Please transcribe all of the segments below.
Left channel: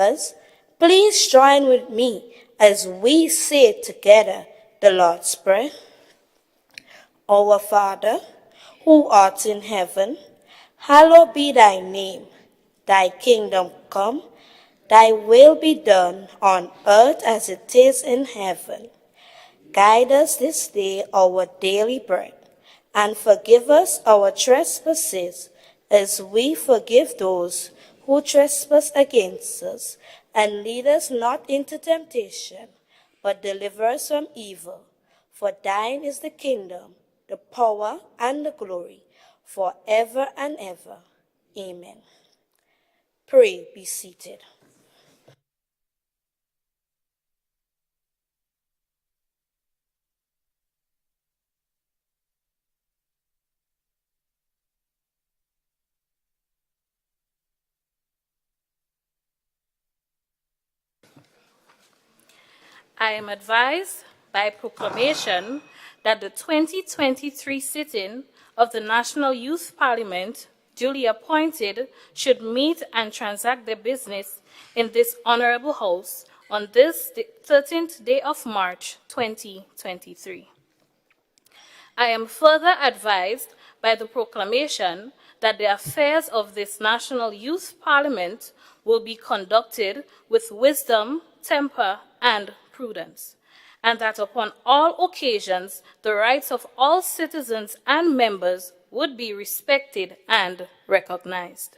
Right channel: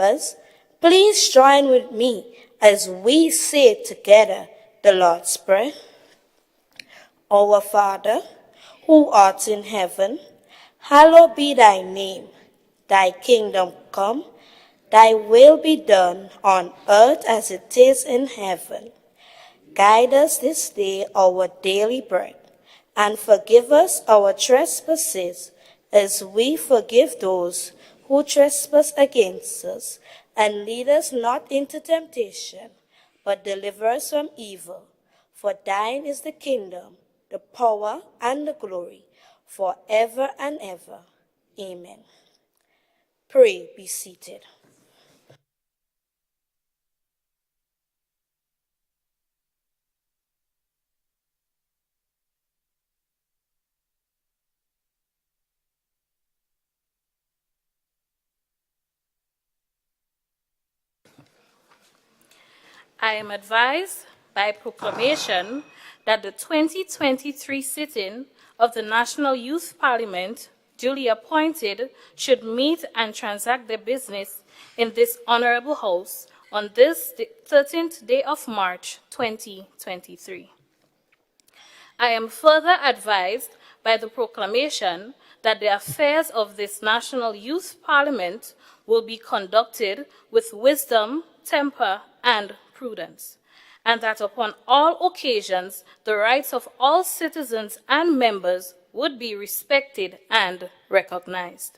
Members, please join with me as we say together the Lord's Prayer. Our Father, who art in heaven, hallowed be thy name. Thy kingdom come, thy will be done on earth as it is in heaven. Guide us this day our daily bread, and forgive us our trespasses, as we forgive those who trespass against us. And lead us not into temptation, but deliver us from evil. For thine is the kingdom, the power, and the glory, forever and ever. Amen. Pray, be seated. I am advised by proclamation that the 2023 sitting of the National Youth Parliament, duly appointed, should meet and transact their business in this honorable house on this 13th day of March 2023. I am further advised by the proclamation that the affairs of this National Youth Parliament will be conducted with wisdom, temper, and prudence, and that upon all occasions the rights of all citizens and members would be respected and recognized.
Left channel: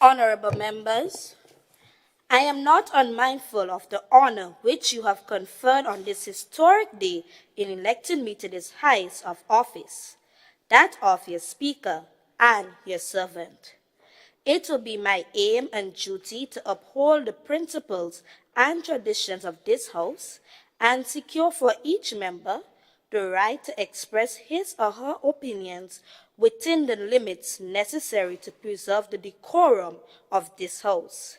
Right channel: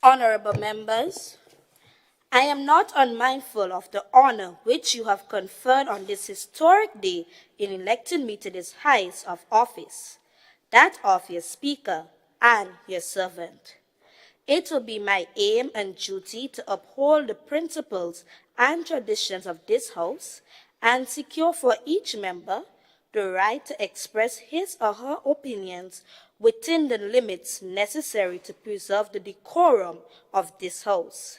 Honorable members, I am not unmindful of the honor which you have conferred on this historic day in electing me to this highest of office, that of your Speaker and your servant. It will be my aim and duty to uphold the principles and traditions of this House and secure for each member the right to express his or her opinions within the limits necessary to preserve the decorum of this House.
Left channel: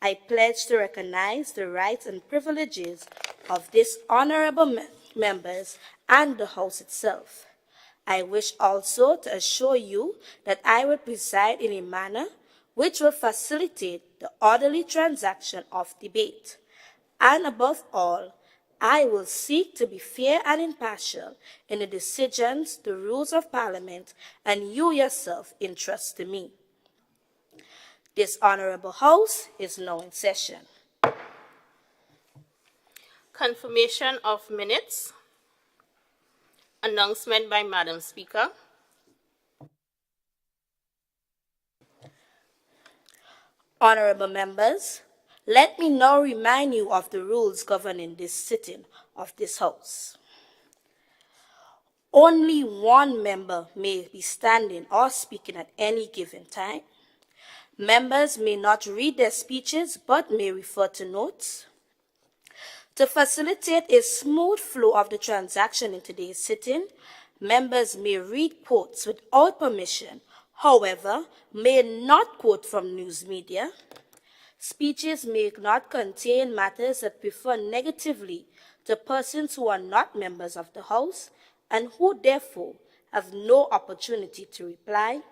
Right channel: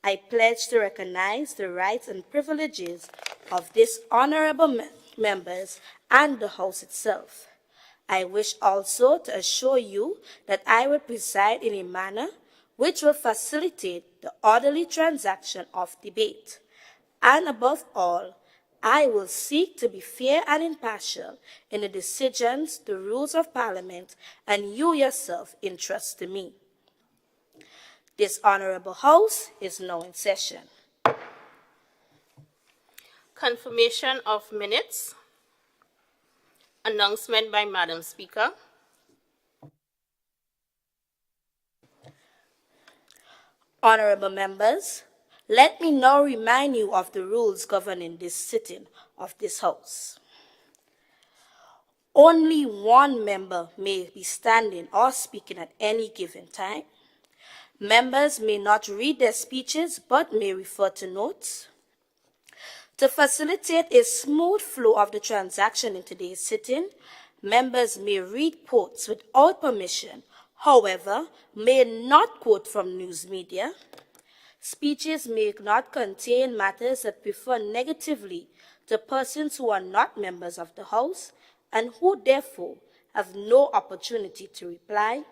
I pledge to recognize the rights and privileges of these honorable members and the House itself. I wish also to assure you that I will preside in a manner which will facilitate the orderly transaction of debate. And above all, I will seek to be fair and impartial in the decisions, the rules of Parliament, and you yourself entrust to me. This honorable House is now in session. Confirmation of minutes. Announcement by Madam Speaker. Honorable members, let me now remind you of the rules governing this sitting of this House. Only one member may be standing or speaking at any given time. Members may not read their speeches but may refer to notes. To facilitate a smooth flow of the transaction in today's sitting, members may read quotes without permission, however, may not quote from news media. Speeches may not contain matters that refer negatively to persons who are not members of the House and who therefore have no opportunity to reply.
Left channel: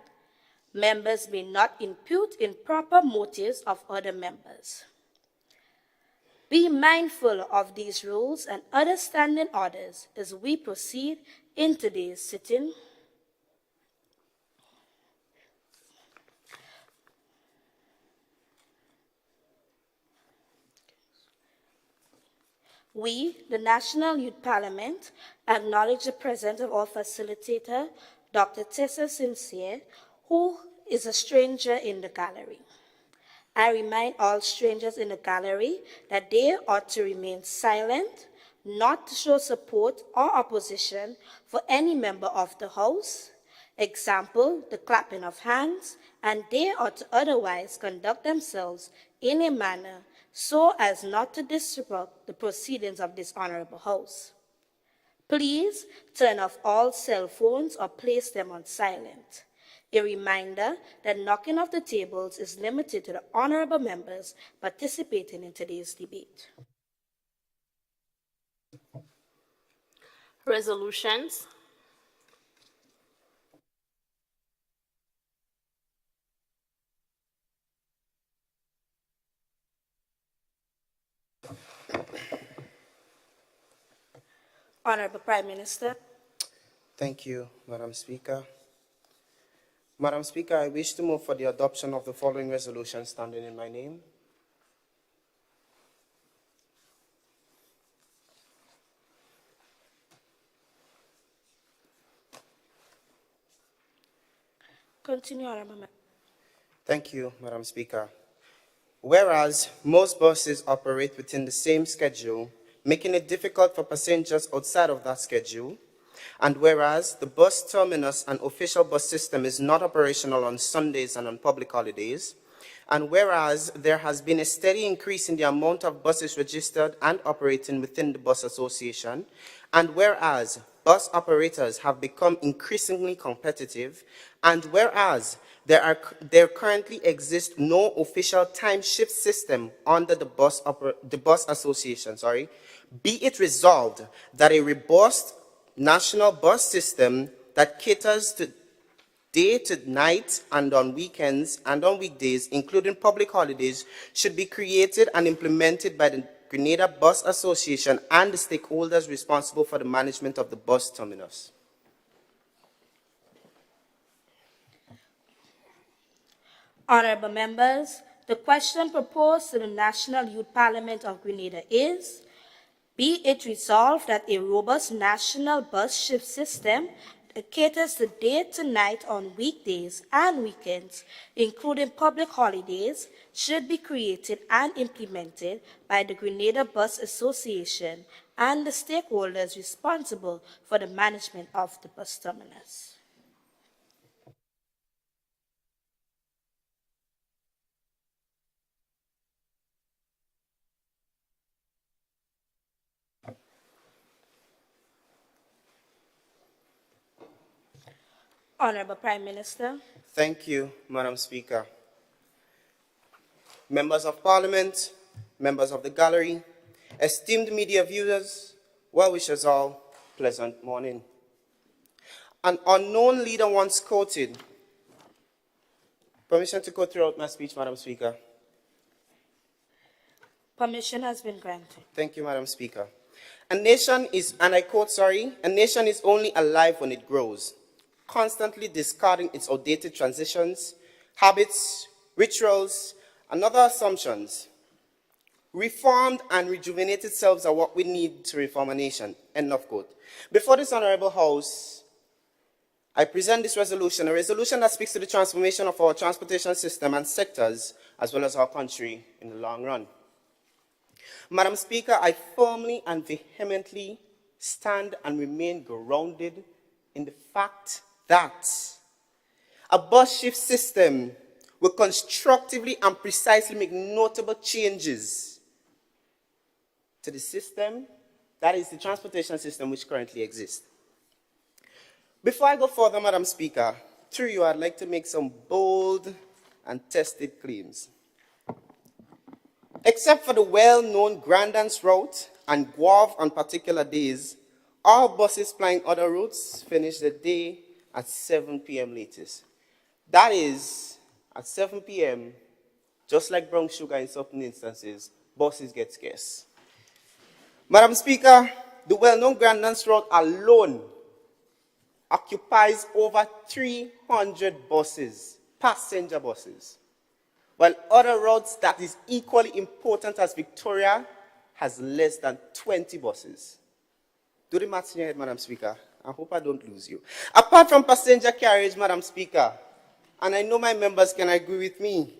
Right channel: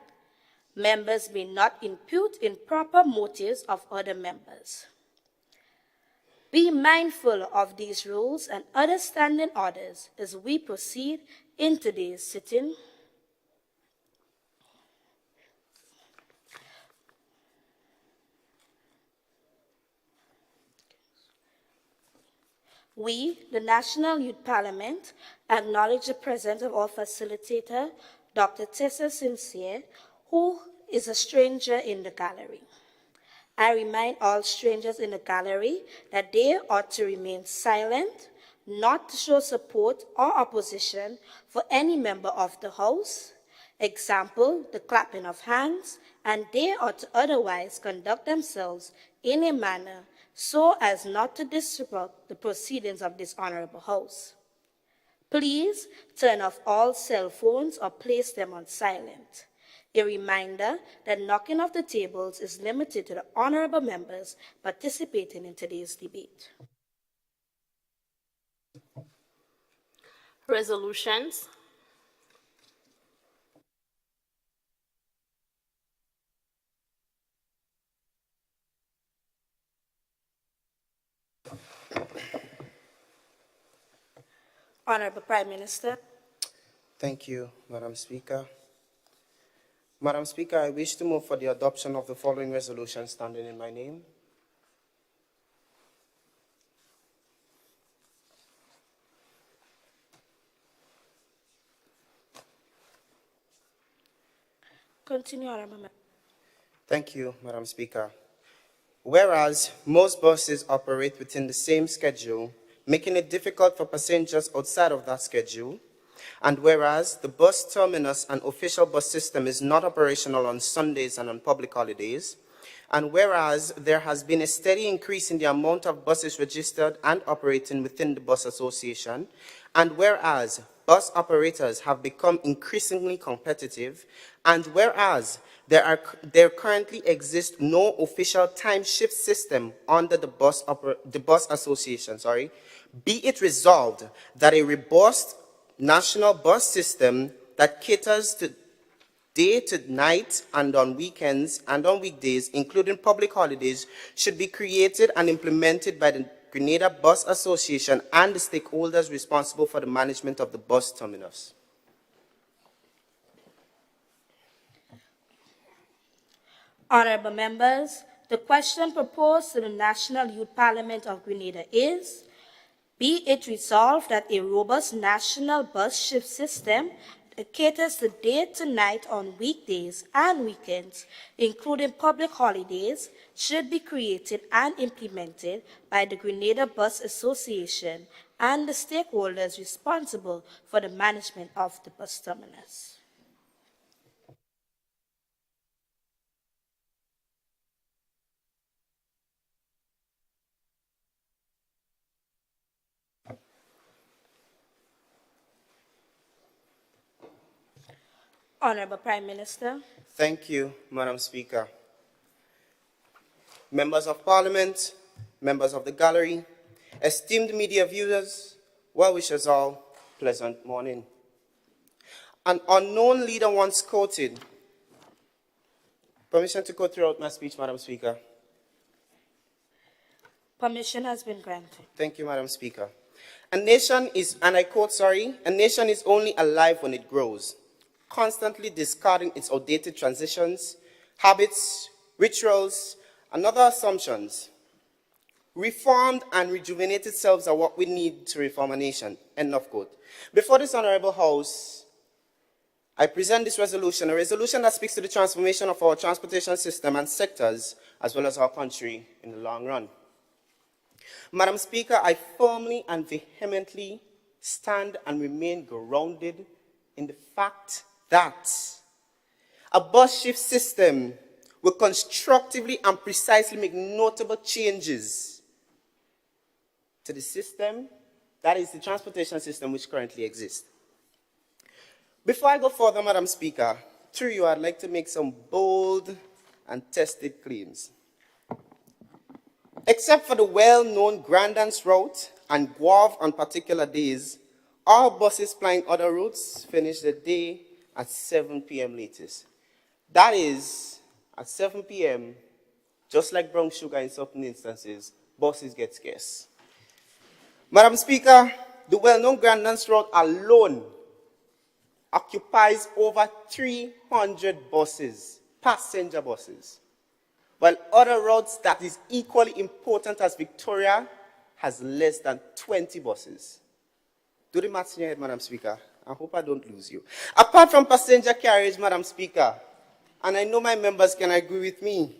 Members may not impute improper motives of other members. Be mindful of these rules and other standing orders as we proceed in today's sitting. We, the National Youth Parliament, acknowledge the presence of our facilitator, Dr. Tessa Sincere, who is a stranger in the gallery. I remind all strangers in the gallery that they ought to remain silent, not to show support or opposition for any member of the House. Example, the clapping of hands, and they ought to otherwise conduct themselves in a manner so as not to disrupt the proceedings of this honorable House. Please turn off all cell phones or place them on silent. A reminder that knocking off the tables is limited to the honorable members participating in today's debate. Resolutions. Honorable Prime Minister. Thank you, Madam Speaker. Madam Speaker, I wish to move for the adoption of the following resolution standing in my name. Continue, Honorable Member. Thank you, Madam Speaker. Whereas most buses operate within the same schedule, making it difficult for passengers outside of that schedule, and whereas the bus terminus and official bus system is not operational on Sundays and on public holidays, and whereas there has been a steady increase in the amount of buses registered and operating within the bus association, and whereas bus operators have become increasingly competitive, and whereas there currently exists no official time shift system under the bus association, be it resolved that a robust national bus system that caters to day to night and on weekends and on weekdays, including public holidays, should be created and implemented by the Grenada Bus Association and the stakeholders responsible for the management of the bus terminus. Honorable members, the question proposed to the National Youth Parliament of Grenada is, be it resolved that a robust national bus shift system that caters to day to night on weekdays and weekends, including public holidays, should be created and implemented by the Grenada Bus Association and the stakeholders responsible for the management of the bus terminus. Honorable Prime Minister. Thank you, Madam Speaker. Members of Parliament, members of the gallery, esteemed media viewers, well-wishers all, pleasant morning. An unknown leader once quoted, permission to go throughout my speech, Madam Speaker. Permission has been granted. Thank you, Madam Speaker. A nation is, and I quote, a nation is only alive when it grows, constantly discarding its outdated transitions, habits, rituals, and other assumptions. Reformed and rejuvenated selves are what we need to reform a nation, end of quote. Before this Honorable House, I present this resolution, a resolution that speaks to the transformation of our transportation system and sectors, as well as our country in the long run. Madam Speaker, I firmly and vehemently stand and remain grounded in the fact that a bus shift system will constructively and precisely make notable changes to the system, that is the transportation system which currently exists. Before I go further, Madam Speaker, through you, I'd like to make some bold and tested claims. Except for the well-known Grandance route and Guave on particular days, all buses plying other routes finish the day at 7 p.m. latest. That is, at 7 p.m., just like brown sugar in certain instances, buses get scarce. Madam Speaker, the well-known Grandance route alone occupies over 300 buses, passenger buses, while other routes that is equally important as Victoria has less than 20 buses. Do the maths in your head, Madam Speaker. I hope I don't lose you. Apart from passenger carriage, Madam Speaker, and I know my members can agree with me,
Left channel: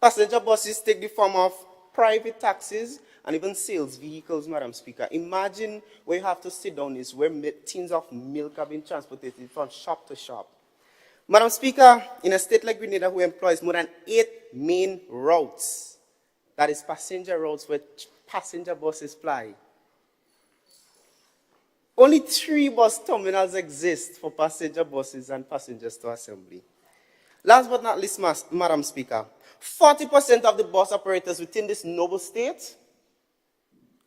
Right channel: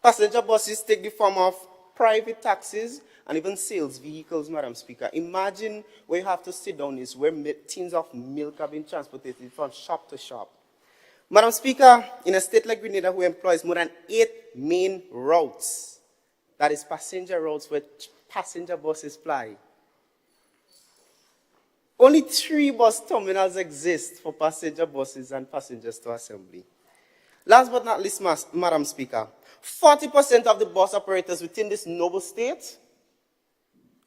passenger buses take the form of private taxis and even sales vehicles, Madam Speaker. Imagine where you have to sit down is where tins of milk are being transported from shop to shop. Madam Speaker, in a state like Grenada, who employs more than 8 main routes, that is passenger routes where passenger buses ply, only 3 bus terminals exist for passenger buses and passengers to assembly. Last but not least, Madam Speaker, 40% of the bus operators within this noble state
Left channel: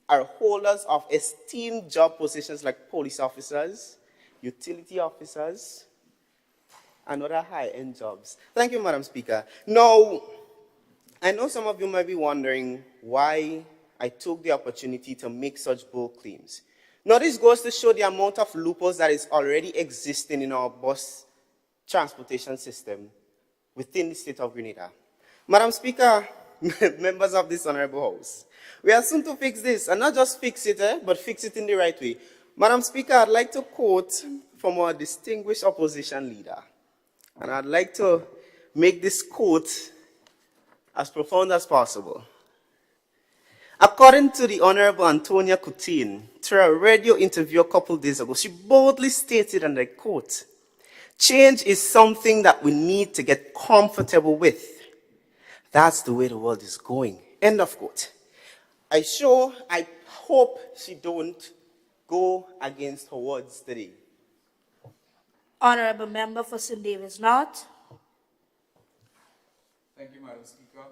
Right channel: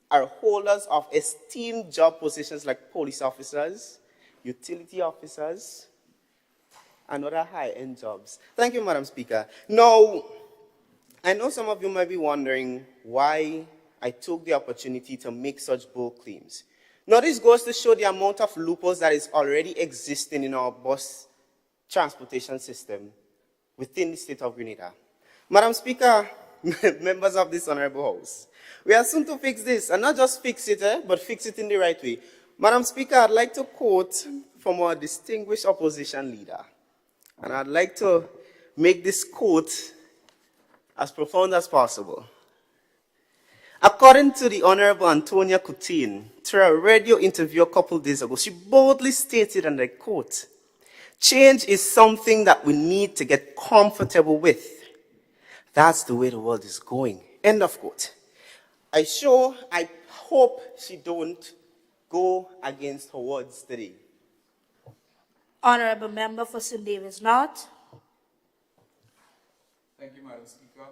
are holders of esteemed job positions like police officers, utility officers, and other high-end jobs. Thank you, Madam Speaker. Now, I know some of you might be wondering why I took the opportunity to make such bold claims. Now, this goes to show the amount of loopholes that is already existing in our bus transportation system within the state of Grenada. Madam Speaker, members of this honorable house, we are soon to fix this, and not just fix it, but fix it in the right way. Madam Speaker, I'd like to quote from our distinguished opposition leader, and I'd like to make this quote as profound as possible. According to the Honorable Antonia Coutinho, through a radio interview a couple days ago, she boldly stated, and I quote, "Change is something that we need to get comfortable with. That's the way the world is going." End of quote. I hope she don't go against her words today. Honorable Member for St. David's North. Thank you, Madam Speaker.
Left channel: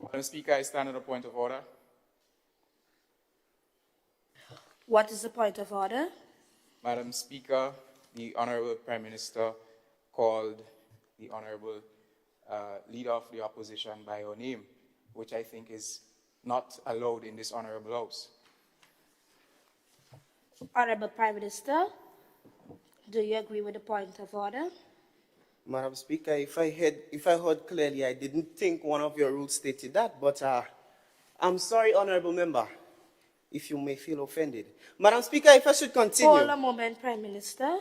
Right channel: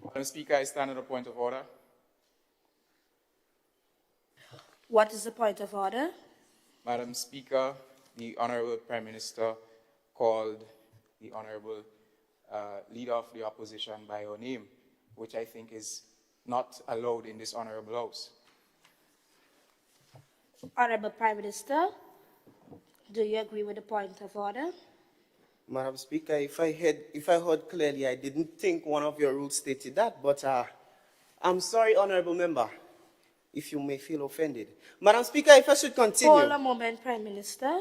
Madam Speaker, I stand at a point of order. What is the point of order? Madam Speaker, the Honorable Prime Minister called the Honorable Leader of the Opposition by her name, which I think is not allowed in this Honorable House. Honorable Prime Minister, do you agree with the point of order? Madam Speaker, if I heard clearly, I didn't think one of your rules stated that, but I'm sorry, Honorable Member, if you may feel offended. Madam Speaker, if I should continue. Hold a moment, Prime Minister.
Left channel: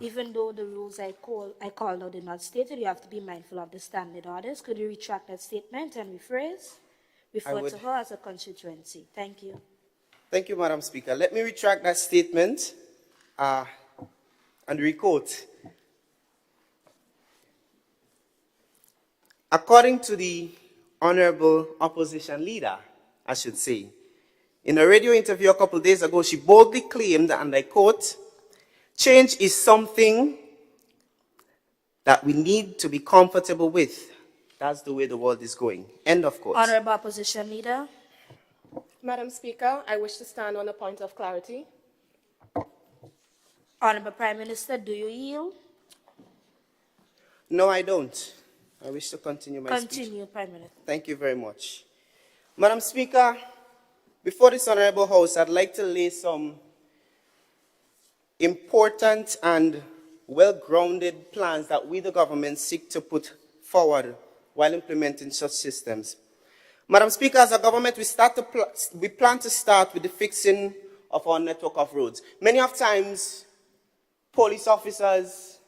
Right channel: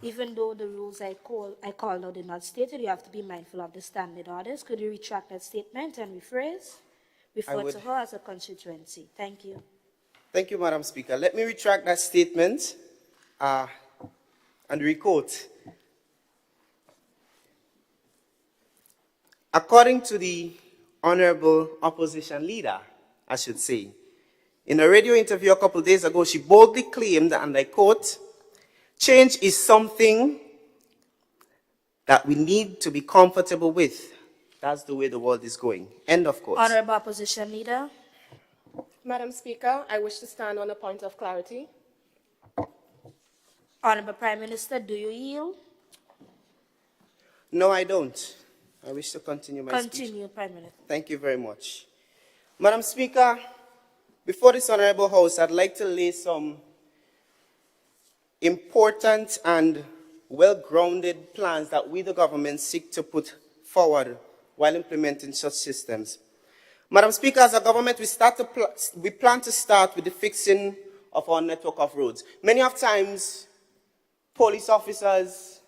Even though the rules I called out did not state it, you have to be mindful of the standing orders. Could you retract that statement and rephrase? Refer to her as a constituency. Thank you. Thank you, Madam Speaker. Let me retract that statement and requote. According to the Honorable Opposition Leader, I should say, in a radio interview a couple of days ago, she boldly claimed, and I quote, "Change is something that we need to be comfortable with. That's the way the world is going." End of quote. Honorable Opposition Leader. Madam Speaker, I wish to stand on a point of clarity. Honorable Prime Minister, do you yield? No, I don't. I wish to continue my speech. Continue, Prime Minister. Thank you very much. Madam Speaker, before this honorable house, I'd like to lay some important and well-grounded plans that we, the government, seek to put forward while implementing such systems. Madam Speaker, as a government, we plan to start with the fixing of our network of roads. Many of times, police officers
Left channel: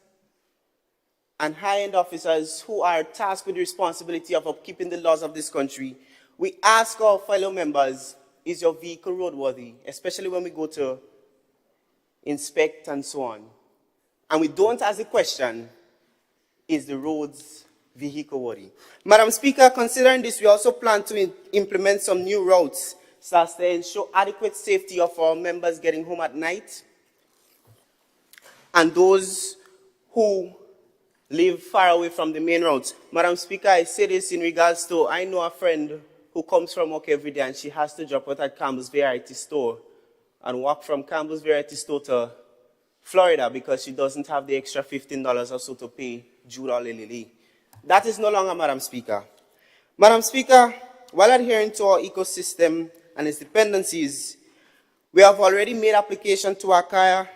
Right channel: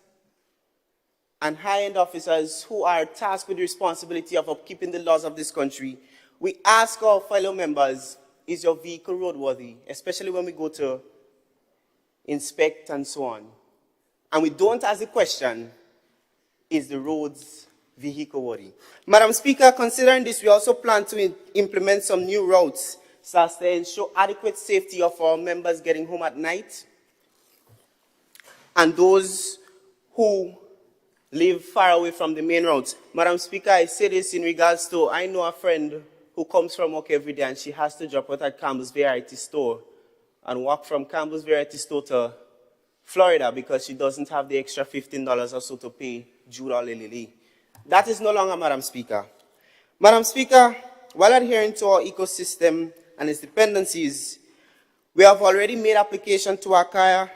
and high-end officers who are tasked with the responsibility of upkeeping the laws of this country, we ask our fellow members, is your vehicle roadworthy, especially when we go to inspect and so on. And we don't ask the question, is the roads vehicle worthy? Madam Speaker, considering this, we also plan to implement some new routes so as to ensure adequate safety of our members getting home at night and those who live far away from the main roads. Madam Speaker, I say this in regards to, I know a friend who comes from work every day and she has to drop out at Campbell's Variety Store and walk from Campbell's Variety Store to Florida because she doesn't have the extra $15 or so to pay Jude or Lily. That is no longer, Madam Speaker. Madam Speaker, while adhering to our ecosystem and its dependencies, we have already made application to acquire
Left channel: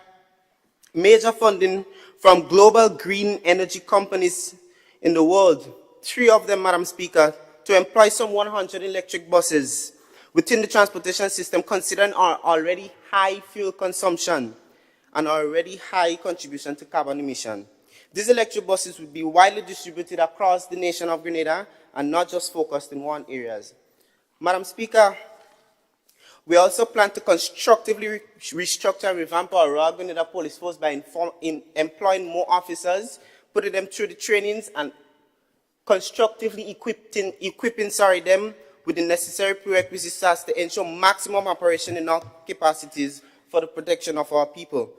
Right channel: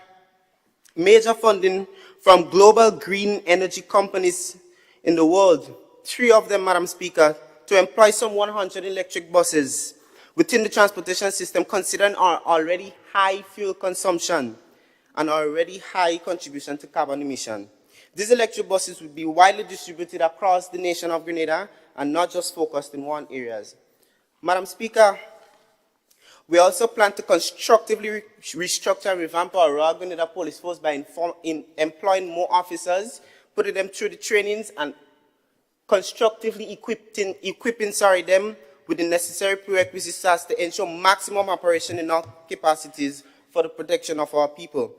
major funding from global green energy companies in the world, 3 of them, Madam Speaker, to employ some 100 electric buses within the transportation system, considering our already high fuel consumption and our already high contribution to carbon emission. These electric buses will be widely distributed across the nation of Grenada and not just focused in one area. Madam Speaker, we also plan to constructively restructure and revamp our Royal Grenada Police Force by employing more officers, putting them through the trainings and constructively equipping them with the necessary prerequisites to ensure maximum operation in all capacities for the protection of our people.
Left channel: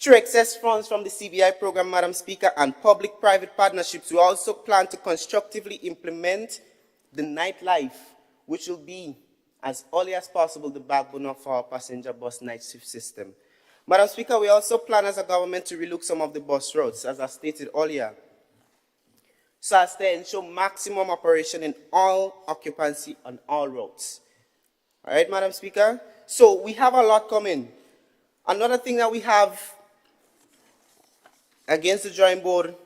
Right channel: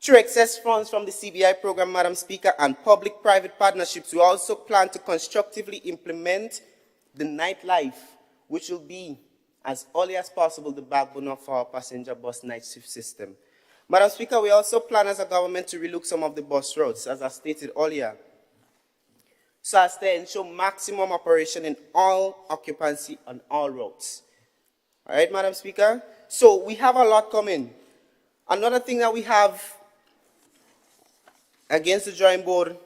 Through excess funds from the CBI program, Madam Speaker, and public-private partnerships, we also plan to constructively implement the nightlife, which will be, as early as possible, the backbone of our passenger bus night shift system. Madam Speaker, we also plan as a government to relook some of the bus routes, as I stated earlier, so as to ensure maximum operation in all occupancy on all routes. All right, Madam Speaker? So we have a lot coming. Another thing that we have against the drawing board,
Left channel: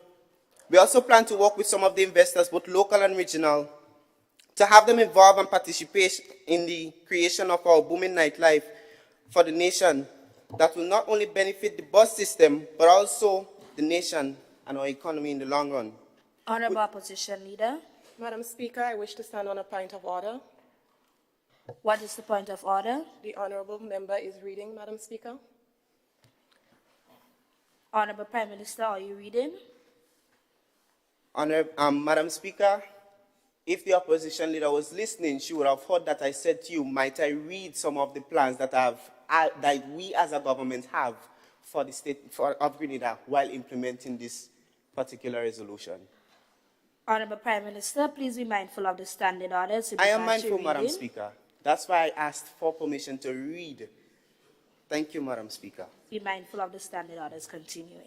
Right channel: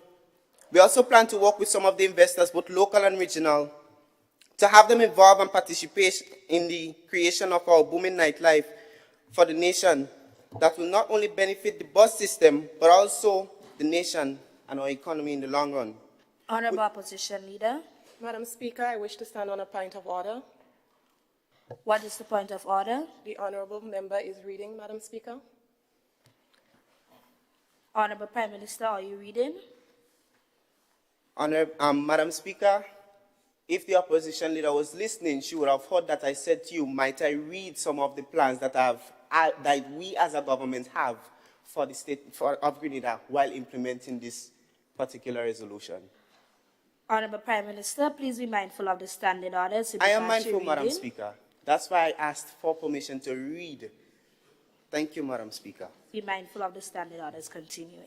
we also plan to work with some of the investors, both local and regional, to have them involved and participate in the creation of our booming nightlife for the nation that will not only benefit the bus system, but also the nation and our economy in the long run. Honorable Opposition Leader, Madam Speaker, I wish to stand on a point of order. what is the point of order? The honourable member is reading, Madam Speaker. Honorable Prime Minister, are you reading? Madam Speaker, if the opposition leader was listening, she would have heard that I said to you, might I read some of the plans that we as a government have for the state of Grenada while implementing this particular resolution. Honorable Prime Minister, please be mindful of the standing orders. in I am regard to mindful, Madam reading. Speaker. That's why I asked for permission to read. Thank you, Madam Speaker. Be mindful of the standing orders. Continuing.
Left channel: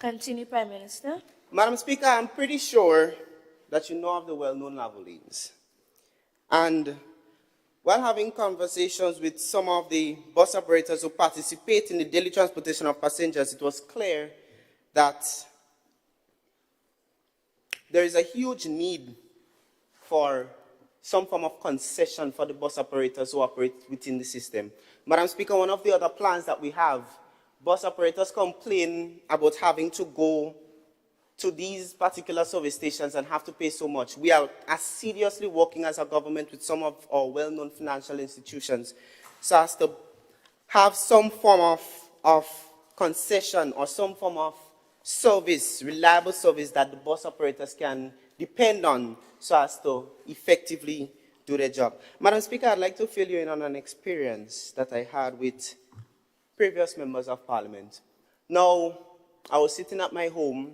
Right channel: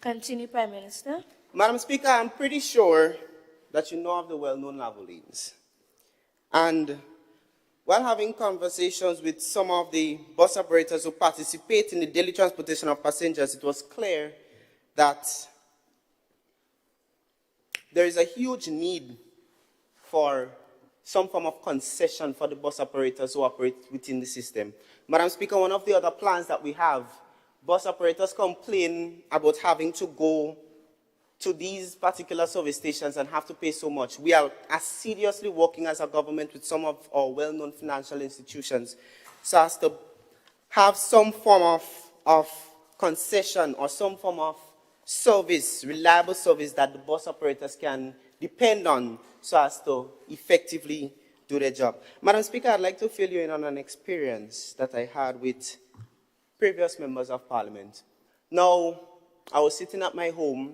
Continue, Prime Minister. Madam Speaker, I'm pretty sure that you know of the well-known Lavalines. And while having conversations with some of the bus operators who participate in the daily transportation of passengers, it was clear that there is a huge need for some form of concession for the bus operators who operate within the system. Madam Speaker, one of the other plans that we have, bus operators complain about having to go to these particular service stations and have to pay so much. We are seriously working as a government with some of our well-known financial institutions so as to have some form of concession or some form of service, reliable service that the bus operators can depend on so as to effectively do their job. Madam Speaker, I'd like to fill you in on an experience that I had with previous members of Parliament. Now, I was sitting at my home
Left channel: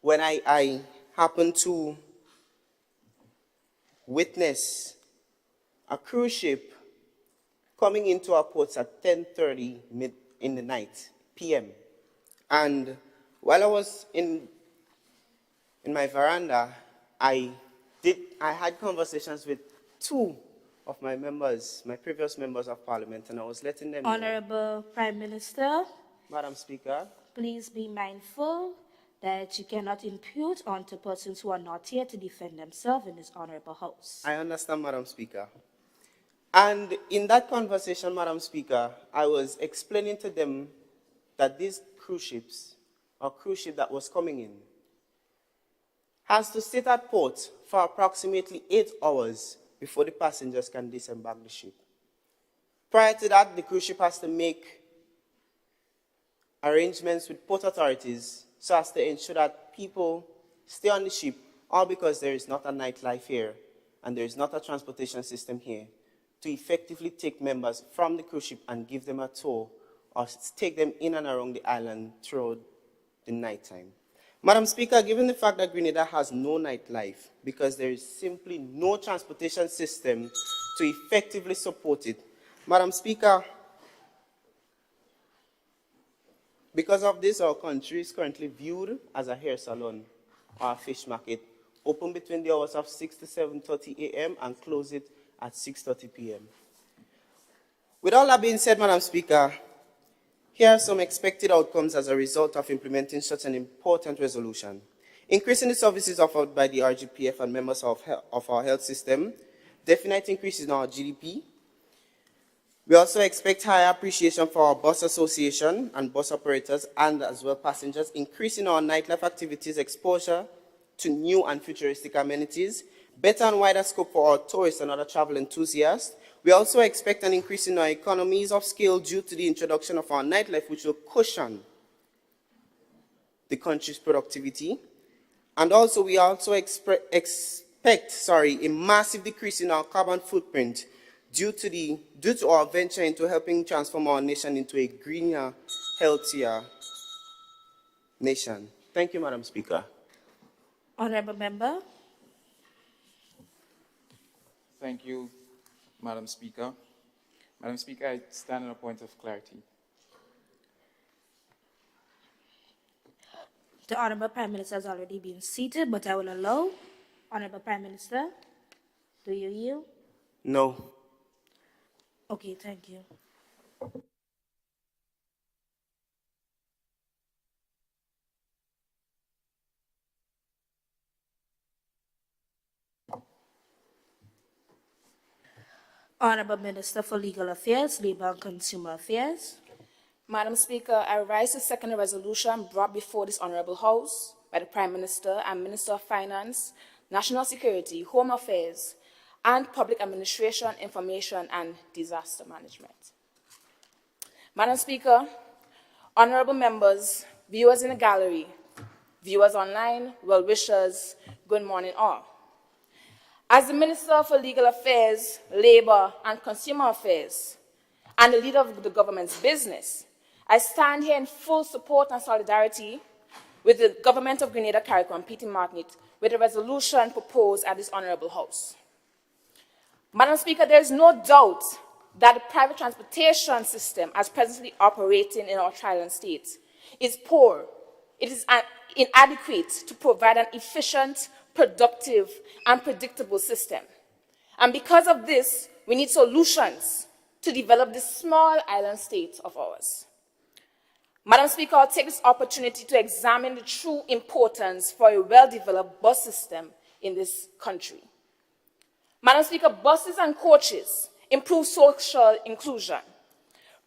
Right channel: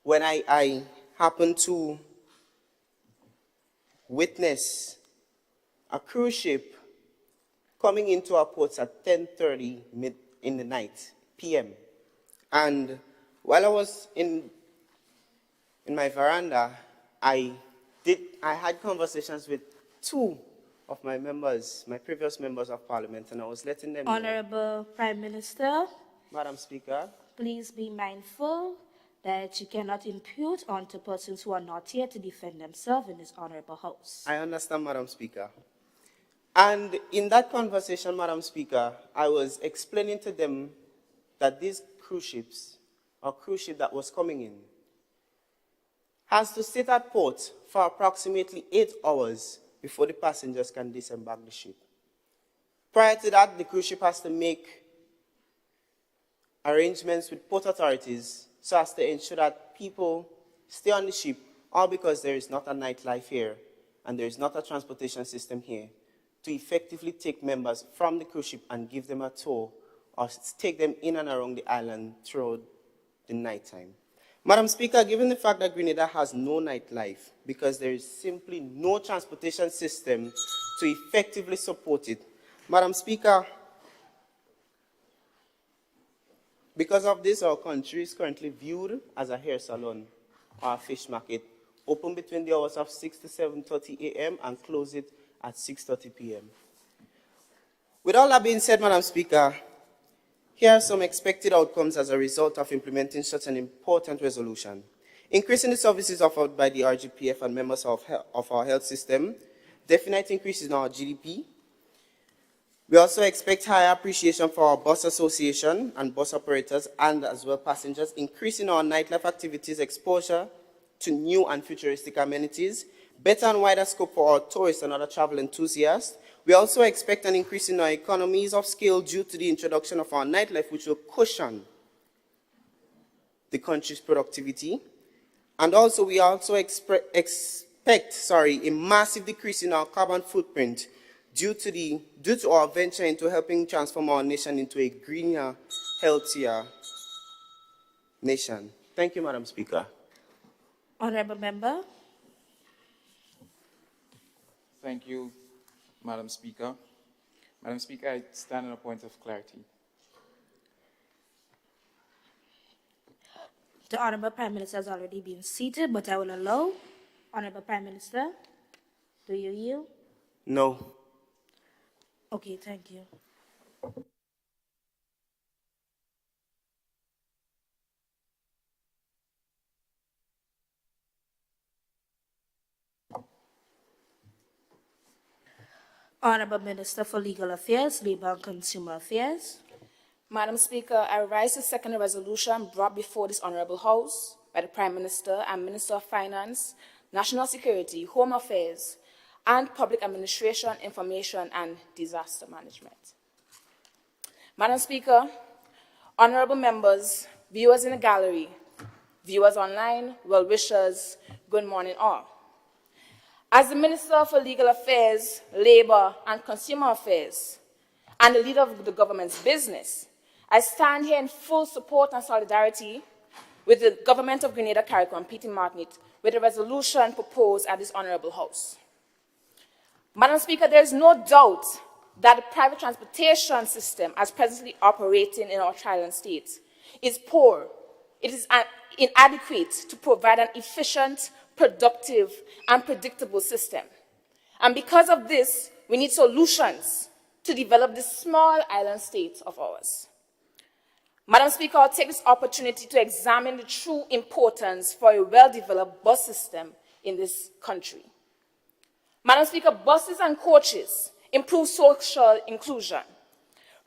when I happened to witness a cruise ship coming into our ports at 10:30 in the night, p.m. And while I was in my veranda, I had conversations with two of my members, my previous members of Parliament, and I was letting them know. Honorable Prime Minister, Madam Speaker, please be mindful that you cannot impute onto persons who are not here to defend themselves in this honorable house. I understand, Madam Speaker. And in that conversation, Madam Speaker, I was explaining to them that these cruise ships, or cruise ship that was coming in, has to sit at port for approximately 8 hours before the passengers can disembark the ship. Prior to that, the cruise ship has to make arrangements with port authorities so as to ensure that people stay on the ship, all because there is not a nightlife here and there is not a transportation system here to effectively take members from the cruise ship and give them a tour or take them in and around the island throughout the nighttime. Madam Speaker, given the fact that Grenada has no nightlife because there is simply no transportation system to effectively support it, Madam Speaker, because of this, our country is currently viewed as a hair salon or a fish market, open between the hours of 6 to 7:30 a.m. and close it at 6:30 p.m. With all that being said, Madam Speaker, here are some expected outcomes as a result of implementing such an important resolution. Increasing the services offered by the RGPF and members of our health system, definite increase in our GDP. We also expect higher appreciation for our bus association and bus operators and as well passengers, increasing our nightlife activities, exposure to new and futuristic amenities, better and wider scope for our tourists and other travel enthusiasts. We also expect an increase in our economies of scale due to the introduction of our nightlife, which will cushion the country's productivity. And also, we also expect a massive decrease in our carbon footprint due to our venture into helping transform our nation into a greener, healthier nation. Thank you, Madam Speaker. Honorable Member. Thank you, Madam Speaker. Madam Speaker, I stand on a point of clarity. The Honorable Prime Minister has already been seated, but I will allow Honorable Prime Minister, do you yield? No. Okay, thank you. Honorable Minister for Legal Affairs, Labor and Consumer Affairs. Madam Speaker, I rise to second a resolution brought before this Honourable House by the Prime Minister and Minister of Finance, National Security, Home Affairs, and Public Administration, Information and Disaster Management. Madam Speaker, honourable members, viewers in the gallery, viewers online, well-wishers, good morning all. As the Minister for Legal Affairs, Labour and Consumer Affairs, and the leader of the government's business, I stand here in full support and solidarity with the government of Grenada, CARICOM, Peter Martinique, with a resolution proposed at this honourable house. Madam Speaker, there is no doubt that the private transportation system, as presently operating in our trial states, is poor. It is inadequate to provide an efficient, productive, and predictable system. And because of this, we need solutions to develop this small island state of ours. Madam Speaker, I'll take this opportunity to examine the true importance for a well-developed bus system in this country. Madam Speaker, buses and coaches improve social inclusion,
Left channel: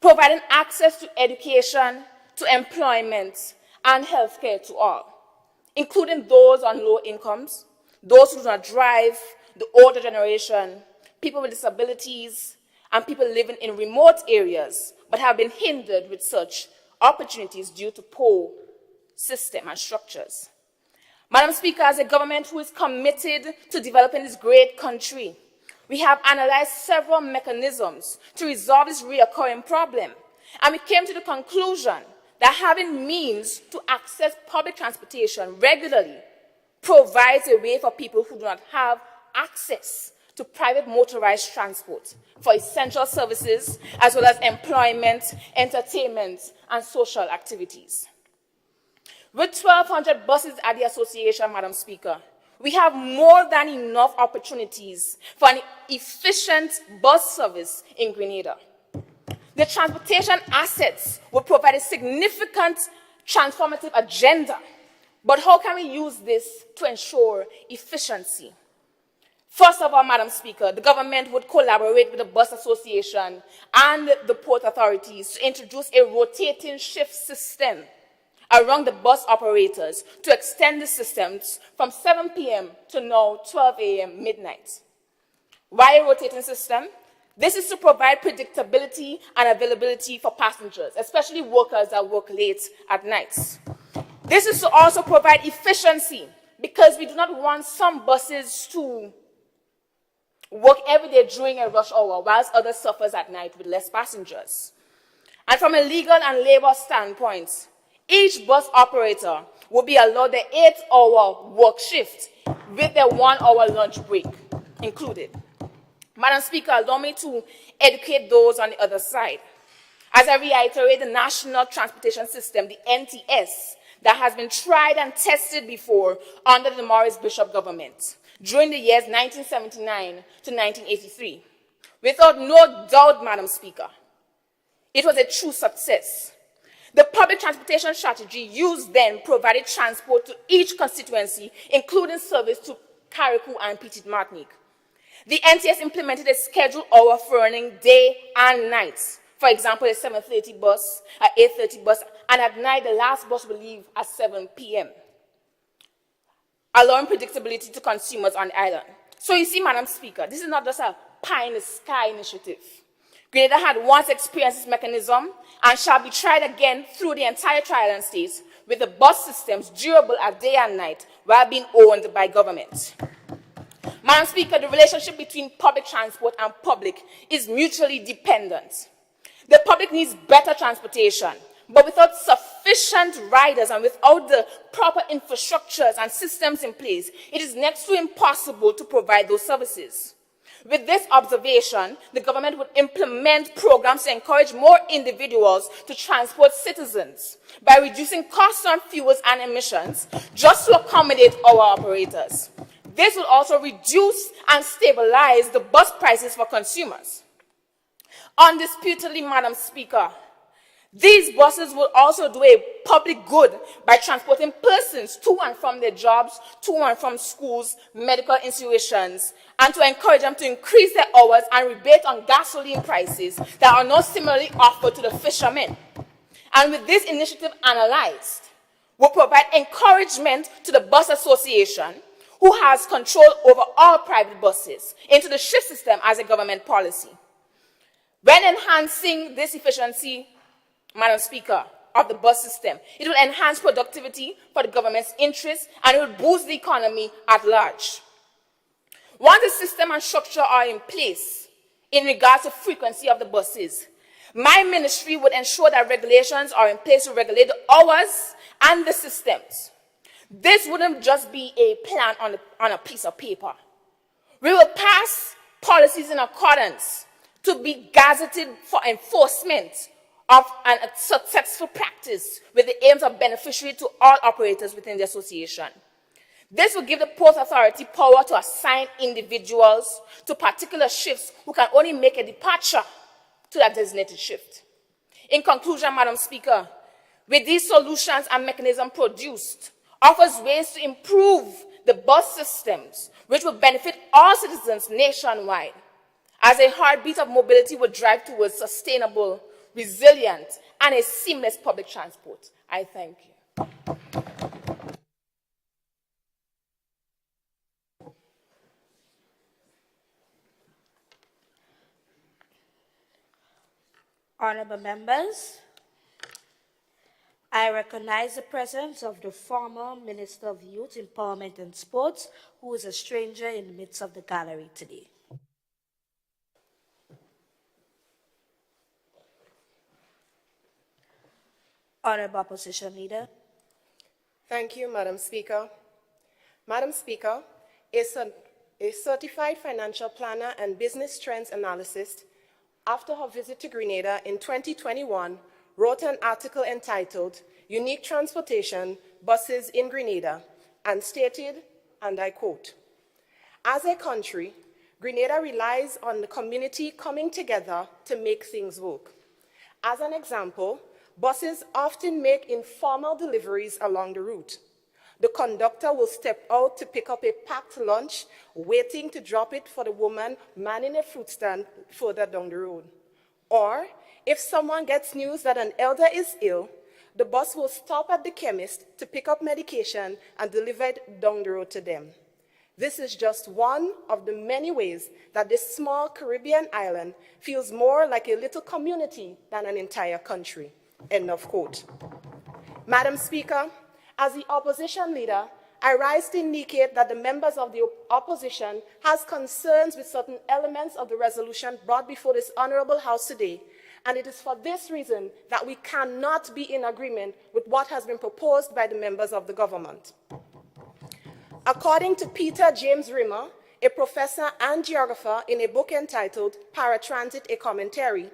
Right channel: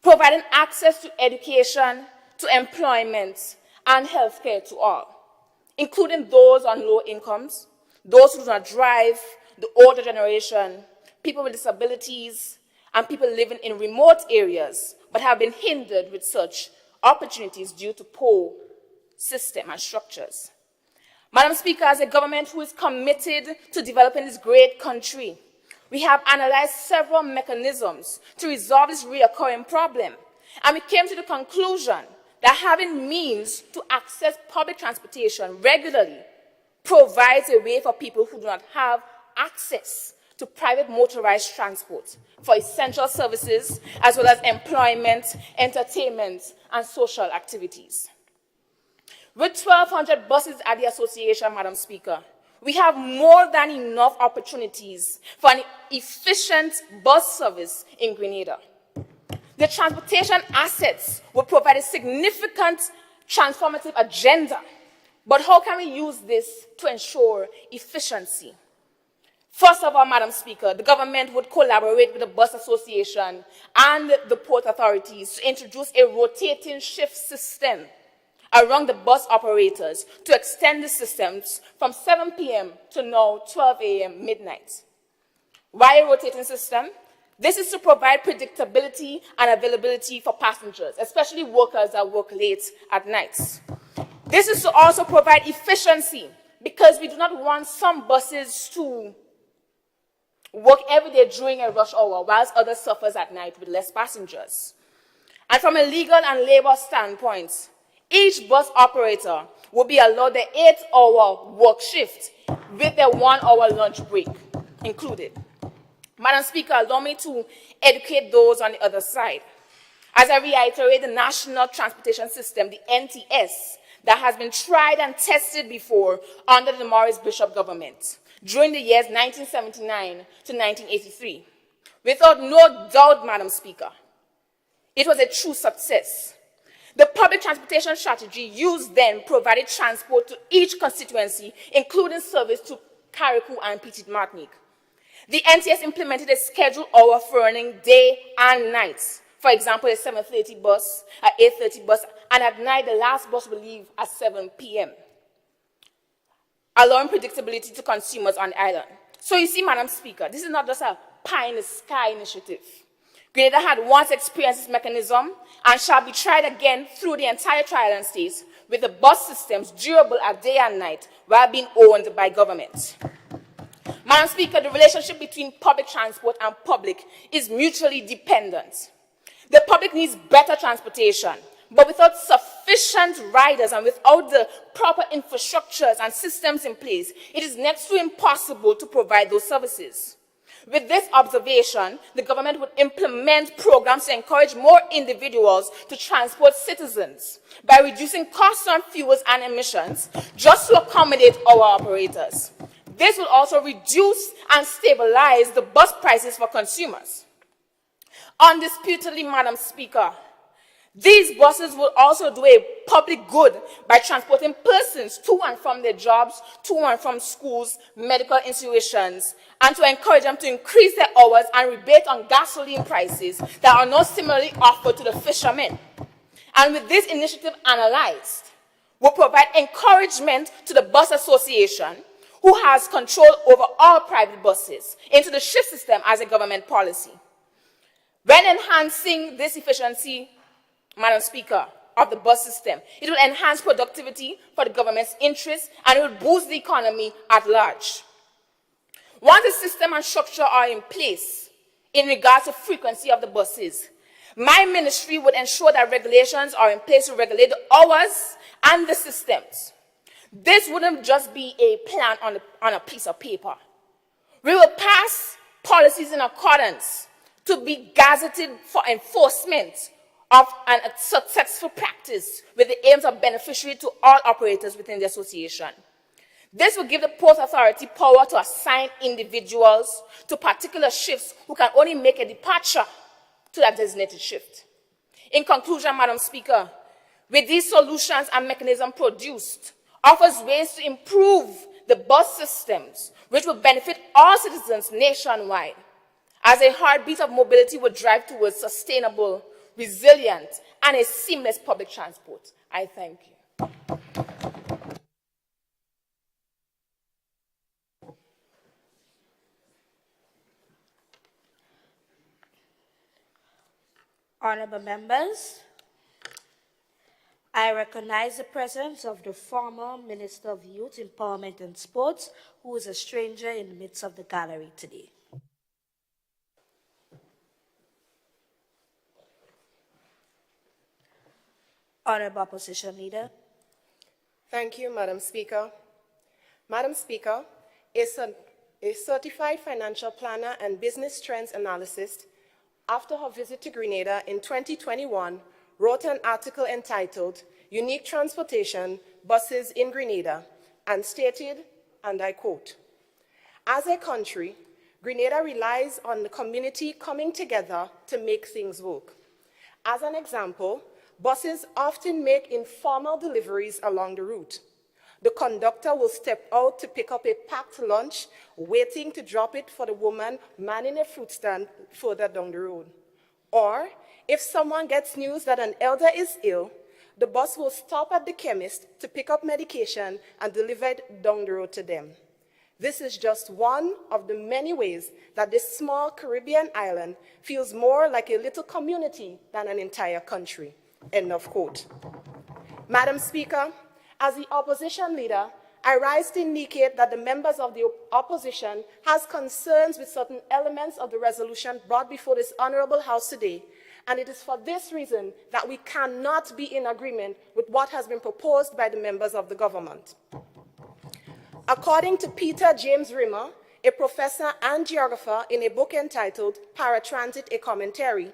providing access to education, to employment, and healthcare to all, including those on low incomes, those who do not drive, the older generation, people with disabilities, and people living in remote areas but have been hindered with such opportunities due to poor system and structures. Madam Speaker, as a government who is committed to developing this great country, we have analyzed several mechanisms to resolve this recurring problem, and we came to the conclusion that having means to access public transportation regularly provides a way for people who do not have access to private motorized transport for essential services, as well as employment, entertainment, and social activities. With 1,200 buses at the association, Madam Speaker, we have more than enough opportunities for an efficient bus service in Grenada. The transportation assets will provide a significant transformative agenda, but how can we use this to ensure efficiency? First of all, Madam Speaker, the government would collaborate with the Bus Association and the port authorities to introduce a rotating shift system around the bus operators to extend the systems from 7 p.m. to now 12 a.m. midnight. Why a rotating system? This is to provide predictability and availability for passengers, especially workers that work late at nights. This is to also provide efficiency, because we do not want some buses to work every day during a rush hour, whilst others suffer at night with less passengers. And from a legal and labor standpoint, each bus operator will be allowed the 8-hour work shift with their 1-hour lunch break included. Madam Speaker, allow me to educate those on the other side. As I reiterate, the National Transportation System, the NTS, that has been tried and tested before under the Maurice Bishop government during the years 1979 to 1983. Without no doubt, Madam Speaker, it was a true success. The public transportation strategy used then provided transport to each constituency, including service to Carriacou and Petite Martinique. The NTS implemented a scheduled hour for running day and night. For example, a 7:30 bus, an 8:30 bus, and at night the last bus will leave at 7 p.m., allowing predictability to consumers on the island. So you see, Madam Speaker, this is not just a pie-in-the-sky initiative. Grenada had once experienced this mechanism and shall be tried again through the entire tri-island states with the bus systems durable at day and night while being owned by government. Madam Speaker, the relationship between public transport and public is mutually dependent. The public needs better transportation, but without sufficient riders and without the proper infrastructures and systems in place, it is next to impossible to provide those services. With this observation, the government would implement programs to encourage more individuals to transport citizens by reducing costs on fuels and emissions just to accommodate our operators. This will also reduce and stabilize the bus prices for consumers. Undisputedly, Madam Speaker, these buses will also do a public good by transporting persons to and from their jobs, to and from schools, medical institutions, and to encourage them to increase their hours and rebate on gasoline prices that are not similarly offered to the fishermen. And with this initiative analyzed, will provide encouragement to the Bus Association, who has control over all private buses, into the shift system as a government policy. When enhancing this efficiency, Madam Speaker, of the bus system, it will enhance productivity for the government's interests and it will boost the economy at large. Once the system and structure are in place in regards to frequency of the buses, my ministry would ensure that regulations are in place to regulate the hours and the systems. This wouldn't just be a plan on a piece of paper. We will pass policies in accordance to be gazetted for enforcement of a successful practice with the aims of beneficiary to all operators within the association. This will give the Port Authority power to assign individuals to particular shifts who can only make a departure to that designated shift. In conclusion, Madam Speaker, with these solutions and mechanisms produced, offers ways to improve the bus systems, which will benefit all citizens nationwide, as a heartbeat of mobility will drive towards sustainable, resilient, and a seamless public transport. I thank you. Honorable members, I recognize the presence of the former Minister of Youth, Empowerment and Sports, who is a stranger in the midst of the gallery today. Honorable Opposition Leader. Thank you, Madam Speaker. Madam Speaker, a certified financial planner and business trends analyst, after her visit to Grenada in 2021, wrote an article entitled Unique Transportation Buses in Grenada and stated, and I quote, "As a country, Grenada relies on the community coming together to make things work. As an example, buses often make informal deliveries along the route. The conductor will step out to pick up a packed lunch, waiting to drop it for the woman manning a fruit stand further down the road. Or, if someone gets news that an elder is ill, the bus will stop at the chemist to pick up medication and deliver it down the road to them. This is just one of the many ways that this small Caribbean island feels more like a little community than an entire country." End of quote. Madam Speaker, as the opposition leader, I rise to indicate that the members of the opposition has concerns with certain elements of the resolution brought before this honorable House today, and it is for this reason that we cannot be in agreement with what has been proposed by the members of the government. According to Peter James Rimmer, a professor and geographer, in a book entitled Paratransit, a Commentary,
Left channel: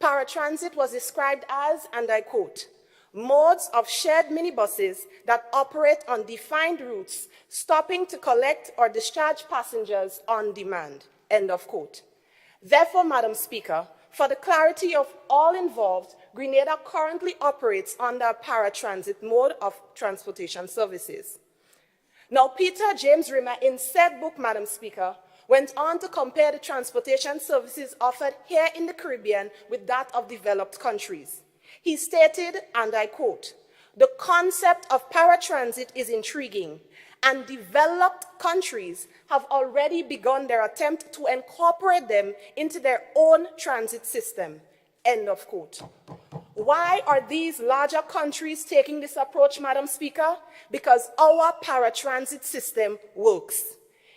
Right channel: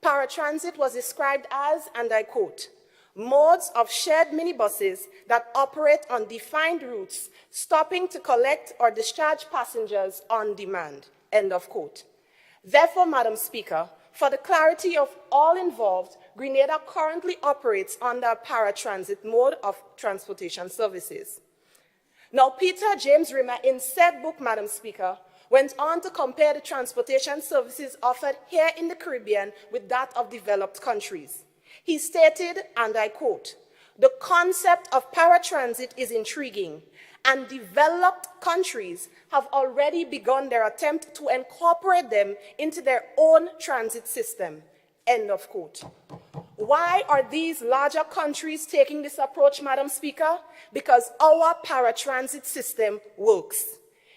paratransit was described as, and I quote, "modes of shared minibuses that operate on defined routes, stopping to collect or discharge passengers on demand." End of quote. Therefore, Madam Speaker, for the clarity of all involved, Grenada currently operates under a paratransit mode of transportation services. Now, Peter James Rimmer, in said book, Madam Speaker, went on to compare the transportation services offered here in the Caribbean with that of developed countries. He stated, and I quote, "The concept of paratransit is intriguing, and developed countries have already begun their attempt to incorporate them into their own transit system." End of quote. Why are these larger countries taking this approach, Madam Speaker? Because our paratransit system works.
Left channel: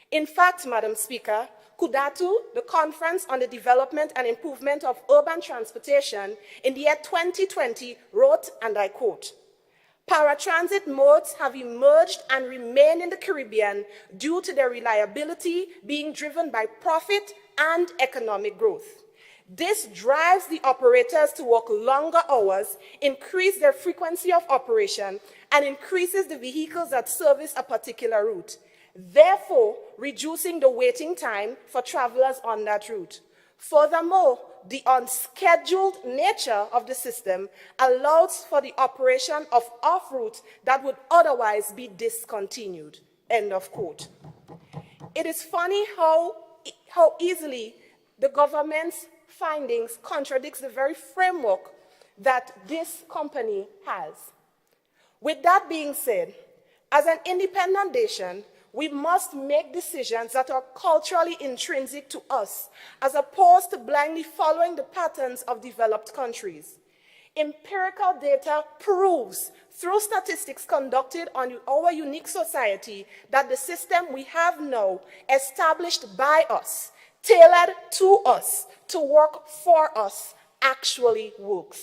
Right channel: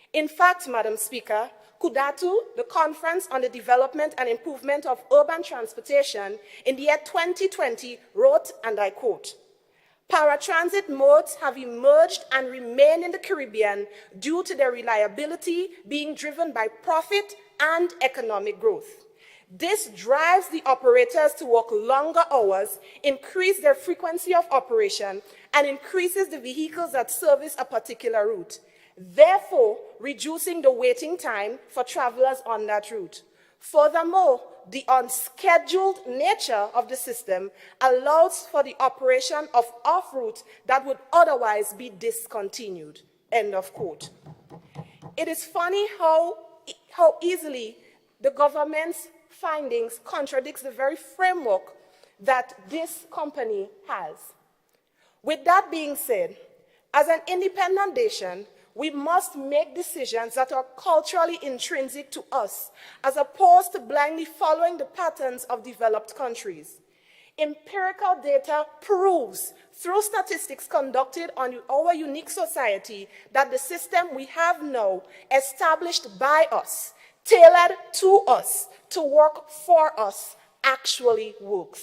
In fact, Madam Speaker, Kudatu, the Conference on the Development and Improvement of Urban Transportation, in the year 2020 wrote, and I quote, "Paratransit modes have emerged and remain in the Caribbean due to their reliability being driven by profit and economic growth. This drives the operators to work longer hours, increase their frequency of operation, and increases the vehicles that service a particular route. therefore reducing the waiting time for travelers on that route. Furthermore, the unscheduled nature of the system allows for the operation of off-routes that would otherwise be discontinued. End of quote. It is funny how easily the government's findings contradicts the very framework that this company has. With that being said, as an independent nation, we must make decisions that are culturally intrinsic to us, as opposed to blindly following the patterns of developed countries. Empirical data proves, through statistics conducted on our unique society, that the system we have now, established by us, tailored to us, to work for us, actually works.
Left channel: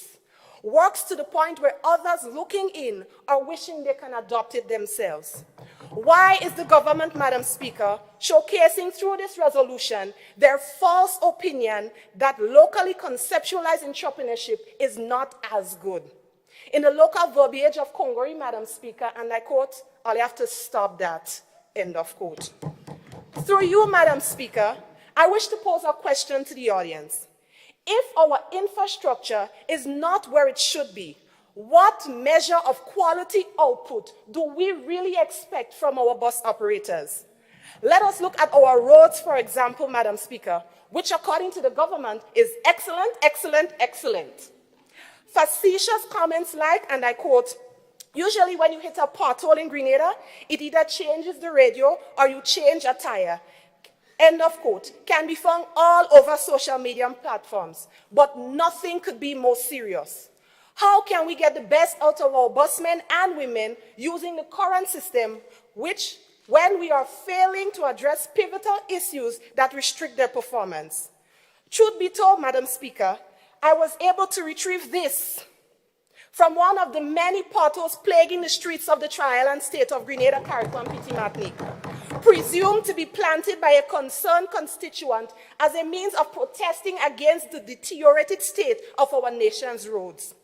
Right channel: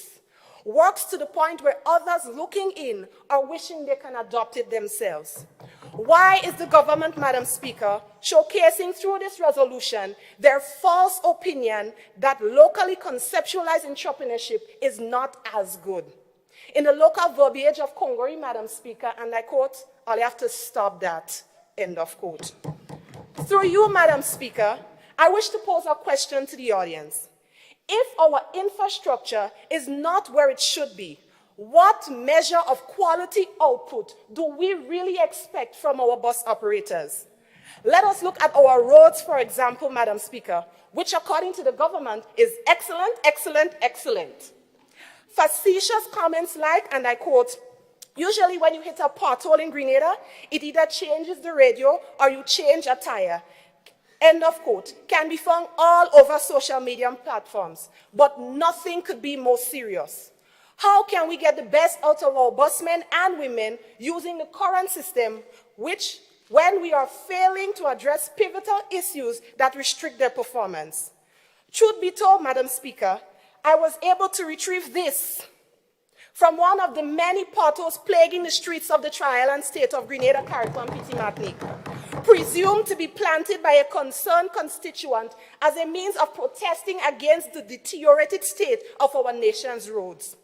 Works to the point where others looking in are wishing they can adopt it themselves. Why is the government, Madam Speaker, showcasing through this resolution their false opinion that locally conceptualized entrepreneurship is not as good? In the local verbiage of Kongori, Madam Speaker, and I quote, I'll have to stop that, end of quote. Through you, Madam Speaker, I wish to pose a question to the audience. If our infrastructure is not where it should be, what measure of quality output do we really expect from our bus operators? Let us look at our roads, for example, Madam Speaker, which according to the government is excellent, excellent, excellent. Facetious comments like, and I quote, usually when you hit a pothole in Grenada, it either changes the radio or you change a tire. End of quote, can be found all over social media platforms, but nothing could be more serious. How can we get the best out of our busmen and women using the current system, which, when we are failing to address pivotal issues that restrict their performance? Truth be told, Madam Speaker, I was able to retrieve this from one of the many potholes plaguing the streets of the Tri-Island state of Grenada, Carrickon, Petit Martinique, presumed to be planted by a concerned constituent as a means of protesting against the deteriorated state of our nation's roads.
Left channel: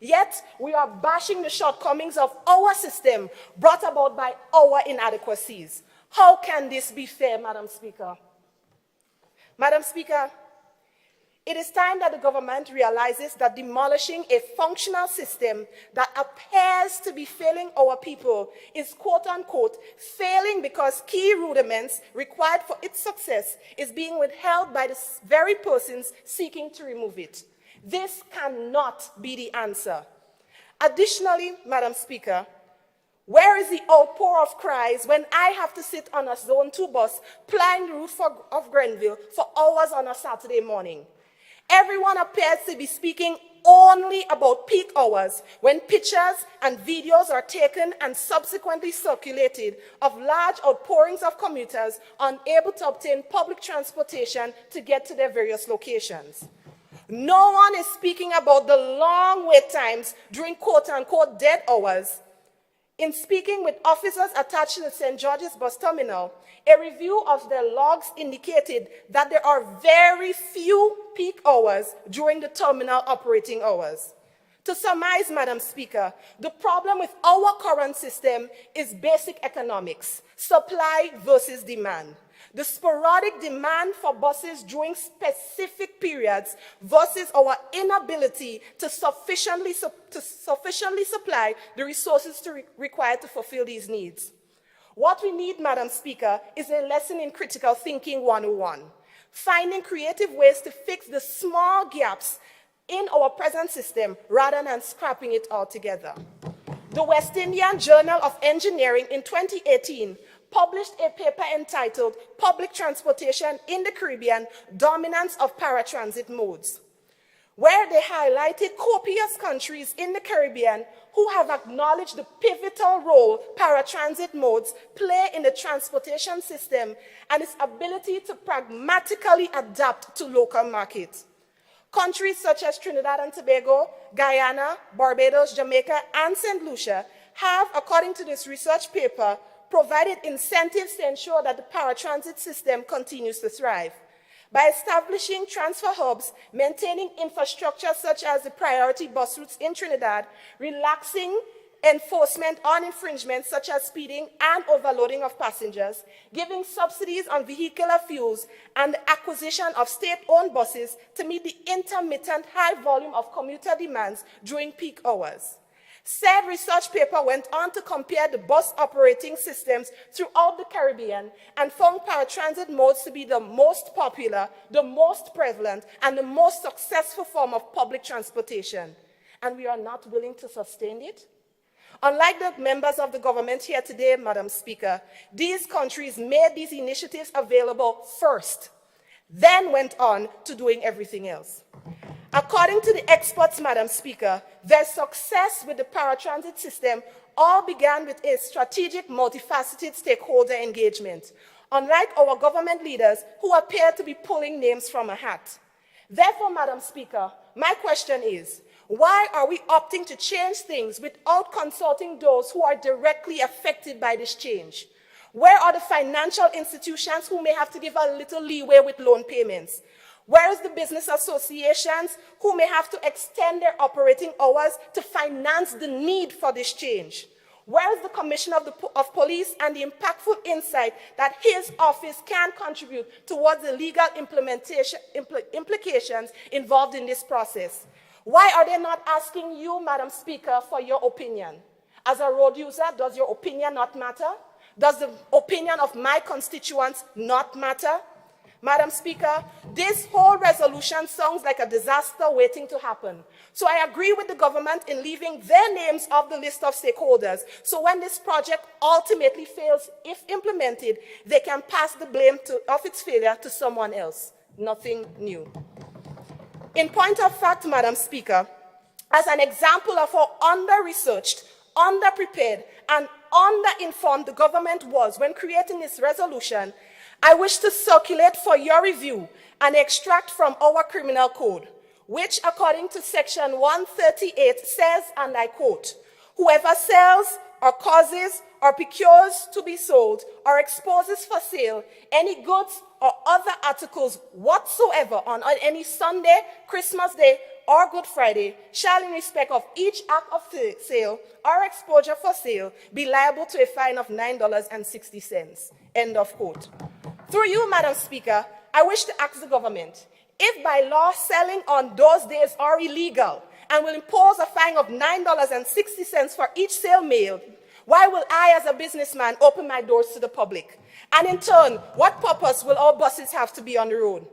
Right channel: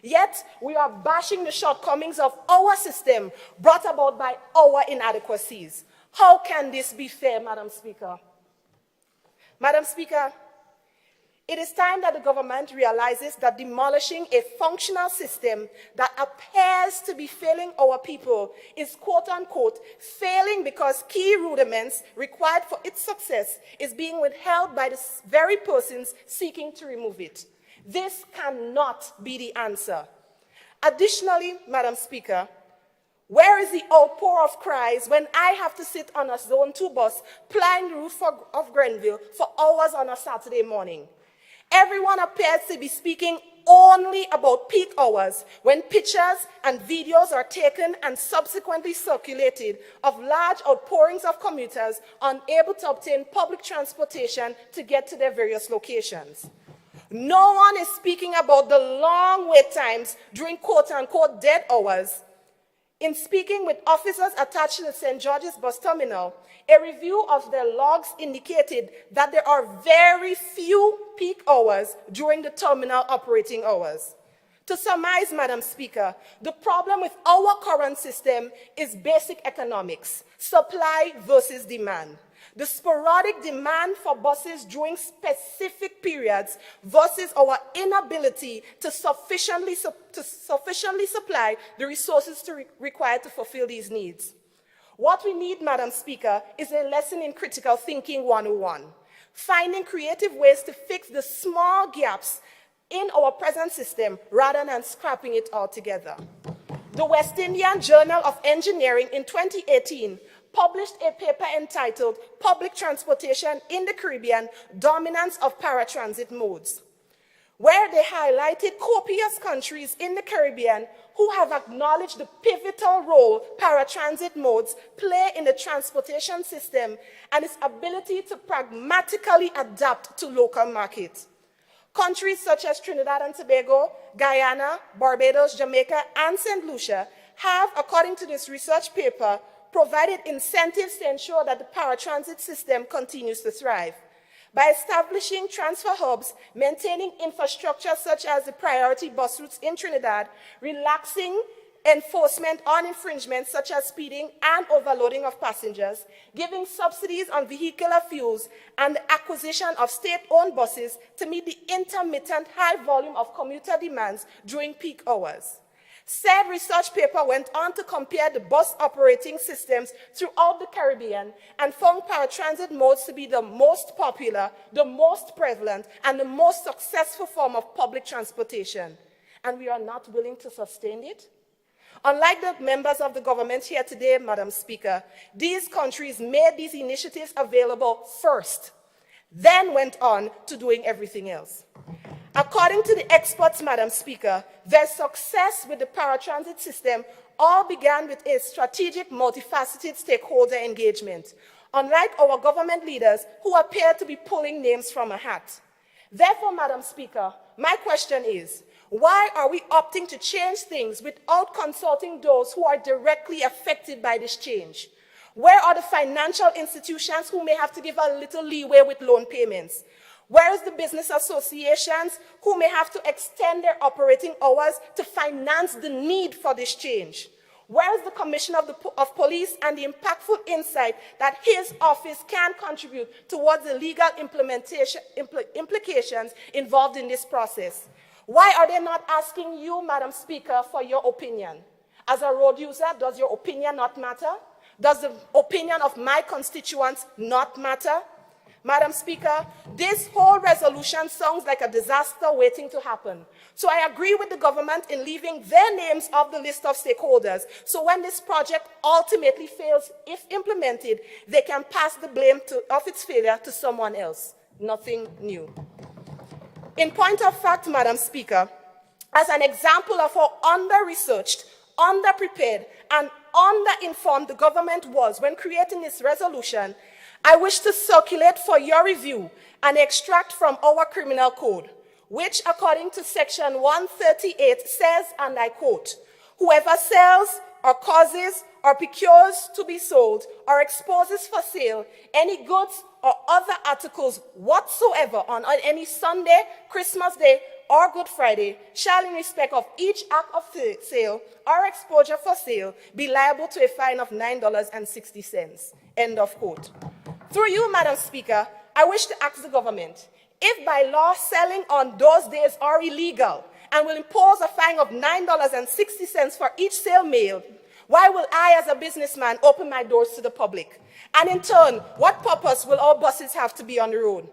Yet, we are bashing the shortcomings of our system brought about by our inadequacies. How can this be fair, Madam Speaker? Madam Speaker, it is time that the government realizes that demolishing a functional system that appears to be failing our people is quote-unquote failing because key rudiments required for its success is being withheld by the very persons seeking to remove it. This cannot be the answer. Additionally, Madam Speaker, where is the outpour of cries when I have to sit on a Zone 2 bus plying the route of Grenville for hours on a Saturday morning? Everyone appears to be speaking only about peak hours when pictures and videos are taken and subsequently circulated of large outpourings of commuters unable to obtain public transportation to get to their various locations. No one is speaking about the long wait times during quote-unquote dead hours. In speaking with officers attached to the St. George's bus terminal, a review of their logs indicated that there are very few peak hours during the terminal operating hours. To surmise, Madam Speaker, the problem with our current system is basic economics, supply versus demand. The sporadic demand for buses during specific periods versus our inability to sufficiently supply the resources required to fulfill these needs. What we need, Madam Speaker, is a lesson in critical thinking 101, finding creative ways to fix the small gaps in our present system rather than scrapping it altogether. The West Indian Journal of Engineering in 2018 published a paper entitled Public Transportation in the Caribbean, Dominance of Paratransit Modes, where they highlighted copious countries in the Caribbean who have acknowledged the pivotal role paratransit modes play in the transportation system and its ability to pragmatically adapt to local markets. Countries such as Trinidad and Tobago, Guyana, Barbados, Jamaica, and St. Lucia have, according to this research paper, provided incentives to ensure that the paratransit system continues to thrive. By establishing transfer hubs, maintaining infrastructure such as the priority bus routes in Trinidad, relaxing enforcement on infringements such as speeding and overloading of passengers, giving subsidies on vehicular fuels, and the acquisition of state-owned buses to meet the intermittent high volume of commuter demands during peak hours. Said research paper went on to compare the bus operating systems throughout the Caribbean and found paratransit modes to be the most popular, the most prevalent, and the most successful form of public transportation. And we are not willing to sustain it? Unlike the members of the government here today, Madam Speaker, these countries made these initiatives available first, then went on to doing everything else. According to the experts, Madam Speaker, their success with the paratransit system all began with a strategic, multifaceted stakeholder engagement, unlike our government leaders who appear to be pulling names from a hat. Therefore, Madam Speaker, my question is, why are we opting to change things without consulting those who are directly affected by this change? Where are the financial institutions who may have to give a little leeway with loan payments? Where is the business associations who may have to extend their operating hours to finance the need for this change? Where is the Commissioner of Police and the impactful insight that his office can contribute towards the legal implications involved in this process? Why are they not asking you, Madam Speaker, for your opinion? As a road user, does your opinion not matter? Does the opinion of my constituents not matter? Madam Speaker, this whole resolution sounds like a disaster waiting to happen. So I agree with the government in leaving their names off the list of stakeholders, so when this project ultimately fails, if implemented, they can pass the blame of its failure to someone else. Nothing new. In point of fact, Madam Speaker, as an example of how under-researched, under-prepared, and under-informed the government was when creating this resolution, I wish to circulate for your review an extract from our criminal code, which according to section 138 says, and I quote, "Whoever sells or causes or procures to be sold or exposes for sale any goods or other articles whatsoever on any Sunday, Christmas Day, or Good Friday shall in respect of each act of sale or exposure for sale be liable to a fine of $9.60. End of quote. Through you, Madam Speaker, I wish to ask the government, if by law selling on those days are illegal and will impose a fine of $9.60 for each sale made, why will I as a businessman open my doors to the public? And in turn, what purpose will our buses have to be on the road?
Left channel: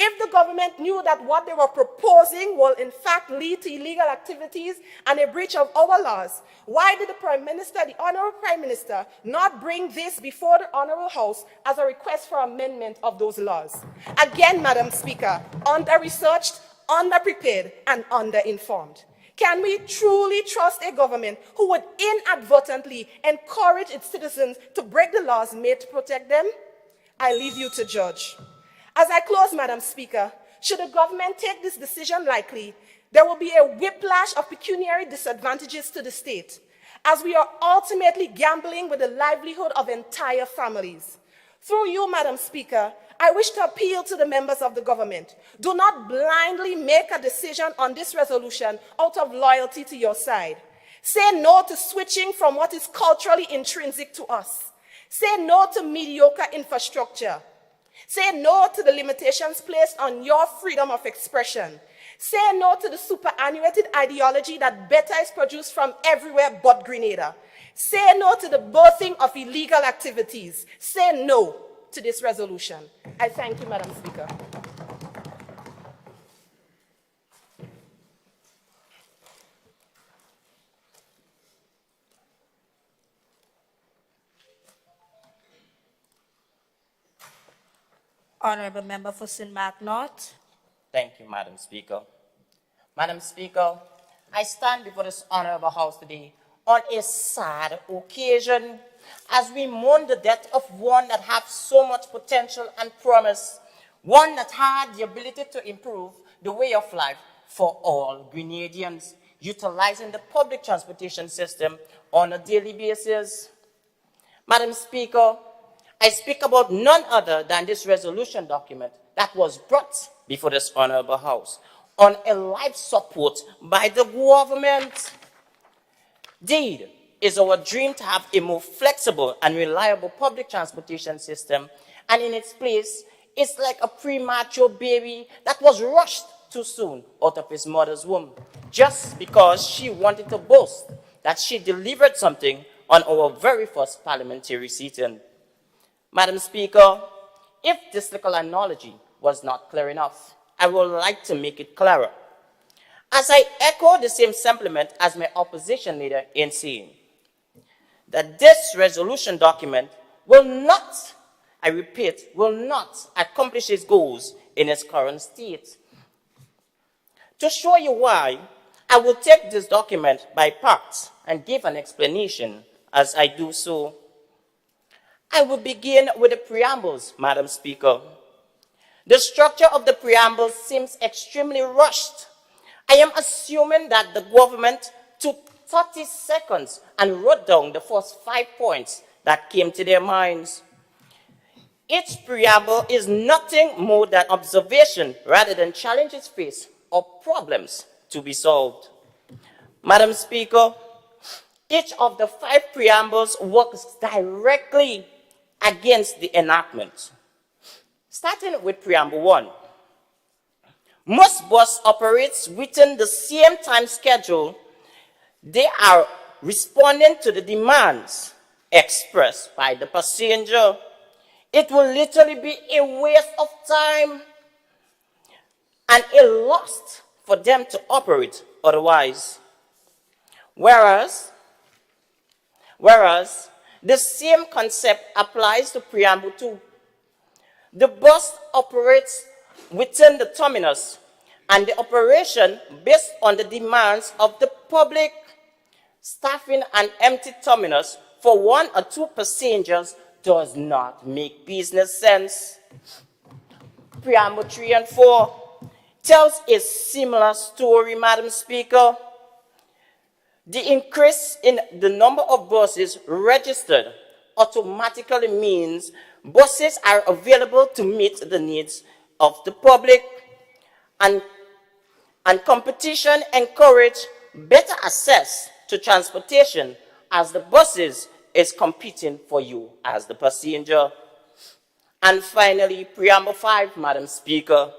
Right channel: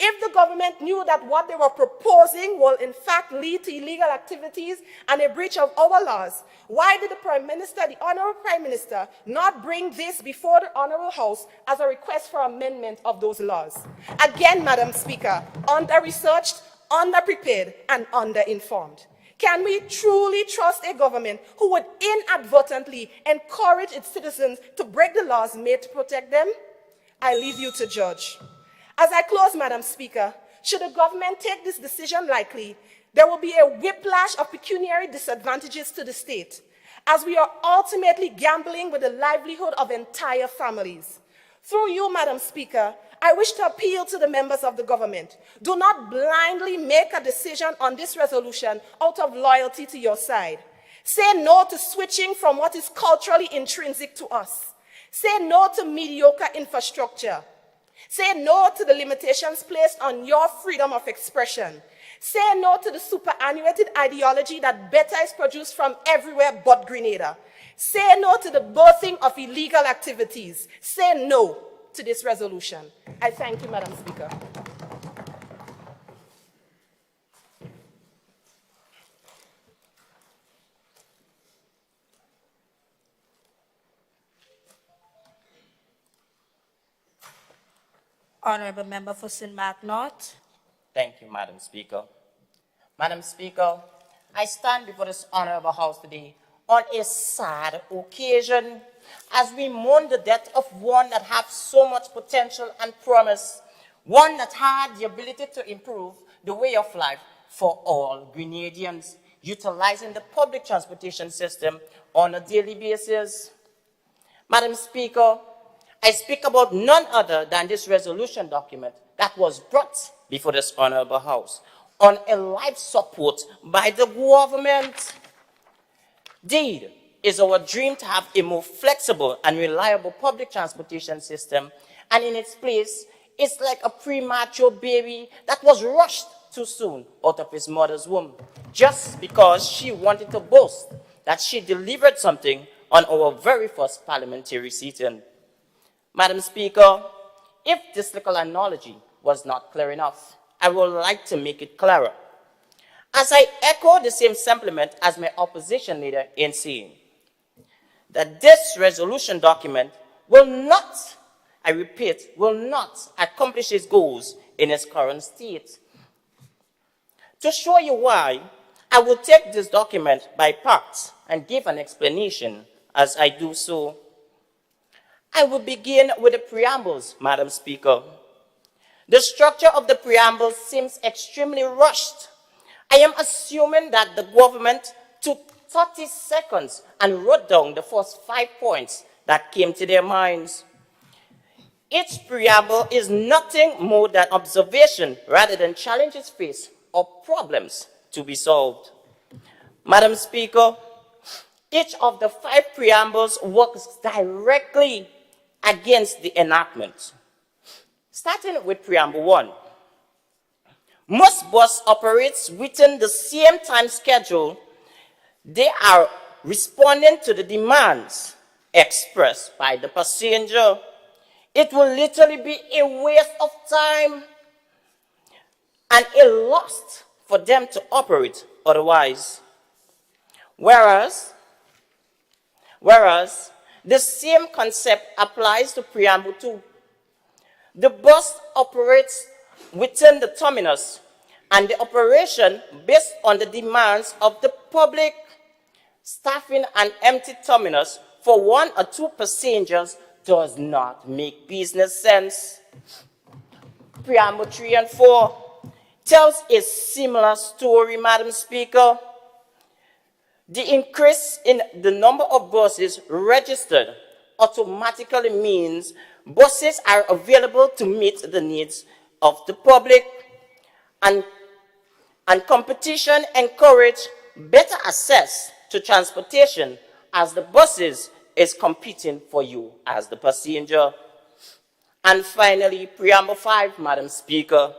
If the government knew that what they were proposing will in fact lead to illegal activities and a breach of our laws, why did the Prime Minister, the Honorable Prime Minister, not bring this before the Honorable House as a request for amendment of those laws? Again, Madam Speaker, under-researched, under-prepared, and under-informed. Can we truly trust a government who would inadvertently encourage its citizens to break the laws made to protect them? I leave you to judge. As I close, Madam Speaker, should the government take this decision lightly, there will be a whiplash of pecuniary disadvantages to the state, as we are ultimately gambling with the livelihood of entire families. Through you, Madam Speaker, I wish to appeal to the members of the government. Do not blindly make a decision on this resolution out of loyalty to your side. Say no to switching from what is culturally intrinsic to us. Say no to mediocre infrastructure. Say no to the limitations placed on your freedom of expression. Say no to the superannuated ideology that better is produced from everywhere but Grenada. Say no to the birthing of illegal activities. Say no to this resolution. I thank you, Madam Speaker. Honorable Member for St. Mark North. Thank you, Madam Speaker. Madam Speaker, I stand before this honorable house today on a sad occasion as we mourn the death of one that had so much potential and promise, one that had the ability to improve the way of life for all Grenadians, utilizing the public transportation system on a daily basis. Madam Speaker, I speak about none other than this resolution document that was brought before this honorable house on a life support by the government. Indeed, it's our dream to have a more flexible and reliable public transportation system, and in its place, it's like a premature baby that was rushed too soon out of his mother's womb, just because she wanted to boast that she delivered something on our very first parliamentary sitting. Madam Speaker, if this little analogy was not clear enough, I would like to make it clearer. As I echo the same sentiment as my opposition leader in saying that this resolution document will not, I repeat, will not accomplish its goals in its current state. To show you why, I will take this document by parts and give an explanation as I do so. I will begin with the preambles, Madam Speaker. The structure of the preamble seems extremely rushed. I am assuming that the government took 30 seconds and wrote down the first 5 points that came to their minds. Each preamble is nothing more than observation rather than challenges faced or problems to be solved. Madam Speaker, each of the 5 preambles works directly against the enactment. Starting with preamble 1. Most bus operates within the same time schedule. They are responding to the demands expressed by the passenger. It will literally be a waste of time and a loss for them to operate otherwise. Whereas the same concept applies to preamble 2. The bus operates within the terminus, and the operation based on the demands of the public, staffing an empty terminus for 1 or 2 passengers does not make business sense. Preamble 3 and 4 tells a similar story, Madam Speaker. The increase in the number of buses registered automatically means buses are available to meet the needs of the public, and competition encourages better access to transportation as the buses is competing for you as the passenger. And finally, preamble 5, Madam Speaker.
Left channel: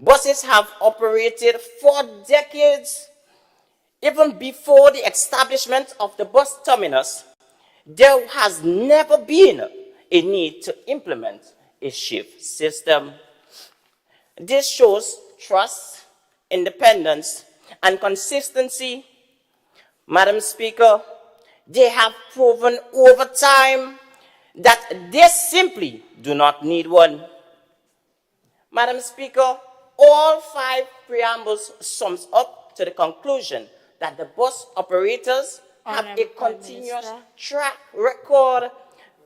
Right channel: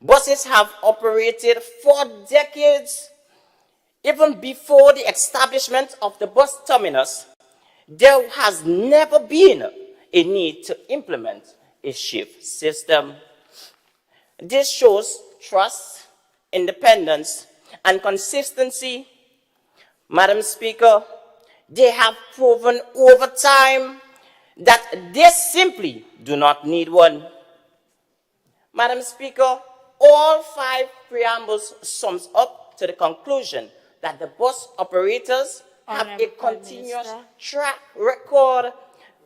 Buses have operated for decades. Even before the establishment of the bus terminus, there has never been a need to implement a shift system. This shows trust, independence, and consistency. Madam Speaker, they have proven over time that they simply do not need one. Madam Speaker, all 5 preambles sums up to the conclusion that the bus operators have a continuous track record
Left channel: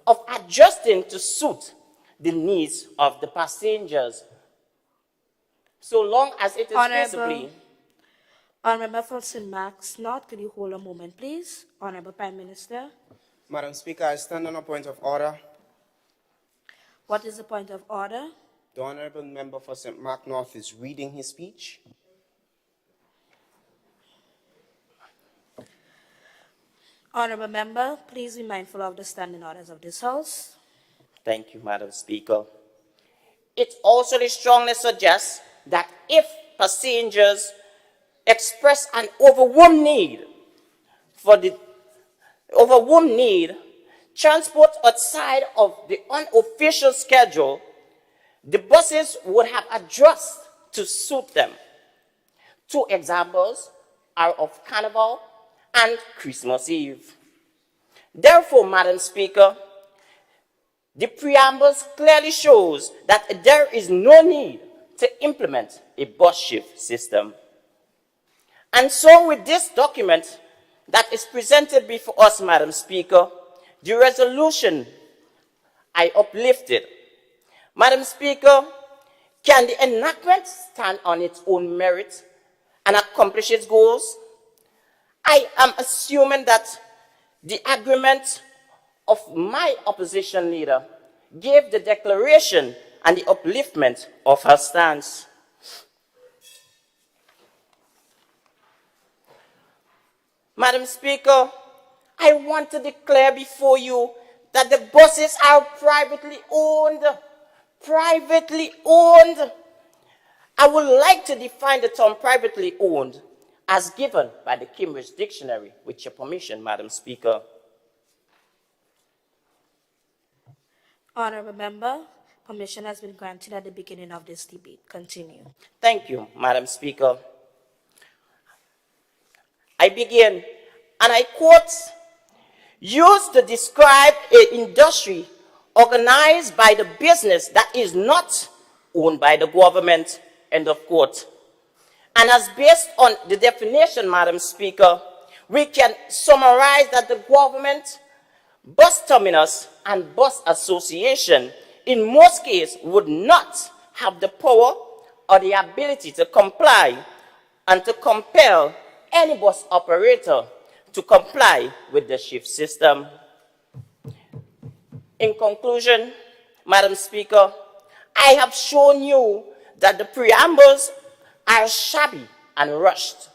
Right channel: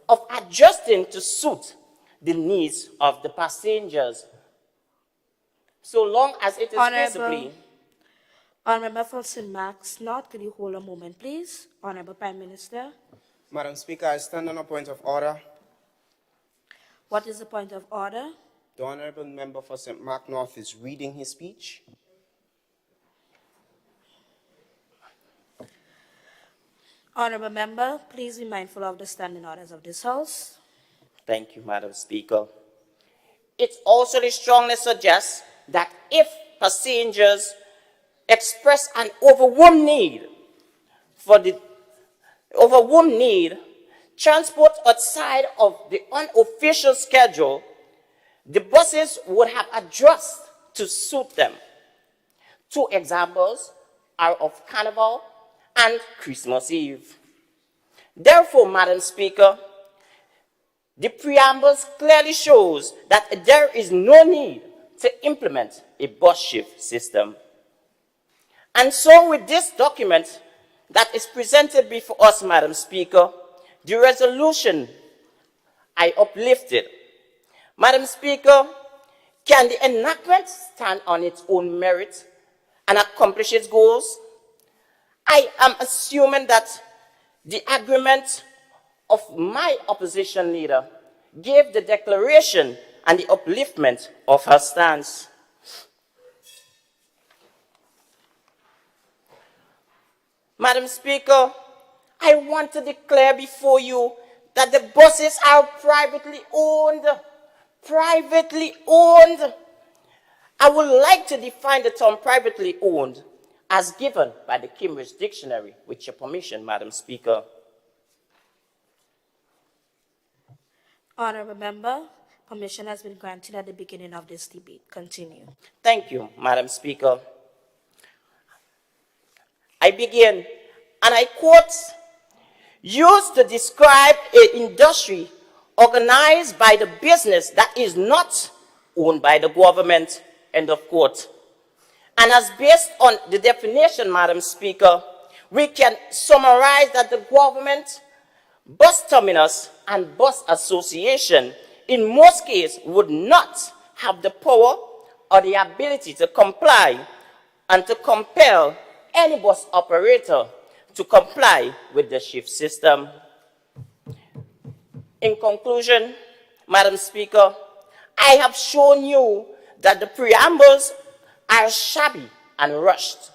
of adjusting to suit the needs of the passengers, so long as it is feasibly. Honorable from St. Mark's, North, could you hold a moment, please? Honorable Prime Minister. Madam Speaker, I stand on a point of order. What is the point of order? The Honorable Member for St. Mark North is reading his speech. Honorable Member, please be mindful of the standing orders of this House. Thank you, Madam Speaker. It also strongly suggests that if passengers express an overwhelming need transport outside of the unofficial schedule, the buses would have adjusted to suit them. 2 examples are of Carnival and Christmas Eve. Therefore, Madam Speaker, the preambles clearly shows that there is no need to implement a bus shift system. And so with this document that is presented before us, Madam Speaker, the resolution I uplifted. Madam Speaker, can the enactment stand on its own merit and accomplish its goals? I am assuming that the agreement of my opposition leader gave the declaration and the upliftment of her stance. Madam Speaker, I want to declare before you that the buses are privately owned. Privately owned. I would like to define the term privately owned as given by the Cambridge Dictionary, with your permission, Madam Speaker. Honorable Member, permission has been granted at the beginning of this debate. Continue. Thank you, Madam Speaker. I begin, and I quote, used to describe an industry organized by the business that is not owned by the government, end of quote. And as based on the definition, Madam Speaker, we can summarize that the government, bus terminus, and bus association in most cases would not have the power or the ability to comply and to compel any bus operator to comply with the shift system. In conclusion, Madam Speaker, I have shown you that the preambles are shabby and rushed,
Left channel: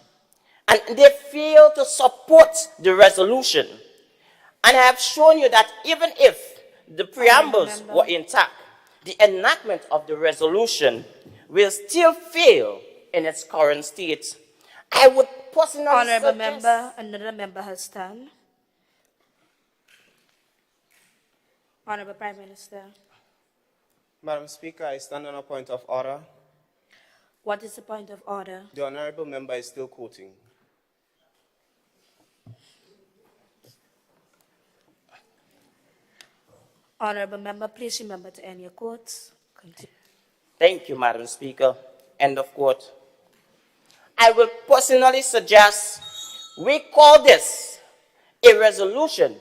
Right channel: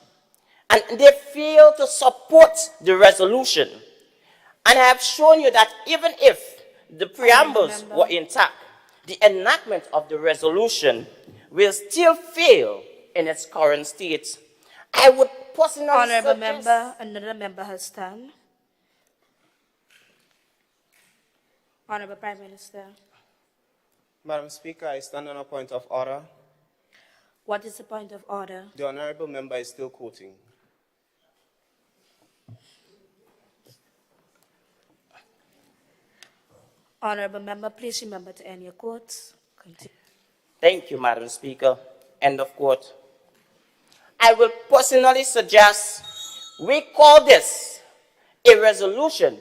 and they fail to support the resolution. And I have shown you that even if the preambles were intact, the enactment of the resolution will still fail in its current state. I would personally Honorable suggest... Member, another member has done. Honorable Prime Minister, Madam Speaker, I stand on a point of order. what is the point of order? The honorable member is still quoting. Honorable Member, please remember to end your quotes. Continue. Thank you, Madam Speaker. End of quote. I will personally suggest we call this a resolution.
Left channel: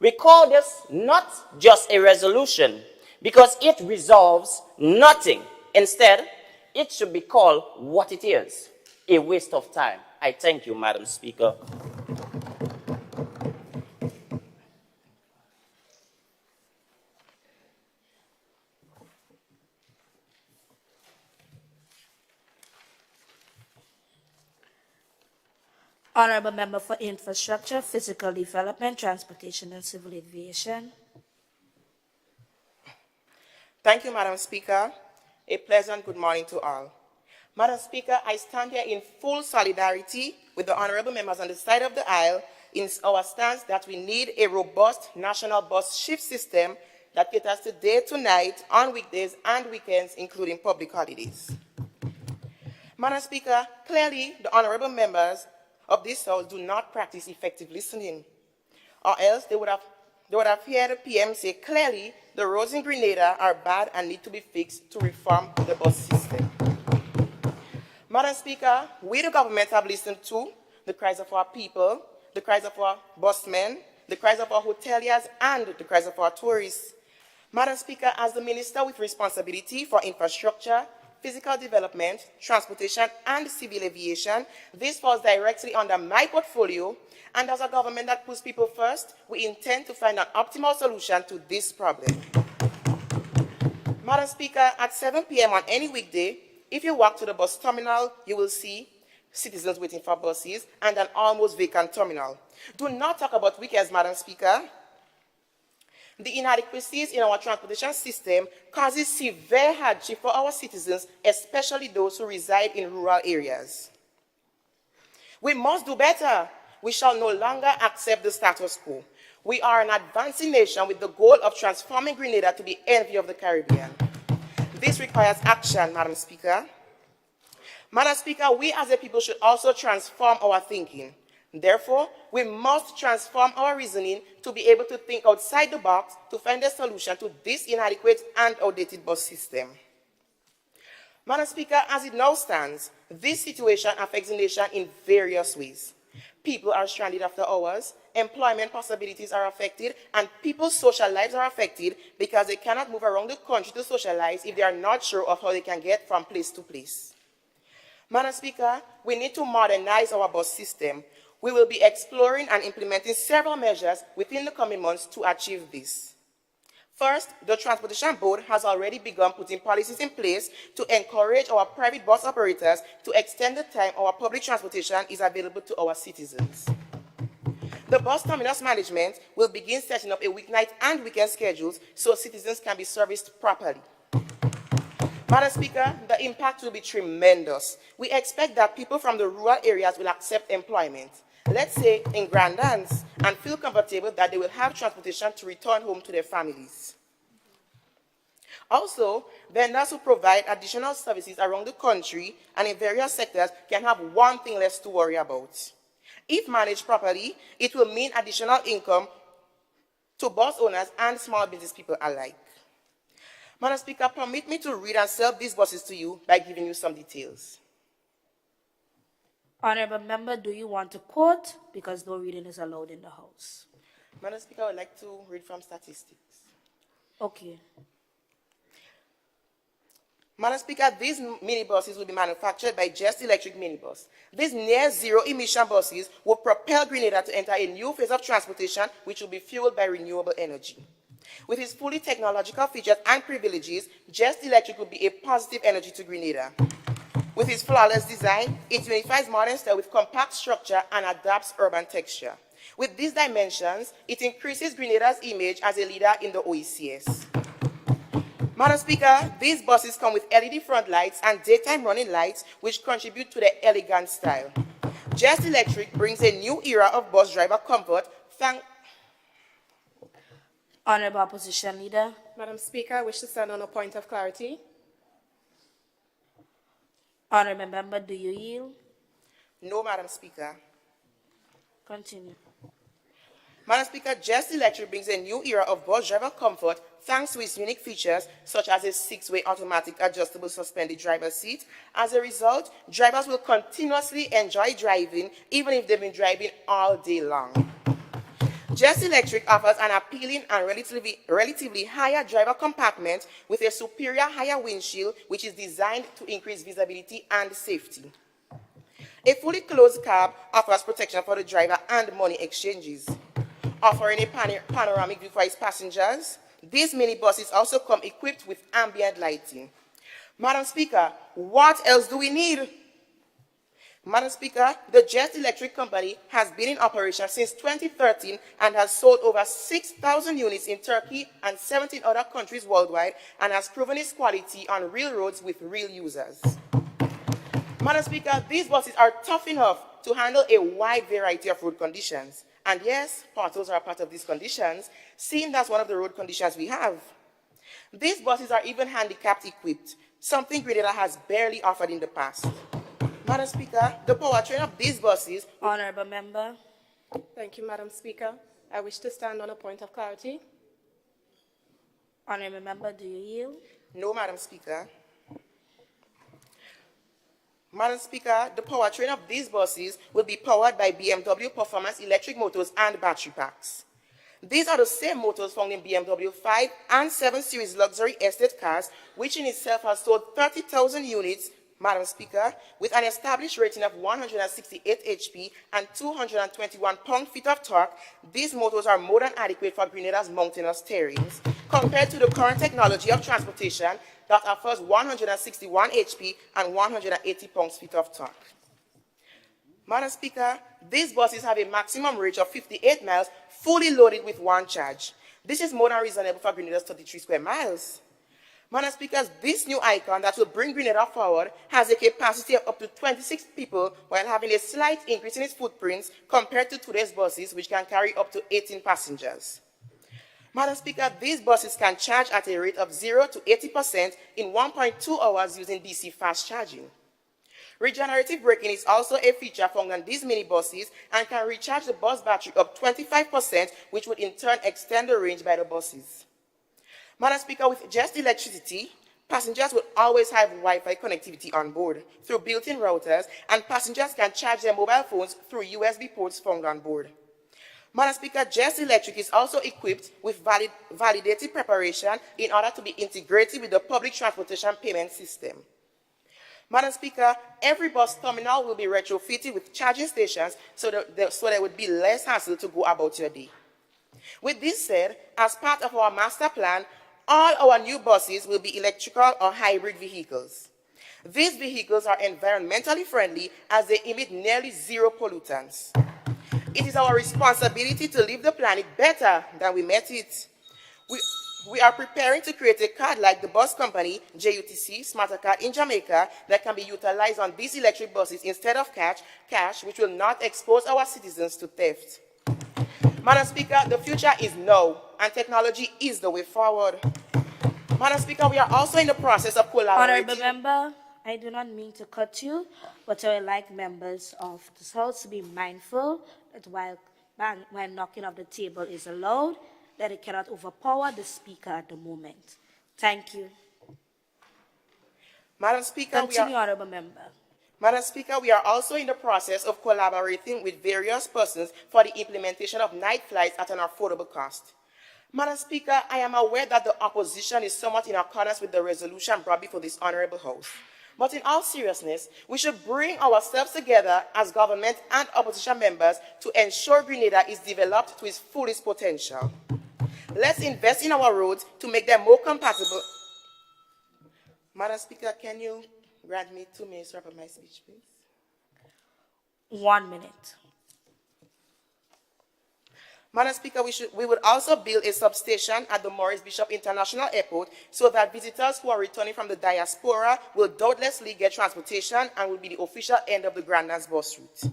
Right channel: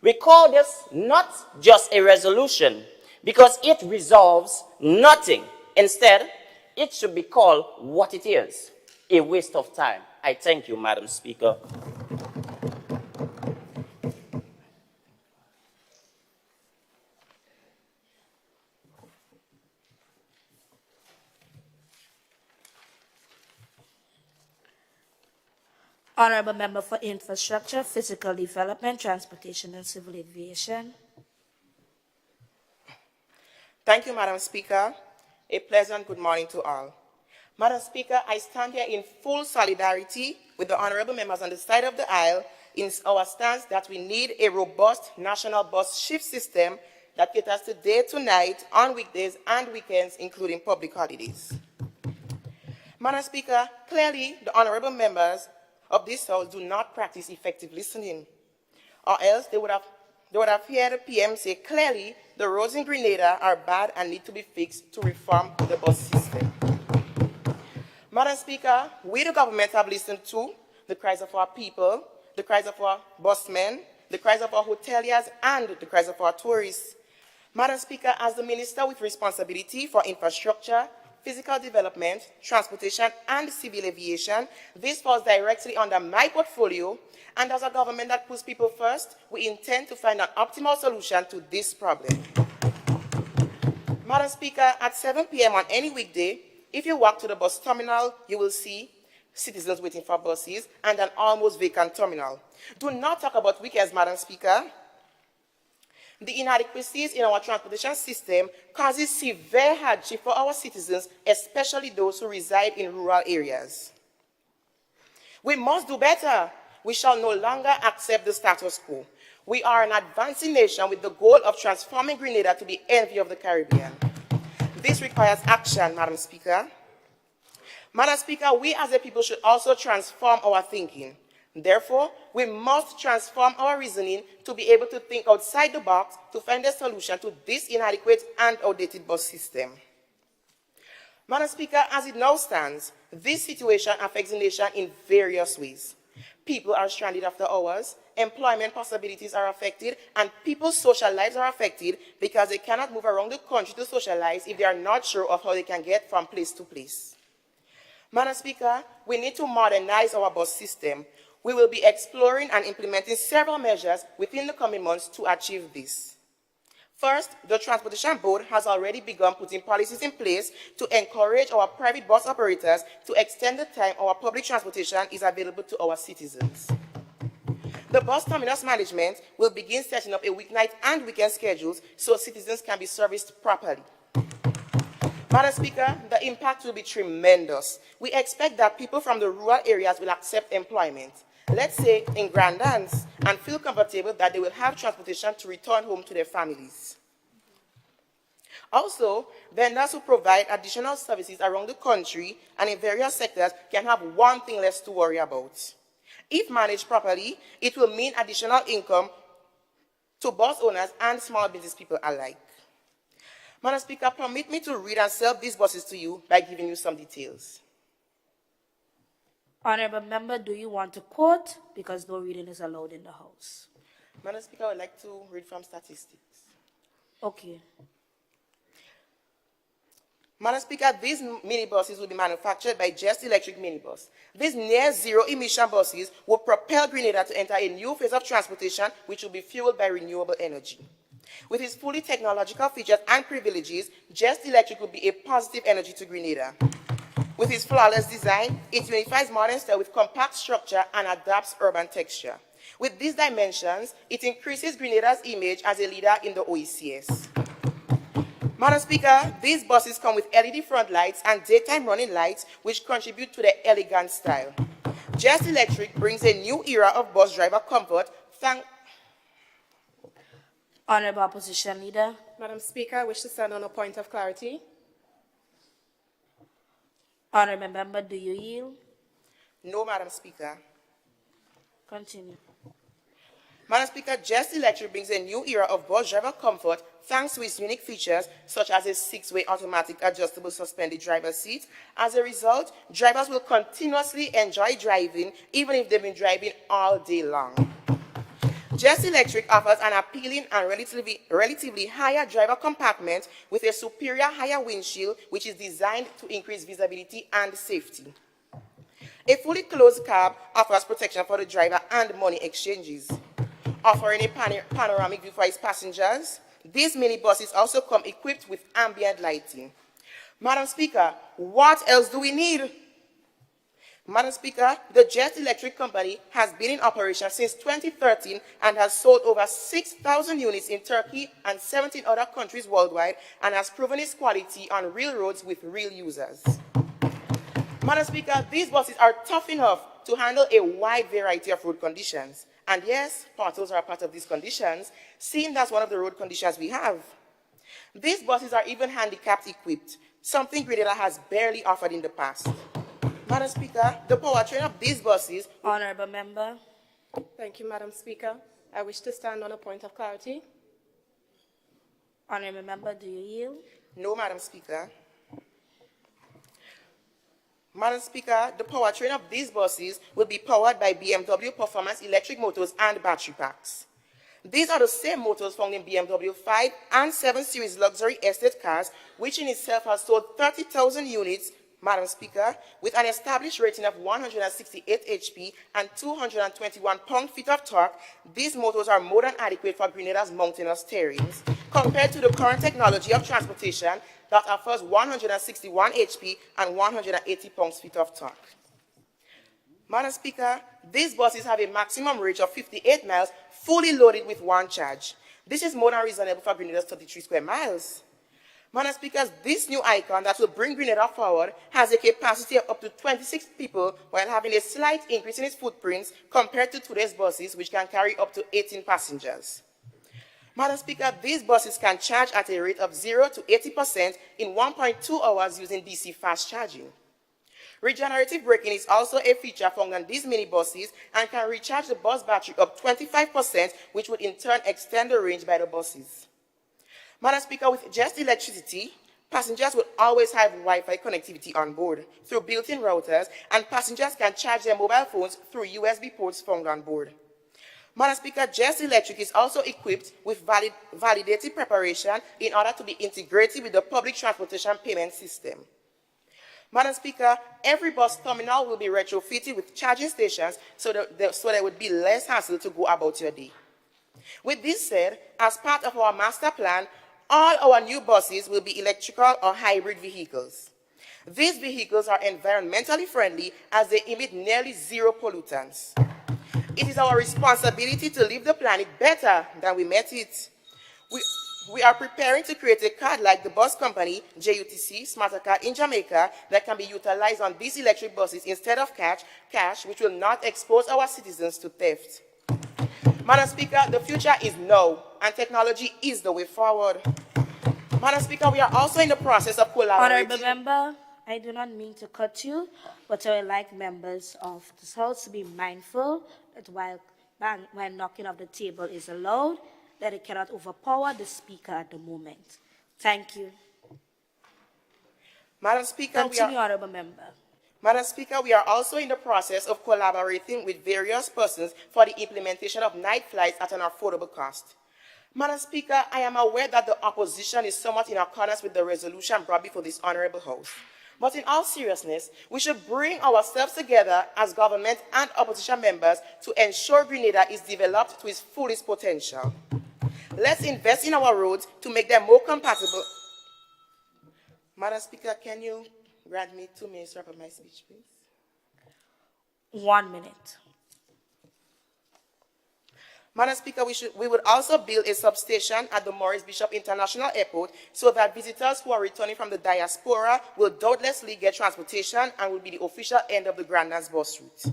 We call this not just a resolution because it resolves nothing. Instead, it should be called what it is, a waste of time. I thank you, Madam Speaker. Honorable Member for Infrastructure, Physical Development, Transportation and Civil Aviation. Thank you, Madam Speaker. A pleasant good morning to all. Madam Speaker, I stand here in full solidarity with the honorable members on the side of the aisle in our stance that we need a robust national bus shift system that caters to day to night, on weekdays and weekends, including public holidays. Madam Speaker, clearly the honorable members of this House do not practice effective listening, or else they would have heard the PM say clearly the roads in Grenada are bad and need to be fixed to reform the bus system. Madam Speaker, we the government have listened to the cries of our people, the cries of our busmen, the cries of our hoteliers, and the cries of our tourists. Madam Speaker, as the Minister with responsibility for infrastructure, physical development, transportation, and civil aviation, this falls directly under my portfolio, and as a government that puts people first, we intend to find an optimal solution to this problem. Madam Speaker, at 7 p.m. on any weekday, if you walk to the bus terminal, you will see citizens waiting for buses and an almost vacant terminal. Do not talk about weekends, Madam Speaker. The inadequacies in our transportation system causes severe hardship for our citizens, especially those who reside in rural areas. We must do better. We shall no longer accept the status quo. We are an advancing nation with the goal of transforming Grenada to be envy of the Caribbean. This requires action, Madam Speaker. Madam Speaker, we as a people should also transform our thinking. Therefore, we must transform our reasoning to be able to think outside the box to find a solution to this inadequate and outdated bus system. Madam Speaker, as it now stands, this situation affects the nation in various ways. People are stranded after hours, employment possibilities are affected, and people's social lives are affected because they cannot move around the country to socialize if they are not sure of how they can get from place to place. Madam Speaker, we need to modernize our bus system. We will be exploring and implementing several measures within the coming months to achieve this. First, the Transportation Board has already begun putting policies in place to encourage our private bus operators to extend the time our public transportation is available to our citizens. The bus terminus management will begin setting up a weeknight and weekend schedules so citizens can be serviced properly. Madam Speaker, the impact will be tremendous. We expect that people from the rural areas will accept employment, let's say in Grandlands, and feel comfortable that they will have transportation to return home to their families. Also, vendors who provide additional services around the country and in various sectors can have one thing less to worry about. If managed properly, it will mean additional income to bus owners and small business people alike. Madam Speaker, permit me to read and sell these buses to you by giving you some details. Honorable member, do you want to quote? Because no reading is allowed in the House. Madam Speaker, I would like to read from statistics. Okay. Madam Speaker, these minibuses will be manufactured by Just Electric Minibus. These near-zero emission buses will propel Grenada to enter a new phase of transportation which will be fueled by renewable energy. With its fully technological features and privileges, Just Electric will be a positive energy to Grenada. With its flawless design, it unifies modern style with compact structure and adapts urban texture. With these dimensions, it increases Grenada's image as a leader in the OECS. Madam Speaker, these buses come with LED front lights and daytime running lights which contribute to their elegant style. Just Electric brings a new era of bus driver comfort. Honorable Opposition Leader. Madam Speaker, I wish to stand on a point of clarity. Honorable member, do you yield? No, Madam Speaker. Continue. Madam Speaker, Just Electric brings a new era of bus driver comfort thanks to its unique features such as a 6-way automatic adjustable suspended driver seat. As a result, drivers will continuously enjoy driving even if they've been driving all day long. Just Electric offers an appealing and relatively higher driver compartment with a superior higher windshield which is designed to increase visibility and safety. A fully closed cab offers protection for the driver and money exchanges. Offering a panoramic view for its passengers, these minibuses also come equipped with ambient lighting. Madam Speaker, what else do we need? Madam Speaker, the Just Electric Company has been in operation since 2013 and has sold over 6,000 units in Turkey and 17 other countries worldwide and has proven its quality on real roads with real users. Madam Speaker, these buses are tough enough to handle a wide variety of road conditions. And yes, potholes are part of these conditions, seeing that's one of the road conditions we have. These buses are even handicapped equipped, something Grenada has barely offered in the past. Madam Speaker, the powertrain of these buses... Honorable member. Thank you, Madam Speaker. I wish to stand on a point of clarity. Honorable member, do you yield? No, Madam Speaker. Madam Speaker, the powertrain of these buses will be powered by BMW Performance electric motors and battery packs. These are the same motors found in BMW 5 and 7 Series luxury estate cars, which in itself has sold 30,000 units, Madam Speaker, with an established rating of 168 HP and 221 pound-feet of torque. These motors are more than adequate for Grenada's mountainous terrains, compared to the current technology of transportation that offers 161 HP and 180 pounds-feet of torque. Madam Speaker, these buses have a maximum range of 58 miles, fully loaded with one charge. This is more than reasonable for Grenada's 33 square miles. Madam Speaker, this new icon that will bring Grenada forward has a capacity of up to 26 people while having a slight increase in its footprints compared to today's buses, which can carry up to 18 passengers. Madam Speaker, these buses can charge at a rate of 0 to 80% in 1.2 hours using DC fast charging. Regenerative braking is also a feature found on these minibuses and can recharge the bus battery up 25%, which would in turn extend the range by the buses. Madam Speaker, with Just Electricity, passengers will always have Wi-Fi connectivity on board through built-in routers, and passengers can charge their mobile phones through USB ports found on board. Madam Speaker, Just Electric is also equipped with validated preparation in order to be integrated with the public transportation payment system. Madam Speaker, every bus terminal will be retrofitted with charging stations so there would be less hassle to go about your day. With this said, as part of our master plan, all our new buses will be electrical or hybrid vehicles. These vehicles are environmentally friendly as they emit nearly zero pollutants. It is our responsibility to leave the planet better than we met it. We, we are preparing to create a card like the bus company, JUTC, Smarter Card in Jamaica, that can be utilized on these electric buses instead of cash, which will not expose our citizens to theft. Madam Speaker, the future is now, and technology is the way forward. Madam Speaker, we are also in the process of collaborating. Honorable Member, I do not mean to cut you, but I would like members of this House to be mindful that while knocking off the table is allowed, that it cannot overpower the Speaker at the moment. Thank you. Madam Speaker, Continue, Honorable Member. Madam Speaker, we are also in the process of collaborating with various persons for the implementation of night flights at an affordable cost. Madam Speaker, I am aware that the opposition is somewhat in accordance with the resolution brought before this honorable House. But in all seriousness, we should bring ourselves together as government and opposition members to ensure Grenada is developed to its fullest potential. Let's invest in our roads to make them more compatible. Madam Speaker, can you grant me 2 minutes to wrap up my speech, please? 1 minute. Madam Speaker, we would also build a substation at the Maurice Bishop International Airport so that visitors who are returning from the diaspora will doubtlessly get transportation and will be the official end of the Grenada's bus route.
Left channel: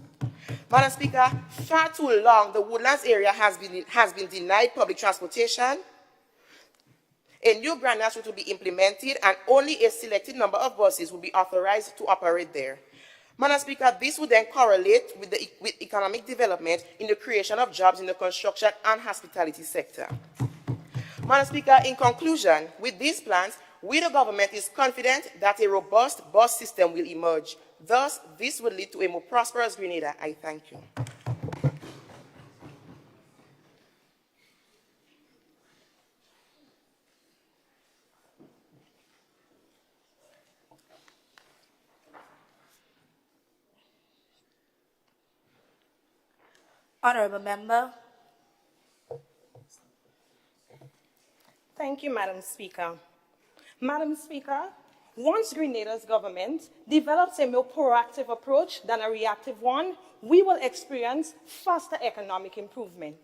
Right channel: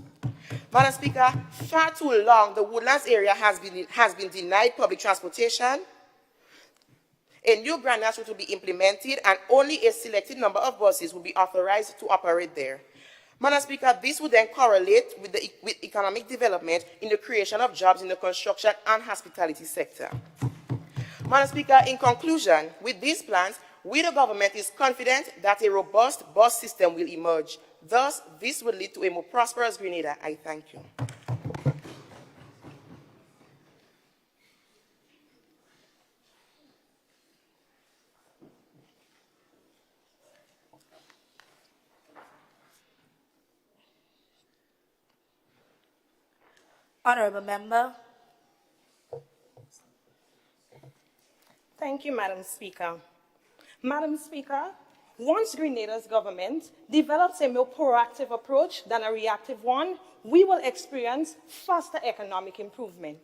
Madam Speaker, far too long the Woodlands area has been denied public transportation. A new Grenada route will be implemented and only a selected number of buses will be authorized to operate there. Madam Speaker, this would then correlate with economic development in the creation of jobs in the construction and hospitality sector. Madam Speaker, in conclusion, with these plans, we the government is confident that a robust bus system will emerge. Thus, this will lead to a more prosperous Grenada. I thank you. Honorable Member. Thank you, Madam Speaker. Madam Speaker, once Grenada's government develops a more proactive approach than a reactive one, we will experience faster economic improvement.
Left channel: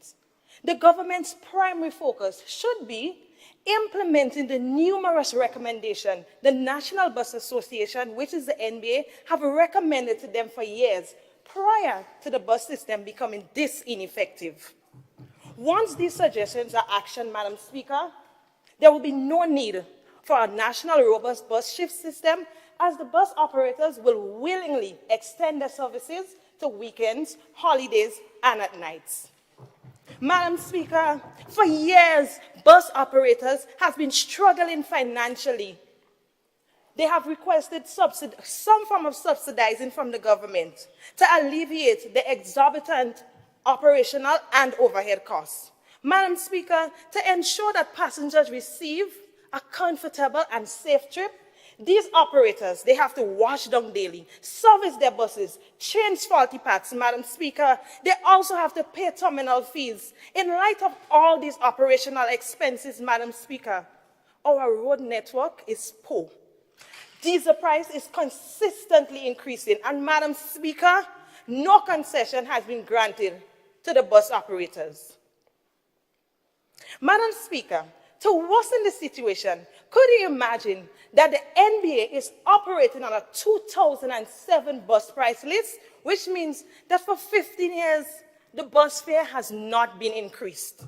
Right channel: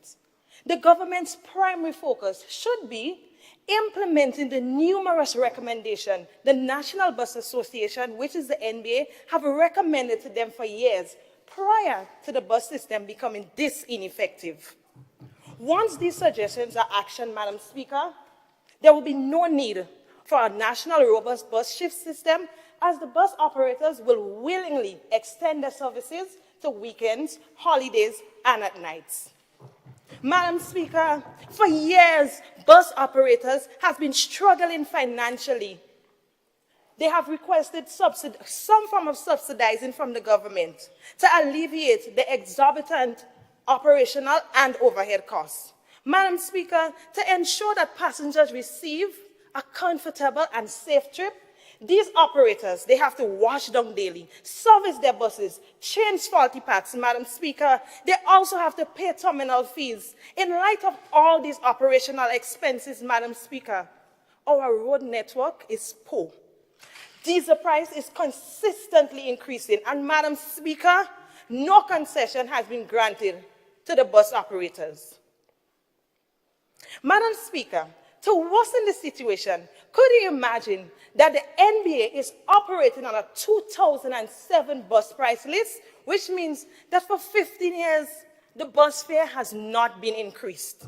The government's primary focus should be implementing the numerous recommendations the National Bus Association, which is the NBA, have recommended to them for years prior to the bus system becoming this ineffective. Once these suggestions are actioned, Madam Speaker, there will be no need for a national robust bus shift system, as the bus operators will willingly extend their services to weekends, holidays, and at nights. Madam Speaker, for years, bus operators have been struggling financially. They have requested some form of subsidizing from the government to alleviate the exorbitant operational and overhead costs. Madam Speaker, to ensure that passengers receive a comfortable and safe trip, these operators, they have to wash down daily, service their buses, change faulty parts, Madam Speaker. They also have to pay terminal fees. In light of all these operational expenses, Madam Speaker, our road network is poor. Diesel price is consistently increasing, and Madam Speaker, no concession has been granted to the bus operators. Madam Speaker, to worsen the situation, could you imagine that the NBA is operating on a 2007 bus price list, which means that for 15 years, the bus fare has not been increased?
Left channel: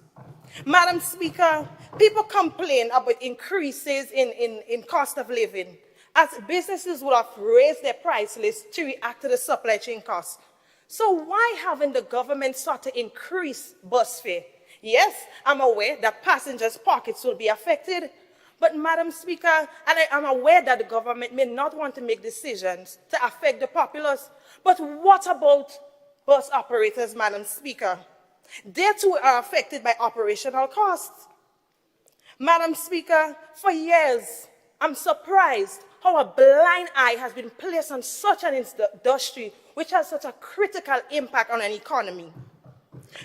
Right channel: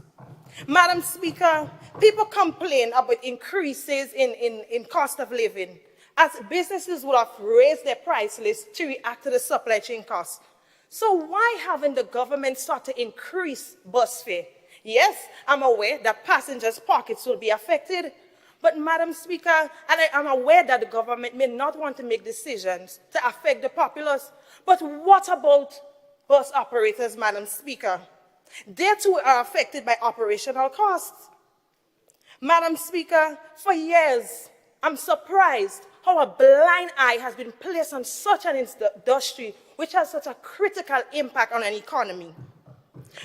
Madam Speaker, people complain about increases in cost of living, as businesses will have raised their price list to react to the supply chain costs. So why haven't the government started to increase bus fare? Yes, I'm aware that passengers' pockets will be affected, but Madam Speaker, and I am aware that the government may not want to make decisions to affect the populace, but what about bus operators, Madam Speaker? They too are affected by operational costs. Madam Speaker, for years, I'm surprised how a blind eye has been placed on such an industry which has such a critical impact on an economy.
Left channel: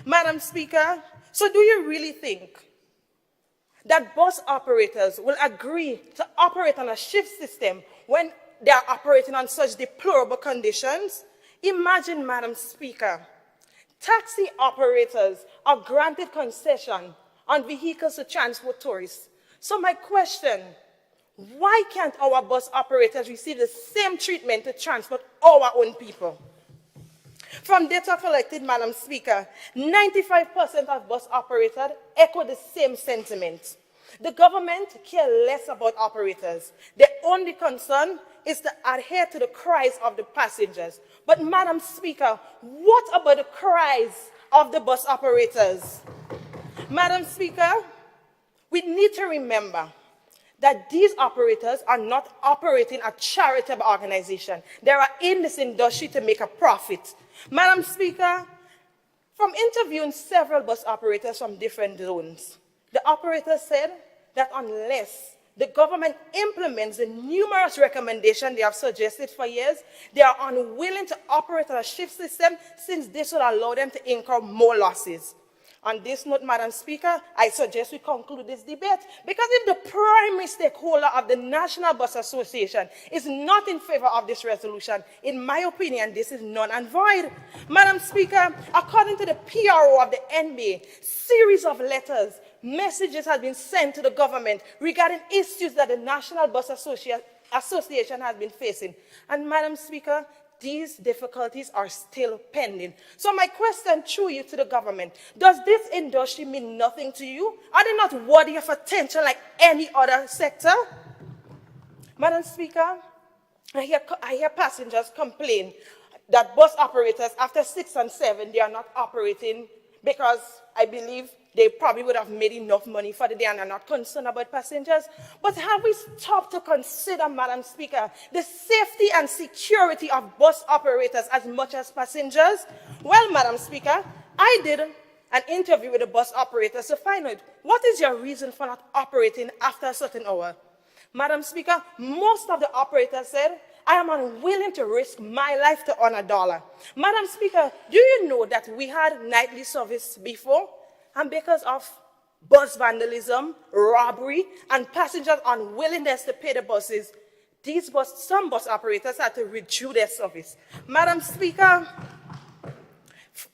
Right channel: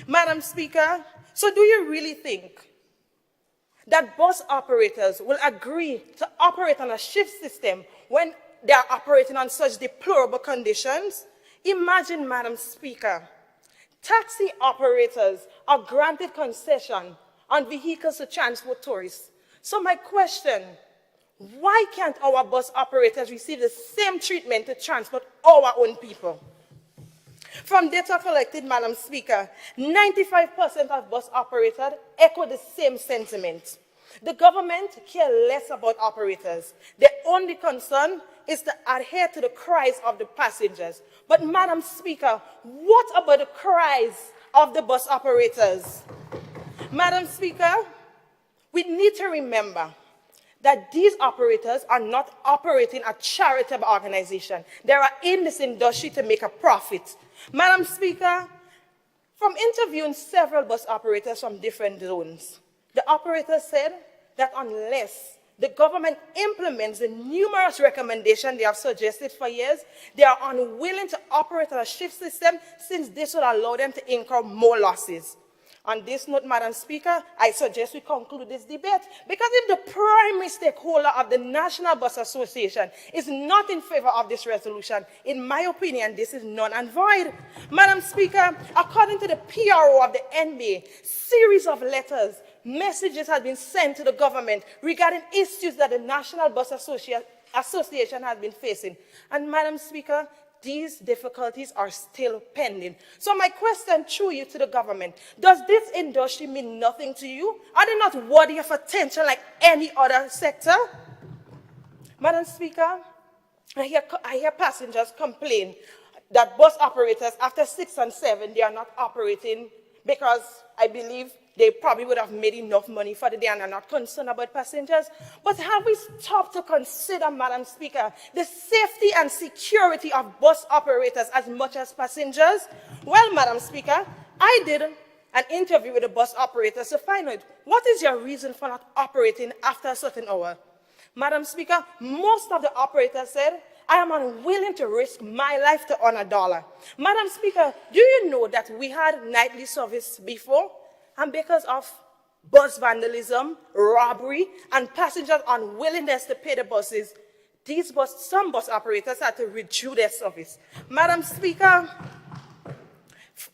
Madam Speaker, so do you really think that bus operators will agree to operate on a shift system when they are operating on such deplorable conditions? Imagine, Madam Speaker, Taxi operators are granted concession on vehicles to transport tourists. So my question, why can't our bus operators receive the same treatment to transport our own people? From data collected, Madam Speaker, 95% of bus operators echo the same sentiment. The government cares less about operators. Their only concern is to adhere to the cries of the passengers. But Madam Speaker, what about the cries of the bus operators? Madam Speaker, we need to remember that these operators are not operating a charitable organization. They are in this industry to make a profit. Madam Speaker, from interviewing several bus operators from different zones, the operators said that unless the government implements the numerous recommendations they have suggested for years, they are unwilling to operate a shift system since this will allow them to incur more losses. On this note, Madam Speaker, I suggest we conclude this debate because if the primary stakeholder of the National Bus Association is not in favor of this resolution, in my opinion, this is null and void. Madam Speaker, according to the PRO of the NBA, series of letters, messages have been sent to the government regarding issues that the National Bus Association has been facing. And Madam Speaker, these difficulties are still pending. So my question through you to the government, does this industry mean nothing to you? Are they not worthy of attention like any other sector? Madam Speaker, I hear passengers complain that bus operators after 6 and 7, they are not operating because I believe they probably would have made enough money for the day and are not concerned about passengers. But have we stopped to consider, Madam Speaker, the safety and security of bus operators as much as passengers? Well, Madam Speaker, I did an interview with the bus operators to find out what is your reason for not operating after a certain hour. Madam Speaker, most of the operators said, I am unwilling to risk my life to earn $1. Madam Speaker, do you know that we had nightly service before? And because of bus vandalism, robbery, and passengers' unwillingness to pay the buses, some bus operators had to reduce their service. Madam Speaker,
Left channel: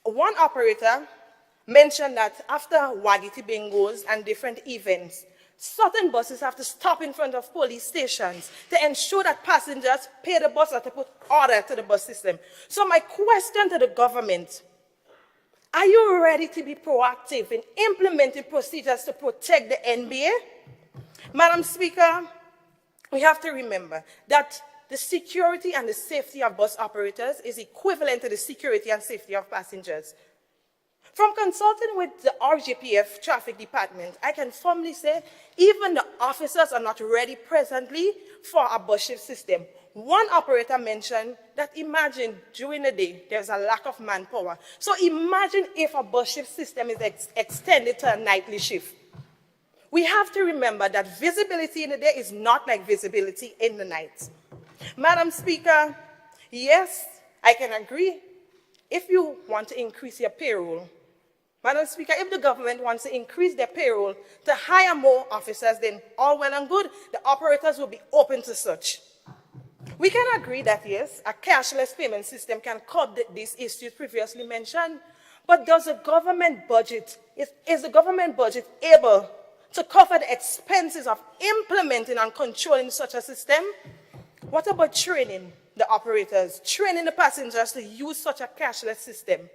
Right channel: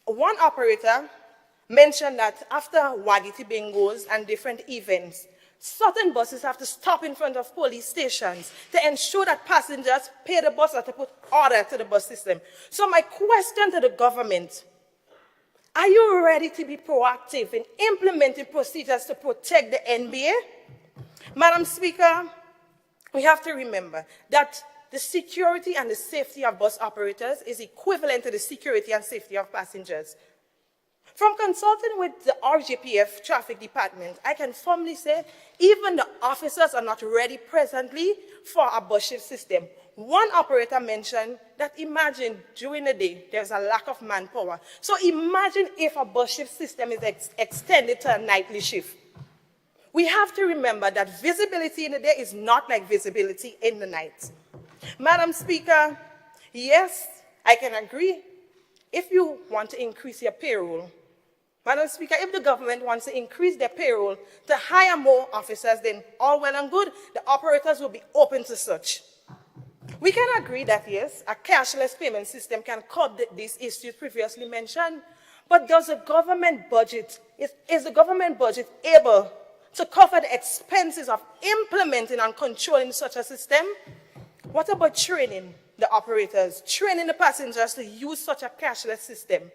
one operator mentioned that after Wagiti bingos and different events, certain buses have to stop in front of police stations to ensure that passengers pay the bus or to put order to the bus system. So my question to the government, are you ready to be proactive in implementing procedures to protect the NBA? Madam Speaker, we have to remember that the security and the safety of bus operators is equivalent to the security and safety of passengers. From consulting with the RGPF Traffic Department, I can firmly say even the officers are not ready presently for a bus shift system. One operator mentioned that imagine during the day there's a lack of manpower. So imagine if a bus shift system is extended to a nightly shift. We have to remember that visibility in the day is not like visibility in the night. Madam Speaker, yes, I can agree. If you want to increase your payroll, Madam Speaker, if the government wants to increase their payroll to hire more officers, then all well and good, the operators will be open to such. We can agree that, yes, a cashless payment system can curb these issues previously mentioned, but does the government budget, is the government budget able to cover the expenses of implementing and controlling such a system? What about training the operators, training the passengers to use such a cashless system?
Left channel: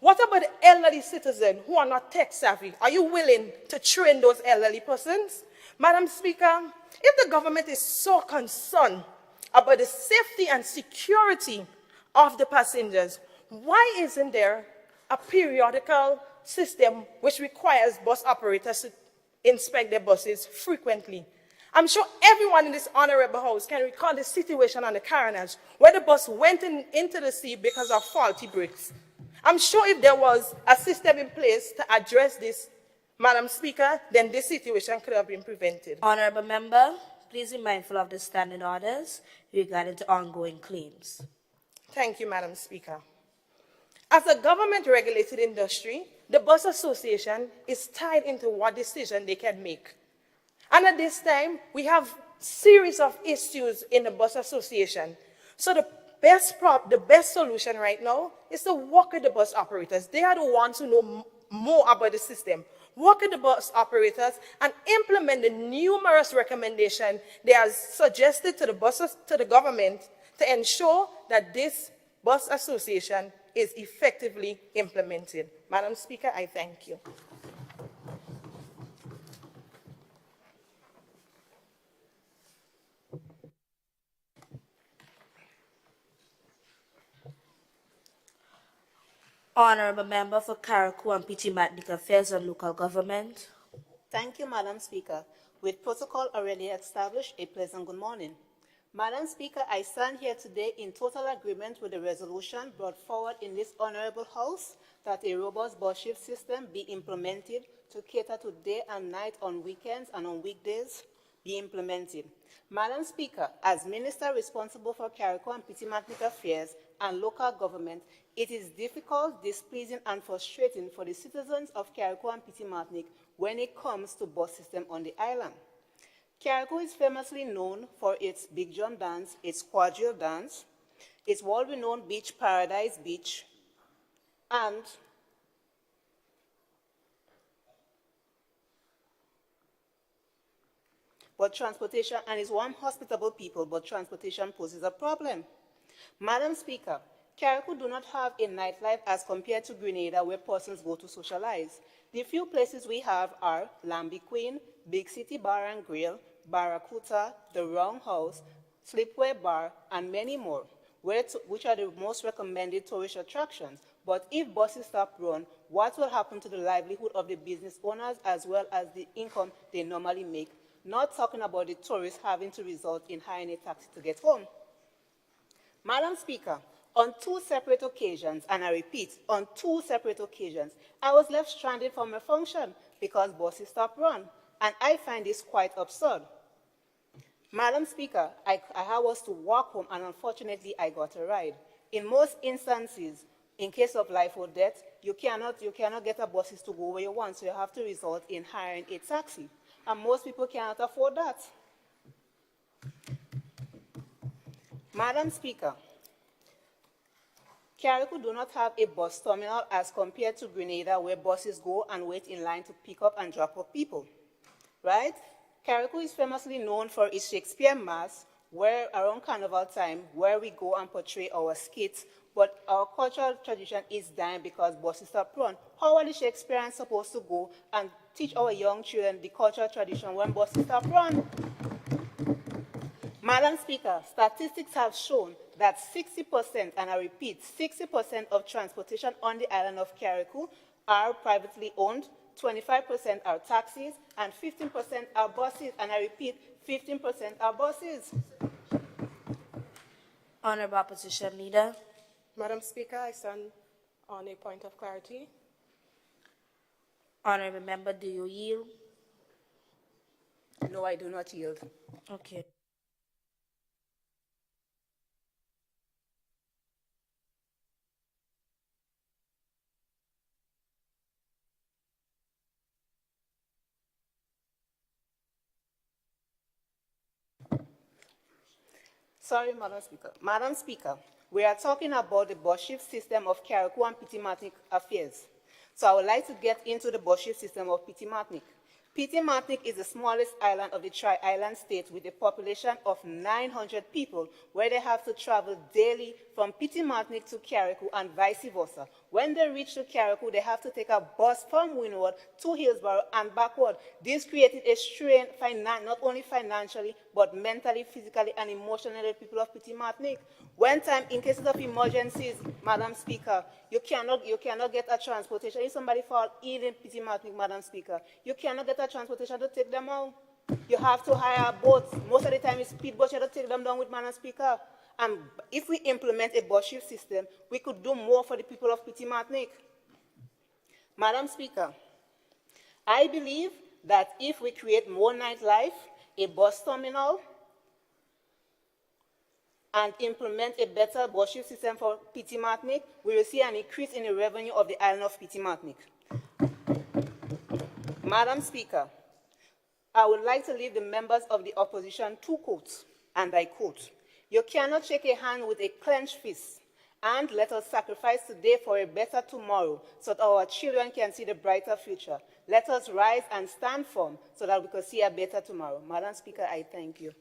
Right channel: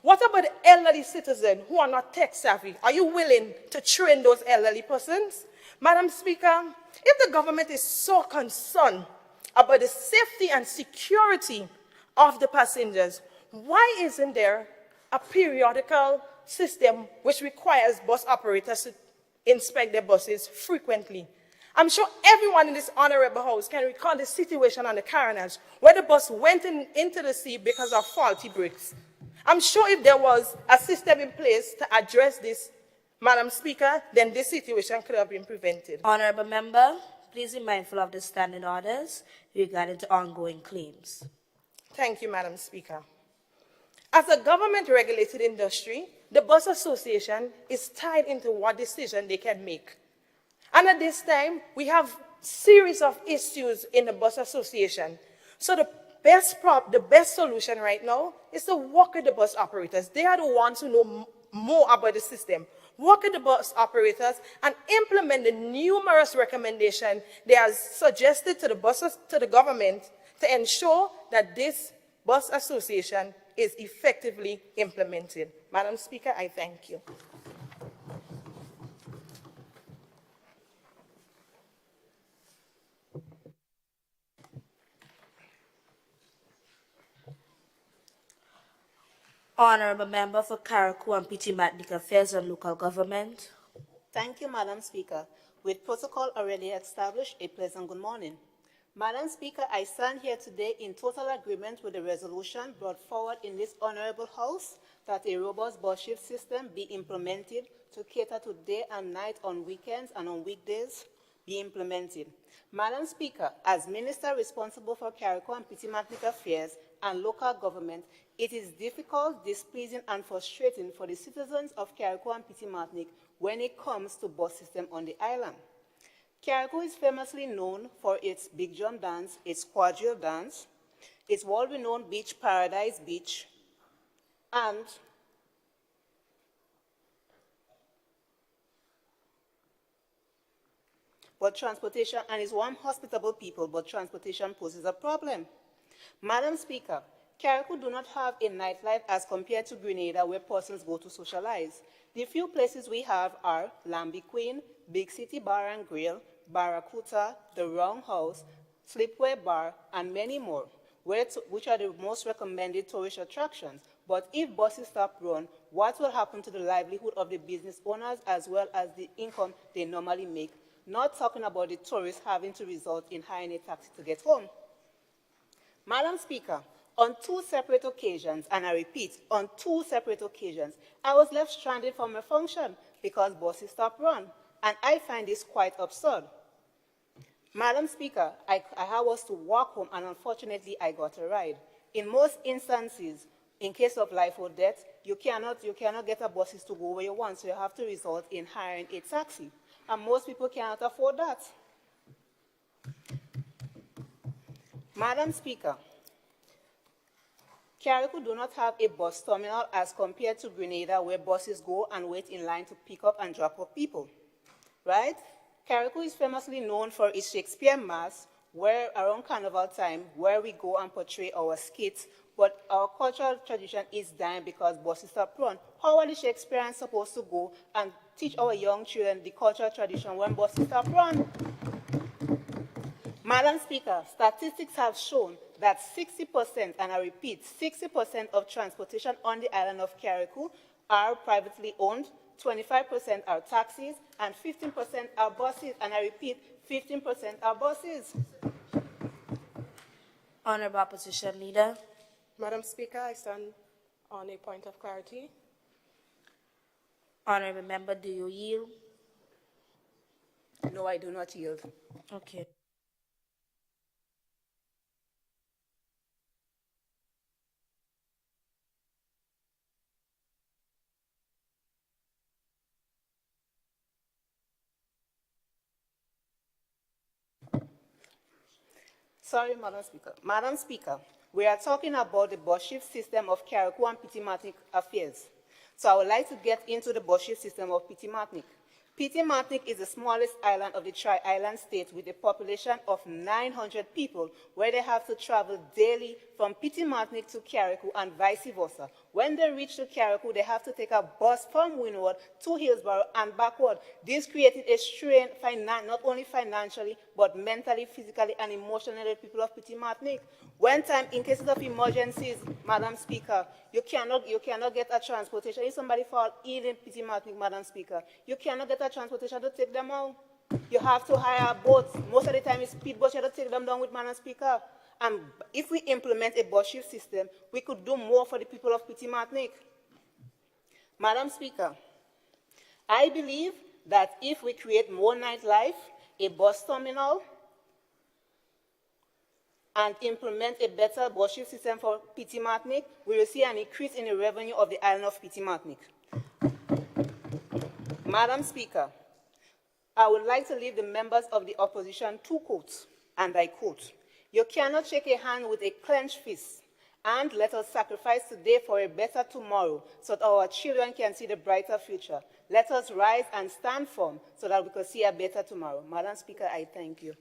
What about the elderly citizens who are not tech savvy? Are you willing to train those elderly persons? Madam Speaker, if the government is so concerned about the safety and security of the passengers, why isn't there a periodical system which requires bus operators to inspect their buses frequently? I'm sure everyone in this honorable house can recall the situation on the Caravans where the bus went into the sea because of faulty brakes. I'm sure if there was a system in place to address this, Madam Speaker, then this situation could have been prevented. Honorable Member, please be mindful of the standing orders regarding to ongoing claims. Thank you, Madam Speaker. As a government-regulated industry, the Bus Association is tied into what decision they can make. And at this time, we have series of issues in the Bus Association. So the the best solution right now is to work with the bus operators. They are the ones who know more about the system. Work with the bus operators and implement the numerous recommendations they have suggested to the buses, to the government, to ensure that this bus association is effectively implemented. Madam Speaker, I thank you. Honorable Member for Karakou and Pitimatnik Affairs and Local Government. Thank you, Madam Speaker. With protocol already established, a pleasant good morning. Madam Speaker, I stand here today in total agreement with the resolution brought forward in this honorable House that a robust bus shift system be implemented to cater to day and night on weekends and on weekdays be implemented. Madam Speaker, as Minister responsible for Karakou and Pitimatnik Affairs and local government, it is difficult, displeasing, and frustrating for the citizens of Karakou and Pitimatnik when it comes to bus system on the island. Karakou is famously known for its Big John dance, its quadrille dance, its world-renowned beach, Paradise Beach, and transportation, and is one hospitable people, but transportation poses a problem. Madam Speaker, Karakou do not have a nightlife as compared to Grenada, where persons go to socialize. The few places we have are Lambi Queen, Big City Bar and Grill, Barracuda, The Roundhouse, Slipway Bar, and many more, which are the most recommended tourist attractions. But if buses stop run, what will happen to the livelihood of the business owners as well as the income they normally make? Not talking about the tourists having to resort in hiring a taxi to get home. Madam Speaker, on two separate occasions, and I repeat, on two separate occasions, I was left stranded from a function because buses stopped run, and I find this quite absurd. Madam Speaker, I was to walk home, and unfortunately, I got a ride. In most instances, in case of life or death, you cannot get a buses to go where you want, so you have to resort in hiring a taxi. And most people cannot afford that. Madam Speaker, Karakou do not have a bus terminal as compared to Grenada, where buses go and wait in line to pick up and drop off people, right? Karakou is famously known for its Shakespeare Mass, where around Carnival time, where we go and portray our skits, but our cultural tradition is dying because buses stop run. How are the Shakespeareans supposed to go and teach our young children the cultural tradition when buses stop run? Madam Speaker, statistics have shown that 60%, and I repeat, 60% of transportation on the island of Karakou are privately owned, 25% are taxis, and 15% are buses, and I repeat, 15% are buses. Honorable Opposition Leader. Madam Speaker, I stand on a point of clarity. Honorable Member, do you yield? No, I do not yield. Okay. Sorry, Madam Speaker. Madam Speaker, we are talking about the bus shift system of Karakou and Pitimatnik Affairs. So I would like to get into the bus shift system of Pitimatnik. Pitimatnik is the smallest island of the Tri-Island state with a population of 900 people, where they have to travel daily from Pitimatnik to Karakou and vice versa. When they reach to Karakou, they have to take a bus from Windward to Hillsborough and backward. This created a strain, not only financially, but mentally, physically, and emotionally, people of Pitimatnik. When time, in cases of emergencies, Madam Speaker, you cannot get a transportation. If somebody fall ill in Pitimatnik, Madam Speaker, you cannot get a transportation to take them out. You have to hire boats. Most of the time it's speedboats. You have to take them down with, Madam Speaker. And if we implement a bus shift system, we could do more for the people of Pitimatnik. Madam Speaker, I believe that if we create more nightlife, a bus terminal, and implement a better bus shift system for Pitimatnik, we will see an increase in the revenue of the island of Pitimatnik. Madam Speaker, I would like to leave the members of the opposition two quotes, and I quote, You cannot shake a hand with a clenched fist. And let us sacrifice today for a better tomorrow so that our children can see the brighter future. Let us rise and stand firm so that we can see a better tomorrow. Madam Speaker, I thank you.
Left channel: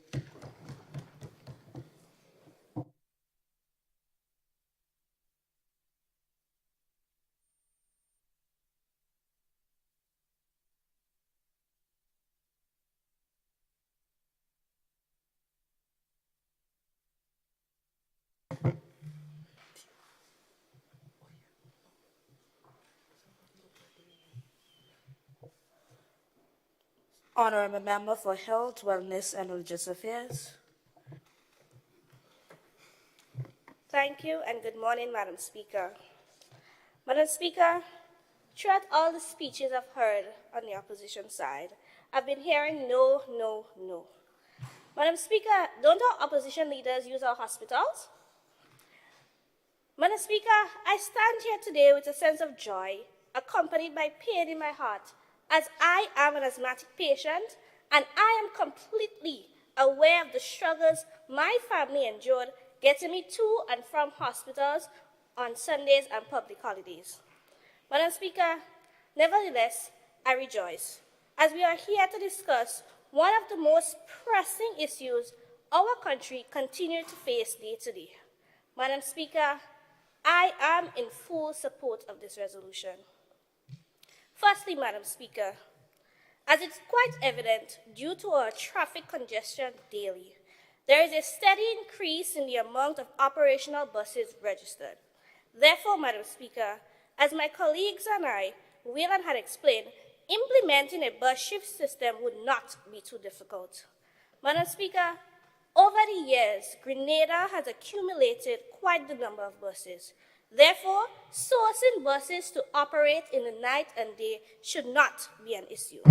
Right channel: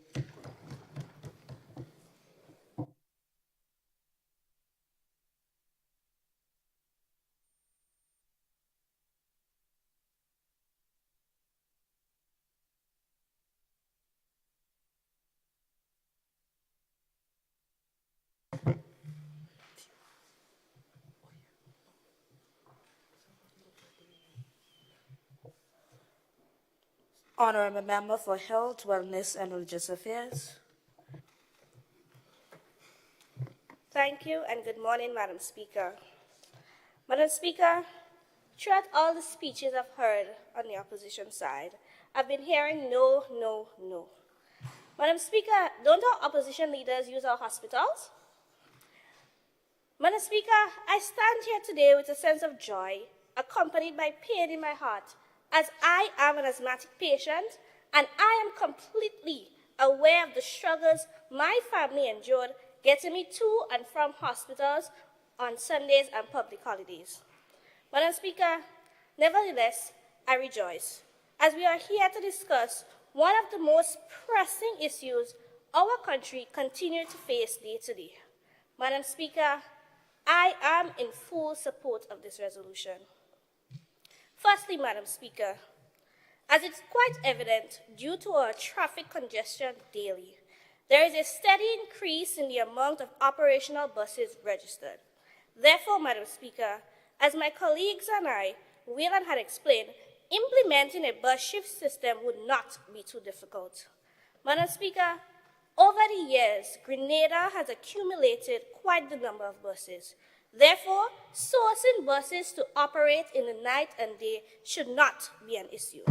Honorable Member for Health, Wellness and Religious Affairs. Thank you and good morning, Madam Speaker. Madam Speaker, throughout all the speeches I've heard on the opposition side, I've been hearing no, no, no. Madam Speaker, don't our opposition leaders use our hospitals? Madam Speaker, I stand here today with a sense of joy, accompanied by pain in my heart, as I am an asthmatic patient and I am completely aware of the struggles my family endured getting me to and from hospitals on Sundays and public holidays. Madam Speaker, nevertheless, I rejoice, as we are here to discuss one of the most pressing issues our country continues to face day to day. Madam Speaker, I am in full support of this resolution. Firstly, Madam Speaker, as it's quite evident due to our traffic congestion daily, there is a steady increase in the amount of operational buses registered. Therefore, Madam Speaker, as my colleagues and I, Wayland had explained, implementing a bus shift system would not be too difficult. Madam Speaker, over the years, Grenada has accumulated quite the number of buses. Therefore, sourcing buses to operate in the night and day should not be an issue.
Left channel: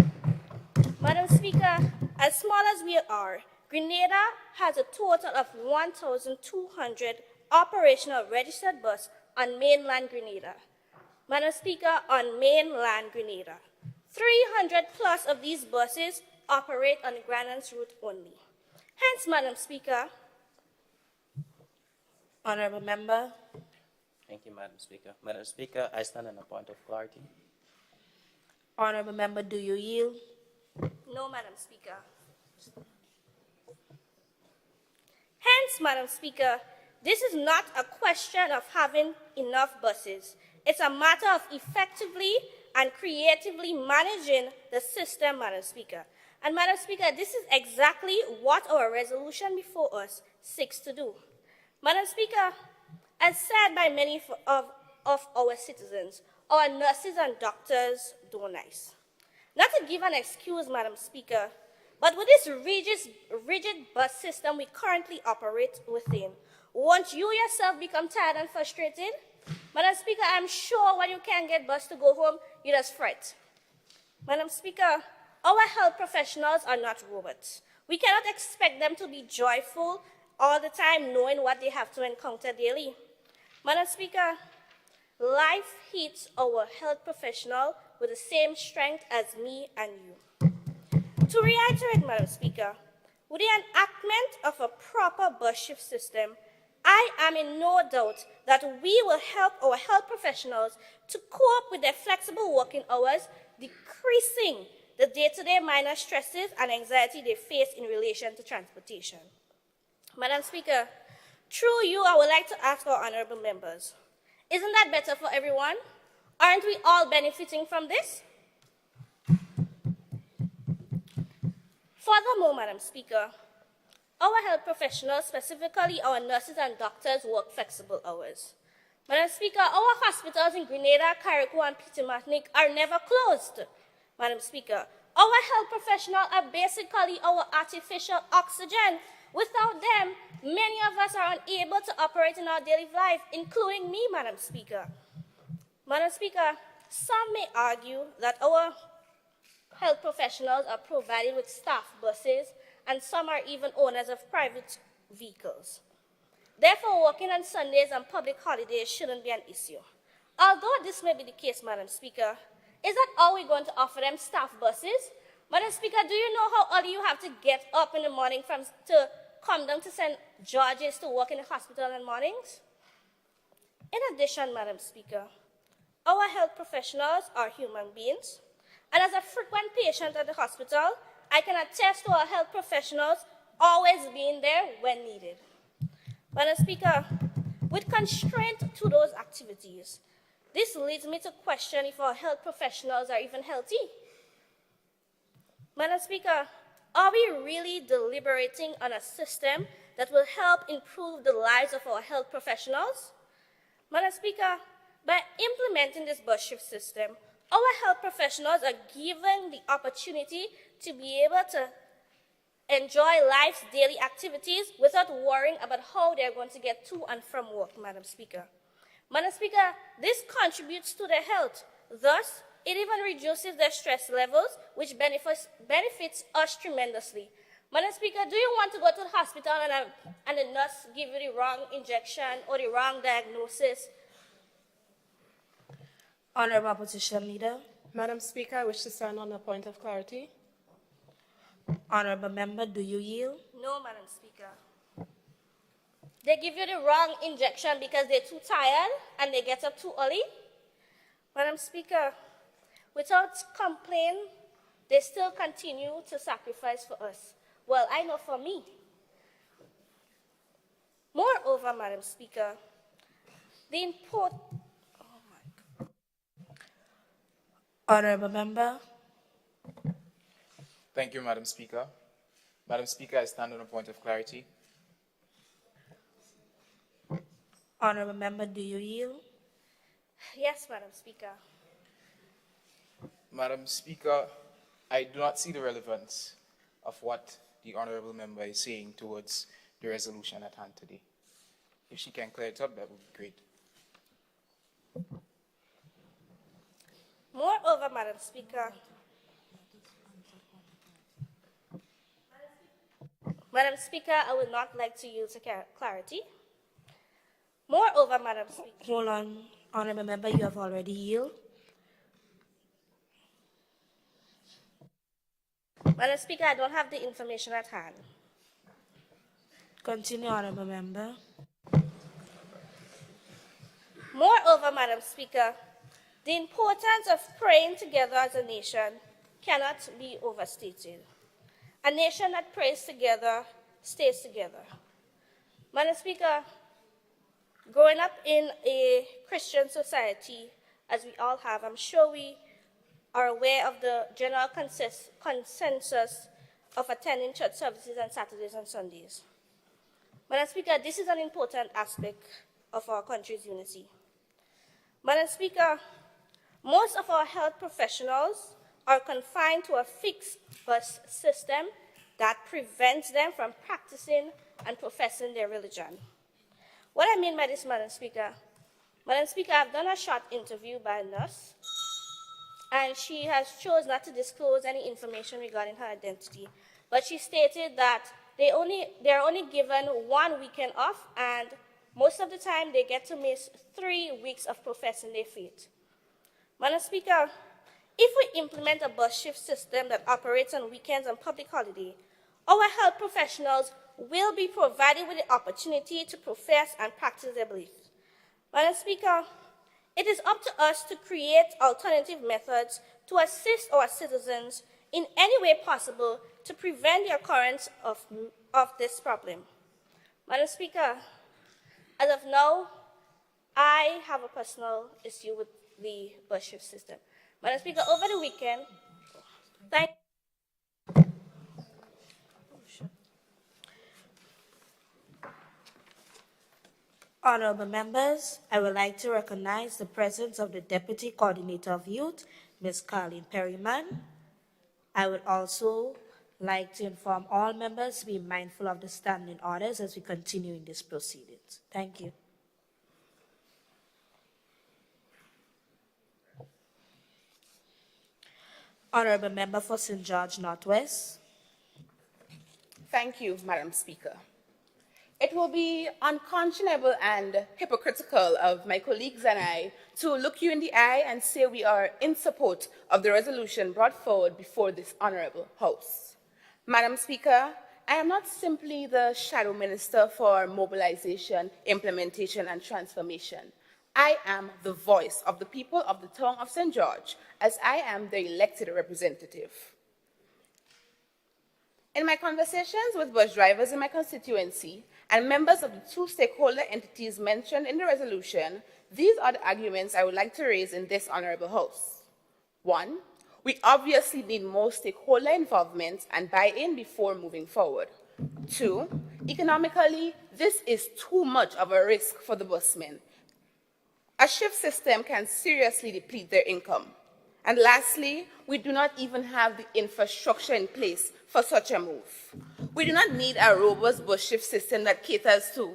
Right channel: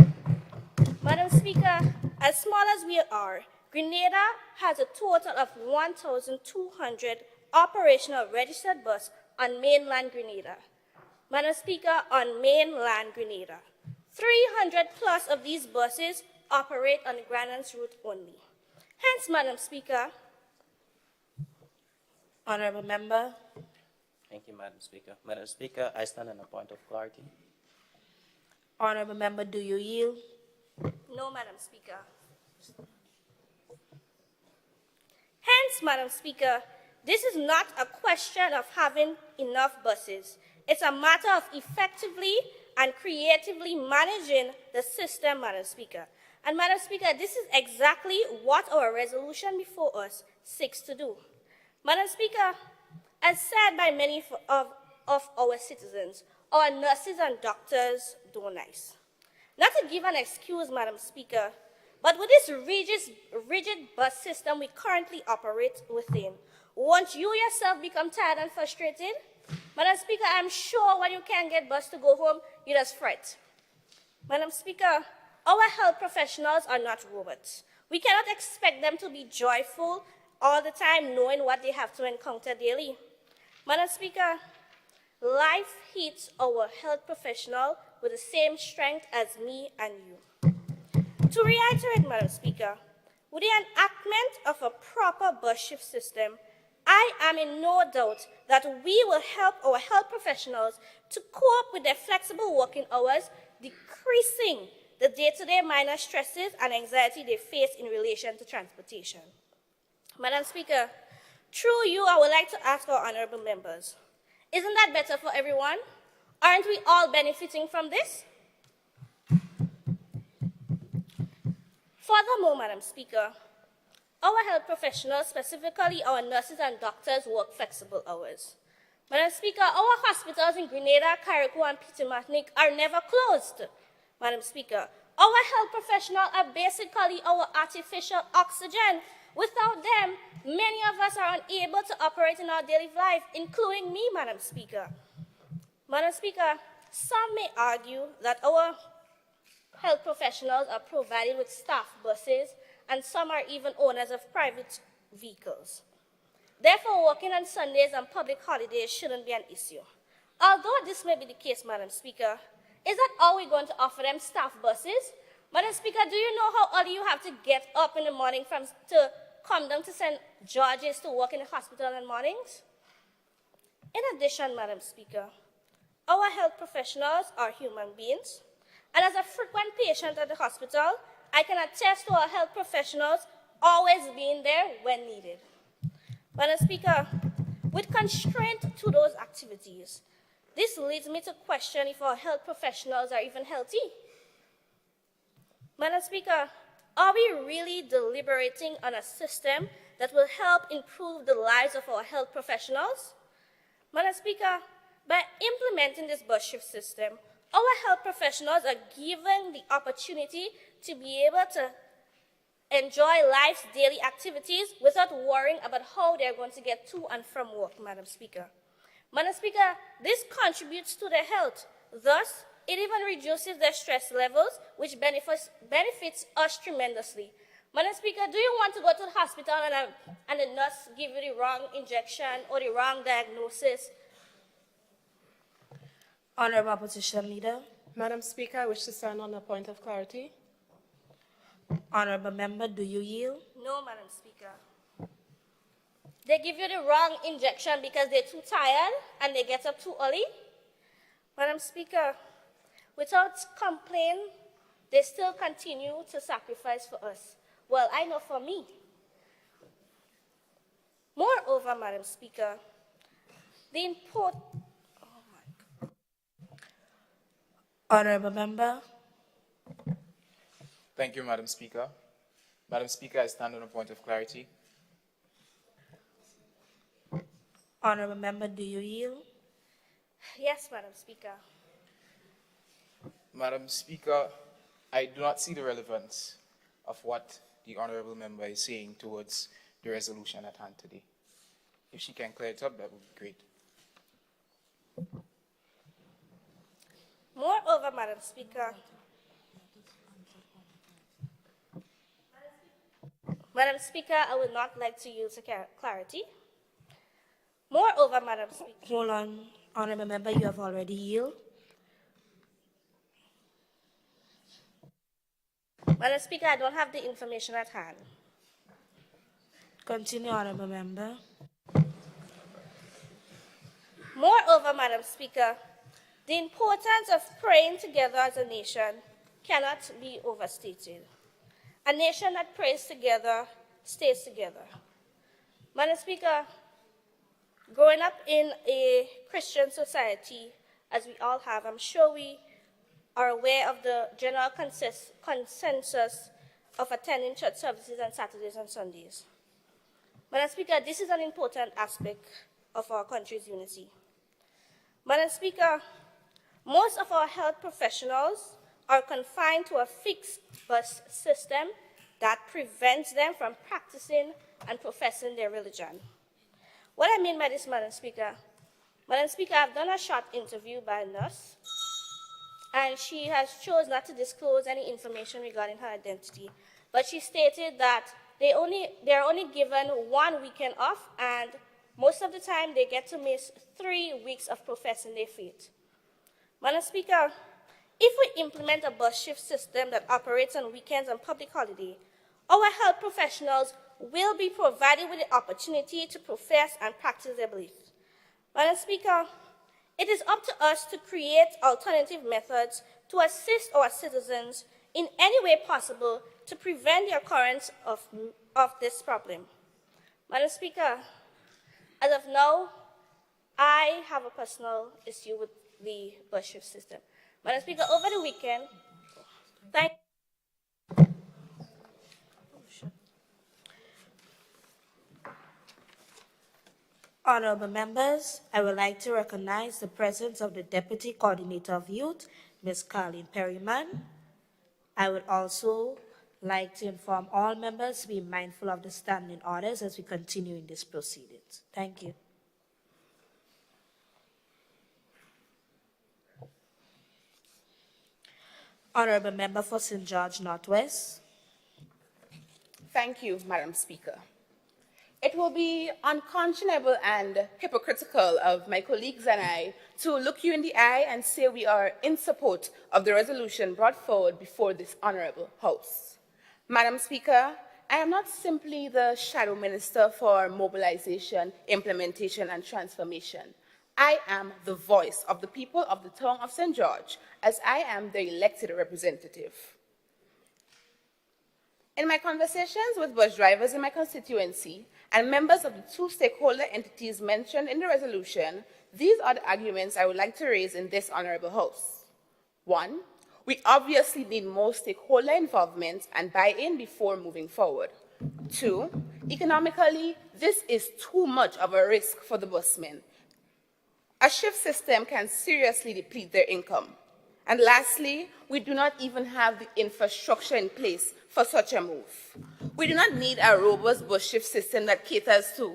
Madam Speaker, as small as we are, Grenada has a total of 1,200 operational registered buses on mainland Grenada. Madam Speaker, on mainland Grenada, 300 plus of these buses operate on the Grandlands route only. Hence, Madam Speaker, Honourable Member. Thank you, Madam Speaker. Madam Speaker, I stand on a point of clarity. Honourable Member, do you yield? No, Madam Speaker. Hence, Madam Speaker, this is not a question of having enough buses. It's a matter of effectively and creatively managing the system, Madam Speaker. And Madam Speaker, this is exactly what our resolution before us seeks to do. Madam Speaker, as said by many of our citizens, our nurses and doctors do nice. Not to give an excuse, Madam Speaker, but with this rigid bus system we currently operate within, won't you yourself become tired and frustrated? Madam Speaker, I'm sure when you can't get bus to go home, you just fret. Madam Speaker, our health professionals are not robots. We cannot expect them to be joyful all the time knowing what they have to encounter daily. Madam Speaker, life hits our health professional with the same strength as me and you. To reiterate, Madam Speaker, with the enactment of a proper bus shift system, I am in no doubt that we will help our health professionals to cope with their flexible working hours, decreasing the day-to-day minor stresses and anxiety they face in relation to transportation. Madam Speaker, through you, I would like to ask our honourable members, isn't that better for everyone? Aren't we all benefiting from this? Furthermore, Madam Speaker, our health professionals, specifically our nurses and doctors, work flexible hours. Madam Speaker, our hospitals in Grenada, Carriacou, and Peter Martinique are never closed. Madam Speaker, our health professionals are basically our artificial oxygen. Without them, many of us are unable to operate in our daily life, including me, Madam Speaker. Madam Speaker, some may argue that our health professionals are provided with staff buses, and some are even owners of private vehicles. Therefore, working on Sundays and public holidays shouldn't be an issue. Although this may be the case, Madam Speaker, is that all we're going to offer them, staff buses? Madam Speaker, do you know how early you have to get up in the morning to come down to St. George's to work in the hospital in the mornings? In addition, Madam Speaker, our health professionals are human beings, and as a frequent patient at the hospital, I can attest to our health professionals always being there when needed. Madam Speaker, with constraint to those activities, this leads me to question if our health professionals are even healthy. Madam Speaker, are we really deliberating on a system that will help improve the lives of our health professionals? Madam Speaker, by implementing this bus shift system, our health professionals are given the opportunity to be able to enjoy life's daily activities without worrying about how they're going to get to and from work, Madam Speaker. Madam Speaker, this contributes to their health. Thus, it even reduces their stress levels, which benefits us tremendously. Madam Speaker, do you want to go to the hospital and the nurse give you the wrong injection or the wrong diagnosis? Honorable Opposition Leader. Madam Speaker, I wish to stand on a point of clarity. Honorable Member, do you yield? No, Madam Speaker. They give you the wrong injection because they're too tired and they get up too early? Madam Speaker, without complaint, they still continue to sacrifice for us. Well, I know for me. Moreover, Madam Speaker, the import... Honorable Member. Thank you, Madam Speaker. Madam Speaker, I stand on a point of clarity. Honorable Member, do you yield? Yes, Madam Speaker. Madam Speaker, I do not see the relevance of what the Honorable Member is saying towards the resolution at hand today. If she can clear it up, that would be great. Moreover, Madam Speaker, I would not like to use clarity. Moreover, Madam Speaker. Hold on, Honorable Member, you have already yielded. Madam Speaker, I don't have the information at hand. Continue, Honorable Member. Moreover, Madam Speaker, the importance of praying together as a nation cannot be overstated. A nation that prays together stays together. Madam Speaker, growing up in a Christian society, as we all have, I'm sure we are aware of the general consensus of attending church services on Saturdays and Sundays. Madam Speaker, this is an important aspect of our country's unity. Madam Speaker, most of our health professionals are confined to a fixed bus system that prevents them from practicing and professing their religion. What I mean by this, Madam Speaker, I've done a short interview by a nurse, and she has chosen not to disclose any information regarding her identity. But she stated that they're only given 1 weekend off, and most of the time they get to miss 3 weeks of professing their faith. Madam Speaker, if we implement a bus shift system that operates on weekends and public holiday, our health professionals will be provided with the opportunity to profess and practice their beliefs. Madam Speaker, it is up to us to create alternative methods to assist our citizens in any way possible to prevent the occurrence of this problem. Madam Speaker, as of now, I have a personal issue with the bus shift system. Madam Speaker, over the weekend, Honorable members, I would like to recognize the presence of the Deputy Coordinator of Youth, Ms. Carleen Perryman. I would also like to inform all members to be mindful of the standing orders as we continue in these proceedings. Thank you. Honorable Member for St. George Northwest. Thank you, Madam Speaker. It will be unconscionable and hypocritical of my colleagues and I to look you in the eye and say we are in support of the resolution brought forward before this honorable House. Madam Speaker, I am not simply the shadow minister for mobilization, implementation, and transformation. I am the voice of the people of the town of St. George, as I am their elected representative. In my conversations with bus drivers in my constituency and members of the two stakeholder entities mentioned in the resolution, these are the arguments I would like to raise in this honorable House. 1. We obviously need more stakeholder involvement and buy-in before moving forward. 2. Economically, this is too much of a risk for the busmen. A shift system can seriously deplete their income. And lastly, we do not even have the infrastructure in place for such a move. We do not need a robust bus shift system that caters to.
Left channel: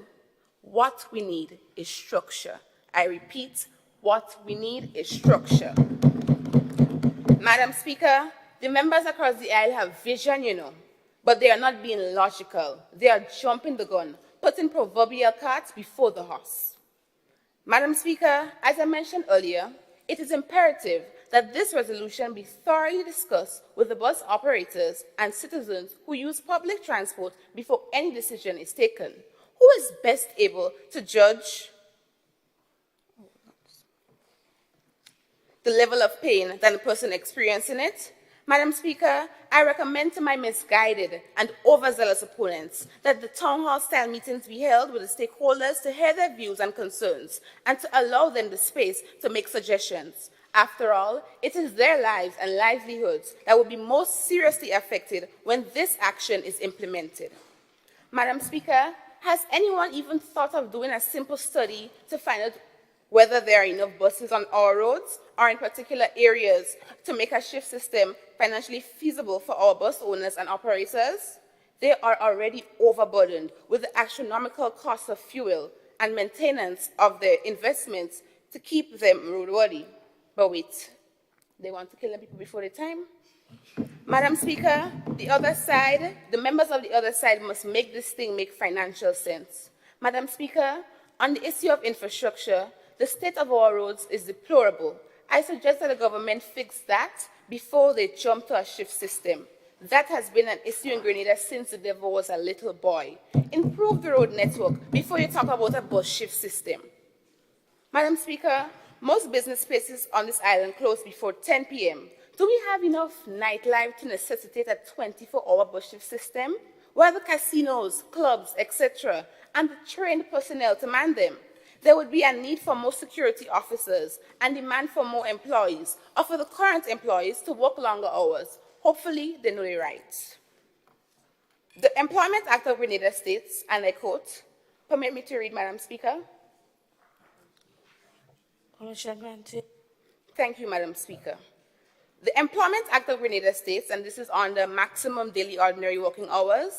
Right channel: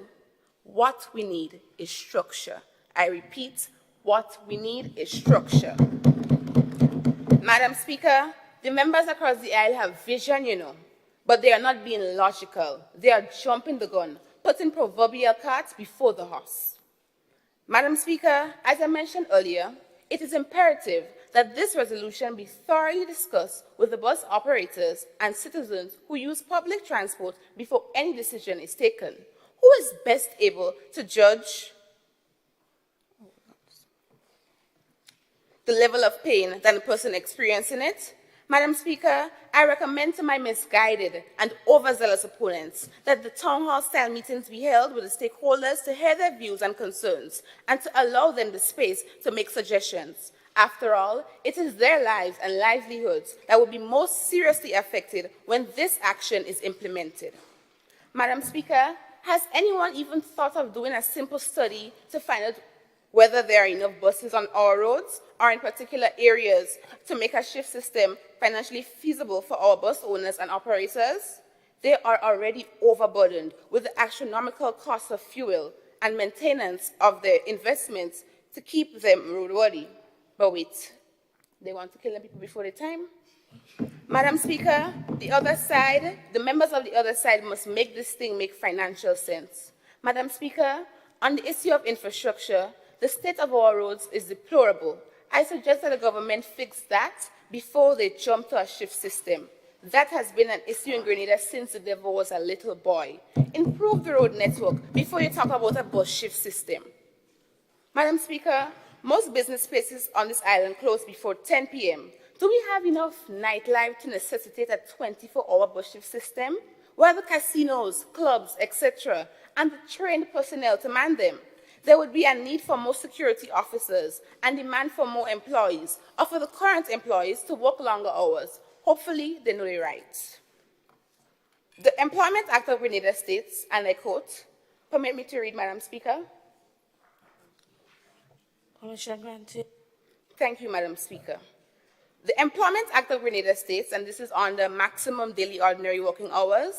What we need is structure. I repeat, what we need is structure. Madam Speaker, the members across the aisle have vision, but they are not being logical. They are jumping the gun, putting proverbial carts before the horse. Madam Speaker, as I mentioned earlier, it is imperative that this resolution be thoroughly discussed with the bus operators and citizens who use public transport before any decision is taken. Who is best able to judge the level of pain than the person experiencing it? Madam Speaker, I recommend to my misguided and overzealous opponents that the town hall style meetings be held with the stakeholders to hear their views and concerns and to allow them the space to make suggestions. After all, it is their lives and livelihoods that will be most seriously affected when this action is implemented. Madam Speaker, has anyone even thought of doing a simple study to find out whether there are enough buses on our roads or in particular areas to make a shift system financially feasible for our bus owners and operators? They are already overburdened with the astronomical cost of fuel and maintenance of their investments to keep them roadworthy. But wait, they want to kill the people before their time? Madam Speaker, the members of the other side must make this thing make financial sense. Madam Speaker, on the issue of infrastructure, the state of our roads is deplorable. I suggest that the government fix that before they jump to a shift system. That has been an issue in Grenada since the devil was a little boy. Improve the road network before you talk about a bus shift system. Madam Speaker, most business places on this island close before 10 p.m. Do we have enough nightlife to necessitate a 24-hour bus shift system? Where are the casinos, clubs, etc., and the trained personnel to man them? There would be a need for more security officers and demand for more employees, or for the current employees to work longer hours. Hopefully, they know it right. The Employment Act of Grenada states, and I quote, permit me to read, Madam Speaker. Thank you, Madam Speaker. The Employment Act of Grenada states, and this is on the maximum daily ordinary working hours,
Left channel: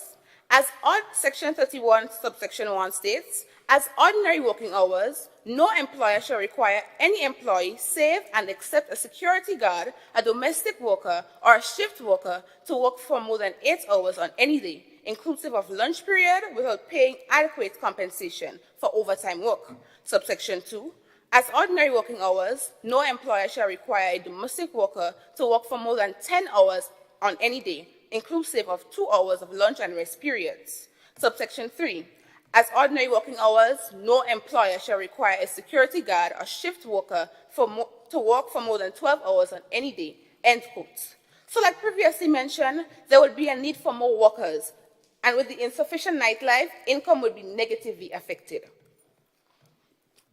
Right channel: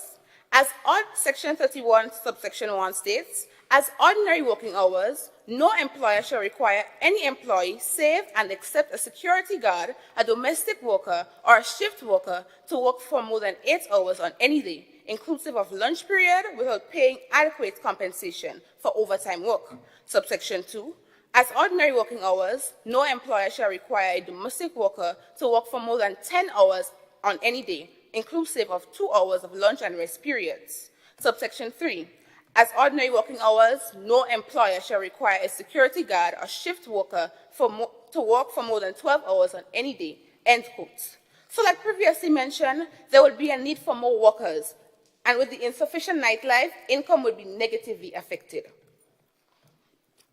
as on Section 31, subsection 1 states, as ordinary working hours, no employer shall require any employee, save and except a security guard, a domestic worker, or a shift worker, to work for more than 8 hours on any day, inclusive of lunch period, without paying adequate compensation for overtime work. Subsection 2, as ordinary working hours, no employer shall require a domestic worker to work for more than 10 hours on any day, inclusive of 2 hours of lunch and rest periods. Subsection 3, as ordinary working hours, no employer shall require a security guard or shift worker to work for more than 12 hours on any day, end quote. So like previously mentioned, there would be a need for more workers, and with the insufficient nightlife, income would be negatively affected.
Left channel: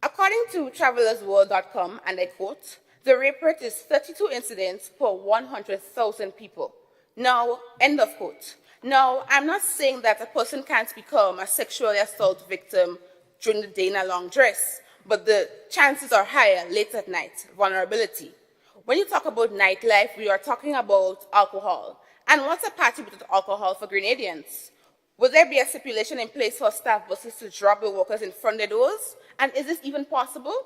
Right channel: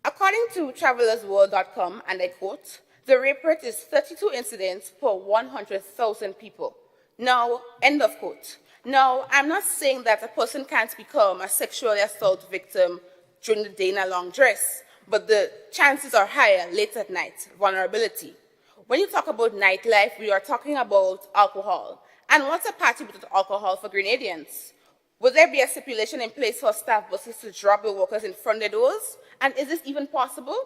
According to travelersworld.com, and I quote, the rape rate is 32 incidents per 100,000 people. Now, end of quote. Now, I'm not saying that a person can't become a sexually assault victim during the day in a long dress, but the chances are higher late at night, vulnerability. When you talk about nightlife, we are talking about alcohol. And what's a party with alcohol for Grenadians? Will there be a stipulation in place for staff buses to drop the workers in front of the doors? And is this even possible?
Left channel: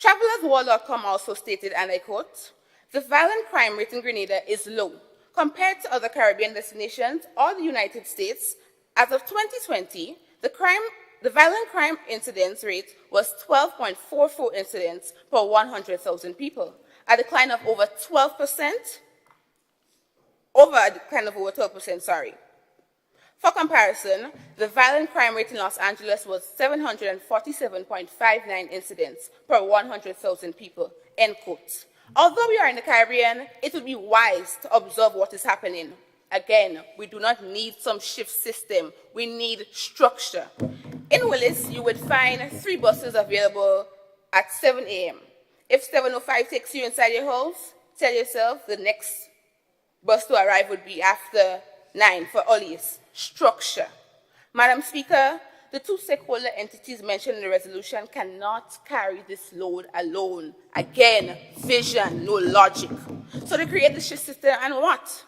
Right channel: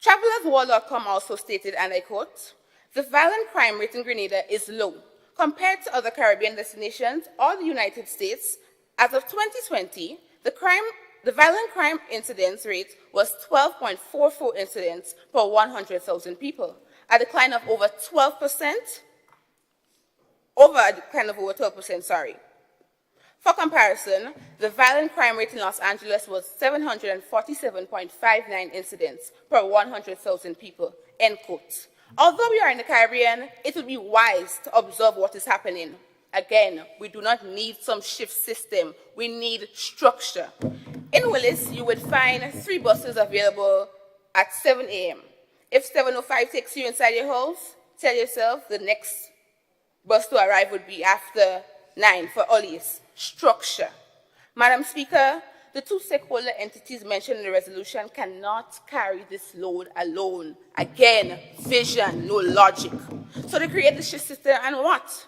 Travelersworld.com also stated, and I quote, the violent crime rate in Grenada is low. Compared to other Caribbean destinations or the United States, as of 2020, the violent crime incidence rate was 12.44 incidents per 100,000 people, a decline of over 12%, For comparison, the violent crime rate in Los Angeles was 747.59 incidents per 100,000 people, end quote. Although we are in the Caribbean, it would be wise to observe what is happening. Again, we do not need some shift system, we need structure. In Willis, you would find 3 buses available at 7 a.m. If 7:05 takes you inside your house, tell yourself the next bus to arrive would be after 9 for Ollie's. Structure. Madam Speaker, the 2 stakeholder entities mentioned in the resolution cannot carry this load alone. Again, vision, no logic. So they create the shift system and what?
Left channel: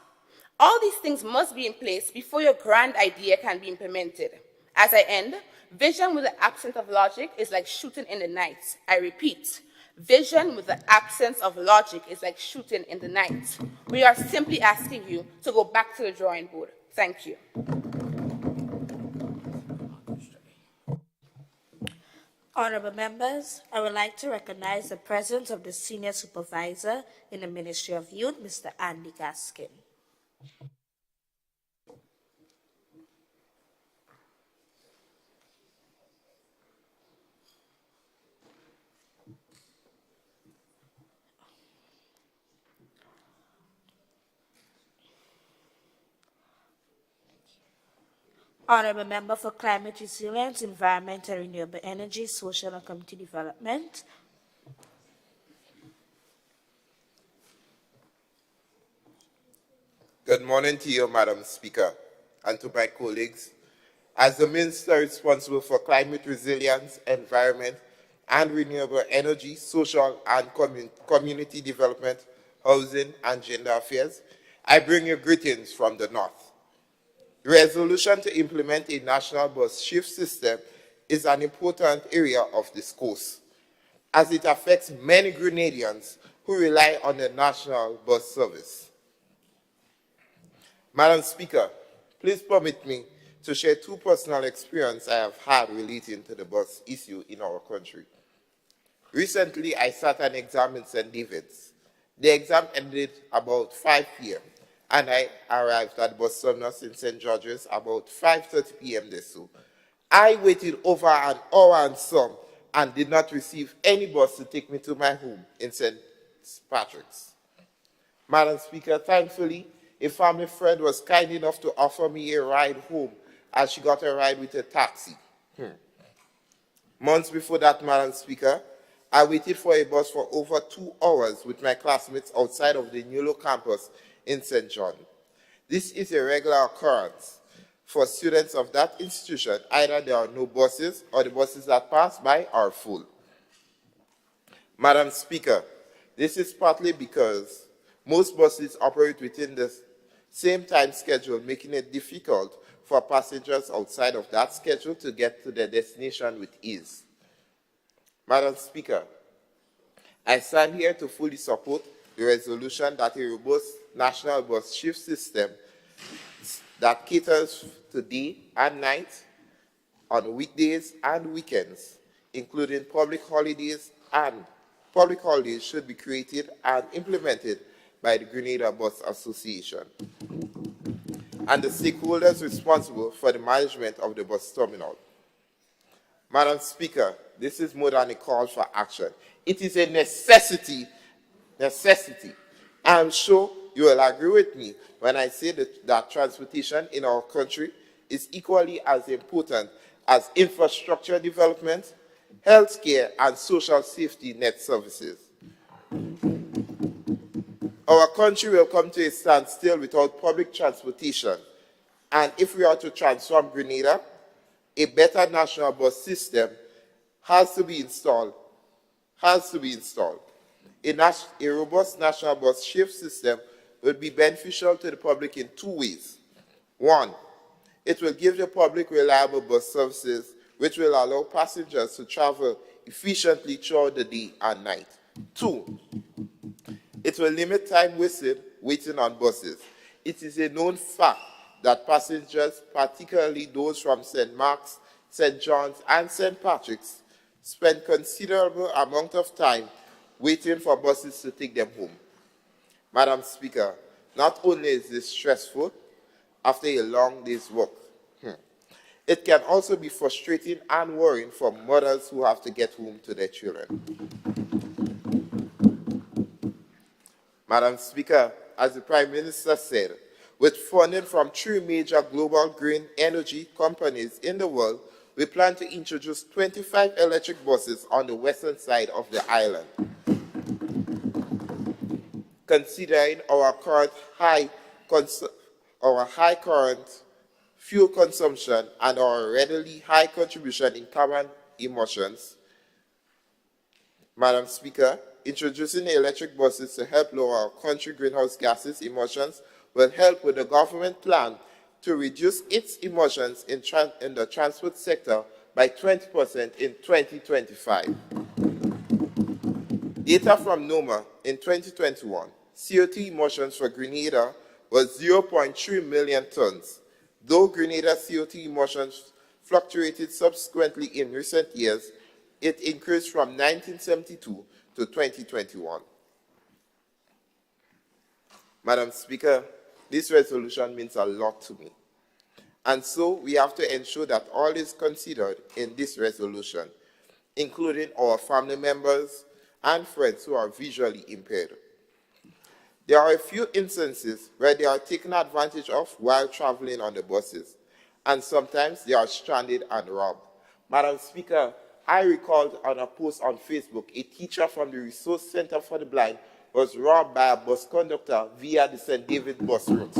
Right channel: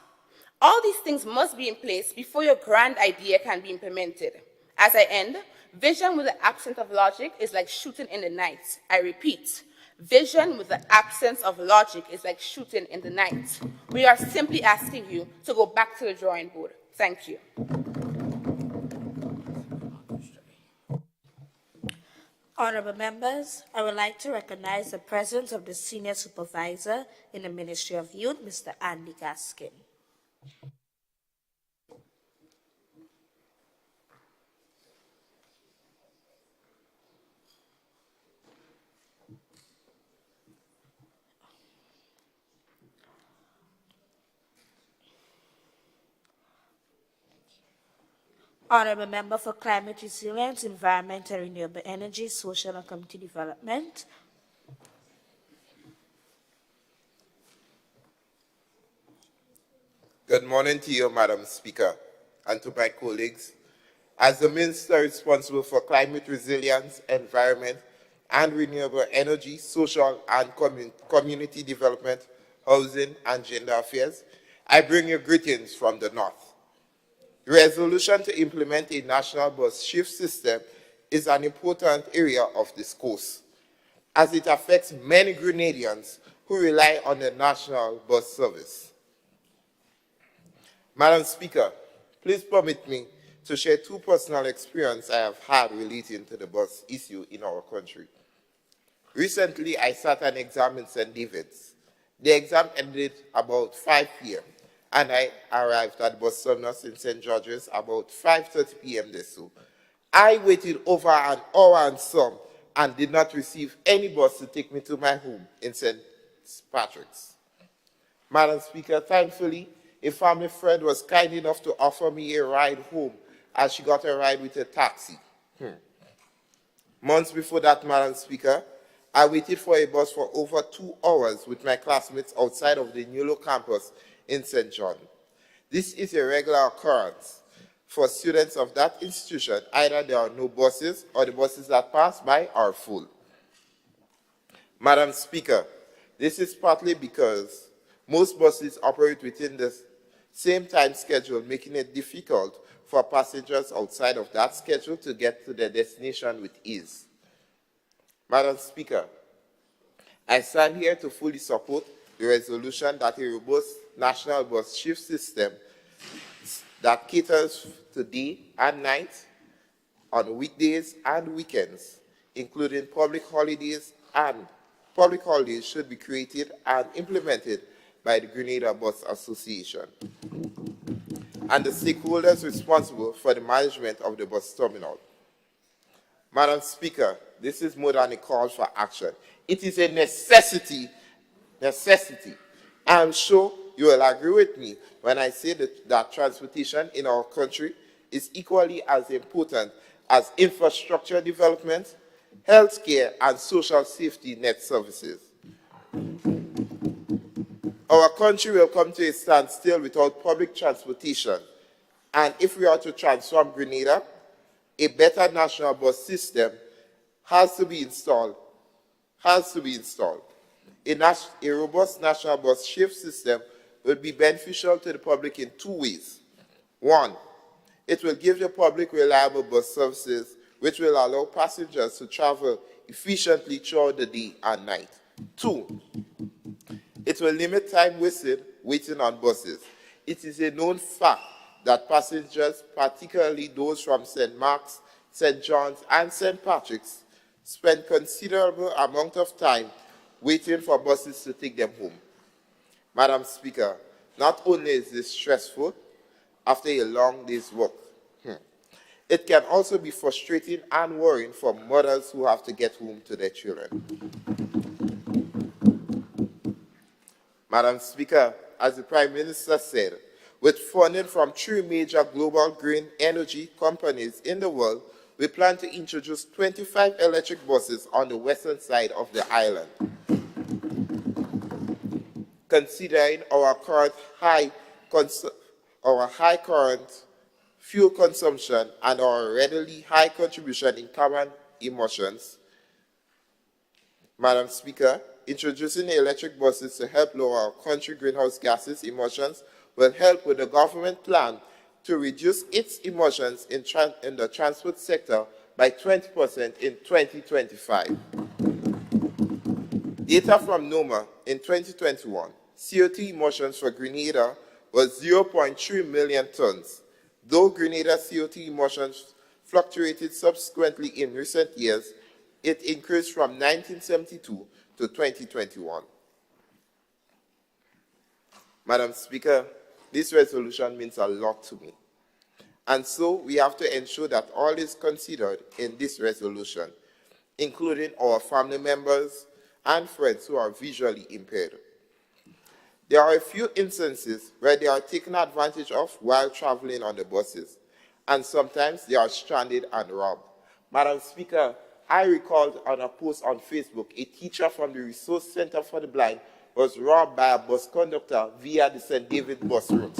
All these things must be in place before your grand idea can be implemented. As I end, vision with the absence of logic is like shooting in the night. I repeat, vision with the absence of logic is like shooting in the night. We are simply asking you to go back to the drawing board. Thank you. Honorable members, I would like to recognize the presence of the Senior Supervisor in the Ministry of Youth, Mr. Andy Gaskin. Honorable Member for Climate Resilience, Environment and Renewable Energy, Social and Community Development. Good morning to you, Madam Speaker, and to my colleagues. As the Minister responsible for climate resilience, environment and renewable energy, social and community development, housing and gender affairs, I bring you greetings from the North. The resolution to implement a national bus shift system is an important area of discourse, as it affects many Grenadians who rely on the national bus service. Madam Speaker, please permit me to share 2 personal experiences I have had relating to the bus issue in our country. Recently, I sat an exam in St. David's. The exam ended about 5 p.m. and I arrived at bus terminus in St. George's about 5:30 p.m. So I waited over an hour and some and did not receive any bus to take me to my home in St. Patrick's. Madam Speaker, thankfully, a family friend was kind enough to offer me a ride home as she got a ride with a taxi. Months before that, Madam Speaker, I waited for a bus for over 2 hours with my classmates outside of the Nulo campus in St. John. This is a regular occurrence for students of that institution. Either there are no buses or the buses that pass by are full. Madam Speaker, this is partly because most buses operate within the same time schedule, making it difficult for passengers outside of that schedule to get to their destination with ease. Madam Speaker, I stand here to fully support the resolution that a robust national bus shift system that caters to day and night on weekdays and weekends, including public holidays should be created and implemented by the Grenada Bus Association and the stakeholders responsible for the management of the bus terminal. Madam Speaker, this is more than a call for action. It is a necessity. I'm sure you will agree with me when I say that transportation in our country is equally as important as infrastructure development, healthcare, and social safety net services. Our country will come to a standstill without public transportation, and if we are to transform Grenada, a better national bus system has to be installed. A robust national bus shift system will be beneficial to the public in 2 ways. 1, it will give the public reliable bus services which will allow passengers to travel efficiently throughout the day and night. 2, it will limit time wasted waiting on buses. It is a known fact that passengers, particularly those from St. Mark's, St. John's, and St. Patrick's, spend considerable amount of time waiting for buses to take them home. Madam Speaker, not only is this stressful after a long day's work, It can also be frustrating and worrying for mothers who have to get home to their children. Madam Speaker, as the Prime Minister said, with funding from 3 major global green energy companies in the world, we plan to introduce 25 electric buses on the western side of the island. Considering our high current fuel consumption and our readily high contribution in carbon emissions, Madam Speaker, introducing electric buses to help lower our country greenhouse gases emissions will help with the government plan to reduce its emissions in the transport sector by 20% in 2025. Data from NOMA in 2021, CO2 emissions for Grenada was 0.3 million tons. Though Grenada CO2 emissions fluctuated subsequently in recent years, it increased from 1972 to 2021. Madam Speaker, this resolution means a lot to me. And so we have to ensure that all is considered in this resolution, including our family members and friends who are visually impaired. There are a few instances where they are taken advantage of while traveling on the buses, and sometimes they are stranded and robbed. Madam Speaker, I recalled on a post on Facebook, a teacher from the Resource Center for the Blind was robbed by a bus conductor via the St. David bus route.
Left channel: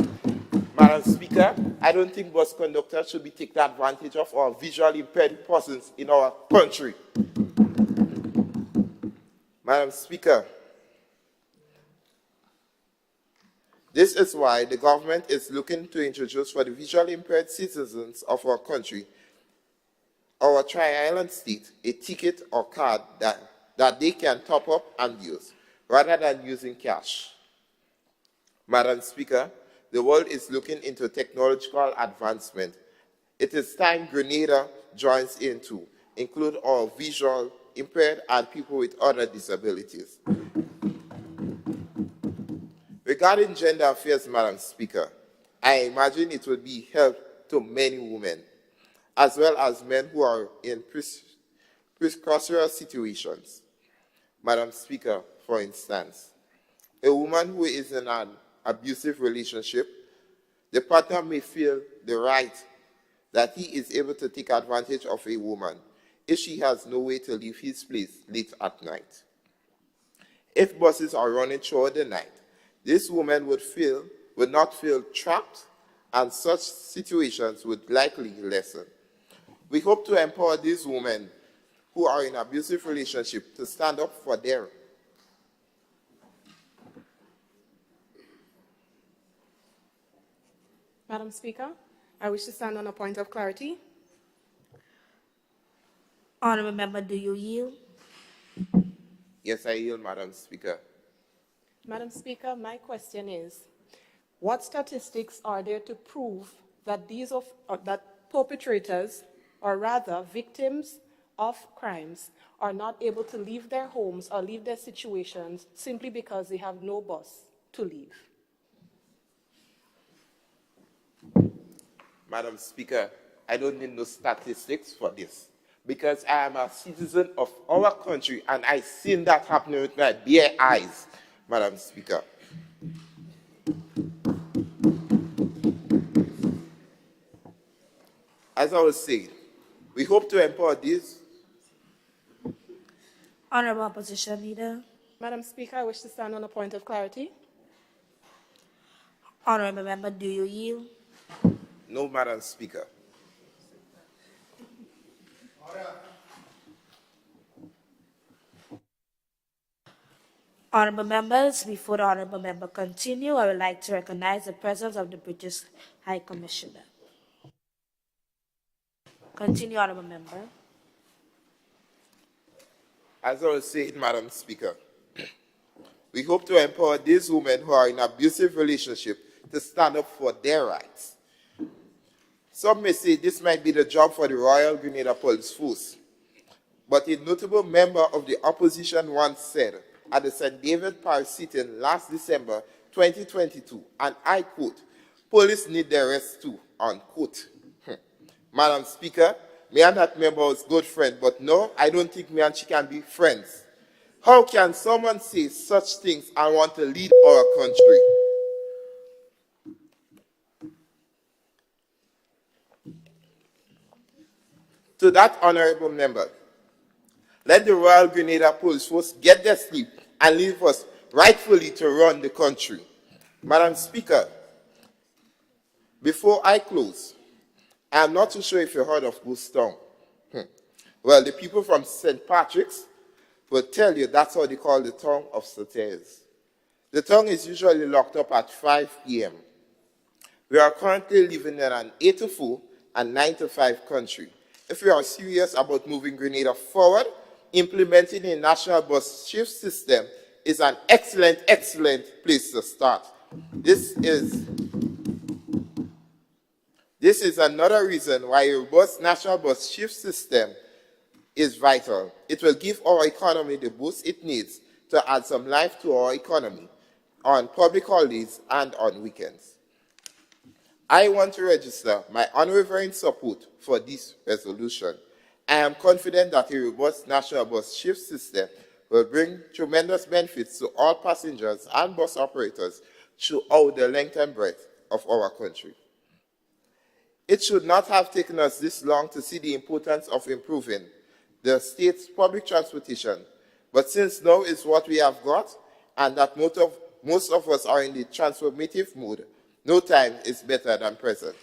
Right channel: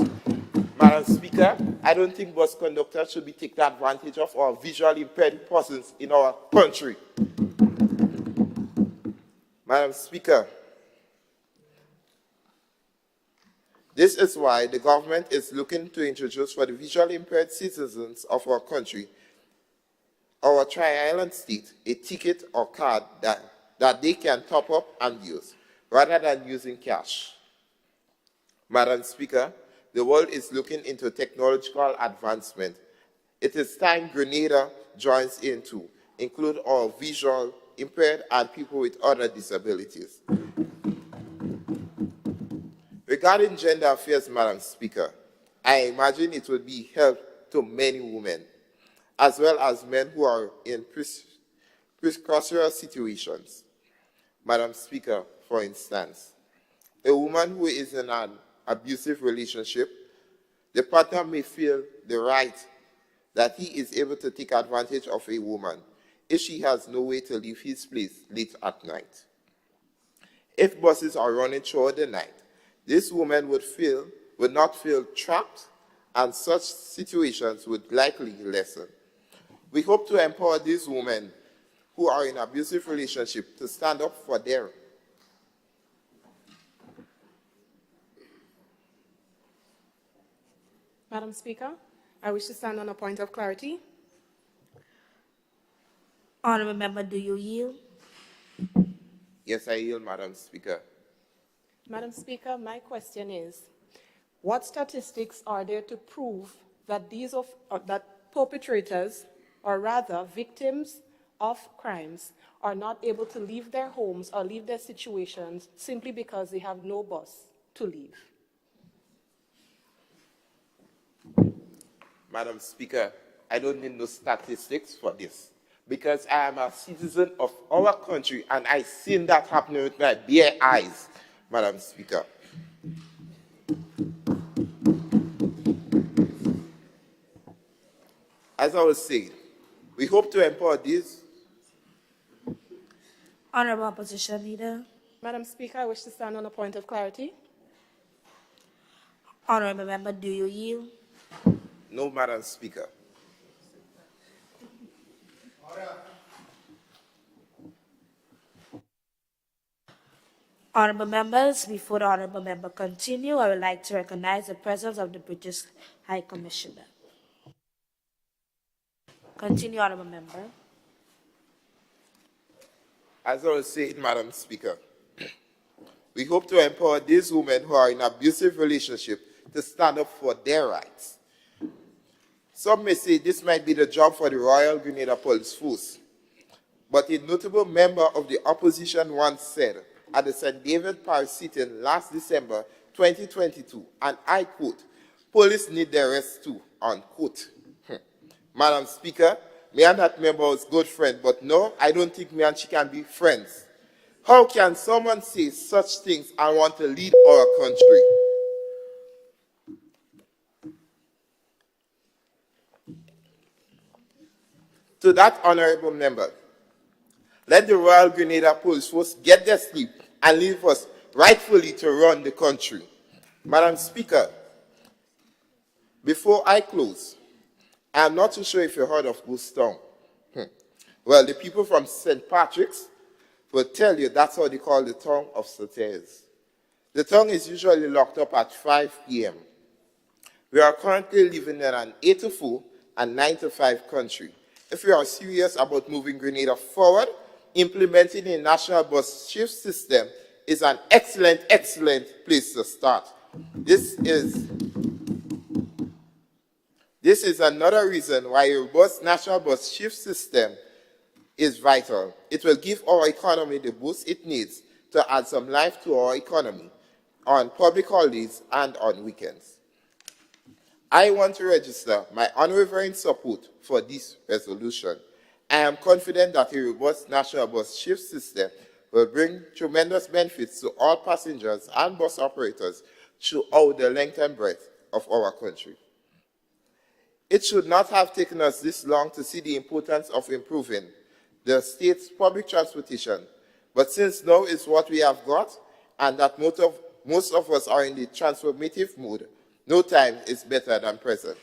Madam Speaker, I don't think bus conductors should be taken advantage of or visually impaired persons in our country. Madam Speaker, this is why the government is looking to introduce for the visually impaired citizens of our country, our Tri-Island state, a ticket or card that they can top up and use, rather than using cash. Madam Speaker, the world is looking into technological advancement. It is time Grenada joins in to include all visual impaired and people with other disabilities. Regarding gender affairs, Madam Speaker, I imagine it will be help to many women, as well as men who are in precarious situations. Madam Speaker, for instance, a woman who is in an abusive relationship, the partner may feel the right that he is able to take advantage of a woman if she has no way to leave his place late at night. If buses are running throughout the night, this woman would not feel trapped, and such situations would likely lessen. We hope to empower these women who are in abusive relationships to stand up for their Madam Speaker, I wish to stand on a point of clarity. Honourable Member, do you yield? Yes, I yield, Madam Speaker. Madam Speaker, my question is, what statistics are there to prove that that perpetrators, or rather victims of crimes, are not able to leave their homes or leave their situations simply because they have no bus to leave? Madam Speaker, I don't need no statistics for this, because I am a citizen of our country and I've seen that happening with my bare eyes, Madam Speaker. As I was saying, we hope to empower these. Honourable Opposition Leader. Madam Speaker, I wish to stand on a point of clarity. Honourable Member, do you yield? No, Madam Speaker. Honourable Members, before the Honourable Member continue, I would like to recognize the presence of the British High Commissioner. Continue, Honourable Member. As I was saying, Madam Speaker, we hope to empower these women who are in abusive relationships to stand up for their rights. Some may say this might be the job for the Royal Grenada Police Force, but a notable member of the opposition once said at the St. David Parish sitting last December 2022, and I quote, "Police need their rest too," unquote. Madam Speaker, me and that member was good friend, but no, I don't think me and she can be friends. How can someone say such things and want to lead our country? To that honorable member, let the Royal Grenada Police Force get their sleep and leave us rightfully to run the country. Madam Speaker, before I close, I'm not too sure if you heard of Goose Town. Well, the people from St. Patrick's will tell you that's what they call the tongue of satyrs. The tongue is usually locked up at 5 p.m. We are currently living in an 8 to 4 and 9 to 5 country. If we are serious about moving Grenada forward, implementing a national bus shift system is an excellent, excellent place to start. This is another reason why a robust national bus shift system is vital. It will give our economy the boost it needs to add some life to our economy on public holidays and on weekends. I want to register my unwavering support for this resolution. I am confident that a robust national bus shift system will bring tremendous benefits to all passengers and bus operators throughout the length and breadth of our country. It should not have taken us this long to see the importance of improving the state's public transportation, but since now is what we have got, and that most of us are in the transformative mood, no time is better than present.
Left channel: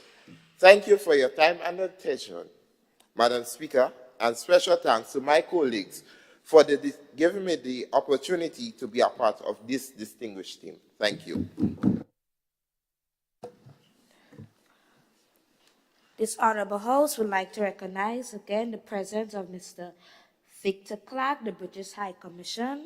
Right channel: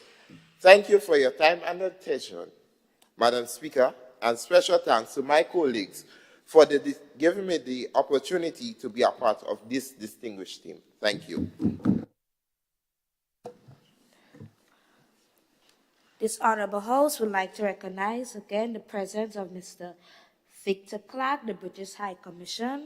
Thank you for your time and attention, Madam Speaker, and special thanks to my colleagues for giving me the opportunity to be a part of this distinguished team. Thank you. This honorable house would like to recognize again the presence of Mr. Victor Clark, the British High Commissioner.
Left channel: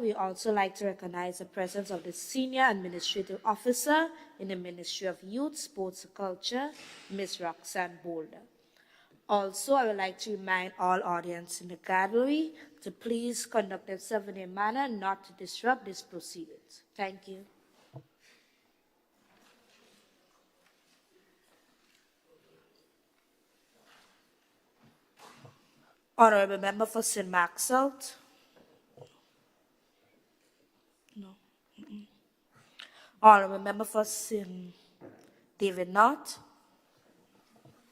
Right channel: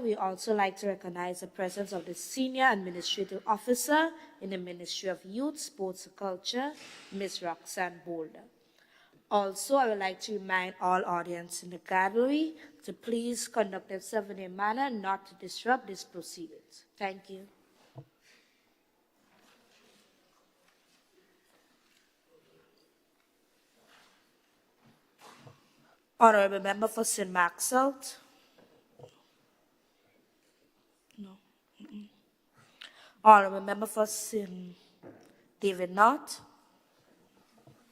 We also like to recognize the presence of the Senior Administrative Officer in the Ministry of Youth, Sports and Culture, Ms. Roxanne Boulder. Also, I would like to remind all audience in the gallery to please conduct themselves in a manner not to disrupt these proceedings. Thank you. Honorable Member for St. Mark South. No. Honorable Member for St. David North.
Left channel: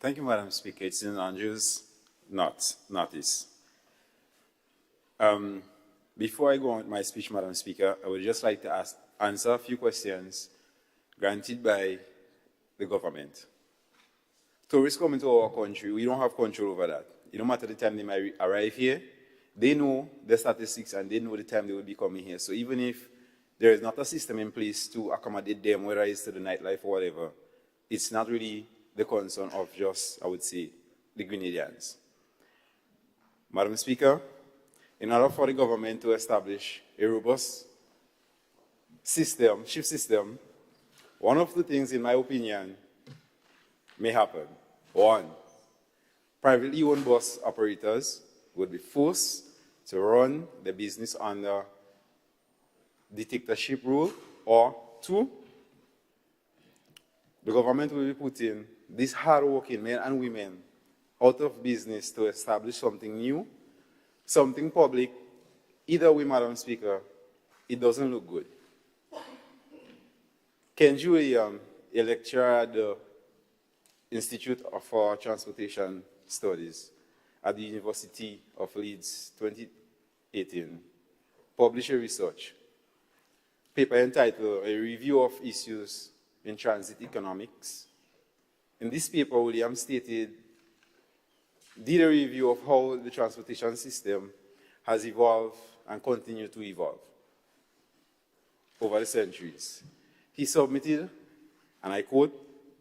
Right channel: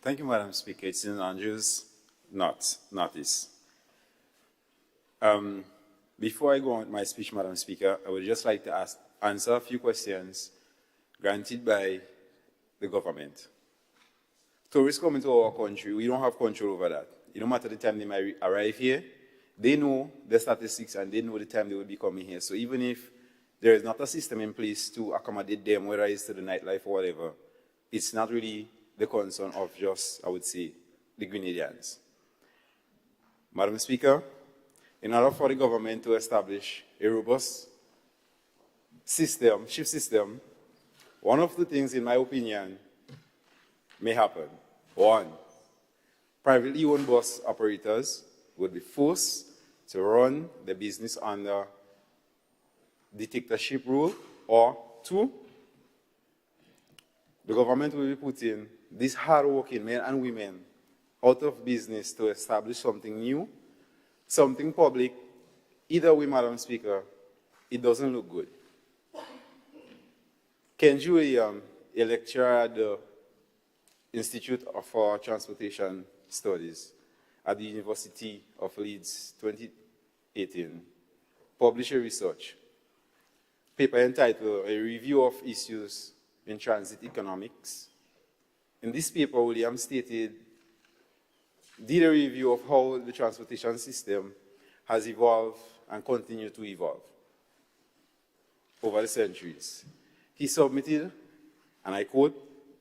Thank you, Madam Speaker. It's St. Andrews, Northeast. Before I go on with my speech, Madam Speaker, I would just like to answer a few questions granted by the government. Tourists come into our country, we don't have control over that. It no matter the time they might arrive here, they know the statistics and they know the time they will be coming here. So even if there is not a system in place to accommodate them, whether it's to the nightlife or whatever, it's not really the concern of just, I would say, the Grenadians. Madam Speaker, in order for the government to establish a robust system, shift system, one of the things, in my opinion, may happen. One, privately owned bus operators will be forced to run the business under dictatorship rule, or two, the government will be putting these hard-working men and women out of business to establish something new, something public. Either way, Madam Speaker, it doesn't look good. Ken Julian, a lecturer at the Institute for Transportation Studies at the University of Leeds 2018, published a research paper entitled A Review of Issues in Transit Economics. In this paper, William stated, did a review of how the transportation system has evolved and continued to evolve over the centuries. He submitted, and I quote,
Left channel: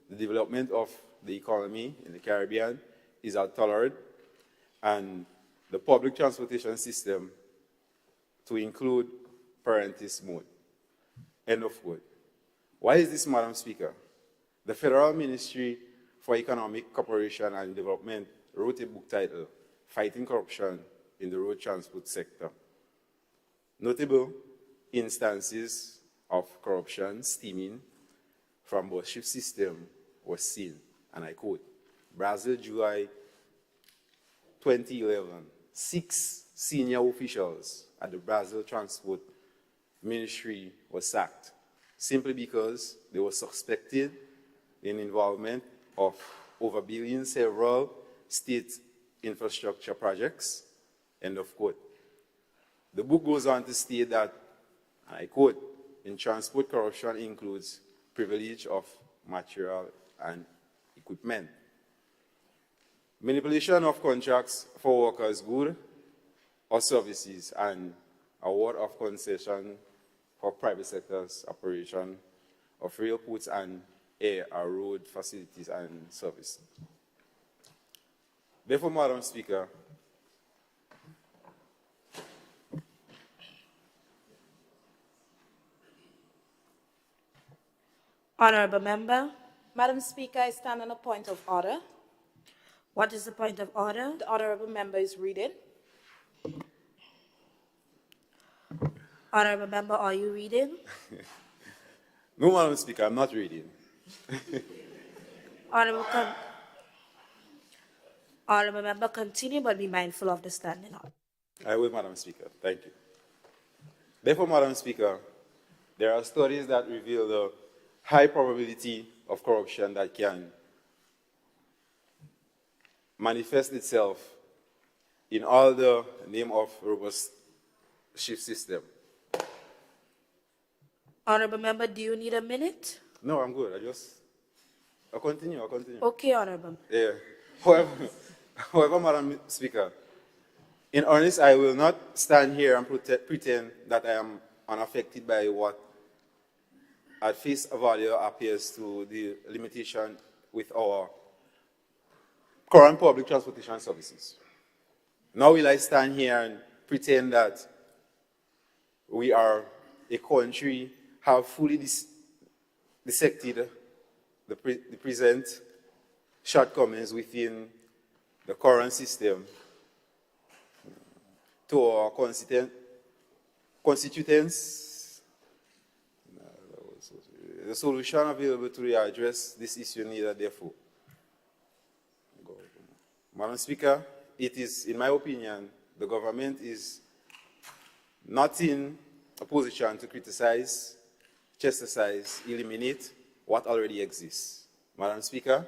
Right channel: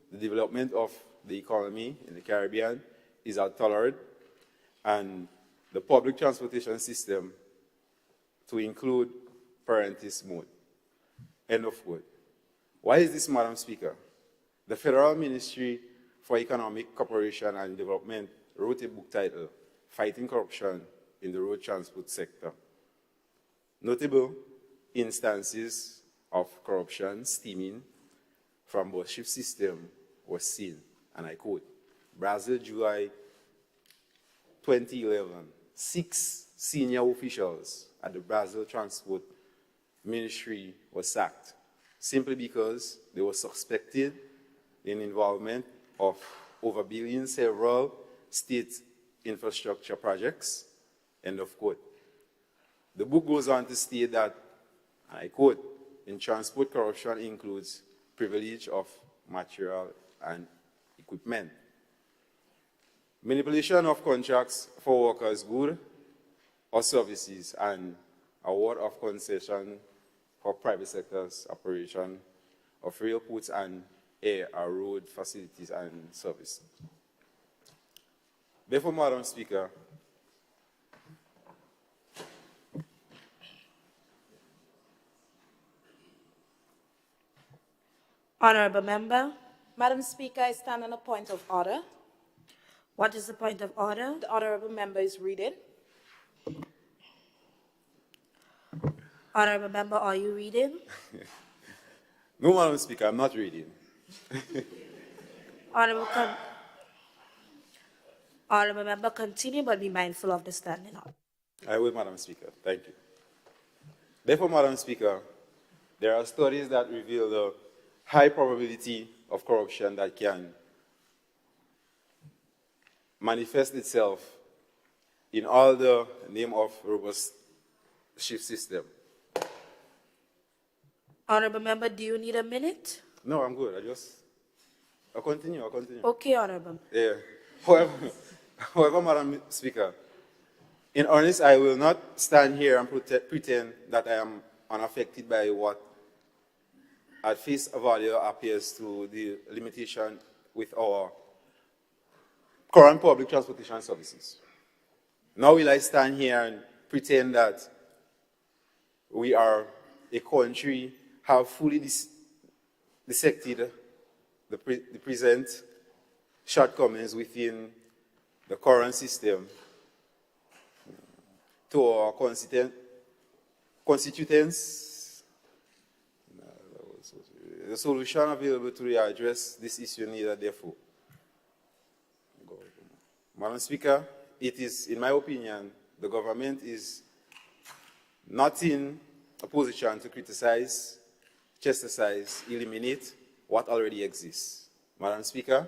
the development of the economy in the Caribbean is untolerant, and the public transportation system to include parentis mode. End of quote. Why is this, Madam Speaker? The Federal Ministry for Economic Cooperation and Development wrote a book titled Fighting Corruption in the Road Transport Sector. Notable instances of corruption stemming from the shift system was seen, and I quote, Brazil, July 2011, 6 senior officials at the Brazil Transport Ministry were sacked simply because they were suspected in involvement of overbilling several state infrastructure projects, end of quote. The book goes on to state that, I quote, in transport, corruption includes privilege of material and equipment, manipulation of contracts for workers' goods or services, and award of concession for private sector's operation of railports and air or road facilities and services. Therefore, Madam Speaker, Honorable Member, Madam Speaker, I stand on a point of order. what is the point of order? The honorable member is reading. Honorable Member, are you reading? no, Madam Speaker, I'm not reading. Honorable Member, continue, but be mindful of the standing order. I will, Madam Speaker. Thank you. Therefore, Madam Speaker, there are studies that reveal the high probability of corruption that can manifest itself in all the name of robust shift system. Honorable Member, do you need a minute? No, I'm good. I'll continue. Okay, Honorable. Yeah. However, Madam Speaker, in earnest, I will not stand here and pretend that I am unaffected by what at face value appears to the limitation with our current public transportation services. Now will I stand here and pretend that we are a country, have fully dissected the present shortcomings within the current system to our constituents. The solution available to address this issue needed, therefore. Madam Speaker, it is, in my opinion, the government is not in a position to criticize, chastise, eliminate what already exists. Madam Speaker,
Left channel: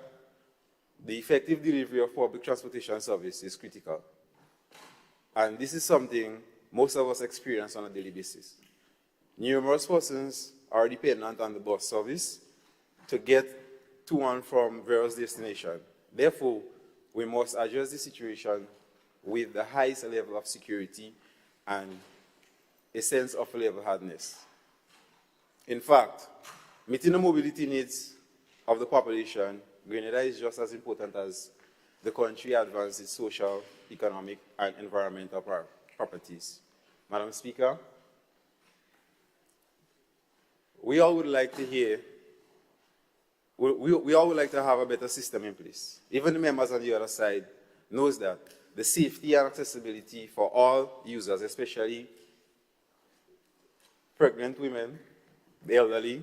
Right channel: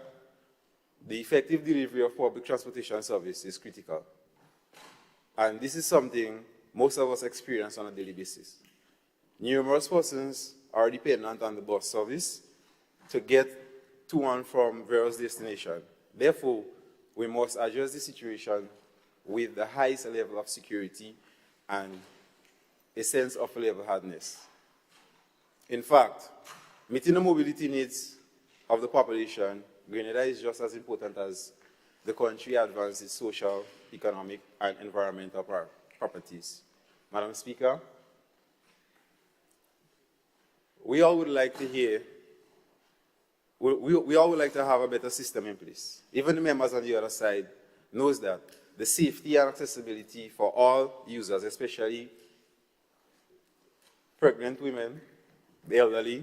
the effective delivery of public transportation service is critical. And this is something most of us experience on a daily basis. Numerous persons are dependent on the bus service to get to and from various destinations. Therefore, we must address the situation with the highest level of security and a sense of level-headedness. In fact, meeting the mobility needs of the population, Grenada is just as important as the country advances social, economic, and environmental properties. Madam Speaker, we all would like to hear, we all would like to have a better system in place. Even the members on the other side knows that the safety and accessibility for all users, especially pregnant women, the elderly,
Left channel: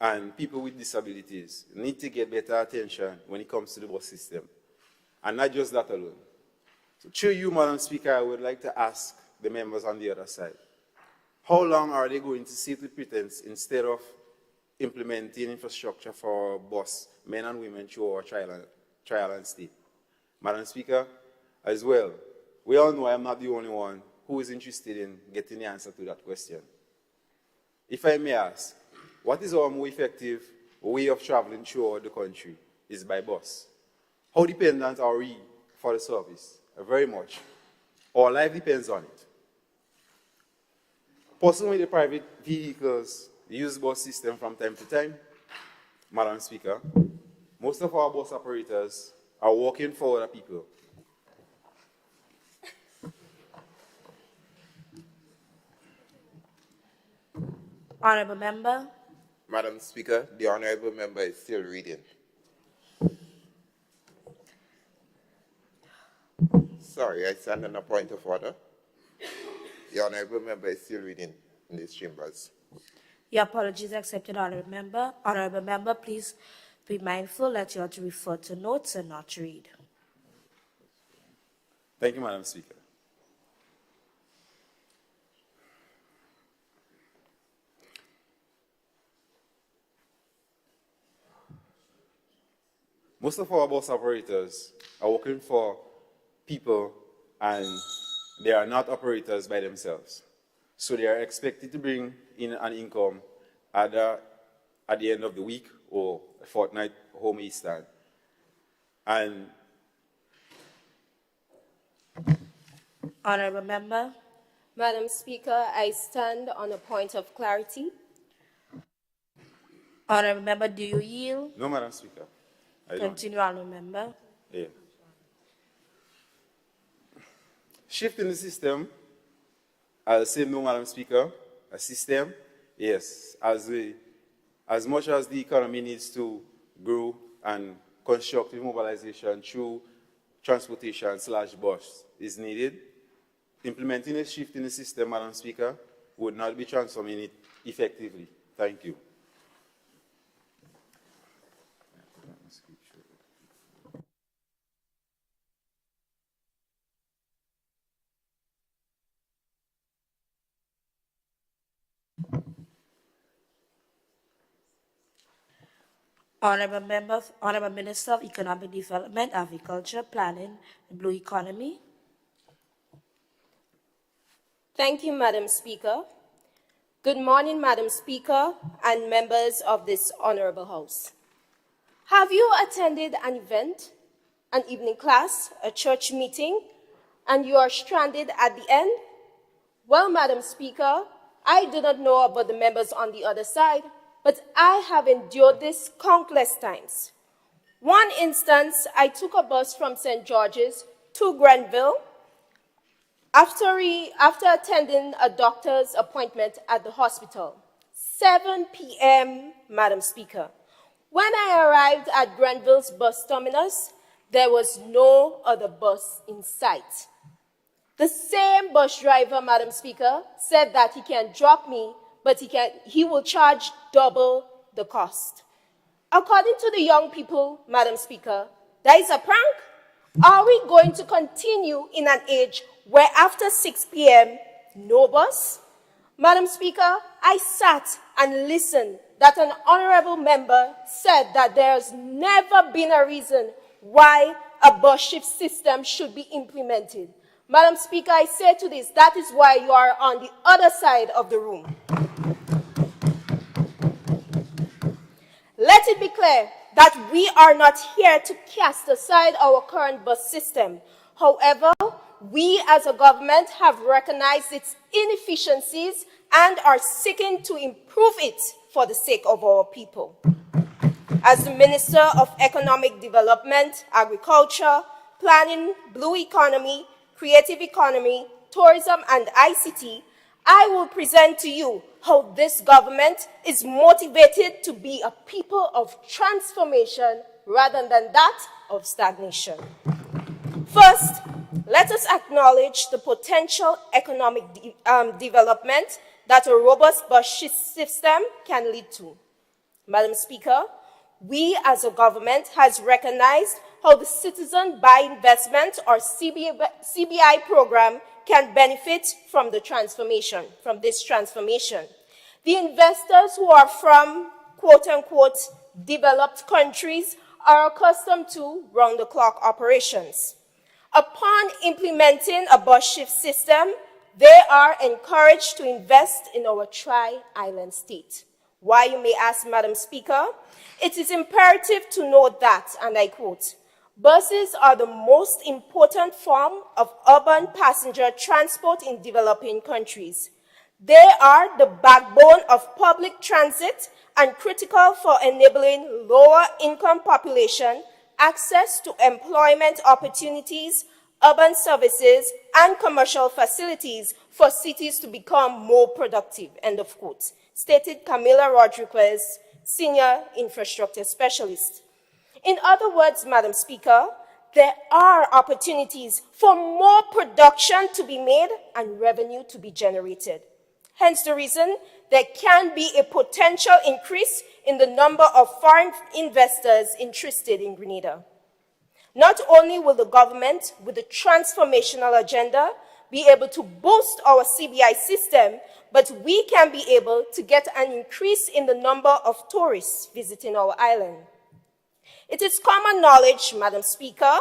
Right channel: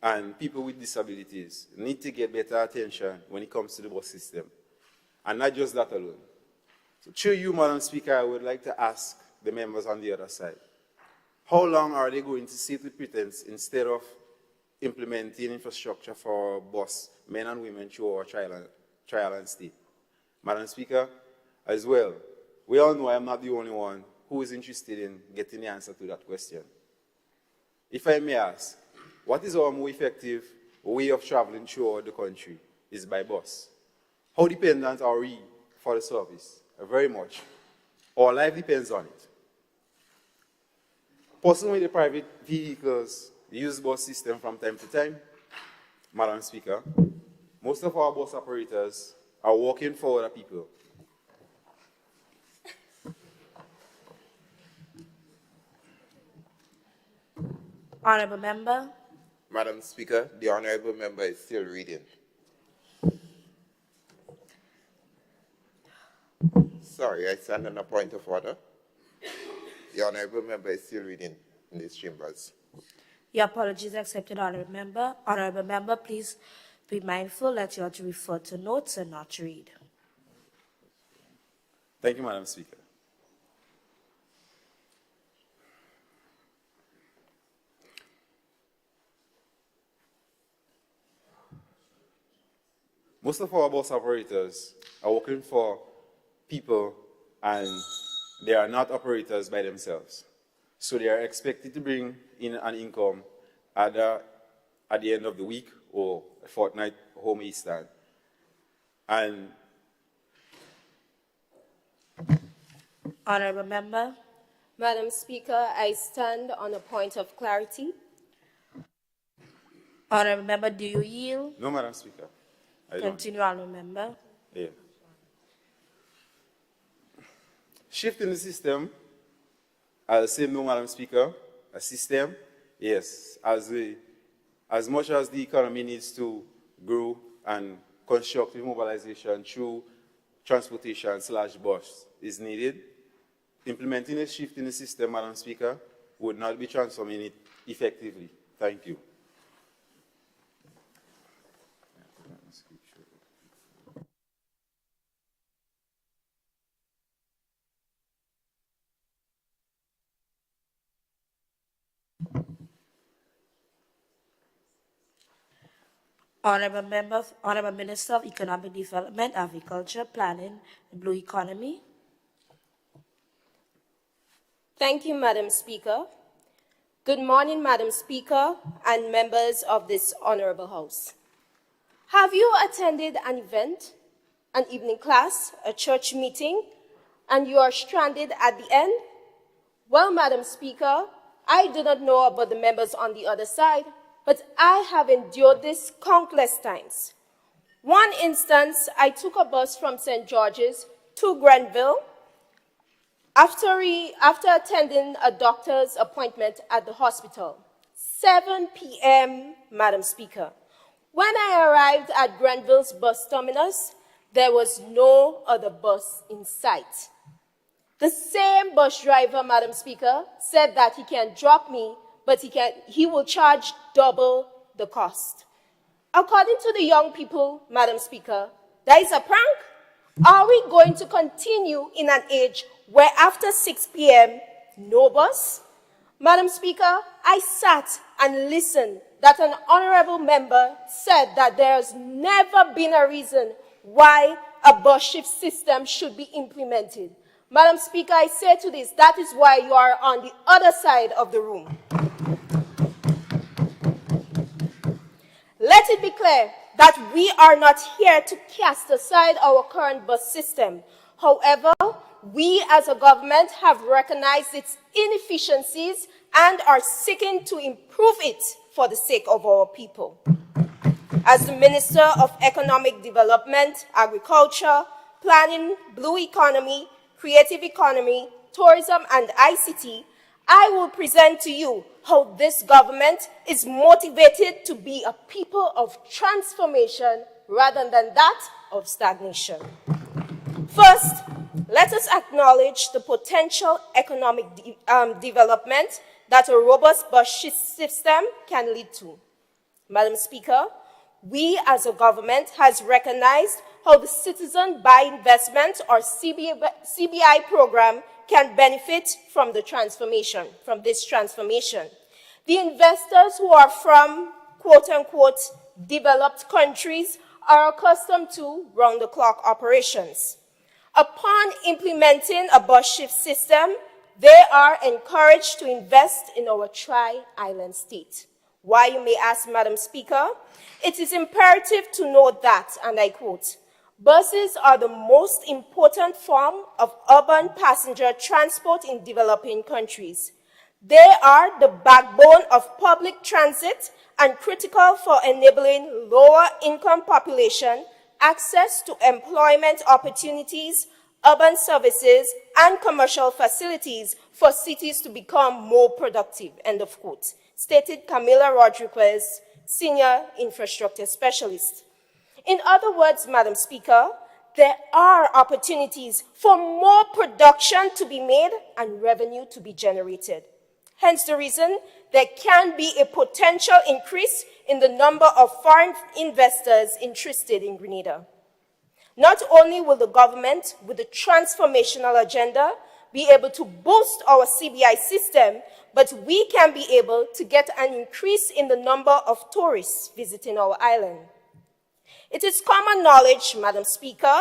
and people with disabilities, need to get better attention when it comes to the bus system. And not just that alone. So through you, Madam Speaker, I would like to ask the members on the other side, how long are they going to sit with pretense instead of implementing infrastructure for our bus, men and women, through our trial and state? Madam Speaker, as well, we all know I'm not the only one who is interested in getting the answer to that question. If I may ask, what is our more effective way of traveling throughout the country? Is by bus. How dependent are we for the service? Very much. Our life depends on it. Personally, the private vehicles use bus system from time to time. Madam Speaker, most of our bus operators are working for other people. Honorable Member. Madam Speaker, the Honorable Member is still reading. Sorry, I stand on a point of order. The Honorable Member is still reading in these chambers. Your apologies accepted, Honorable Member. Honorable Member, please Be mindful that you are to refer to notes and not read. Thank you, Madam Speaker. Most of our bus operators are working for people and they are not operators by themselves. So they are expected to bring in an income either at the end of the week or a fortnight home Eastern. And Honourable Member. Madam Speaker, I stand on a point of clarity. Honourable Member, do you yield? no, Madam Speaker. I don't. Continue, Honourable Member. Yeah. Shift in the system, I'll say no, Madam Speaker. A system, yes. As much as the economy needs to grow and constructive mobilization through transportation/bus is needed, implementing a shift in the system, Madam Speaker, would not be transforming it effectively. Thank you. Honourable Member, Honourable Minister of Economic Development, Agriculture, Planning, and Blue Economy. Thank you, Madam Speaker. Good morning, Madam Speaker and members of this Honourable House. Have you attended an event, an evening class, a church meeting, and you are stranded at the end? Well, Madam Speaker, I do not know about the members on the other side, but I have endured this countless times. One instance, I took a bus from St. George's to Grenville after attending a doctor's appointment at the hospital. 7 p.m., Madam Speaker. When I arrived at Grenville's bus terminus, there was no other bus in sight. The same bus driver, Madam Speaker, said that he can drop me, but he will charge double the cost. According to the young people, Madam Speaker, that is a prank? Are we going to continue in an age where after 6 p.m., no bus? Madam Speaker, I sat and listened that an honourable member said that there has never been a reason why a bus shift system should be implemented. Madam Speaker, I say to this, that is why you are on the other side of the room. Let it be clear that we are not here to cast aside our current bus system. However, we as a government have recognized its inefficiencies and are seeking to improve it for the sake of our people. As the Minister of Economic Development, Agriculture, Planning, Blue Economy, Creative Economy, Tourism and ICT, I will present to you how this government is motivated to be a people of transformation rather than that of stagnation. First, let us acknowledge the potential economic development that a robust bus system can lead to. Madam Speaker, we as a government has recognized how the Citizen by Investment or CBI program can benefit from the transformation, from this transformation. The investors who are from quote-unquote developed countries are accustomed to round-the-clock operations. Upon implementing a bus shift system, they are encouraged to invest in our tri-island state. Why, you may ask, Madam Speaker? It is imperative to note that, and I quote, buses are the most important form of urban passenger transport in developing countries. They are the backbone of public transit and critical for enabling lower income population access to employment opportunities, urban services, and commercial facilities for cities to become more productive, end of quote, stated Camila Rodriguez, Senior Infrastructure Specialist. In other words, Madam Speaker, there are opportunities for more production to be made and revenue to be generated. Hence the reason there can be a potential increase in the number of foreign investors interested in Grenada. Not only will the government, with the transformational agenda, be able to boost our CBI system, but we can be able to get an increase in the number of tourists visiting our island. It is common knowledge, Madam Speaker,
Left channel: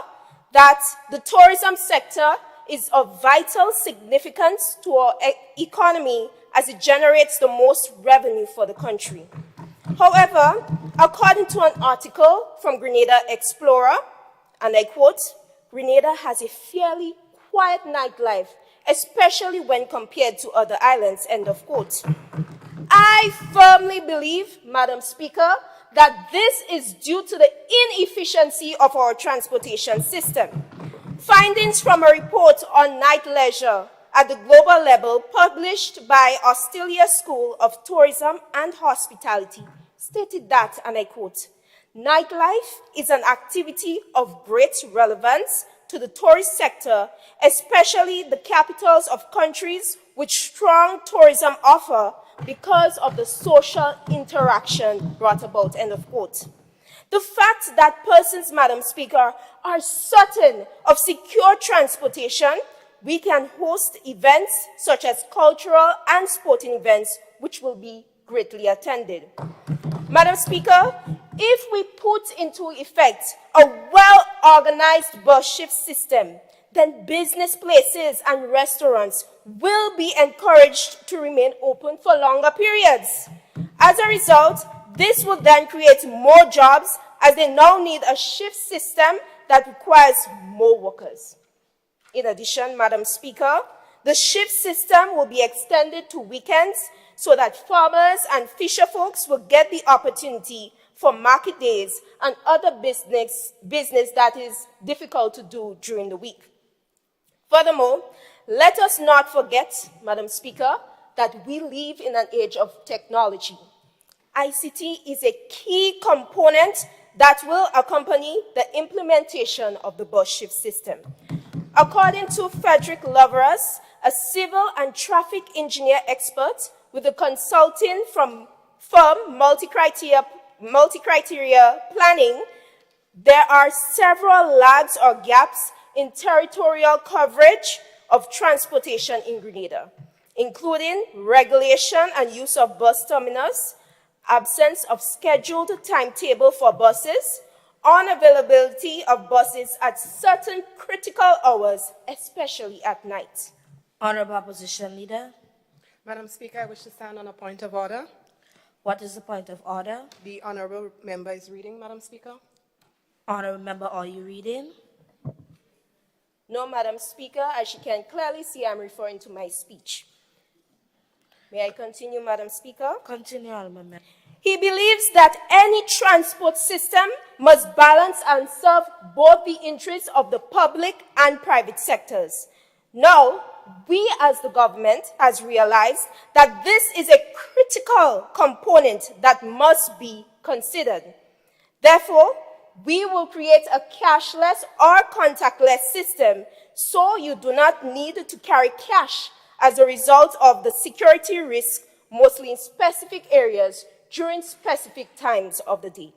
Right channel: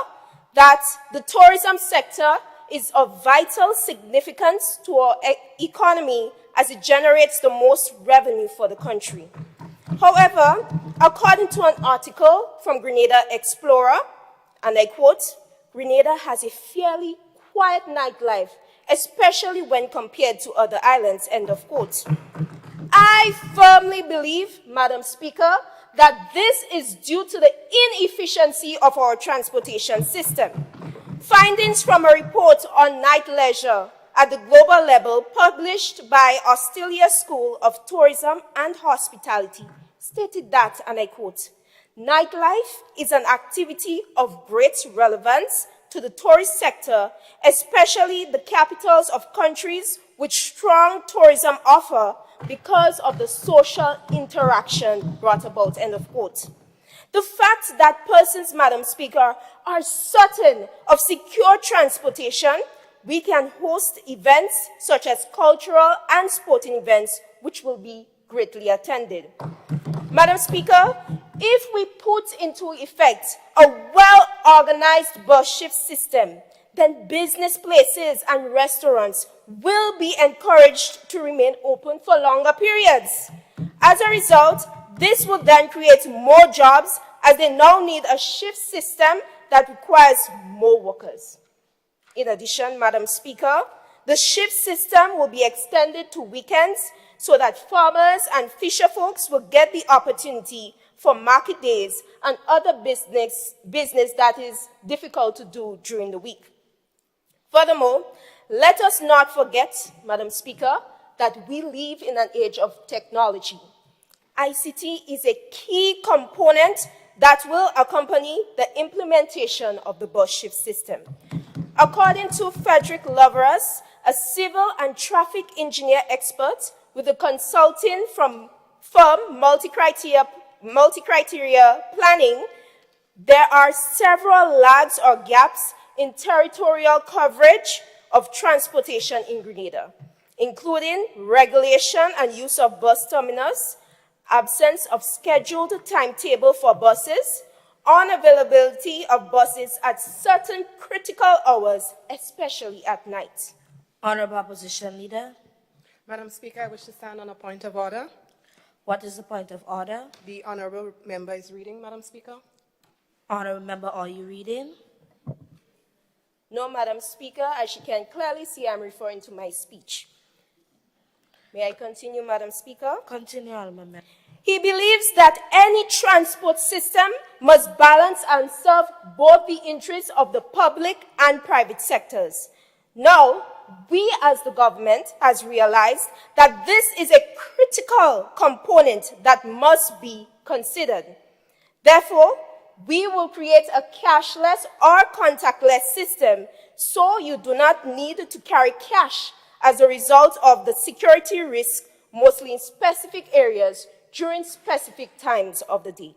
that the tourism sector is of vital significance to our economy as it generates the most revenue for the country. However, according to an article from Grenada Explorer, and I quote, Grenada has a fairly quiet nightlife, especially when compared to other islands, end of quote. I firmly believe, Madam Speaker, that this is due to the inefficiency of our transportation system. Findings from a report on night leisure at the global level published by Australia School of Tourism and Hospitality stated that, and I quote, nightlife is an activity of great relevance to the tourist sector, especially the capitals of countries with strong tourism offer because of the social interaction brought about, end of quote. The fact that persons, Madam Speaker, are certain of secure transportation, we can host events such as cultural and sporting events, which will be greatly attended. Madam Speaker, if we put into effect a well-organized bus shift system, then business places and restaurants will be encouraged to remain open for longer periods. As a result, this will then create more jobs as they now need a shift system that requires more workers. In addition, Madam Speaker, the shift system will be extended to weekends so that farmers and fisher folks will get the opportunity for market days and other business that is difficult to do during the week. Furthermore, let us not forget, Madam Speaker, that we live in an age of technology. ICT is a key component that will accompany the implementation of the bus shift system. According to Frederick Loveras, a civil and traffic engineer expert with a consulting firm multi-criteria planning, there are several lags or gaps in territorial coverage of transportation in Grenada, including regulation and use of bus terminals, absence of scheduled timetable for buses, unavailability of buses at certain critical hours, especially at night. Honorable Opposition Leader. Madam Speaker, I wish to stand on a point of order. What is the point of order? The honorable member is reading, Madam Speaker. Honorable member, are you reading? No, Madam Speaker, as you can clearly see, I'm referring to my speech. May I continue, Madam Speaker? Continue, Honorable member. He believes that any transport system must balance and serve both the interests of the public and private sectors. Now, we as the government has realized that this is a critical component that must be considered. Therefore, we will create a cashless or contactless system so you do not need to carry cash as a result of the security risk, mostly in specific areas during specific times of the day.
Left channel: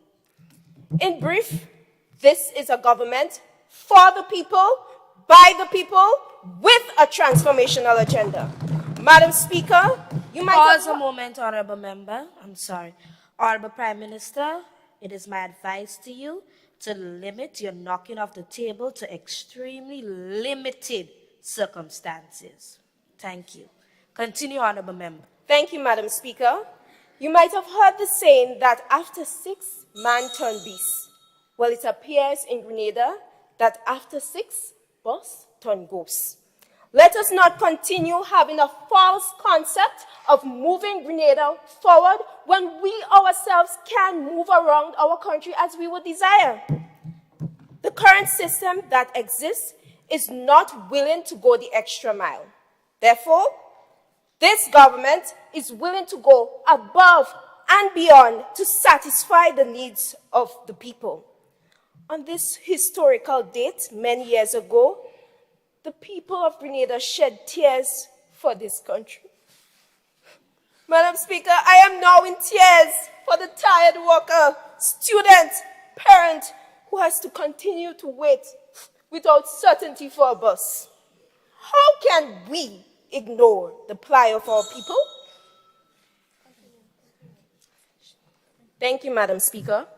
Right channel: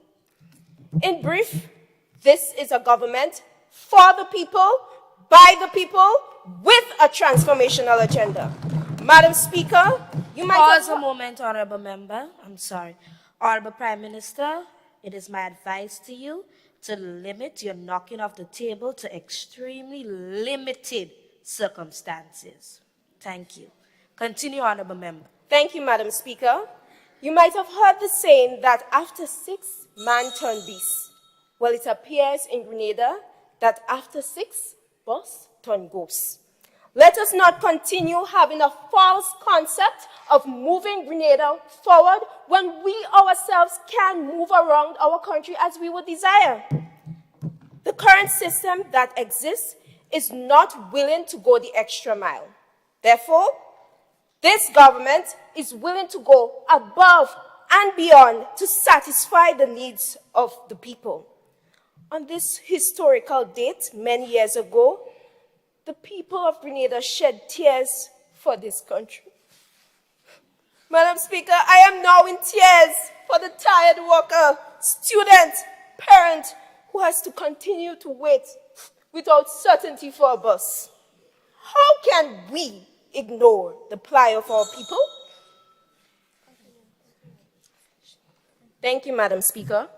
In brief, this is a government for the people, by the people, with a transformational agenda. Madam Speaker, you might pause a moment, Honorable Member. I'm sorry. Honorable Prime Minister, it is my advice to you to limit your knocking off the table to extremely limited circumstances. Thank you. Continue, Honorable Member. Thank you, Madam Speaker. You might have heard the saying that after 6, man turn beast. Well, it appears in Grenada that after 6, boss turn ghost. Let us not continue having a false concept of moving Grenada forward when we ourselves can move around our country as we would desire. The current system that exists is not willing to go the extra mile. Therefore, this government is willing to go above and beyond to satisfy the needs of the people. On this historical date, many years ago, the people of Grenada shed tears for this country. Madam Speaker, I am now in tears for the tired worker, student, parent who has to continue to wait without certainty for a bus. How can we ignore the plight of our people? Thank you, Madam Speaker.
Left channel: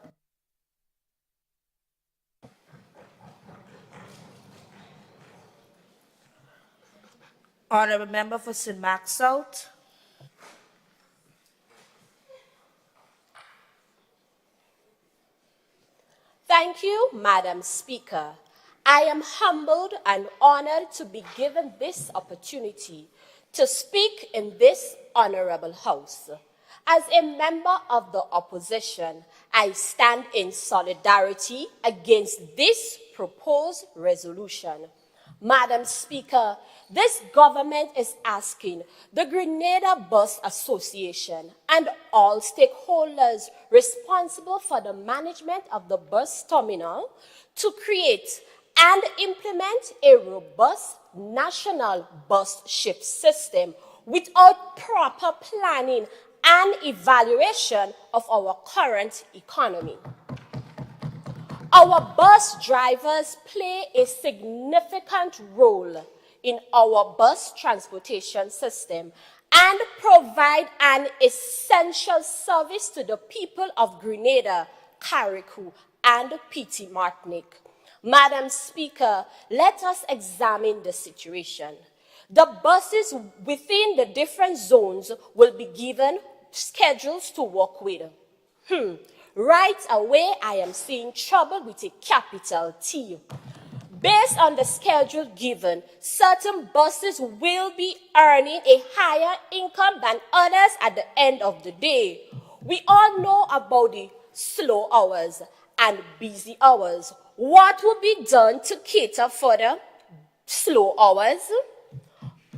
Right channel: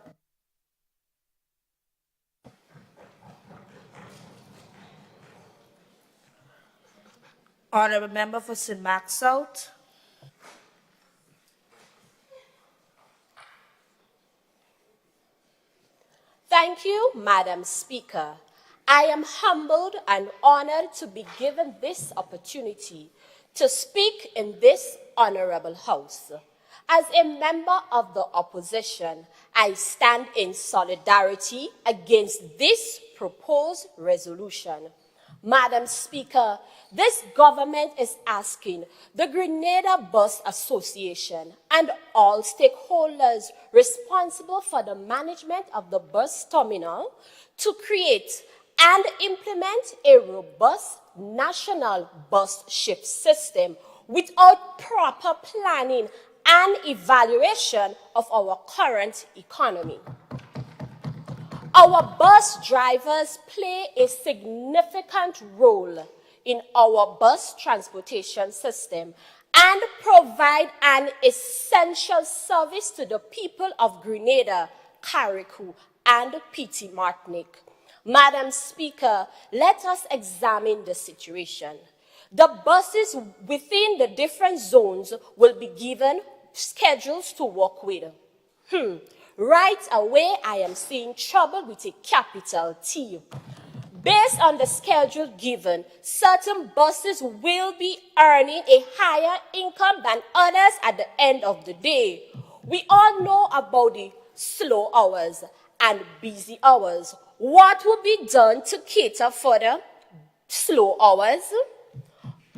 Honourable Member for St. Mark South. Thank you, Madam Speaker. I am humbled and honored to be given this opportunity to speak in this honorable house. As a member of the opposition, I stand in solidarity against this proposed resolution. Madam Speaker, this government is asking the Grenada Bus Association and all stakeholders responsible for the management of the bus terminal to create and implement a robust national bus shift system without proper planning and evaluation of our current economy. Our bus drivers play a significant role in our bus transportation system and provide an essential service to the people of Grenada, Carriacou, and Petit Martinique. Madam Speaker, let us examine the situation. The buses within the different zones will be given schedules to work with. Right away, I am seeing trouble with a capital T. Based on the schedule given, certain buses will be earning a higher income than others at the end of the day. We all know about the slow hours and busy hours. What will be done to cater for the slow hours?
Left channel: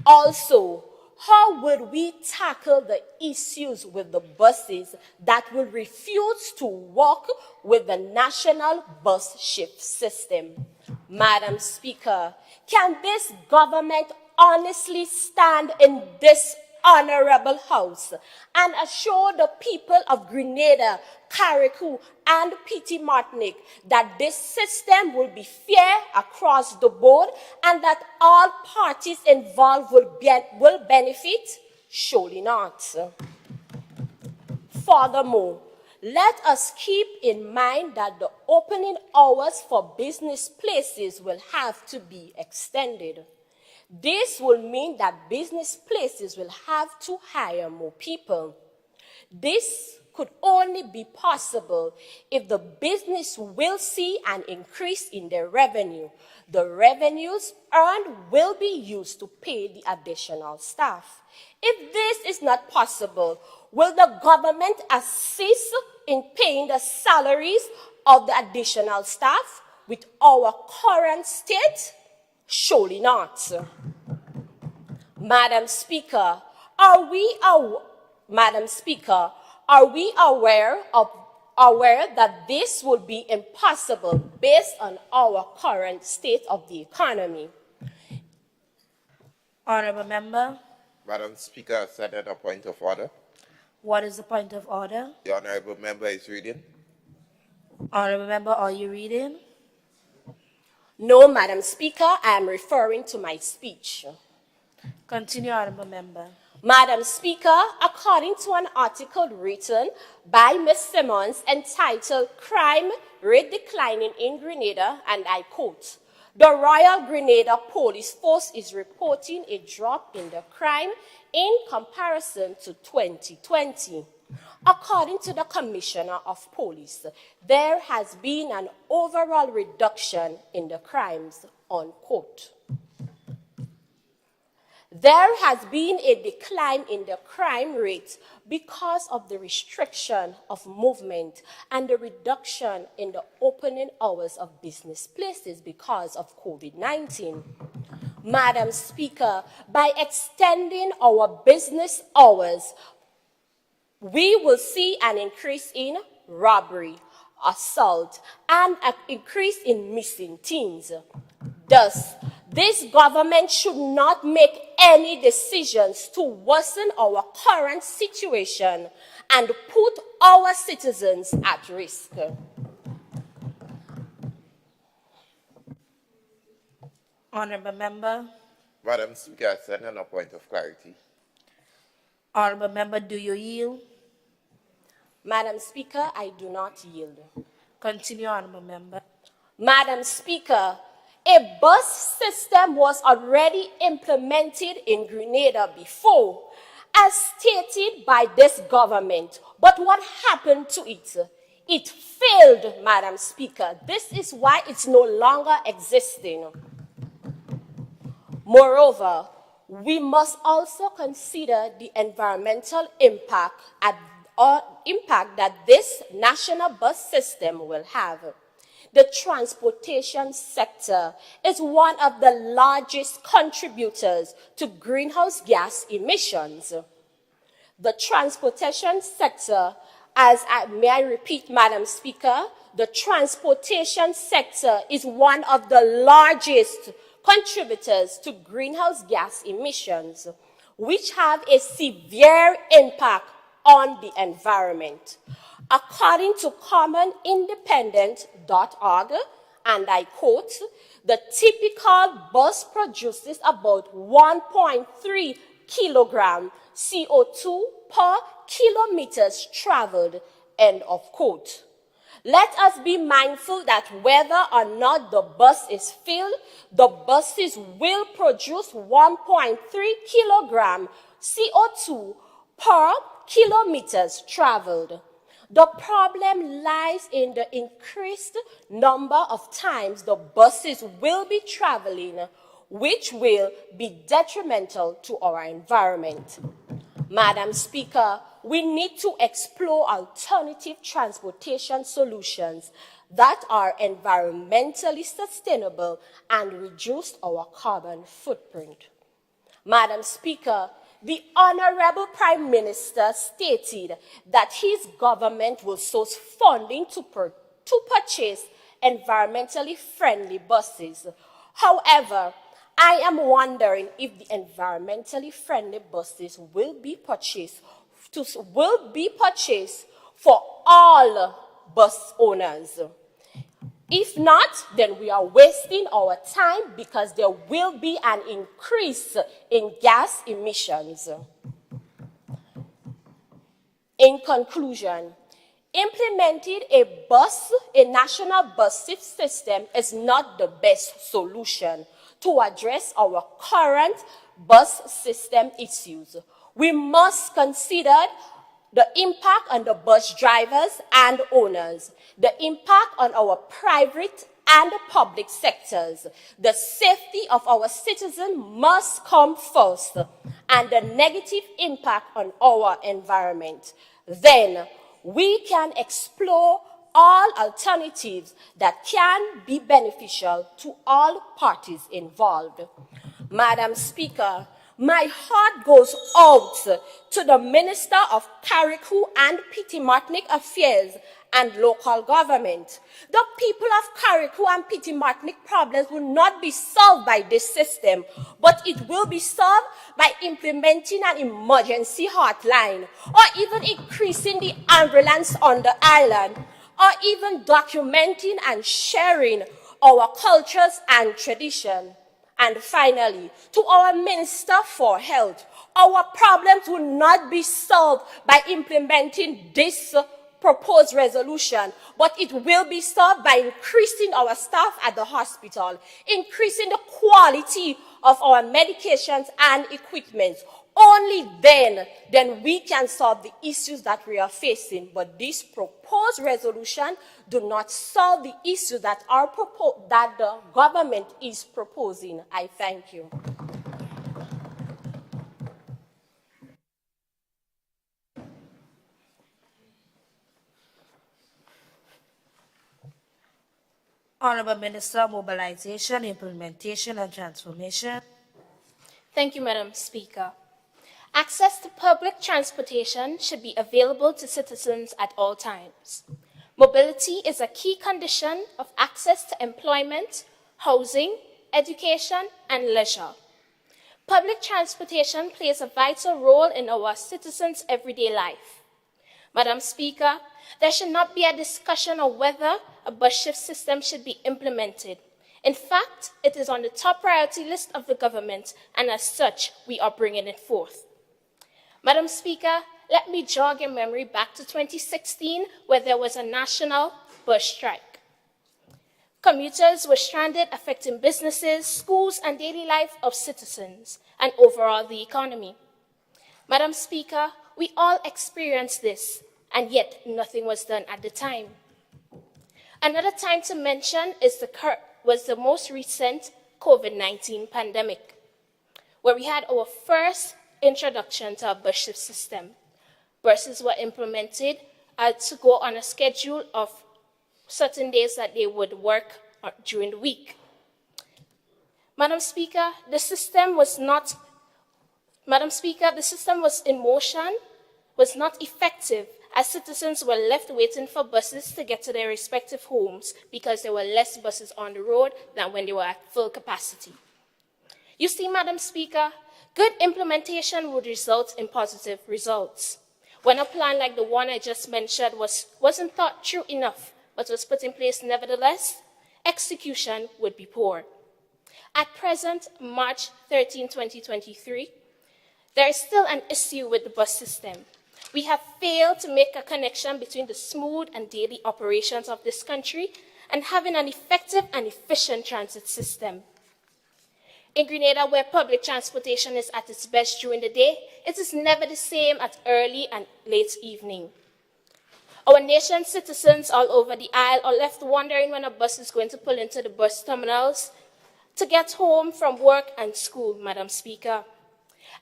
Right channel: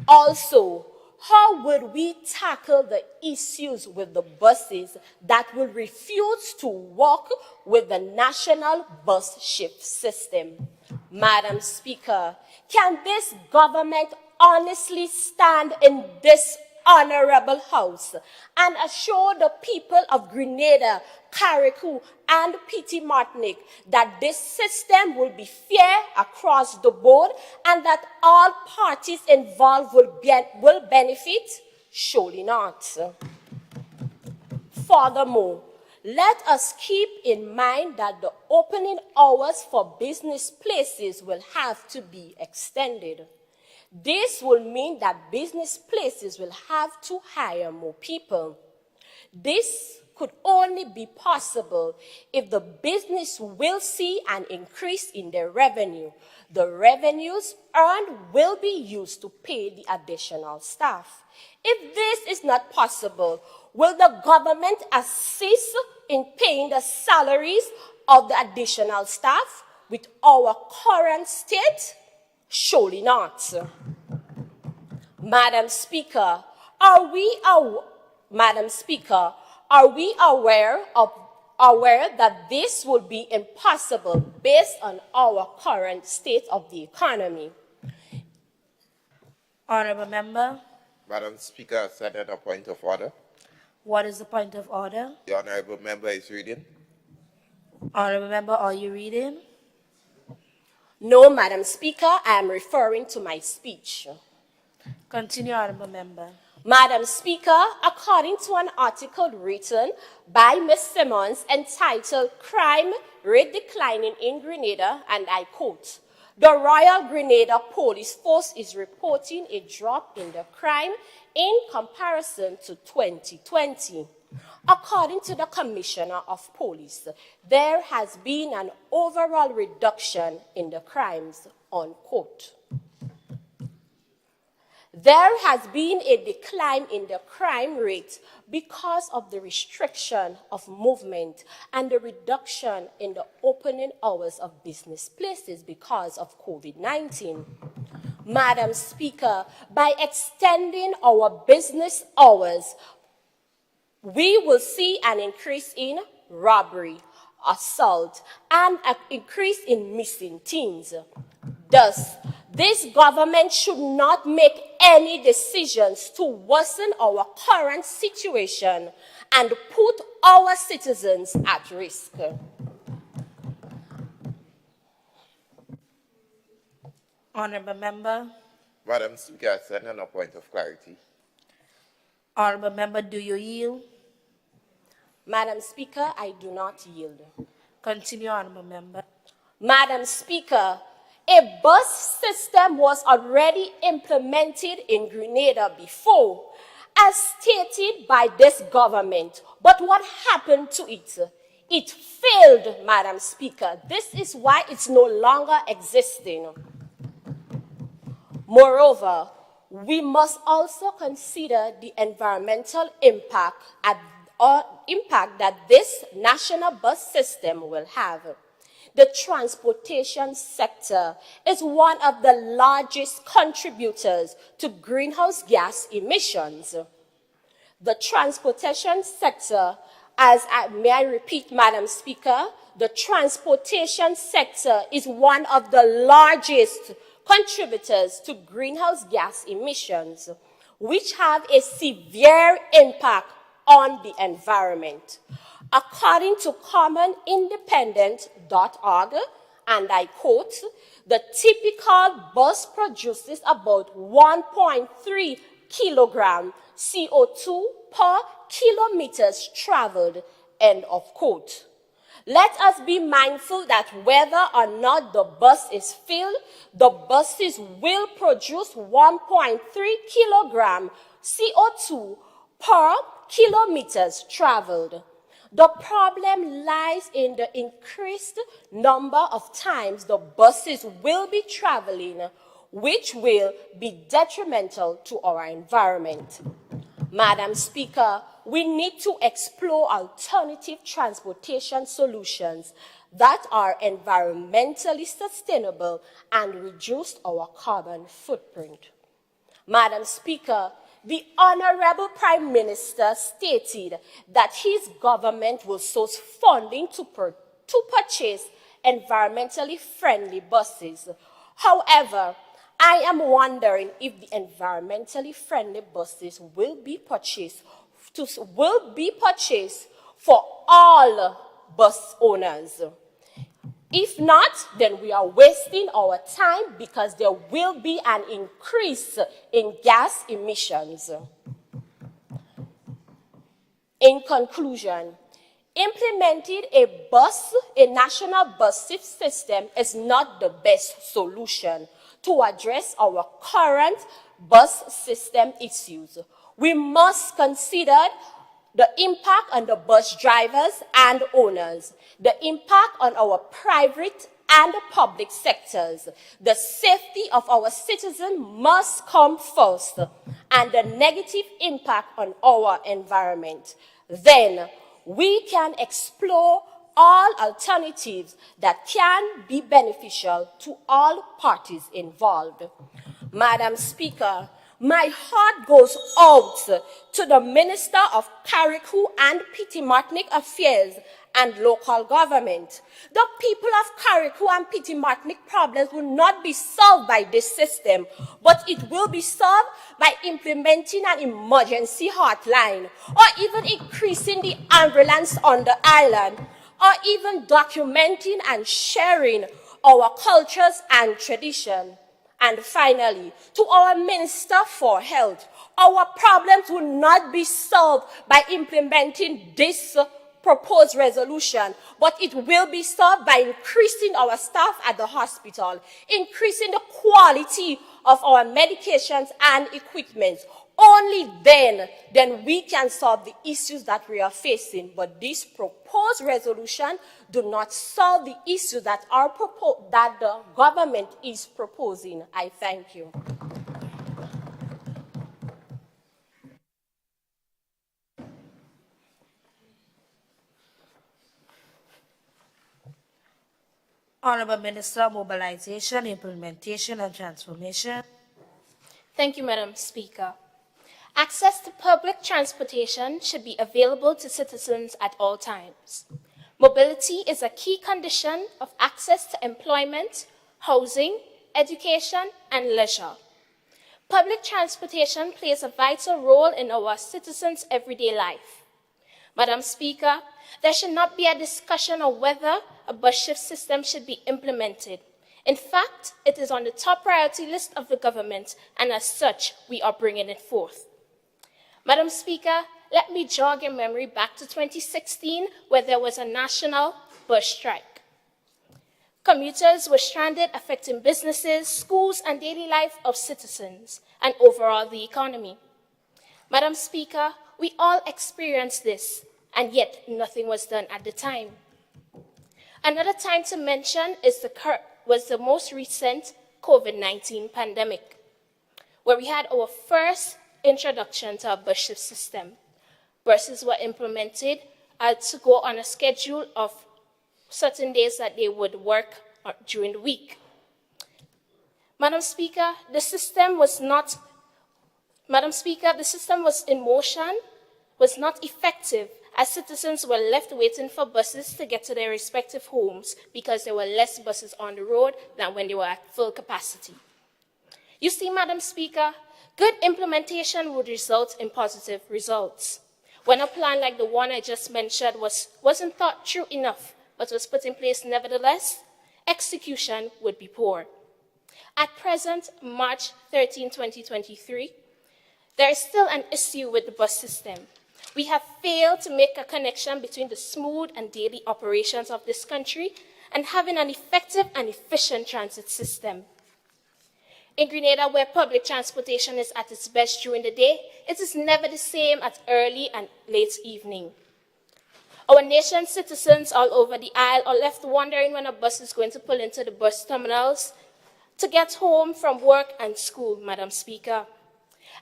Also, how would we tackle the issues with the buses that will refuse to work with the national bus shift system? Madam Speaker, can this government honestly stand in this honorable house and assure the people of Grenada, Carriacou, and Petit Martinique that this system will be fair across the board and that all parties involved will benefit? Surely not. Furthermore, let us keep in mind that the opening hours for business places will have to be extended. This will mean that business places will have to hire more people. This could only be possible if the business will see an increase in their revenue. The revenues earned will be used to pay the additional staff. If this is not possible, will the government assist in paying the salaries of the additional staff with our current state? Surely not. Madam Speaker, are we aware that this would be impossible based on our current state of the economy? Honourable Member. Madam Speaker, Senate, a point of order. What is the point of order? The Honourable Member is reading. Honourable Member, are you reading? No, Madam Speaker, I am referring to my speech. Continue, Honourable Member. Madam Speaker, according to an article written by Ms. Simmons entitled Crime Rate Declining in Grenada, and I quote, "The Royal Grenada Police Force is reporting a drop in the crime in comparison to 2020. According to the Commissioner of Police, there has been an overall reduction in the crimes," unquote. There has been a decline in the crime rate because of the restriction of movement and the reduction in the opening hours of business places because of COVID-19. Madam Speaker, by extending our business hours, we will see an increase in robbery, assault, and an increase in missing teens. Thus, this government should not make any decisions to worsen our current situation and put our citizens at risk. Honorable Member. Madam Speaker, I stand on a point of clarity. Honorable Member, do you yield? Madam Speaker, I do not yield. Continue, Honorable Member. Madam Speaker, a bus system was already implemented in Grenada before, as stated by this government. But what happened to it? It failed, Madam Speaker. This is why it's no longer existing. Moreover, we must also consider the environmental impact that this national bus system will have. The transportation sector is one of the largest contributors to greenhouse gas emissions. The transportation sector, may I repeat, Madam Speaker, the transportation sector is one of the largest contributors to greenhouse gas emissions, which have a severe impact on the environment. According to commonindependent.org, and I quote, the typical bus produces about 1.3 kilogram CO2 per kilometers traveled, end of quote. Let us be mindful that whether or not the bus is filled, the buses will produce 1.3 kilogram CO2 per kilometers traveled. The problem lies in the increased number of times the buses will be traveling, which will be detrimental to our environment. Madam Speaker, we need to explore alternative transportation solutions that are environmentally sustainable and reduce our carbon footprint. Madam Speaker, the Honorable Prime Minister stated that his government will source funding to purchase environmentally friendly buses. However, I am wondering if the environmentally friendly buses will be purchased for all bus owners. If not, then we are wasting our time because there will be an increase in gas emissions. In conclusion, implementing a national bus system is not the best solution to address our current bus system issues. We must consider the impact on the bus drivers and owners, the impact on our private and public sectors. The safety of our citizens must come first, and the negative impact on our environment. Then we can explore all alternatives that can be beneficial to all parties involved. Madam Speaker, my heart goes out to the Minister of Carriacou and Petit-Martinique Affairs and Local Government. The people of Carriacou and Petit-Martinique problems will not be solved by this system, but it will be solved by implementing an emergency hotline, or even increasing the ambulance on the island, or even documenting and sharing our cultures and traditions. And finally, to our Minister for Health, our problems will not be solved by implementing this proposed resolution, but it will be solved by increasing our staff at the hospital, increasing the quality of our medications and equipment. Only then we can solve the issues that we are facing. But this proposed resolution do not solve the issues that the government is proposing. I thank you. Honorable Minister of Mobilization, Implementation and Transformation. Thank you, Madam Speaker. Access to public transportation should be available to citizens at all times. Mobility is a key condition of access to employment, housing, education, and leisure. Public transportation plays a vital role in our citizens' everyday life. Madam Speaker, there should not be a discussion on whether a bus shift system should be implemented. In fact, it is on the top priority list of the government, and as such, we are bringing it forth. Madam Speaker, let me jog your memory back to 2016, where there was a national bus strike. Commuters were stranded, affecting businesses, schools, and daily life of citizens, and overall the economy. Madam Speaker, we all experienced this, and yet nothing was done at the time. Another time to mention was the most recent COVID-19 pandemic, where we had our first introduction to our bus shift system. Buses were implemented to go on a schedule of certain days that they would work during the week. Madam Speaker, the system was in motion, was not effective, as citizens were left waiting for buses to get to their respective homes because there were less buses on the road than when they were at full capacity. You see, Madam Speaker, good implementation would result in positive results. When a plan like the one I just mentioned wasn't thought through enough, but was put in place nevertheless, execution would be poor. At present, March 13, 2023, there is still an issue with the bus system. We have failed to make a connection between the smooth and daily operations of this country and having an effective and efficient transit system. In Grenada, where public transportation is at its best during the day, it is never the same at early and late evening. Our nation's citizens all over the isle are left wondering when a bus is going to pull into the bus terminals to get home from work and school, Madam Speaker.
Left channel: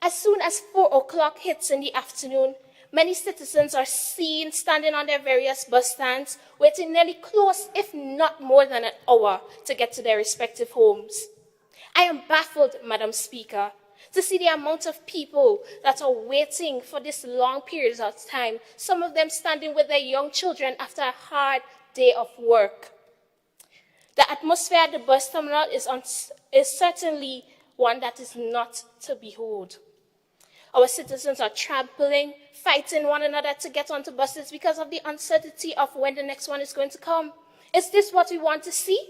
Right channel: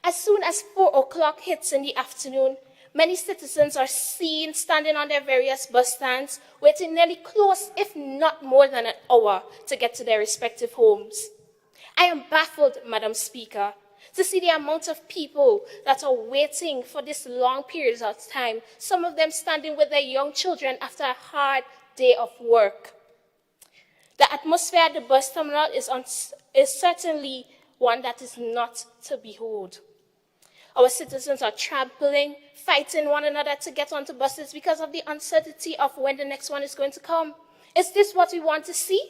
As soon as 4 o'clock hits in the afternoon, many citizens are seen standing on their various bus stands, waiting nearly close, if not more than an hour, to get to their respective homes. I am baffled, Madam Speaker, to see the amount of people that are waiting for this long periods of time, some of them standing with their young children after a hard day of work. The atmosphere at the bus terminal is certainly one that is not to behold. Our citizens are trampling, fighting one another to get onto buses because of the uncertainty of when the next one is going to come. Is this what we want to see?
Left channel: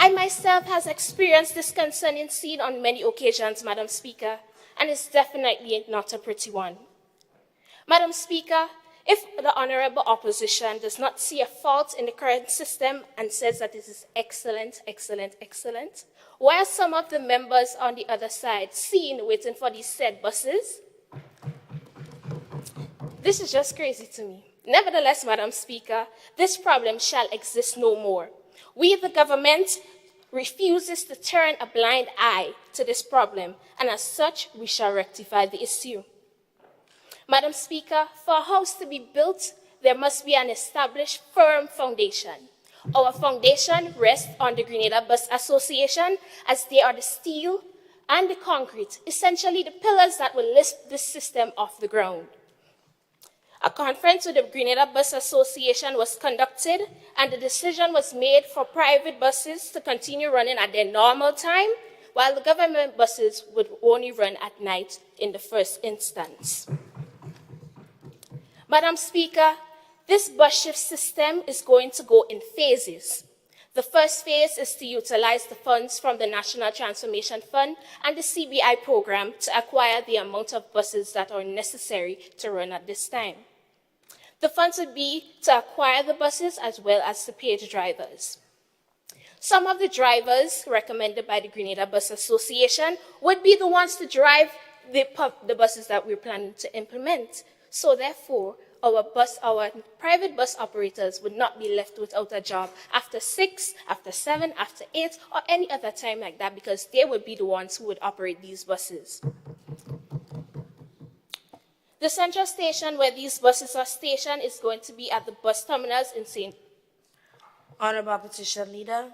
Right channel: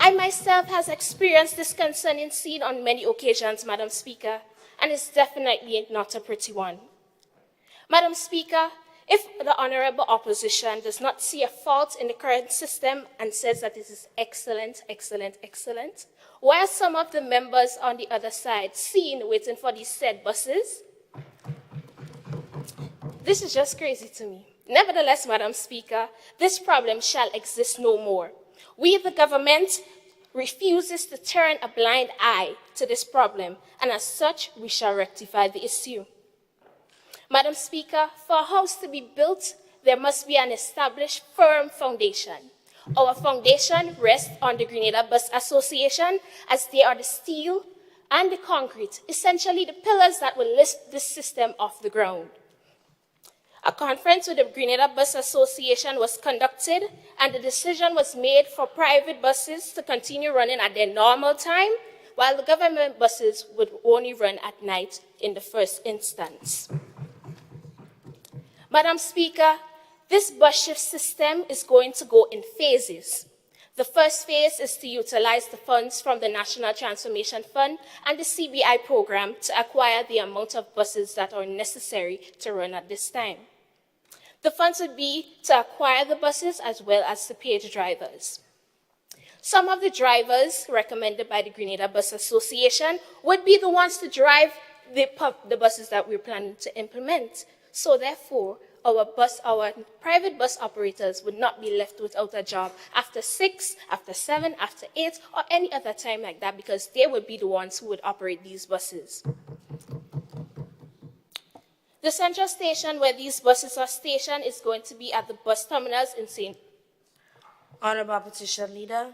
I myself has experienced this concerning scene on many occasions, Madam Speaker, and it's definitely not a pretty one. Madam Speaker, if the Honorable Opposition does not see a fault in the current system and says that it is excellent, excellent, excellent, while some of the members on the other side seen waiting for these said buses, this is just crazy to me. Nevertheless, Madam Speaker, this problem shall exist no more. We, the government, refuses to turn a blind eye to this problem, and as such, we shall rectify the issue. Madam Speaker, for a house to be built, there must be an established, firm foundation. Our foundation rests on the Grenada Bus Association, as they are the steel and the concrete, essentially the pillars that will lift this system off the ground. A conference with the Grenada Bus Association was conducted, and the decision was made for private buses to continue running at their normal time, while the government buses would only run at night in the first instance. Madam Speaker, this bus shift system is going to go in phases. The first phase is to utilize the funds from the National Transformation Fund and the CBI program to acquire the amount of buses that are necessary to run at this time. The funds would be to acquire the buses as well as to pay the drivers. Some of the drivers recommended by the Grenada Bus Association would be the ones to drive the buses that we're planning to implement. So therefore, our private bus operators would not be left without a job after 6, after 7, after 8, or any other time like that, because they would be the ones who would operate these buses. The central station where these buses are stationed is going to be at the bus terminals in St. Honorable Opposition Leader.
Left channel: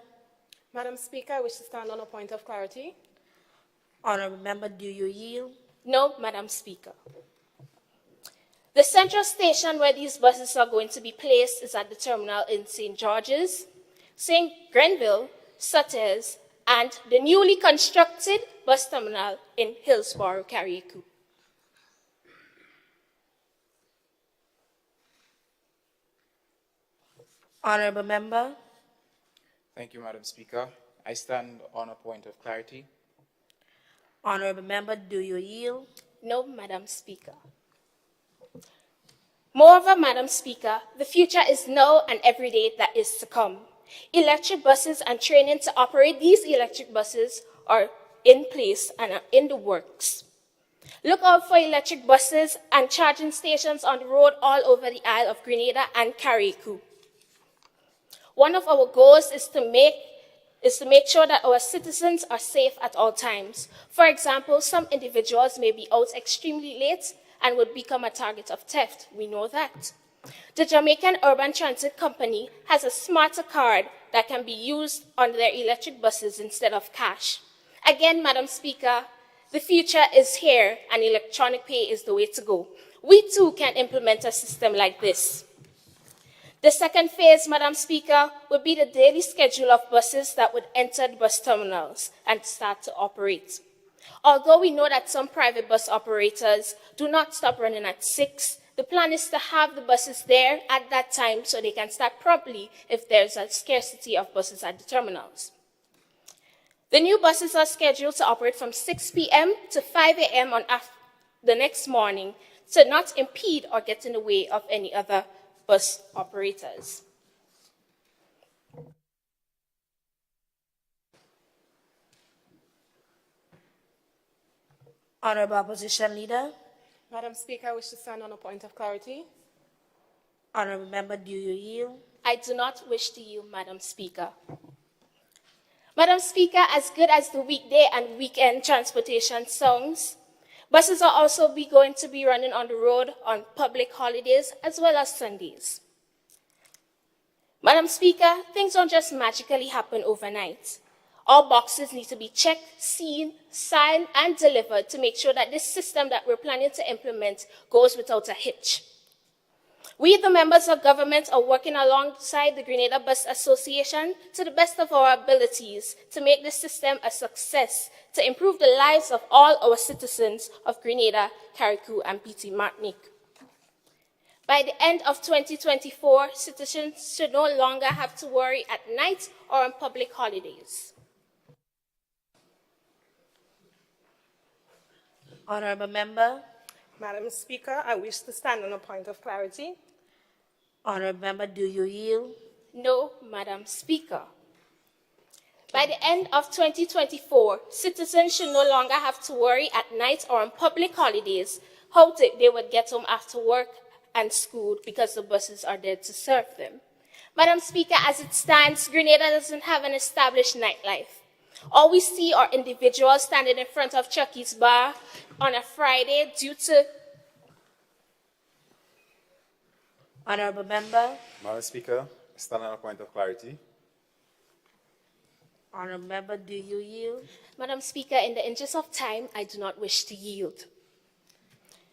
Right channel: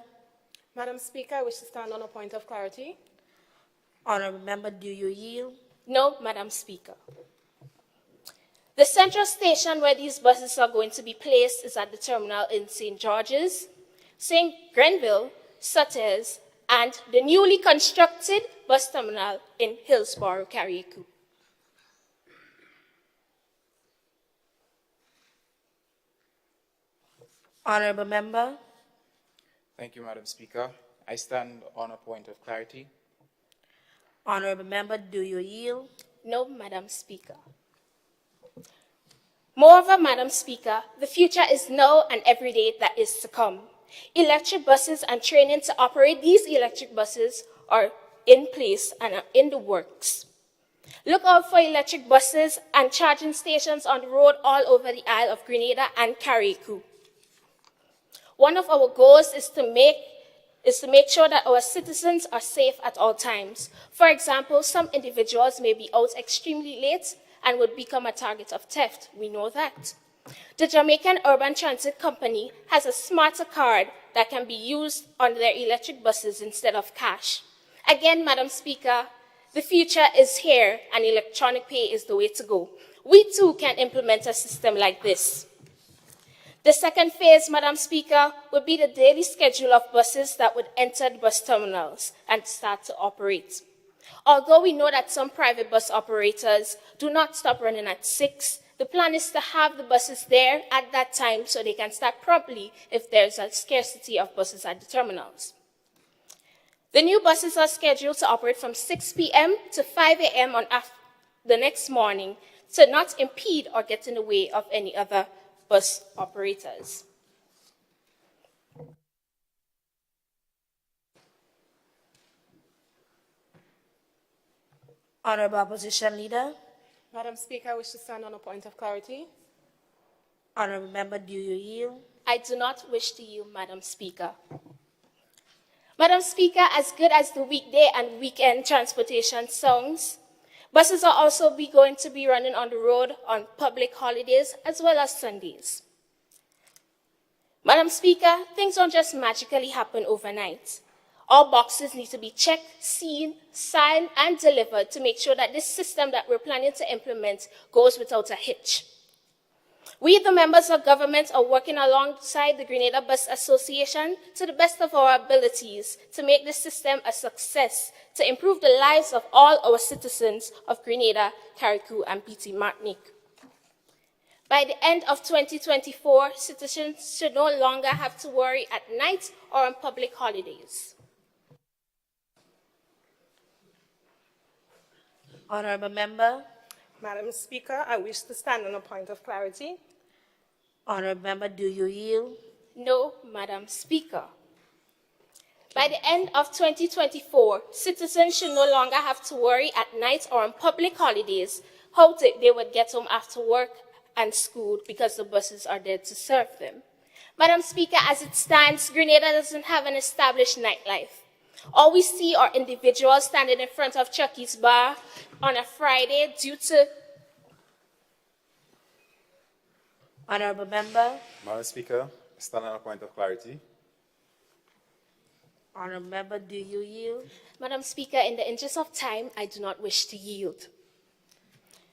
Madam Speaker, I wish to stand on a point of clarity. Honorable Member, do you yield? No, Madam Speaker. The central station where these buses are going to be placed is at the terminal in St. George's, St. Grenville, such as, and the newly constructed bus terminal in Hillsborough, Carriacou. Honorable Member. Thank you, Madam Speaker. I stand on a point of clarity. Honorable Member, do you yield? No, Madam Speaker. Moreover, Madam Speaker, the future is now and every day that is to come. Electric buses and training to operate these electric buses are in place and are in the works. Look out for electric buses and charging stations on the road all over the Isle of Grenada and Carriacou. One of our goals is to make sure that our citizens are safe at all times. For example, some individuals may be out extremely late and would become a target of theft. We know that. The Jamaican Urban Transit Company has a smarter card that can be used on their electric buses instead of cash. Again, Madam Speaker, the future is here and electronic pay is the way to go. We too can implement a system like this. The second phase, Madam Speaker, would be the daily schedule of buses that would enter the bus terminals and start to operate. Although we know that some private bus operators do not stop running at 6, the plan is to have the buses there at that time so they can start promptly if there's a scarcity of buses at the terminals. The new buses are scheduled to operate from 6 p.m. to 5 a.m. on the next morning to not impede or get in the way of any other bus operators. Honorable Opposition Leader. Madam Speaker, I wish to stand on a point of clarity. Honorable Member, do you yield? I do not wish to yield, Madam Speaker. Madam Speaker, as good as the weekday and weekend transportation sounds, buses are also going to be running on the road on public holidays as well as Sundays. Madam Speaker, things don't just magically happen overnight. All boxes need to be checked, seen, signed, and delivered to make sure that this system that we're planning to implement goes without a hitch. We, the members of government, are working alongside the Grenada Bus Association to the best of our abilities to make this system a success, to improve the lives of all our citizens of Grenada, Carriacou, and PT Martinique. By the end of 2024, citizens should no longer have to worry at night or on public holidays. Honorable Member. Madam Speaker, I wish to stand on a point of clarity. Honorable Member, do you yield? No, Madam Speaker. By the end of 2024, citizens should no longer have to worry at night or on public holidays how they would get home after work and school because the buses are there to serve them. Madam Speaker, as it stands, Grenada doesn't have an established nightlife. All we see are individuals standing in front of Chucky's bar on a Friday due to... Honorable Member. Madam Speaker, stand on a point of clarity. Honorable Member, do you yield? Madam Speaker, in the interest of time, I do not wish to yield.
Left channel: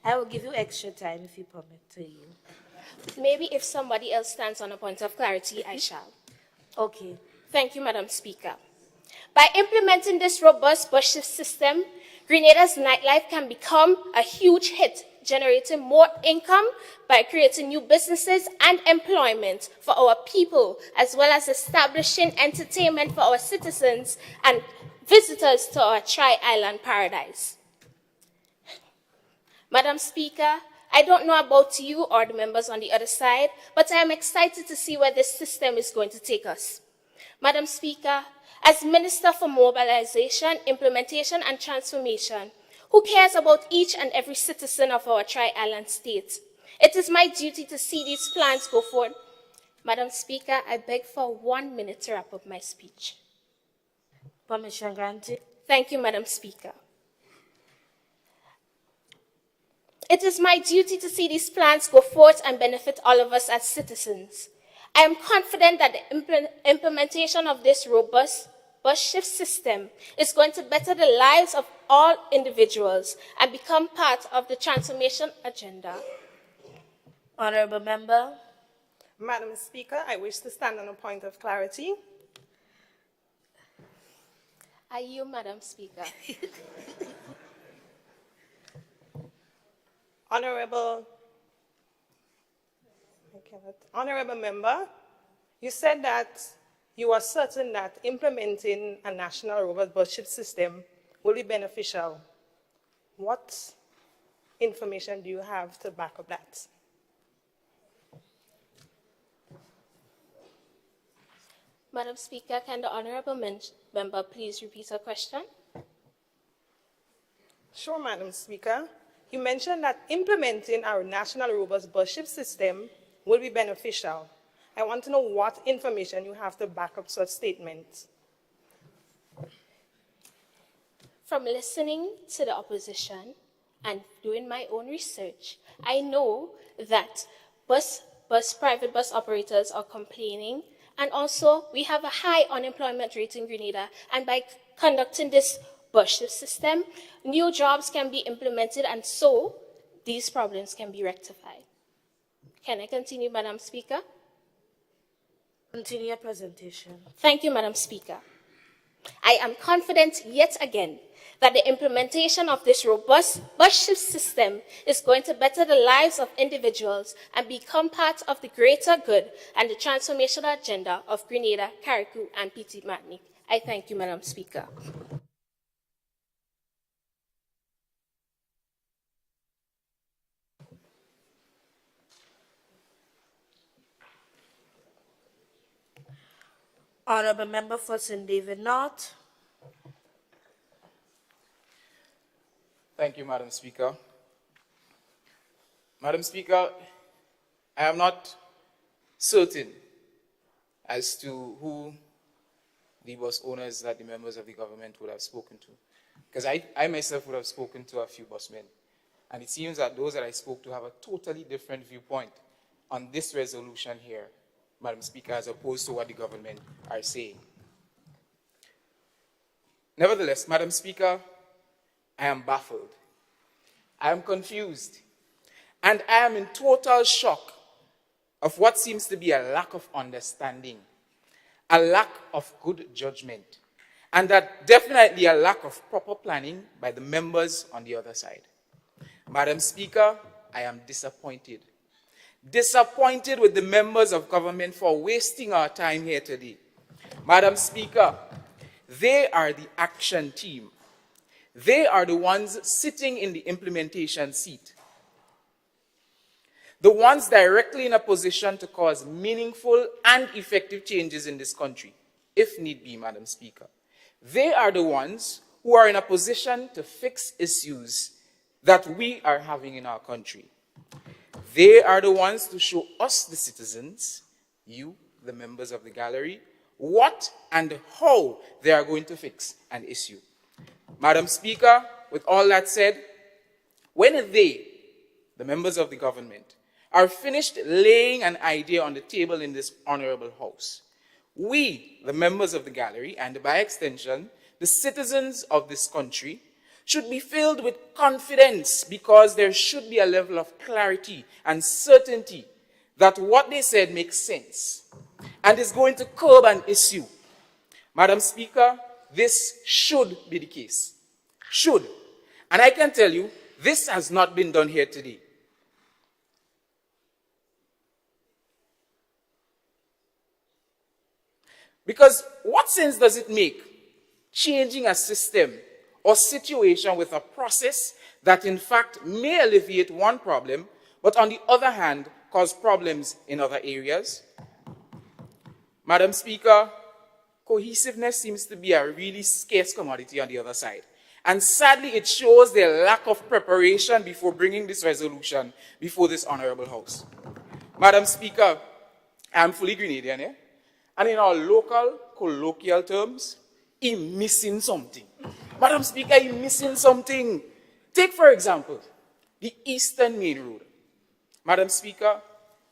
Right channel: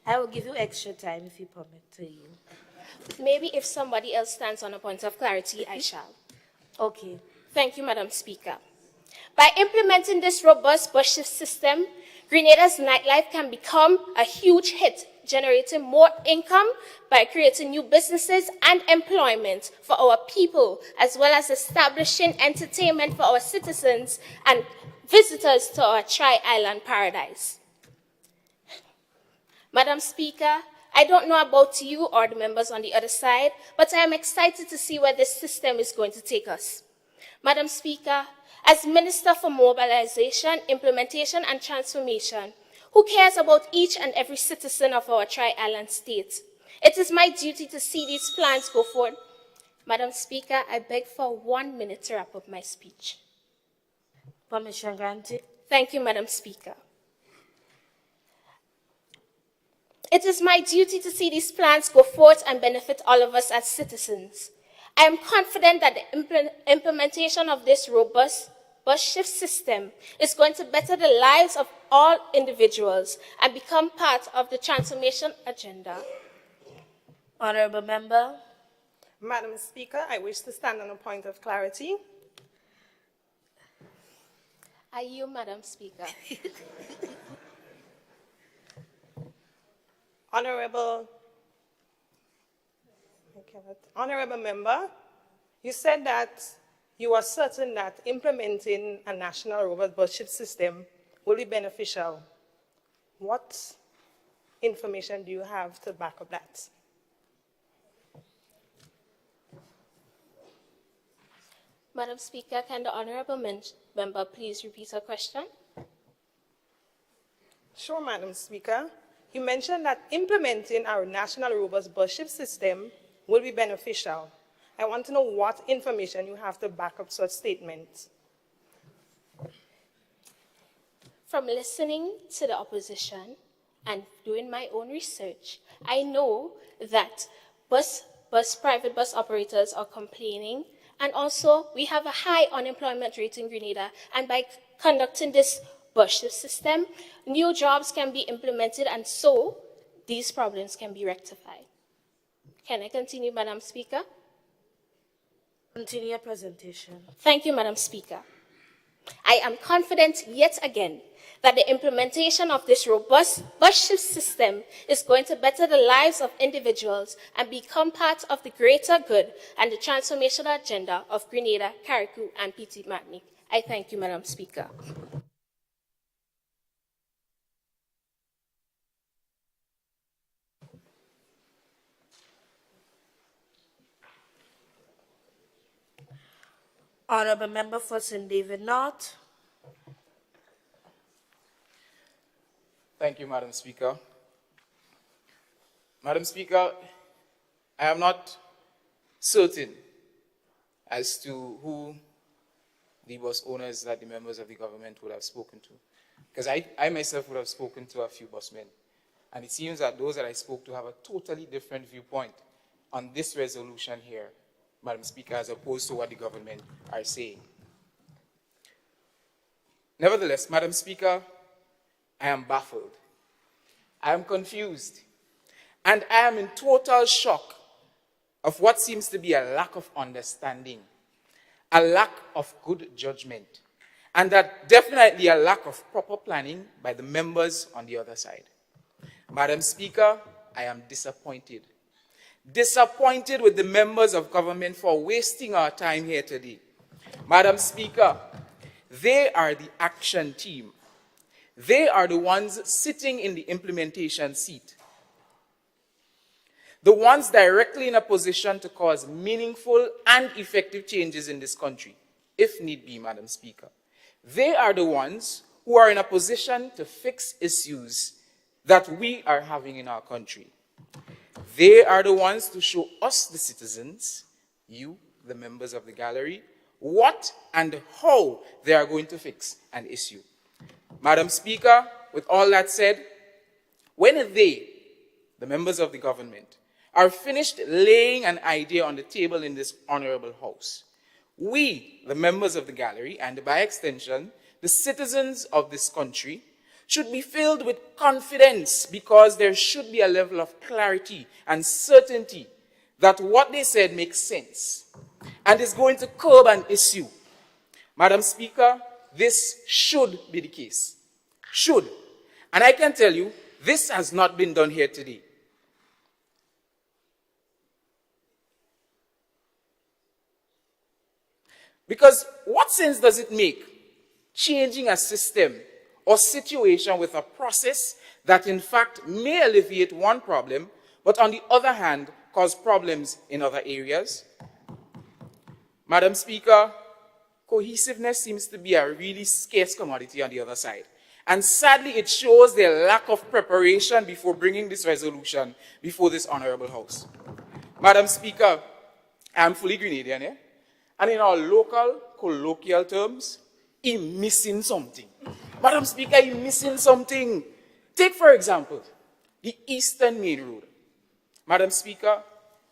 I will give you extra time if you permit to yield. Maybe if somebody else stands on a point of clarity, I shall. Okay. Thank you, Madam Speaker. By implementing this robust bus shift system, Grenada's nightlife can become a huge hit, generating more income by creating new businesses and employment for our people, as well as establishing entertainment for our citizens and visitors to our Tri-Island paradise. Madam Speaker, I don't know about you or the members on the other side, but I am excited to see where this system is going to take us. Madam Speaker, as Minister for Mobilization, Implementation and Transformation, who cares about each and every citizen of our Tri-Island state, it is my duty to see these plans go forward. Madam Speaker, I beg for 1 minute to wrap up my speech. Permission granted. Thank you, Madam Speaker. It is my duty to see these plans go forth and benefit all of us as citizens. I am confident that the implementation of this robust bus shift system is going to better the lives of all individuals and become part of the transformation agenda. Honorable Member. Madam Speaker, I wish to stand on a point of clarity. Are you, Madam Speaker? Honorable member, you said that you are certain that implementing a national robot budget system will be beneficial. What information do you have to back up that? Madam Speaker, can the honorable member please repeat her question? Sure, Madam Speaker. You mentioned that implementing our national robust budget system will be beneficial. I want to know what information you have to back up such statements. From listening to the opposition and doing my own research, I know that private bus operators are complaining, and also we have a high unemployment rate in Grenada, and by conducting this budget system, new jobs can be implemented, and so these problems can be rectified. Can I continue, Madam Speaker? Continue your presentation. Thank you, Madam Speaker. I am confident yet again that the implementation of this robust budget system is going to better the lives of individuals and become part of the greater good and the transformational agenda of Grenada, Carriacou, and Petit Martinique. I thank you, Madam Speaker. Honorable Member for St. David North. Thank you, Madam Speaker. Madam Speaker, I am not certain as to who the bus owners that the members of the government would have spoken to. Because I myself would have spoken to a few busmen. And it seems that those that I spoke to have a totally different viewpoint on this resolution here, Madam Speaker, as opposed to what the government are saying. Nevertheless, Madam Speaker, I am baffled. I am confused. And I am in total shock of what seems to be a lack of understanding, a lack of good judgment, and that definitely a lack of proper planning by the members on the other side. Madam Speaker, I am disappointed. Disappointed with the members of government for wasting our time here today. Madam Speaker, they are the action team. They are the ones sitting in the implementation seat. The ones directly in a position to cause meaningful and effective changes in this country, if need be, Madam Speaker. They are the ones who are in a position to fix issues that we are having in our country. They are the ones to show us, the citizens, you, the members of the gallery, what and how they are going to fix an issue. Madam Speaker, with all that said, when they, the members of the government, are finished laying an idea on the table in this honorable house, we, the members of the gallery, and by extension, the citizens of this country, should be filled with confidence because there should be a level of clarity and certainty that what they said makes sense and is going to curb an issue. Madam Speaker, this should be the case. Should. And I can tell you, this has not been done here today. Because what sense does it make changing a system or situation with a process that in fact may alleviate one problem, but on the other hand, cause problems in other areas? Madam Speaker, cohesiveness seems to be a really scarce commodity on the other side. And sadly, it shows their lack of preparation before bringing this resolution before this honorable house. Madam Speaker, I am fully Grenadian, yeah? And in our local, colloquial terms, he's missing something. Madam Speaker, he's missing something. Take, for example, the Eastern Main Rule. Madam Speaker,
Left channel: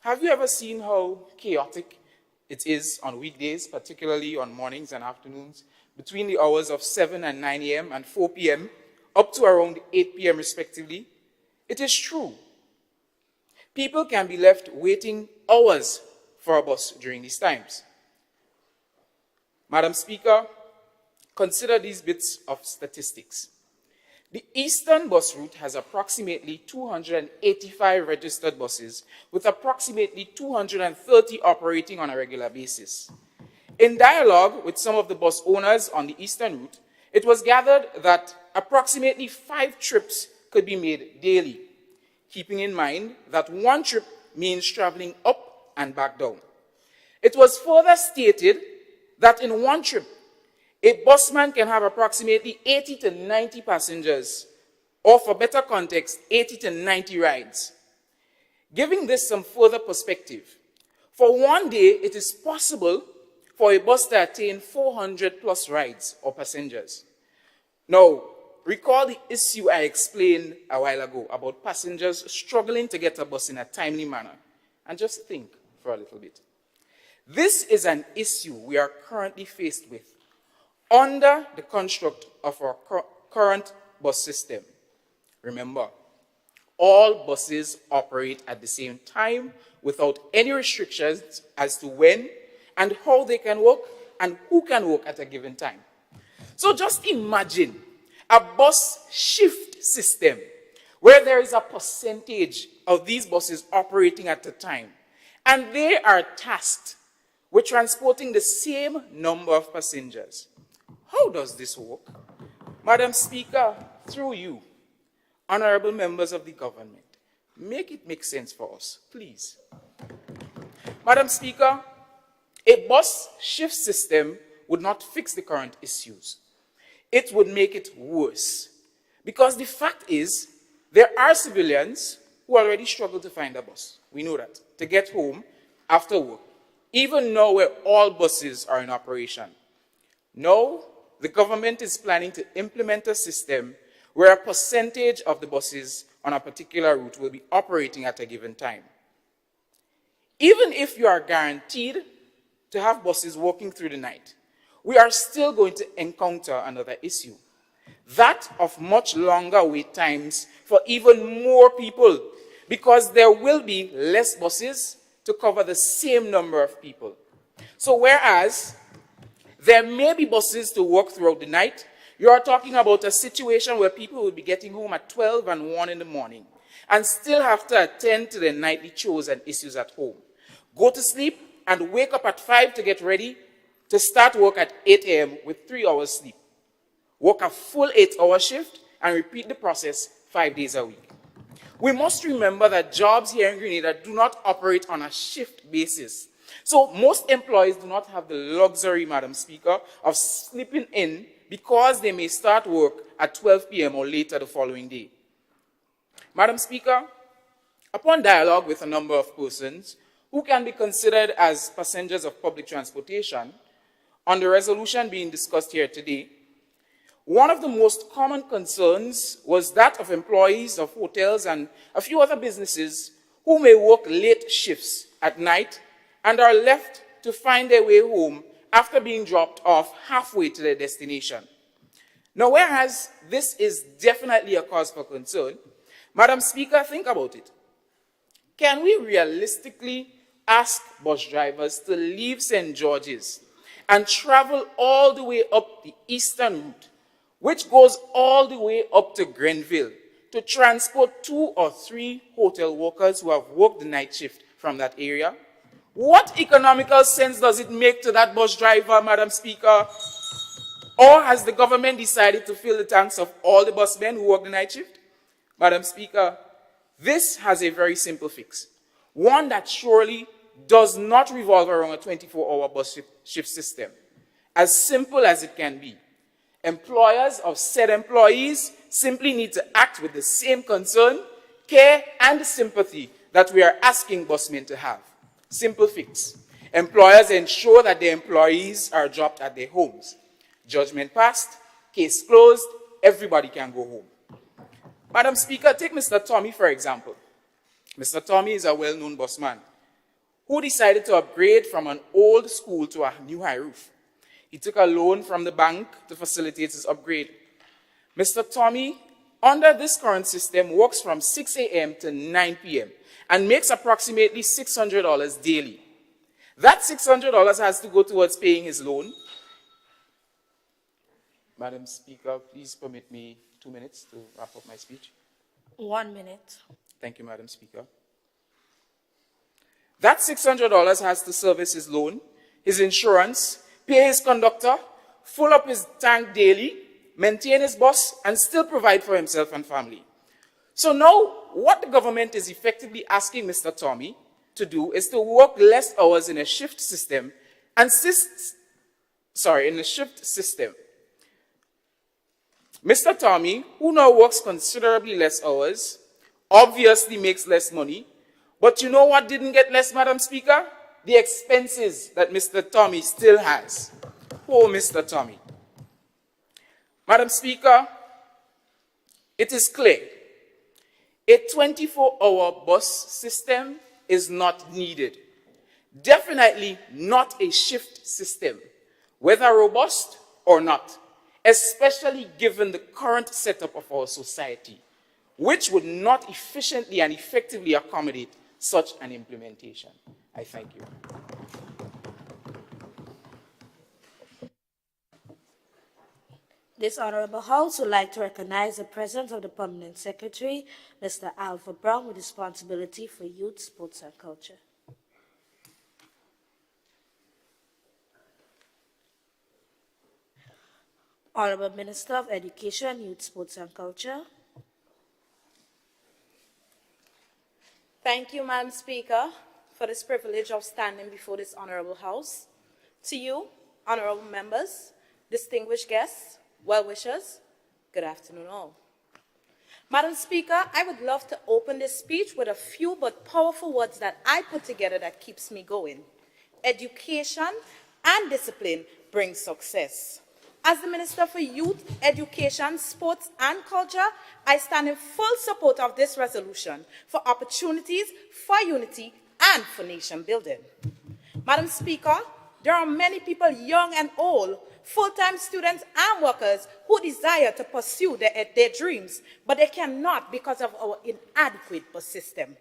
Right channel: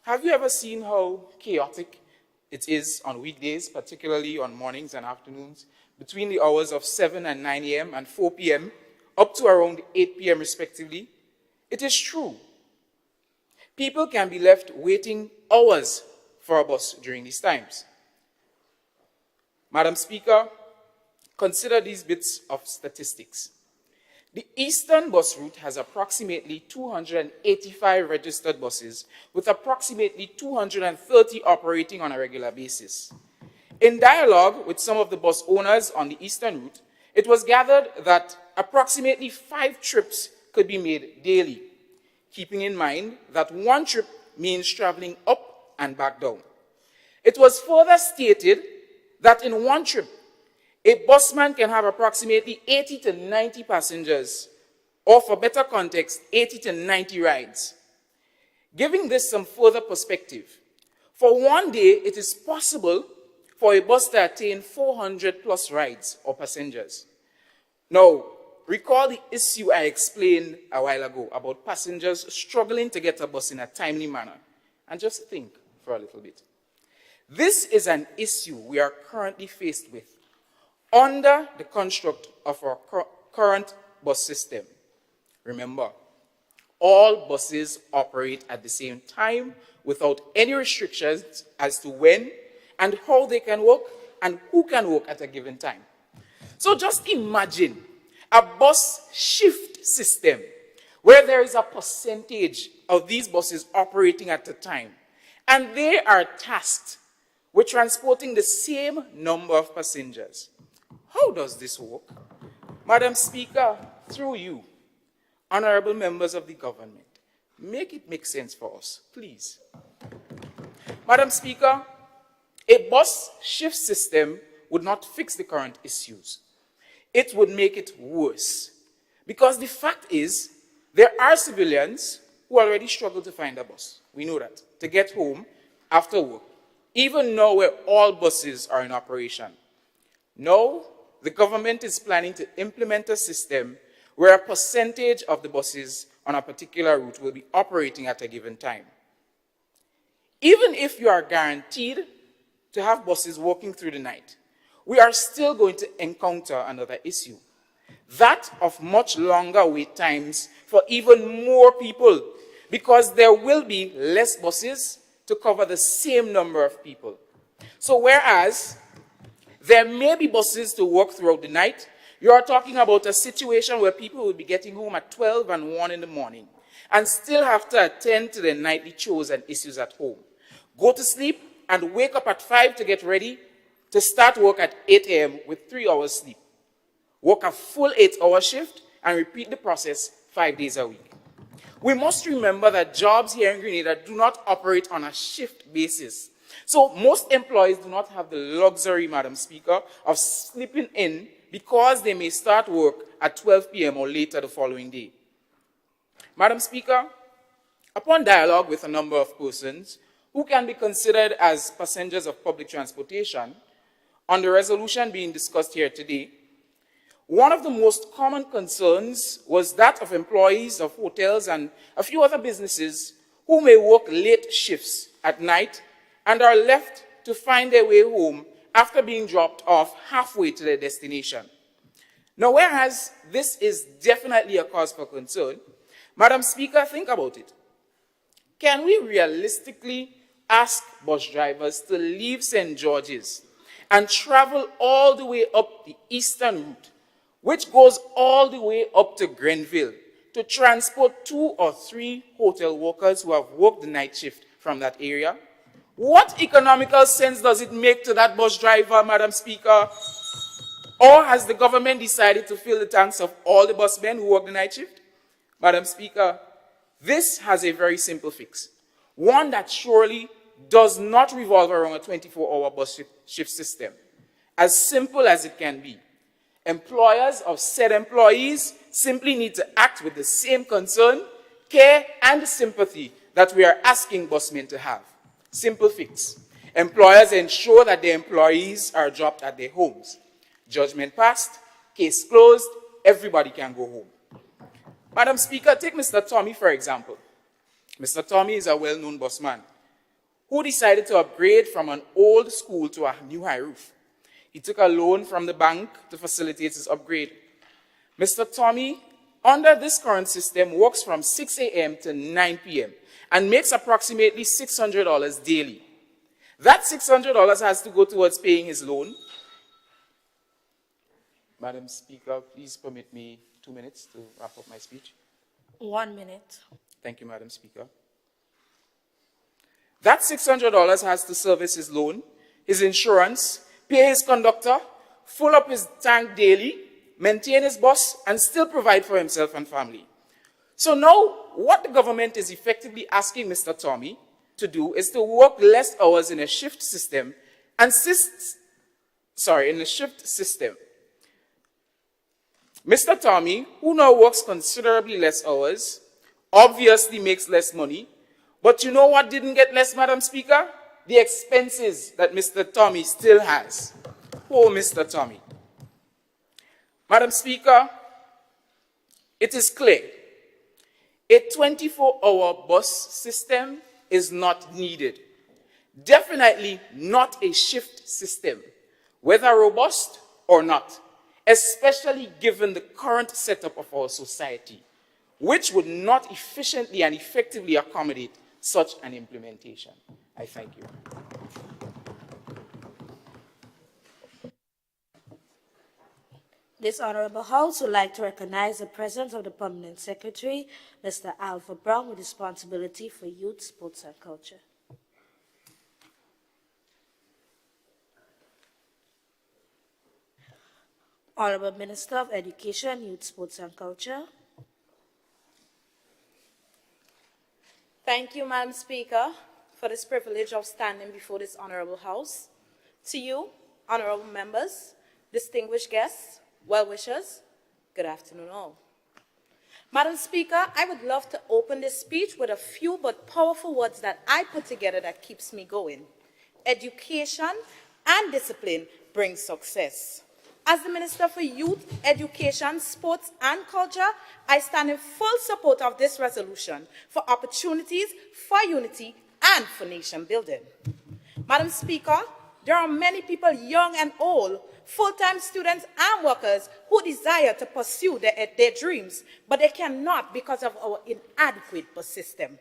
have you ever seen how chaotic it is on weekdays, particularly on mornings and afternoons, between the hours of 7 and 9 a.m. and 4 p.m., up to around 8 p.m. respectively? It is true. People can be left waiting hours for a bus during these times. Madam Speaker, Consider these bits of statistics. The Eastern bus route has approximately 285 registered buses, with approximately 230 operating on a regular basis. In dialogue with some of the bus owners on the Eastern route, it was gathered that approximately 5 trips could be made daily, keeping in mind that 1 trip means traveling up and back down. It was further stated that in 1 trip, a busman can have approximately 80 to 90 passengers, or for better context, 80 to 90 rides. Giving this some further perspective, for 1 day, it is possible for a bus to attain 400 plus rides or passengers. Now, recall the issue I explained a while ago about passengers struggling to get a bus in a timely manner. And just think for a little bit. This is an issue we are currently faced with under the construct of our current bus system. Remember, all buses operate at the same time without any restrictions as to when and how they can work and who can work at a given time. So just imagine a bus shift system where there is a percentage of these buses operating at a time, and they are tasked with transporting the same number of passengers. How does this work? Madam Speaker, through you, honorable members of the government, make it make sense for us, please. Madam Speaker, a bus shift system would not fix the current issues. It would make it worse. Because the fact is, there are civilians who already struggle to find a bus. We know that. To get home after work, even now where all buses are in operation. Now, the government is planning to implement a system where a percentage of the buses on a particular route will be operating at a given time. Even if you are guaranteed to have buses working through the night, we are still going to encounter another issue. That of much longer wait times for even more people, because there will be less buses to cover the same number of people. So whereas there may be buses to work throughout the night, you are talking about a situation where people will be getting home at 12 and 1 in the morning and still have to attend to their nightly chores and issues at home. Go to sleep and wake up at 5 to get ready to start work at 8 a.m. with 3 hours sleep. Work a full 8-hour shift and repeat the process 5 days a week. We must remember that jobs here in Grenada do not operate on a shift basis. So most employees do not have the luxury, Madam Speaker, of sleeping in because they may start work at 12 p.m. or later the following day. Madam Speaker, upon dialogue with a number of persons who can be considered as passengers of public transportation, on the resolution being discussed here today, one of the most common concerns was that of employees of hotels and a few other businesses who may work late shifts at night and are left to find their way home after being dropped off halfway to their destination. Now, whereas this is definitely a cause for concern, Madam Speaker, think about it. Can we realistically ask bus drivers to leave St. George's and travel all the way up the eastern route, which goes all the way up to Grenville, to transport 2 or 3 hotel workers who have worked the night shift from that area? What economical sense does it make to that bus driver, Madam Speaker? Or has the government decided to fill the tanks of all the busmen who work the night shift? Madam Speaker, this has a very simple fix. One that surely does not revolve around a 24-hour bus shift system. As simple as it can be. Employers of said employees simply need to act with the same concern, care, and sympathy that we are asking busmen to have. Simple fix. Employers ensure that their employees are dropped at their homes. Judgment passed, case closed, everybody can go home. Madam Speaker, take Mr. Tommy for example. Mr. Tommy is a well-known busman who decided to upgrade from an old school to a new high roof. He took a loan from the bank to facilitate his upgrade. Mr. Tommy, under this current system, works from 6 a.m. to 9 p.m. and makes approximately $600 daily. That $600 has to go towards paying his loan. Madam Speaker, please permit me 2 minutes to wrap up my speech. 1 minute. Thank you, Madam Speaker. That $600 has to service his loan, his insurance, pay his conductor, fill up his tank daily, maintain his bus, and still provide for himself and family. So now, what the government is effectively asking Mr. Tommy to do is to work less hours in a shift system and Mr. Tommy, who now works considerably less hours, obviously makes less money. But you know what didn't get less, Madam Speaker? The expenses that Mr. Tommy still has. Poor Mr. Tommy. Madam Speaker, it is clear a 24-hour bus system is not needed. Definitely not a shift system, whether robust or not, especially given the current setup of our society, which would not efficiently and effectively accommodate such an implementation. I thank you. This Honorable House would like to recognize the presence of the Permanent Secretary, Mr. Alpha Brown, with responsibility for youth, sports, and culture. Honorable Minister of Education, Youth, Sports, and Culture. Thank you, Madam Speaker, for this privilege of standing before this Honorable House. To you, Honorable members, distinguished guests, well-wishers, good afternoon all. Madam Speaker, I would love to open this speech with a few but powerful words that I put together that keeps me going. Education and discipline bring success. As the Minister for Youth, Education, Sports and Culture, I stand in full support of this resolution for opportunities, for unity and for nation building. Madam Speaker, there are many people, young and old, full-time students and workers who desire to pursue their dreams, but they cannot because of our inadequate bus system.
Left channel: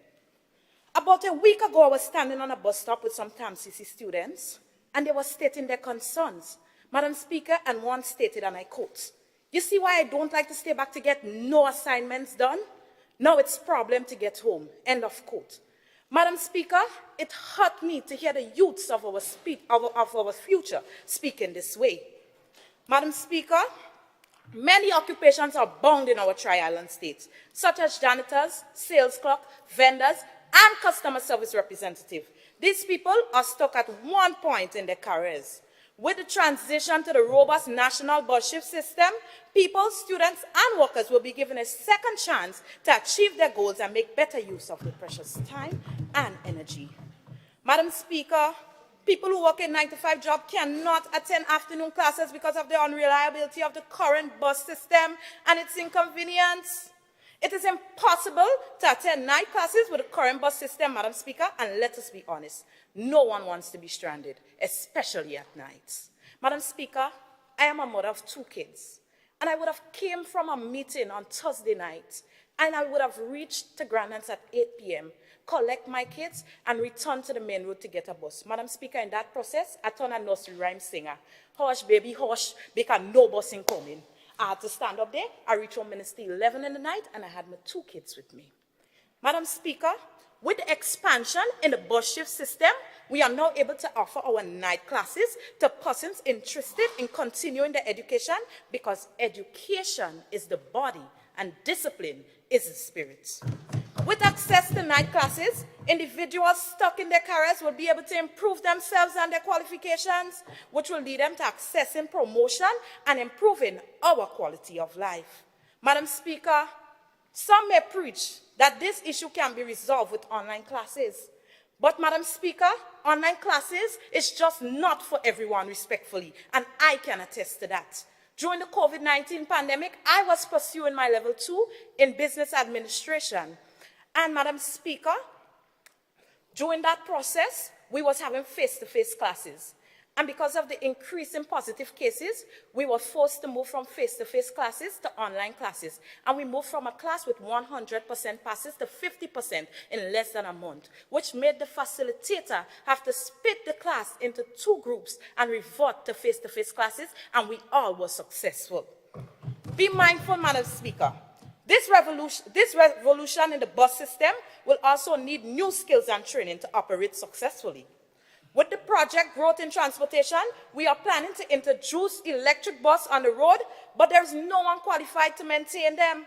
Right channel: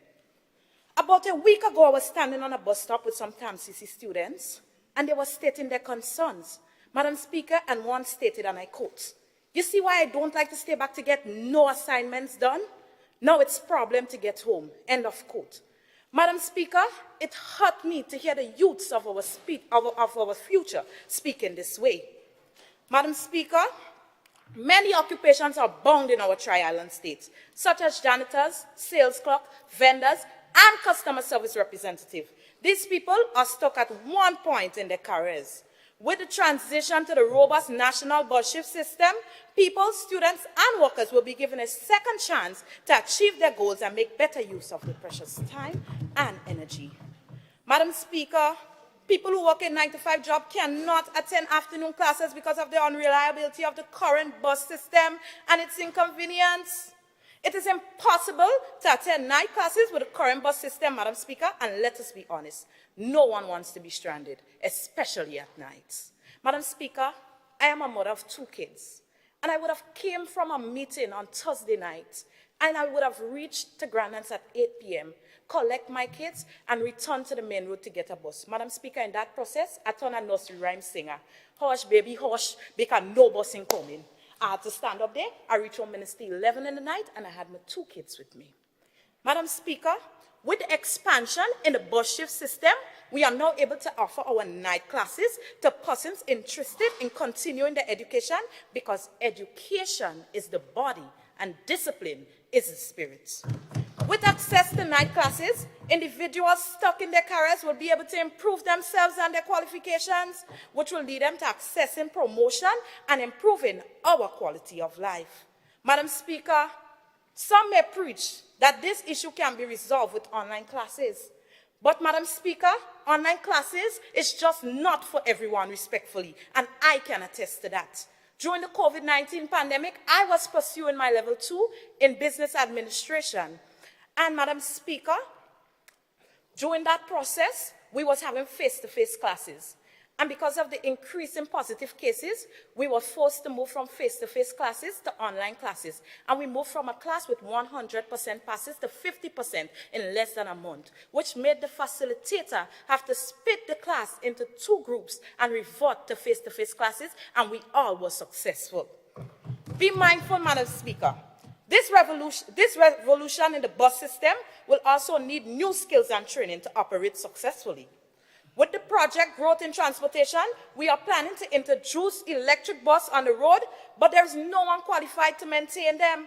About a week ago, I was standing on a bus stop with some TAMCC students, and they were stating their concerns. Madam Speaker, and one stated, and I quote, "You see why I don't like to stay back to get no assignments done? Now it's problem to get home," end of quote. Madam Speaker, it hurt me to hear the youths of our future speaking this way. Madam Speaker, many occupations are bound in our Tri-Island states, such as janitors, sales clerk, vendors, and customer service representative. These people are stuck at one point in their careers. With the transition to the robust national bus shift system, people, students, and workers will be given a second chance to achieve their goals and make better use of their precious time and energy. Madam Speaker, people who work a 9-to-5 job cannot attend afternoon classes because of the unreliability of the current bus system and its inconvenience. It is impossible to attend night classes with the current bus system, Madam Speaker, and let us be honest, no one wants to be stranded, especially at nights. Madam Speaker, I am a mother of 2 kids, and I would have came from a meeting on Thursday night, and I would have reached to Grenada at 8 p.m., collect my kids, and return to the main road to get a bus. Madam Speaker, in that process, I turned a nursery rhyme singer. Hush, baby, hush, because no bus ain't coming. I had to stand up there. I reached home Minister 11 in the night, and I had my 2 kids with me. Madam Speaker, with the expansion in the bus shift system, we are now able to offer our night classes to persons interested in continuing their education, because education is the body and discipline is the spirit. With access to night classes, individuals stuck in their careers will be able to improve themselves and their qualifications, which will lead them to accessing promotion and improving our quality of life. Madam Speaker, some may preach that this issue can be resolved with online classes. But Madam Speaker, online classes is just not for everyone respectfully, and I can attest to that. During the COVID-19 pandemic, I was pursuing my level 2 in business administration. And Madam Speaker, during that process, we was having face-to-face classes. And because of the increase in positive cases, we were forced to move from face-to-face classes to online classes. And we moved from a class with 100% passes to 50% in less than a month, which made the facilitator have to split the class into 2 groups and revert to face-to-face classes, and we all were successful. Be mindful, Madam Speaker. This revolution in the bus system will also need new skills and training to operate successfully. With the project Growth in Transportation, we are planning to introduce electric bus on the road, but there's no one qualified to maintain them.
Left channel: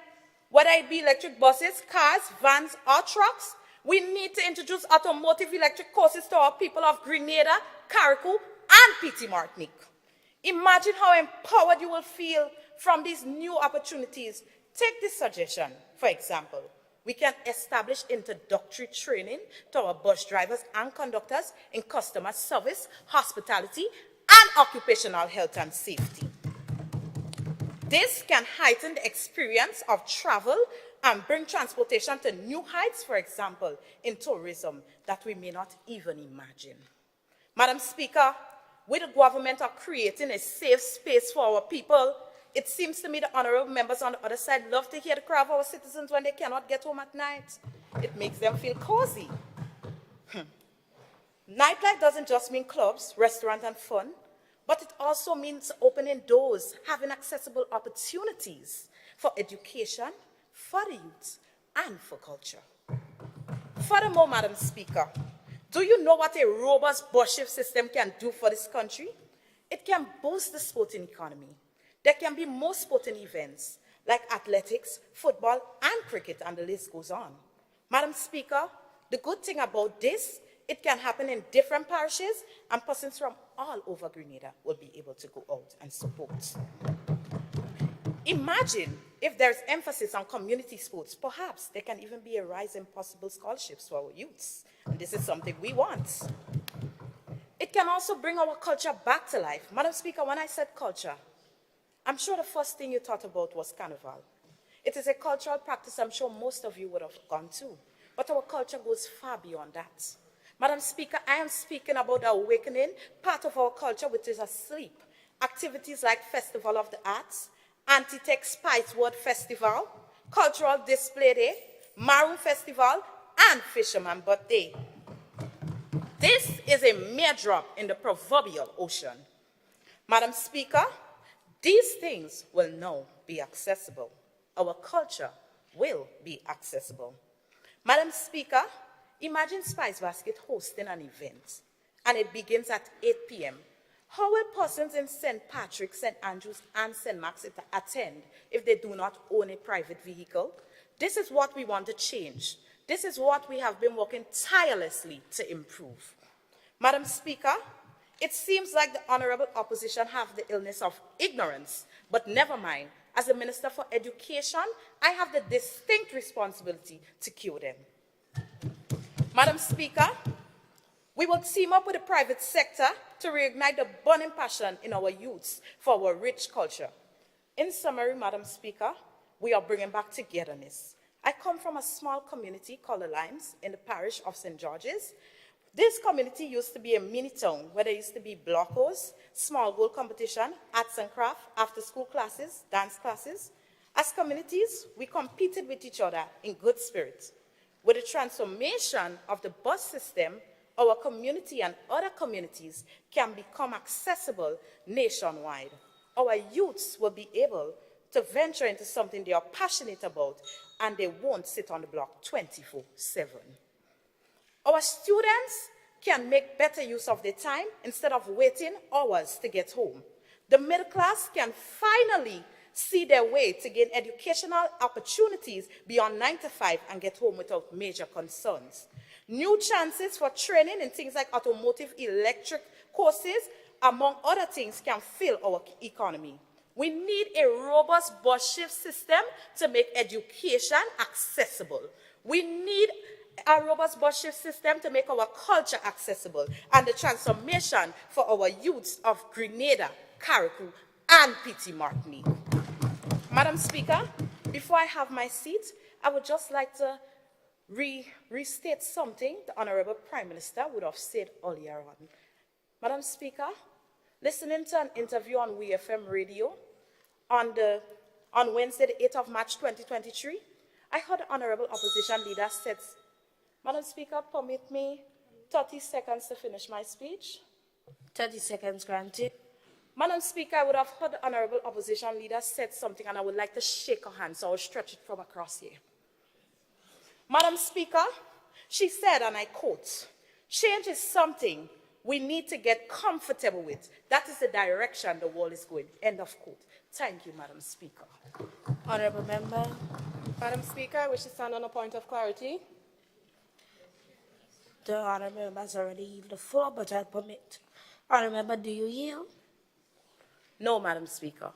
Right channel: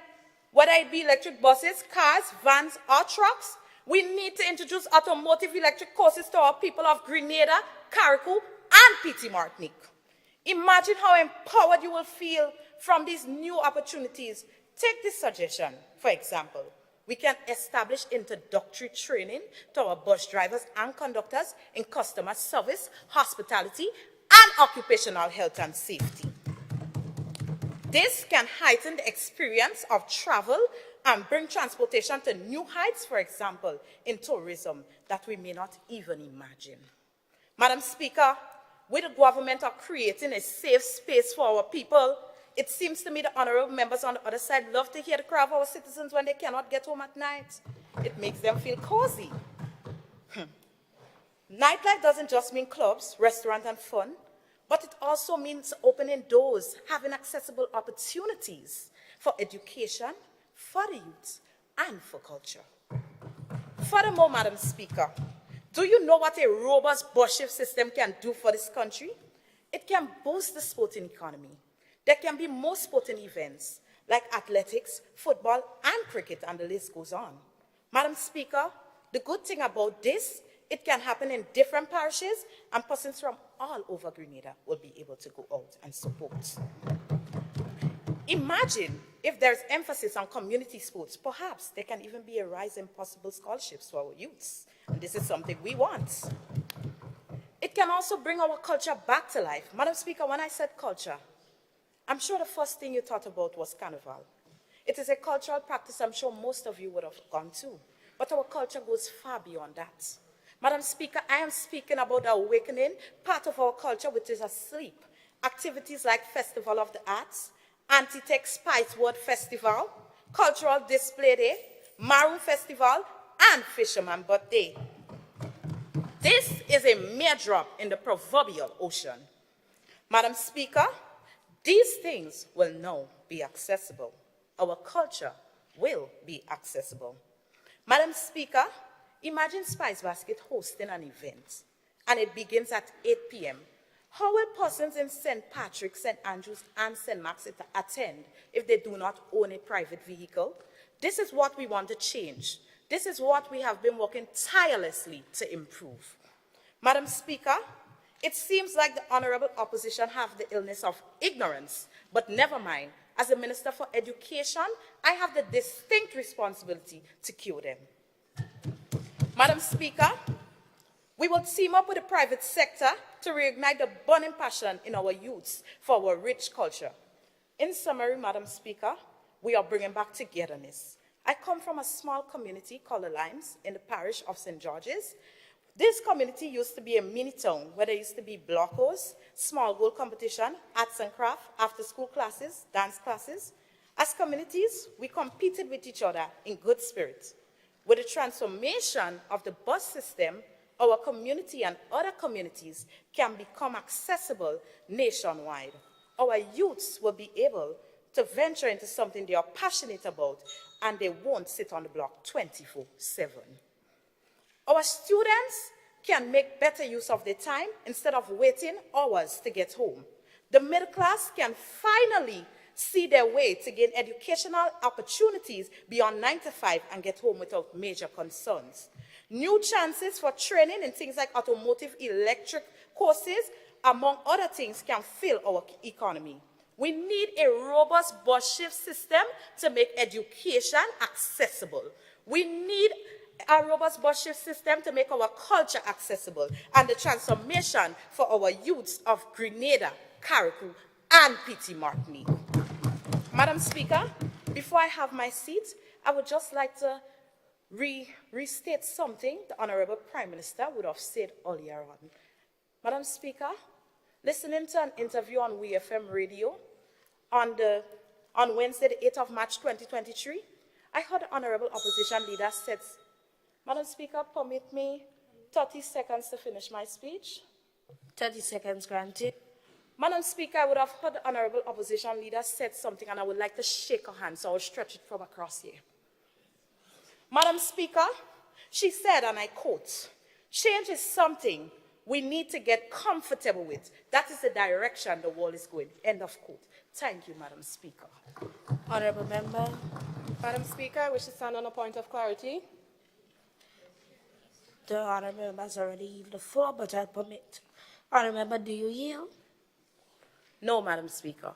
Whether it be electric buses, cars, vans, or trucks, we need to introduce automotive electric courses to our people of Grenada, Carriacou, and Petit Martinique. Imagine how empowered you will feel from these new opportunities. Take this suggestion, for example. We can establish introductory training to our bus drivers and conductors in customer service, hospitality, and occupational health and safety. This can heighten the experience of travel and bring transportation to new heights, for example, in tourism that we may not even imagine. Madam Speaker, we the government are creating a safe space for our people. It seems to me the honorable members on the other side love to hear the cry of our citizens when they cannot get home at night. It makes them feel cozy. Nightlife doesn't just mean clubs, restaurants, and fun, but it also means opening doors, having accessible opportunities for education, for the youth, and for culture. Furthermore, Madam Speaker, do you know what a robust bus shift system can do for this country? It can boost the sporting economy. There can be more sporting events like athletics, football, and cricket, and the list goes on. Madam Speaker, the good thing about this, it can happen in different parishes, and persons from all over Grenada will be able to go out and support. Imagine if there's emphasis on community sports, perhaps there can even be a rise in possible scholarships for our youths. And this is something we want. It can also bring our culture back to life. Madam Speaker, when I said culture, I'm sure the first thing you thought about was Carnival. It is a cultural practice I'm sure most of you would have gone to, but our culture goes far beyond that. Madam Speaker, I am speaking about the awakening, part of our culture which is asleep. Activities like Festival of the Arts, Anti-Tech Spice World Festival, Cultural Display Day, Maroon Festival, and Fisherman Birthday. This is a mere drop in the proverbial ocean. Madam Speaker, these things will now be accessible. Our culture will be accessible. Madam Speaker, imagine Spice Basket hosting an event, and it begins at 8 p.m. How will persons in St. Patrick's, St. Andrews, and St. Mark's attend if they do not own a private vehicle? This is what we want to change. This is what we have been working tirelessly to improve. Madam Speaker, it seems like the honorable opposition have the illness of ignorance, but never mind. As a Minister for Education, I have the distinct responsibility to cure them. Madam Speaker, we will team up with the private sector to reignite the burning passion in our youths for our rich culture. In summary, Madam Speaker, we are bringing back togetherness. I come from a small community called the Limes in the parish of St. George's. This community used to be a mini town where there used to be blockos, small goal competition, arts and craft, after-school classes, dance classes. As communities, we competed with each other in good spirit. With the transformation of the bus system, our community and other communities can become accessible nationwide. Our youths will be able to venture into something they are passionate about, and they won't sit on the block 24/7. Our students can make better use of their time instead of waiting hours to get home. The middle class can finally see their way to gain educational opportunities beyond 9 to 5 and get home without major concerns. New chances for training in things like automotive electric courses, among other things, can fill our economy. We need a robust bus shift system to make education accessible. We need a robust bus shift system to make our culture accessible and the transformation for our youths of Grenada, Carriacou, and Petit Martinique. Madam Speaker, before I have my seat, I would just like to restate something the Honorable Prime Minister would have said earlier on. Madam Speaker, Listening to an interview on WFM radio on Wednesday, the 8th of March 2023, I heard the Honorable Opposition Leader said, Madam Speaker, permit me 30 seconds to finish my speech. 30 seconds granted. Madam Speaker, I would have heard the Honorable Opposition Leader said something and I would like to shake her hand, so I'll stretch it from across here. Madam Speaker, she said, and I quote, change is something we need to get comfortable with. That is the direction the world is going. End of quote. Thank you, Madam Speaker. Honorable Member. Madam Speaker, I wish to stand on a point of clarity. The Honorable Member has already used the floor, but I permit. Honorable Member, do you yield? No, Madam Speaker.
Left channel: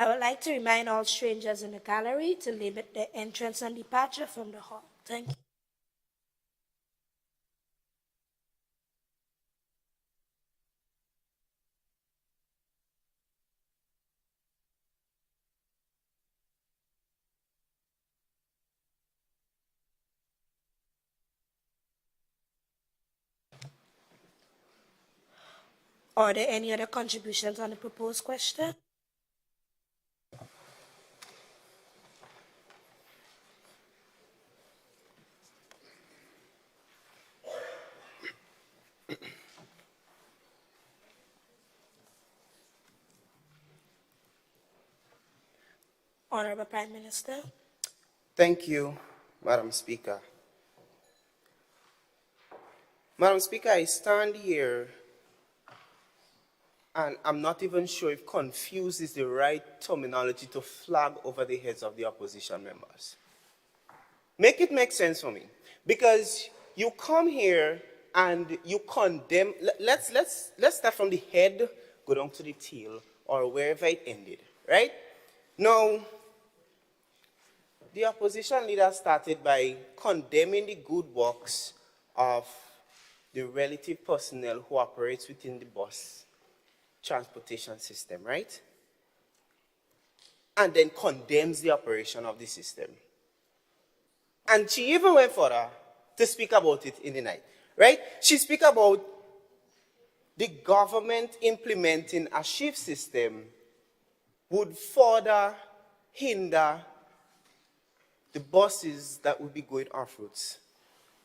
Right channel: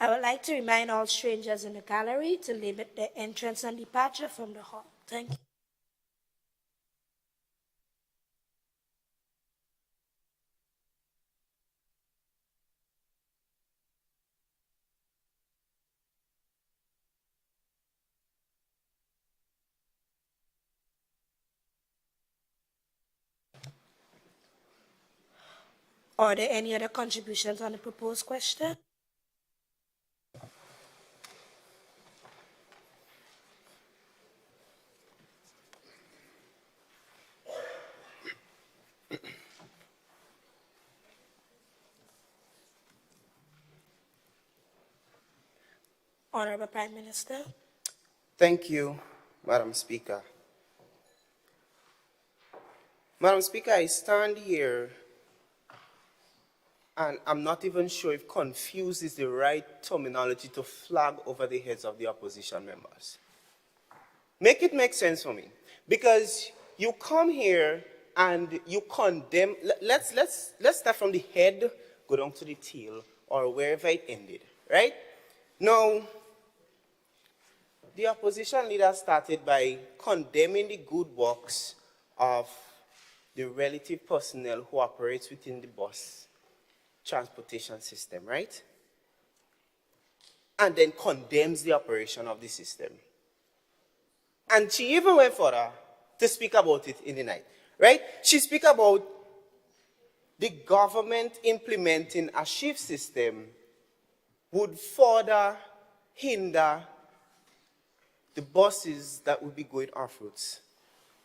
I would like to remind all strangers in the gallery to limit their entrance and departure from the hall. Thank you. Are there any other contributions on the proposed question? Honorable Prime Minister. Thank you, Madam Speaker. Madam Speaker, I stand here and I'm not even sure if confused is the right terminology to flag over the heads of the opposition members. Make it make sense for me. Because you come here and you condemn, let's start from the head, go down to the tail, or wherever it ended, right? Now, the opposition leader started by condemning the good works of the relative personnel who operates within the bus transportation system, right? And then condemns the operation of the system. And she even went further to speak about it in the night, right? She speak about the government implementing a shift system would further hinder the buses that will be going off routes.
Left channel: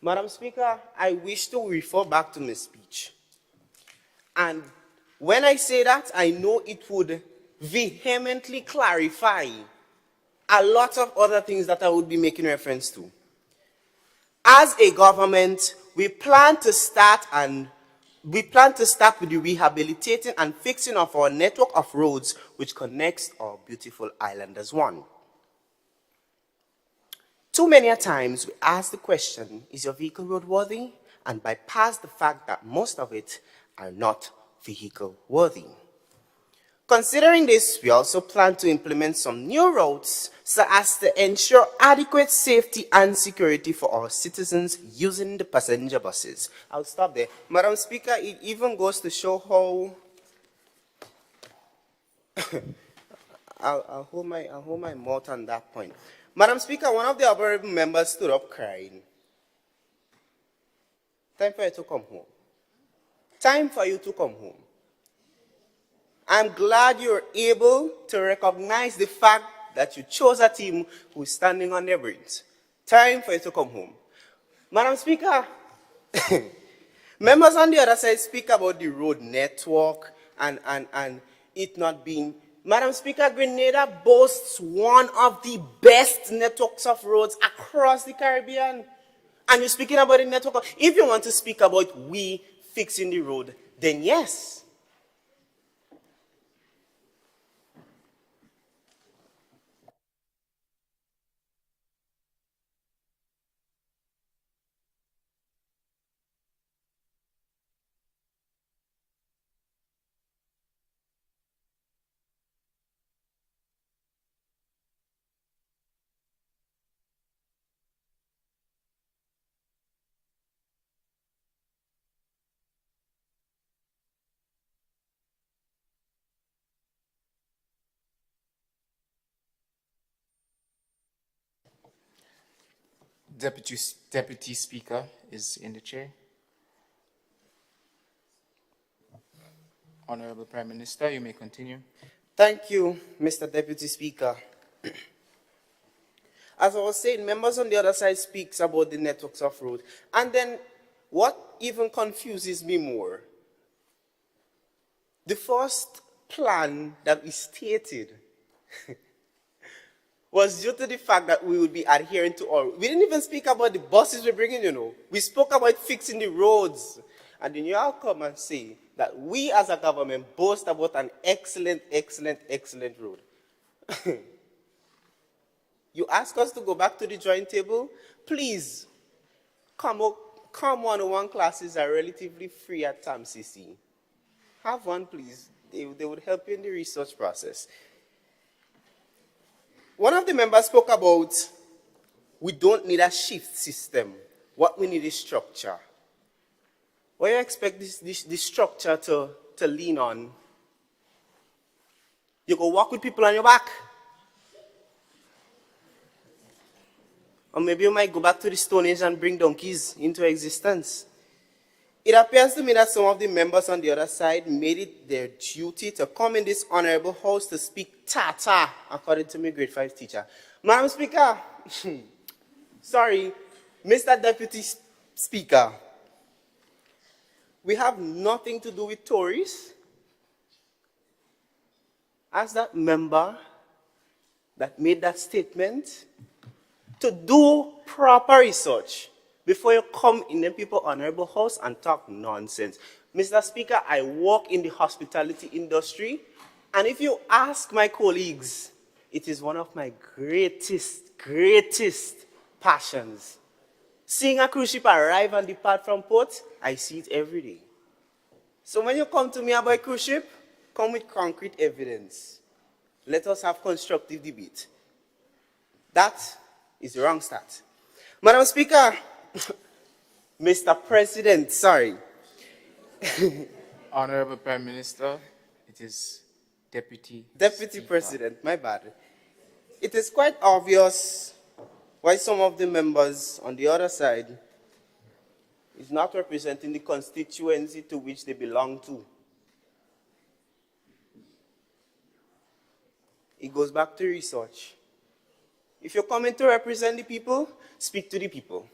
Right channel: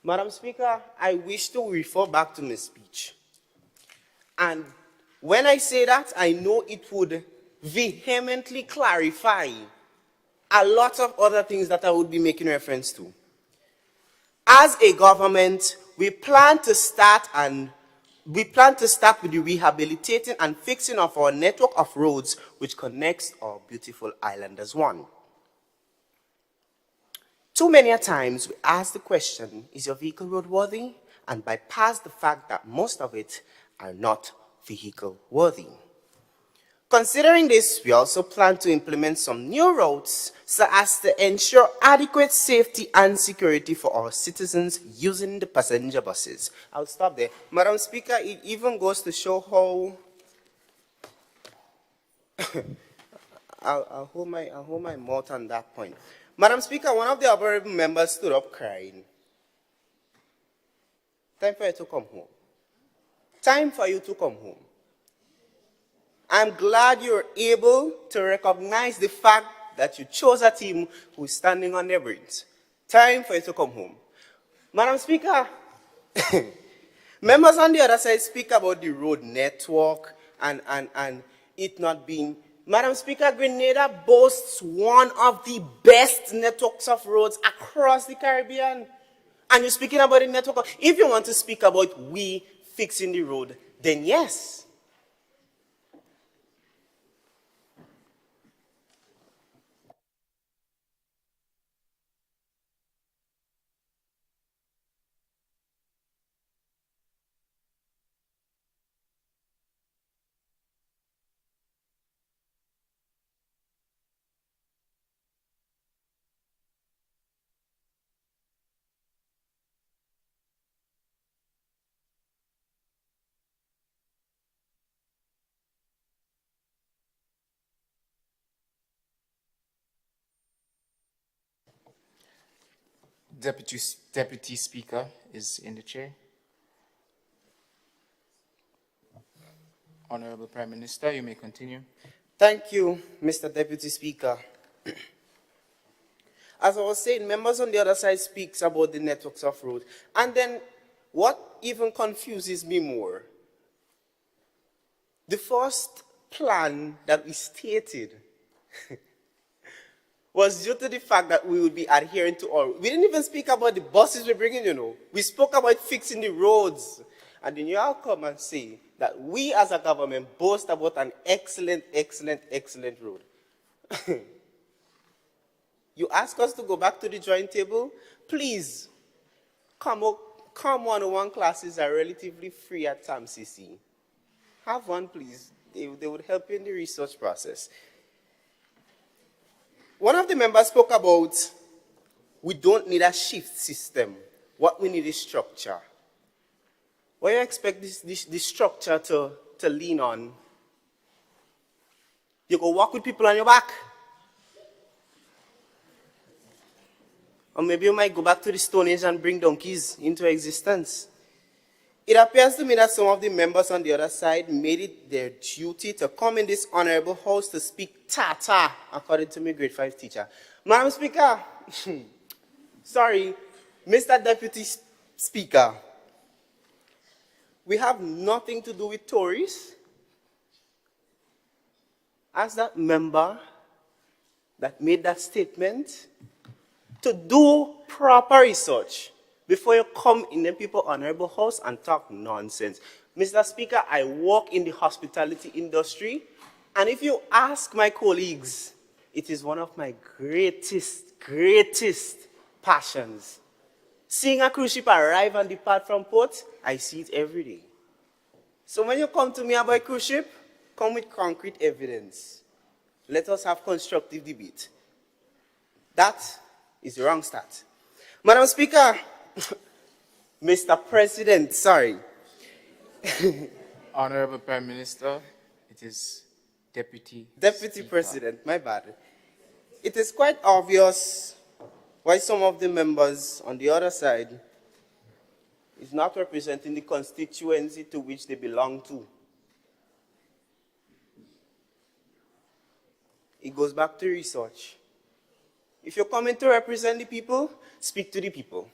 Madam Speaker, I wish to refer back to my speech. And when I say that, I know it would vehemently clarify a lot of other things that I would be making reference to. As a government, we plan to start with the rehabilitating and fixing of our network of roads which connects our beautiful island as one. Too many a times we ask the question, is your vehicle roadworthy? And bypass the fact that most of it are not vehicle worthy. Considering this, we also plan to implement some new routes so as to ensure adequate safety and security for our citizens using the passenger buses. I'll stop there. Madam Speaker, it even goes to show how I'll hold my mouth on that point. Madam Speaker, one of the honorable members stood up crying. Time for you to come home. Time for you to come home. I'm glad you're able to recognize the fact that you chose a team who is standing on their brains. Time for you to come home. Madam Speaker, members on the other side speak about the road network and it not being. Madam Speaker, Grenada boasts one of the best networks of roads across the Caribbean. And you're speaking about the network. If you want to speak about we fixing the road, then yes. Deputy Speaker is in the chair. Honorable Prime Minister, you may continue. Thank you, Mr. Deputy Speaker. As I was saying, members on the other side speaks about the networks of roads. And then what even confuses me more, the first plan that we stated was due to the fact that we would be adhering to all. We didn't even speak about the buses we're bringing, you know. We spoke about fixing the roads. And then you all come and say that we as a government boast about an excellent, excellent, excellent road. You ask us to go back to the drawing table? Please, come 101 classes are relatively free at TAMCC. Have one, please. They would help you in the research process. One of the members spoke about we don't need a shift system. What we need is structure. What do you expect this structure to lean on? You go walk with people on your back. Or maybe you might go back to the Stone Age and bring donkeys into existence. It appears to me that some of the members on the other side made it their duty to come in this honorable house to speak Tata, according to my grade 5 teacher. Madam Speaker, sorry, Mr. Deputy Speaker, we have nothing to do with Tories. As that member that made that statement, to do proper research before you come in the people honorable house and talk nonsense. Mr. Speaker, I work in the hospitality industry, and if you ask my colleagues, it is one of my greatest passions. Seeing a cruise ship arrive and depart from port, I see it every day. So when you come to me about cruise ship, come with concrete evidence. Let us have constructive debate. That is the wrong start. Madam Speaker, Mr. President, sorry. Honorable Prime Minister, it is Deputy President, my bad. It is quite obvious why some of the members on the other side is not representing the constituency to which they belong to. It goes back to research. If you're coming to represent the people, speak to the people.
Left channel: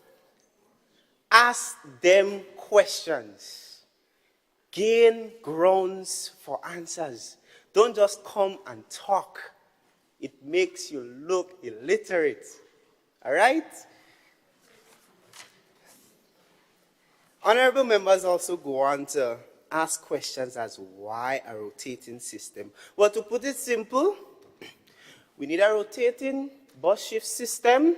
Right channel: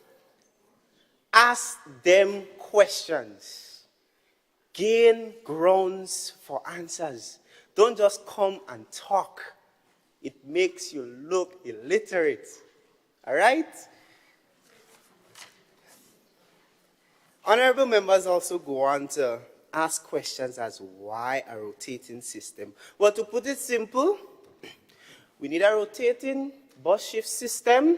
Ask them questions. Gain grounds for answers. Don't just come and talk. It makes you look illiterate. All right? Honorable members also go on to ask questions as why a rotating system. Well, to put it simple, we need a rotating bus shift system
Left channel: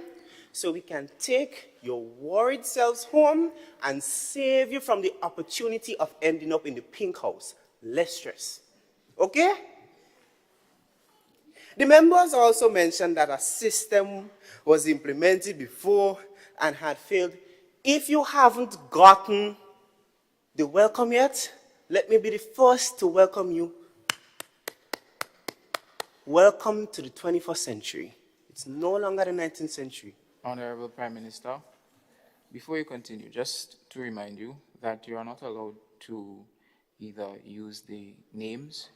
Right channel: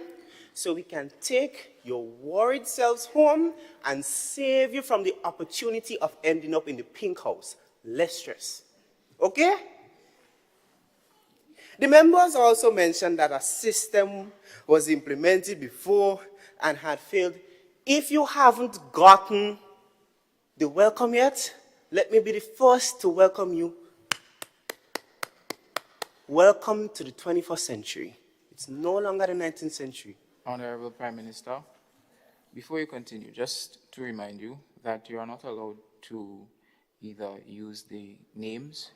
so we can take your worried selves home and save you from the opportunity of ending up in the pink house. Less stress. Okay? The members also mentioned that a system was implemented before and had failed. If you haven't gotten the welcome yet, let me be the first to welcome you. Welcome to the 21st century. It's no longer the 19th century. Honorable Prime Minister, before you continue, just to remind you that you are not allowed to either use the names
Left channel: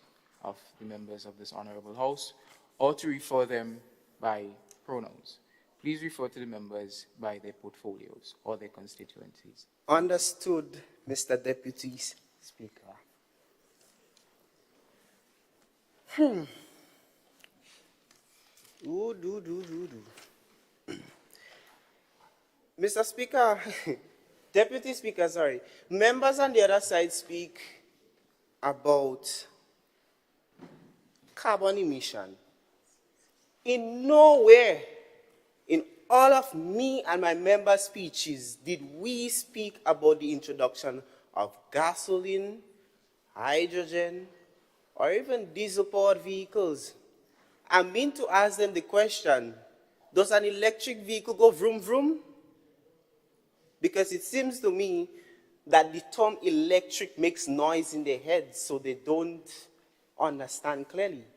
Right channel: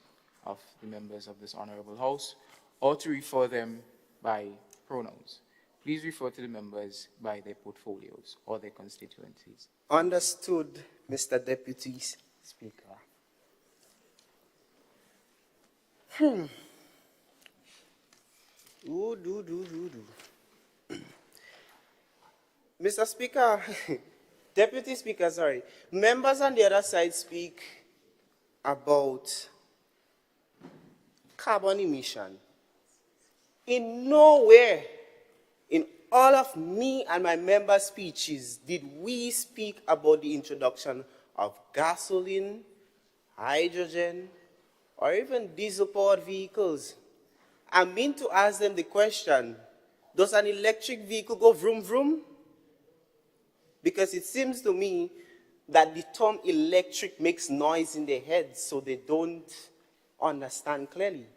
of the members of this honorable house or to refer them by pronouns. Please refer to the members by their portfolios or their constituencies. Understood, Mr. Deputy Speaker. Mr. Speaker, Deputy Speaker, sorry. Members on the other side speak about carbon emission. In nowhere in all of me and my member speeches did we speak about the introduction of gasoline, hydrogen, or even diesel-powered vehicles. I mean to ask them the question, does an electric vehicle go vroom vroom? Because it seems to me that the term electric makes noise in their heads, so they don't understand clearly.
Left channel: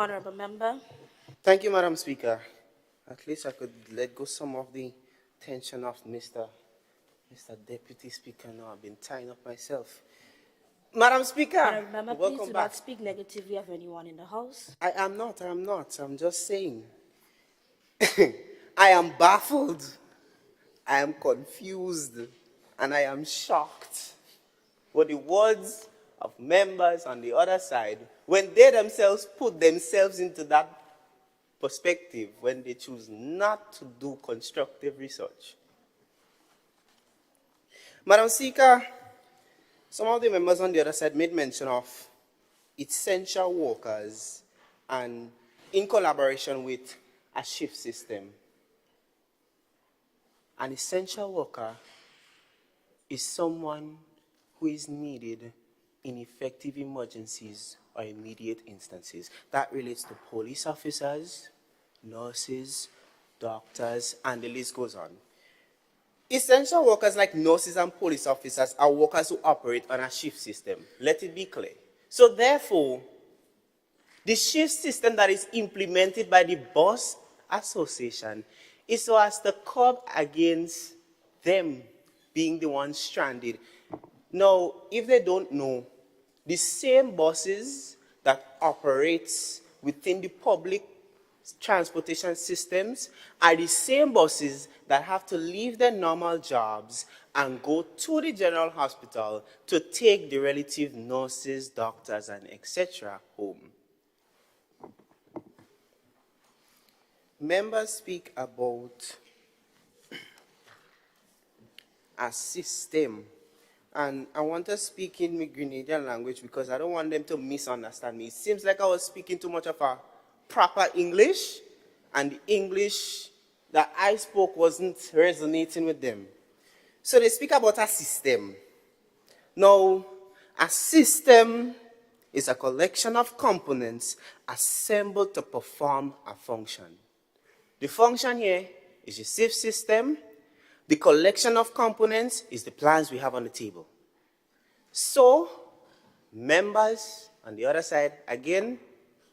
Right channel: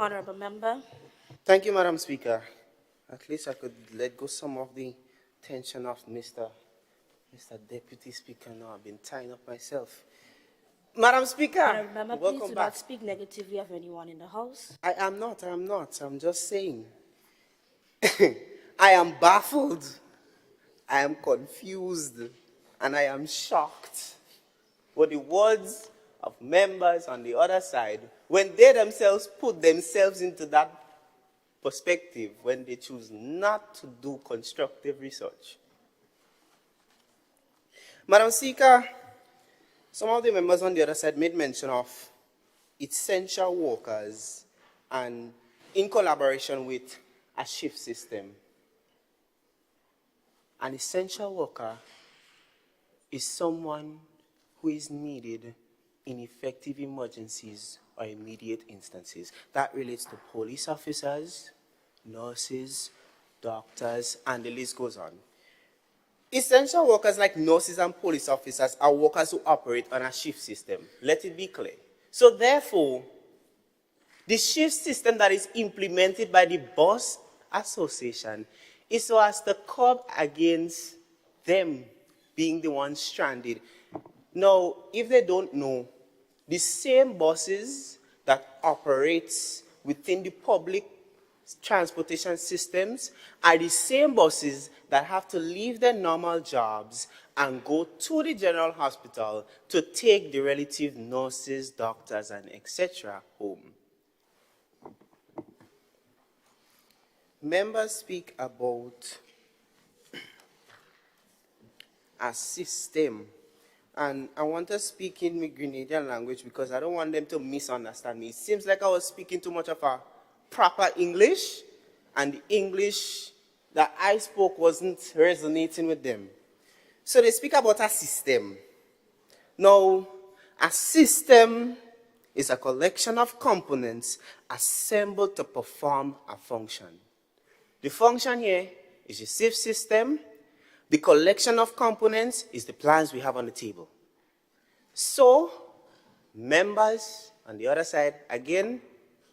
Honorable Member. Thank you, Madam Speaker. At least I could let go some of the tension of Mr. Deputy Speaker. Now I've been tying up myself. Madam Speaker, Honorable Member, please welcome do back. not speak negatively of anyone in the House. I am not. I'm just saying. I am baffled. I am confused. And I am shocked for the words of members on the other side when they themselves put themselves into that perspective, when they choose not to do constructive research. Madam Speaker, some of the members on the other side made mention of essential workers and in collaboration with a shift system. An essential worker is someone who is needed in effective emergencies or immediate instances. That relates to police officers, nurses, doctors, and the list goes on. Essential workers like nurses and police officers are workers who operate on a shift system. Let it be clear. So therefore, the shift system that is implemented by the Bus Association is so as to curb against them being the ones stranded. Now, if they don't know, the same buses that operates within the public transportation systems are the same buses that have to leave their normal jobs and go to the general hospital to take the relative nurses, doctors, and etc. home. Members speak about a system, and I want to speak in my Grenadian language because I don't want them to misunderstand me. It seems like I was speaking too much of a proper English, and the English that I spoke wasn't resonating with them. So they speak about a system. Now, a system is a collection of components assembled to perform a function. The function here is the shift system. The collection of components is the plans we have on the table. So, members on the other side, again,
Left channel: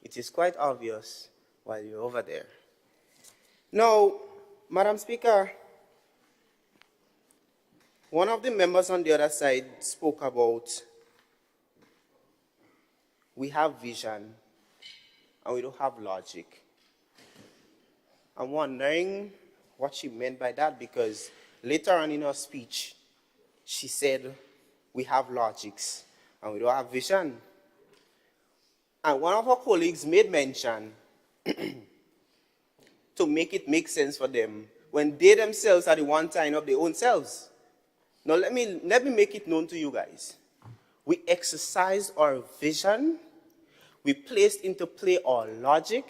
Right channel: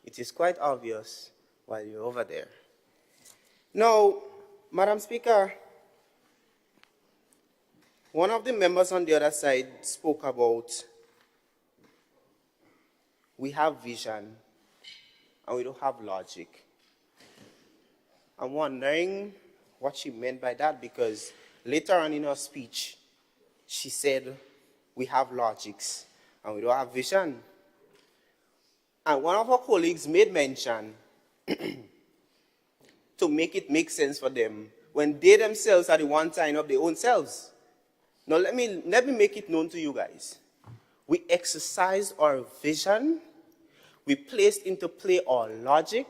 it is quite obvious while you're over there. Now, Madam Speaker, one of the members on the other side spoke about we have vision and we don't have logic. I'm wondering what she meant by that, because later on in her speech, she said we have logics and we don't have vision. And one of her colleagues made mention to make it make sense for them when they themselves are the one tying up their own selves. Now let me make it known to you guys. We exercise our vision, we placed into play our logic,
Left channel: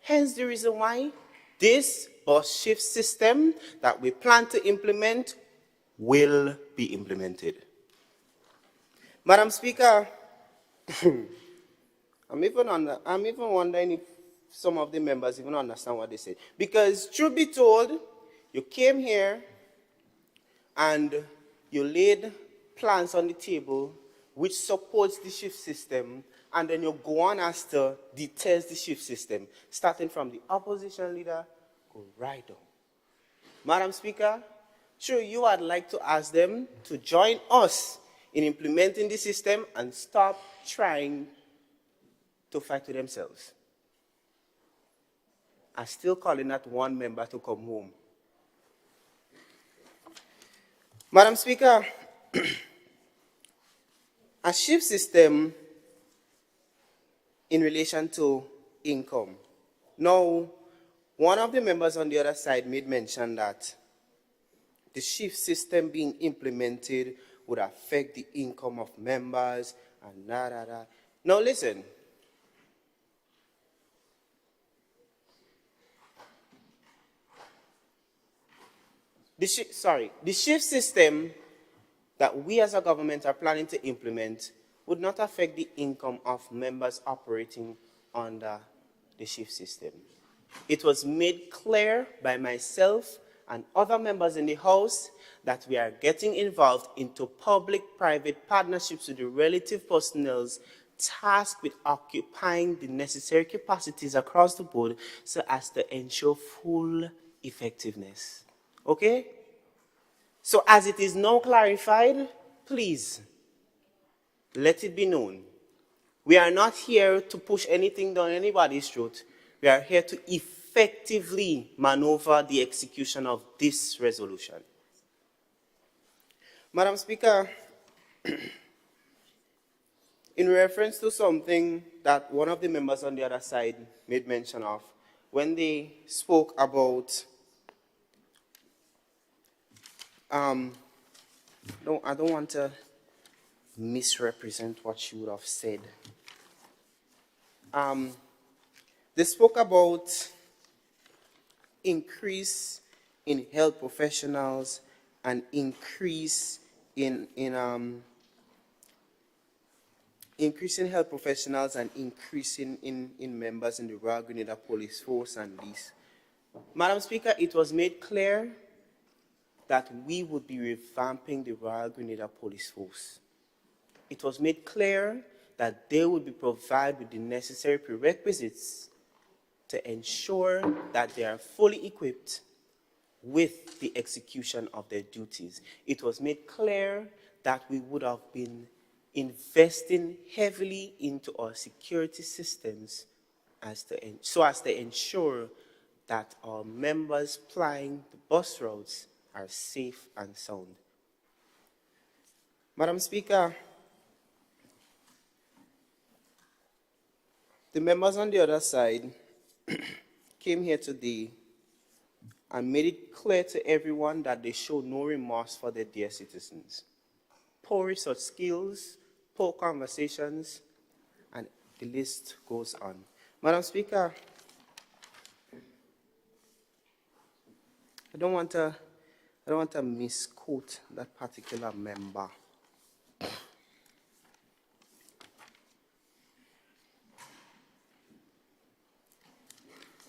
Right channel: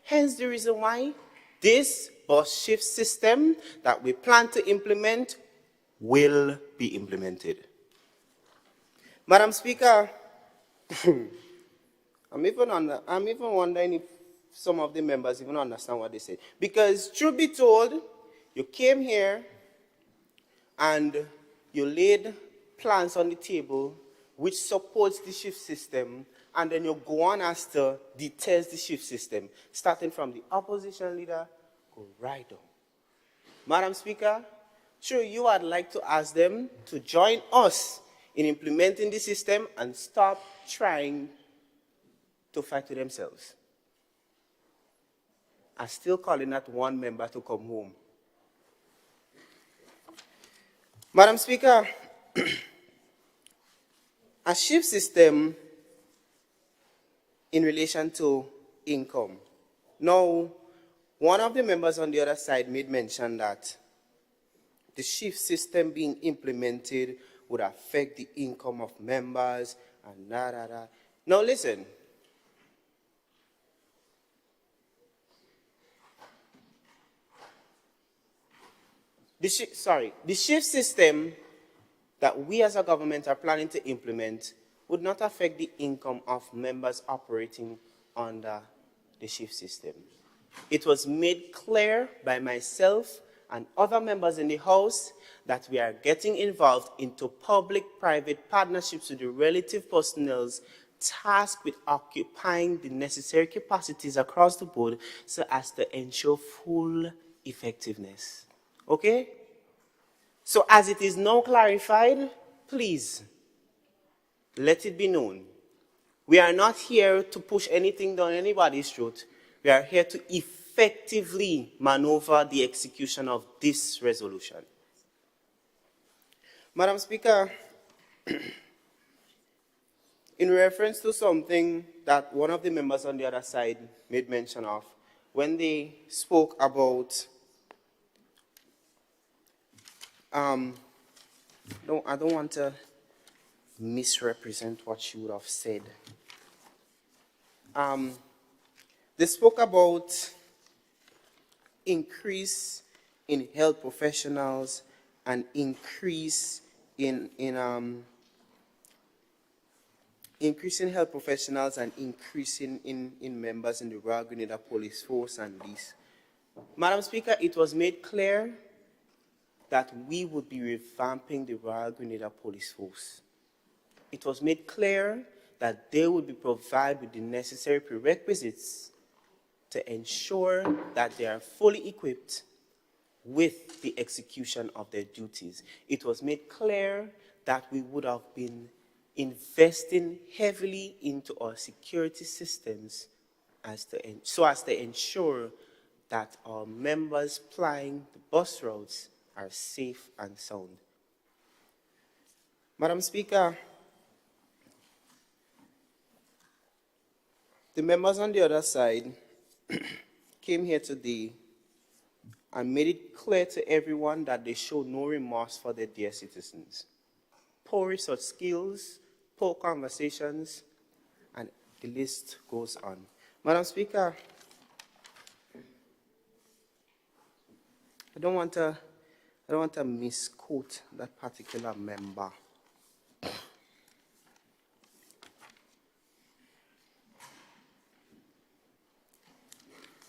hence the reason why this bus shift system that we plan to implement will be implemented. Madam Speaker, I'm even wondering if some of the members even understand what they say. Because truth be told, you came here and you laid plans on the table which supports the shift system, and then you go on as to detest the shift system, starting from the opposition leader, go right on. Madam Speaker, sure, you would like to ask them to join us in implementing the system and stop trying to fight with themselves. I'm still calling that one member to come home. Madam Speaker, a shift system in relation to income. Now, one of the members on the other side made mention that the shift system being implemented would affect the income of members and da da da. Now listen. The shift system that we as a government are planning to implement would not affect the income of members operating under the shift system. It was made clear by myself and other members in the House that we are getting involved into public-private partnerships with the relative personnel tasked with occupying the necessary capacities across the board so as to ensure full effectiveness. Okay? So as it is now clarified, please let it be known. We are not here to push anything down anybody's throat. We are here to effectively maneuver the execution of this resolution. Madam Speaker, in reference to something that one of the members on the other side made mention of, when they spoke about, I don't want to misrepresent what you would have said. They spoke about increase in health professionals and increase in increasing health professionals and increasing in members in the Royal Grenada Police Force and this. Madam Speaker, it was made clear that we would be revamping the Royal Grenada Police Force. It was made clear that they would be provided with the necessary prerequisites to ensure that they are fully equipped with the execution of their duties. It was made clear that we would have been investing heavily into our security systems so as to ensure that our members plying the bus routes are safe and sound. Madam Speaker, the members on the other side came here today and made it clear to everyone that they show no remorse for their dear citizens. Poor research skills, poor conversations, and the list goes on. Madam Speaker, I don't want to misquote that particular member.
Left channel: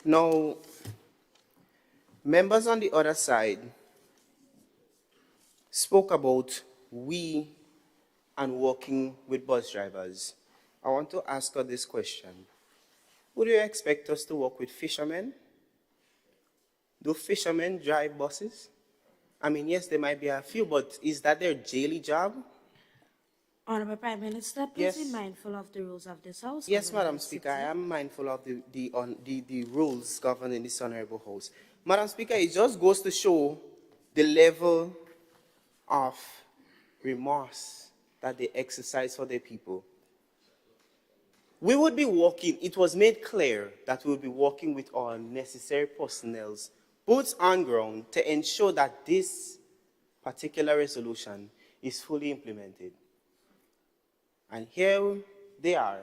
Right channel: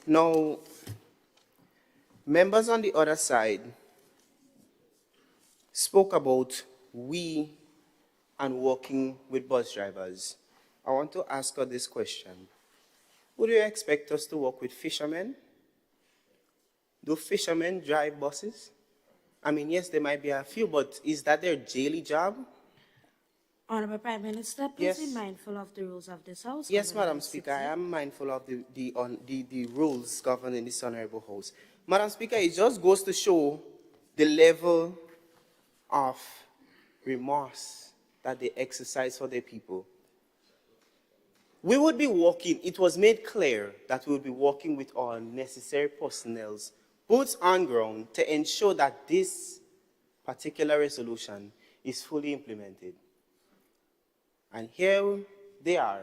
Now, members on the other side spoke about we and working with bus drivers. I want to ask her this question. Would you expect us to work with fishermen? Do fishermen drive buses? I mean, yes, there might be a few, but is that their daily job? Honorable Prime Minister, please be mindful of the rules of this House. Yes, Madam Speaker, I am mindful of the rules governing this honorable House. Madam Speaker, it just goes to show the level of remorse that they exercise for their people. We would be working, it was made clear that we would be working with our necessary personnel, boots on ground, to ensure that this particular resolution is fully implemented. And here they are,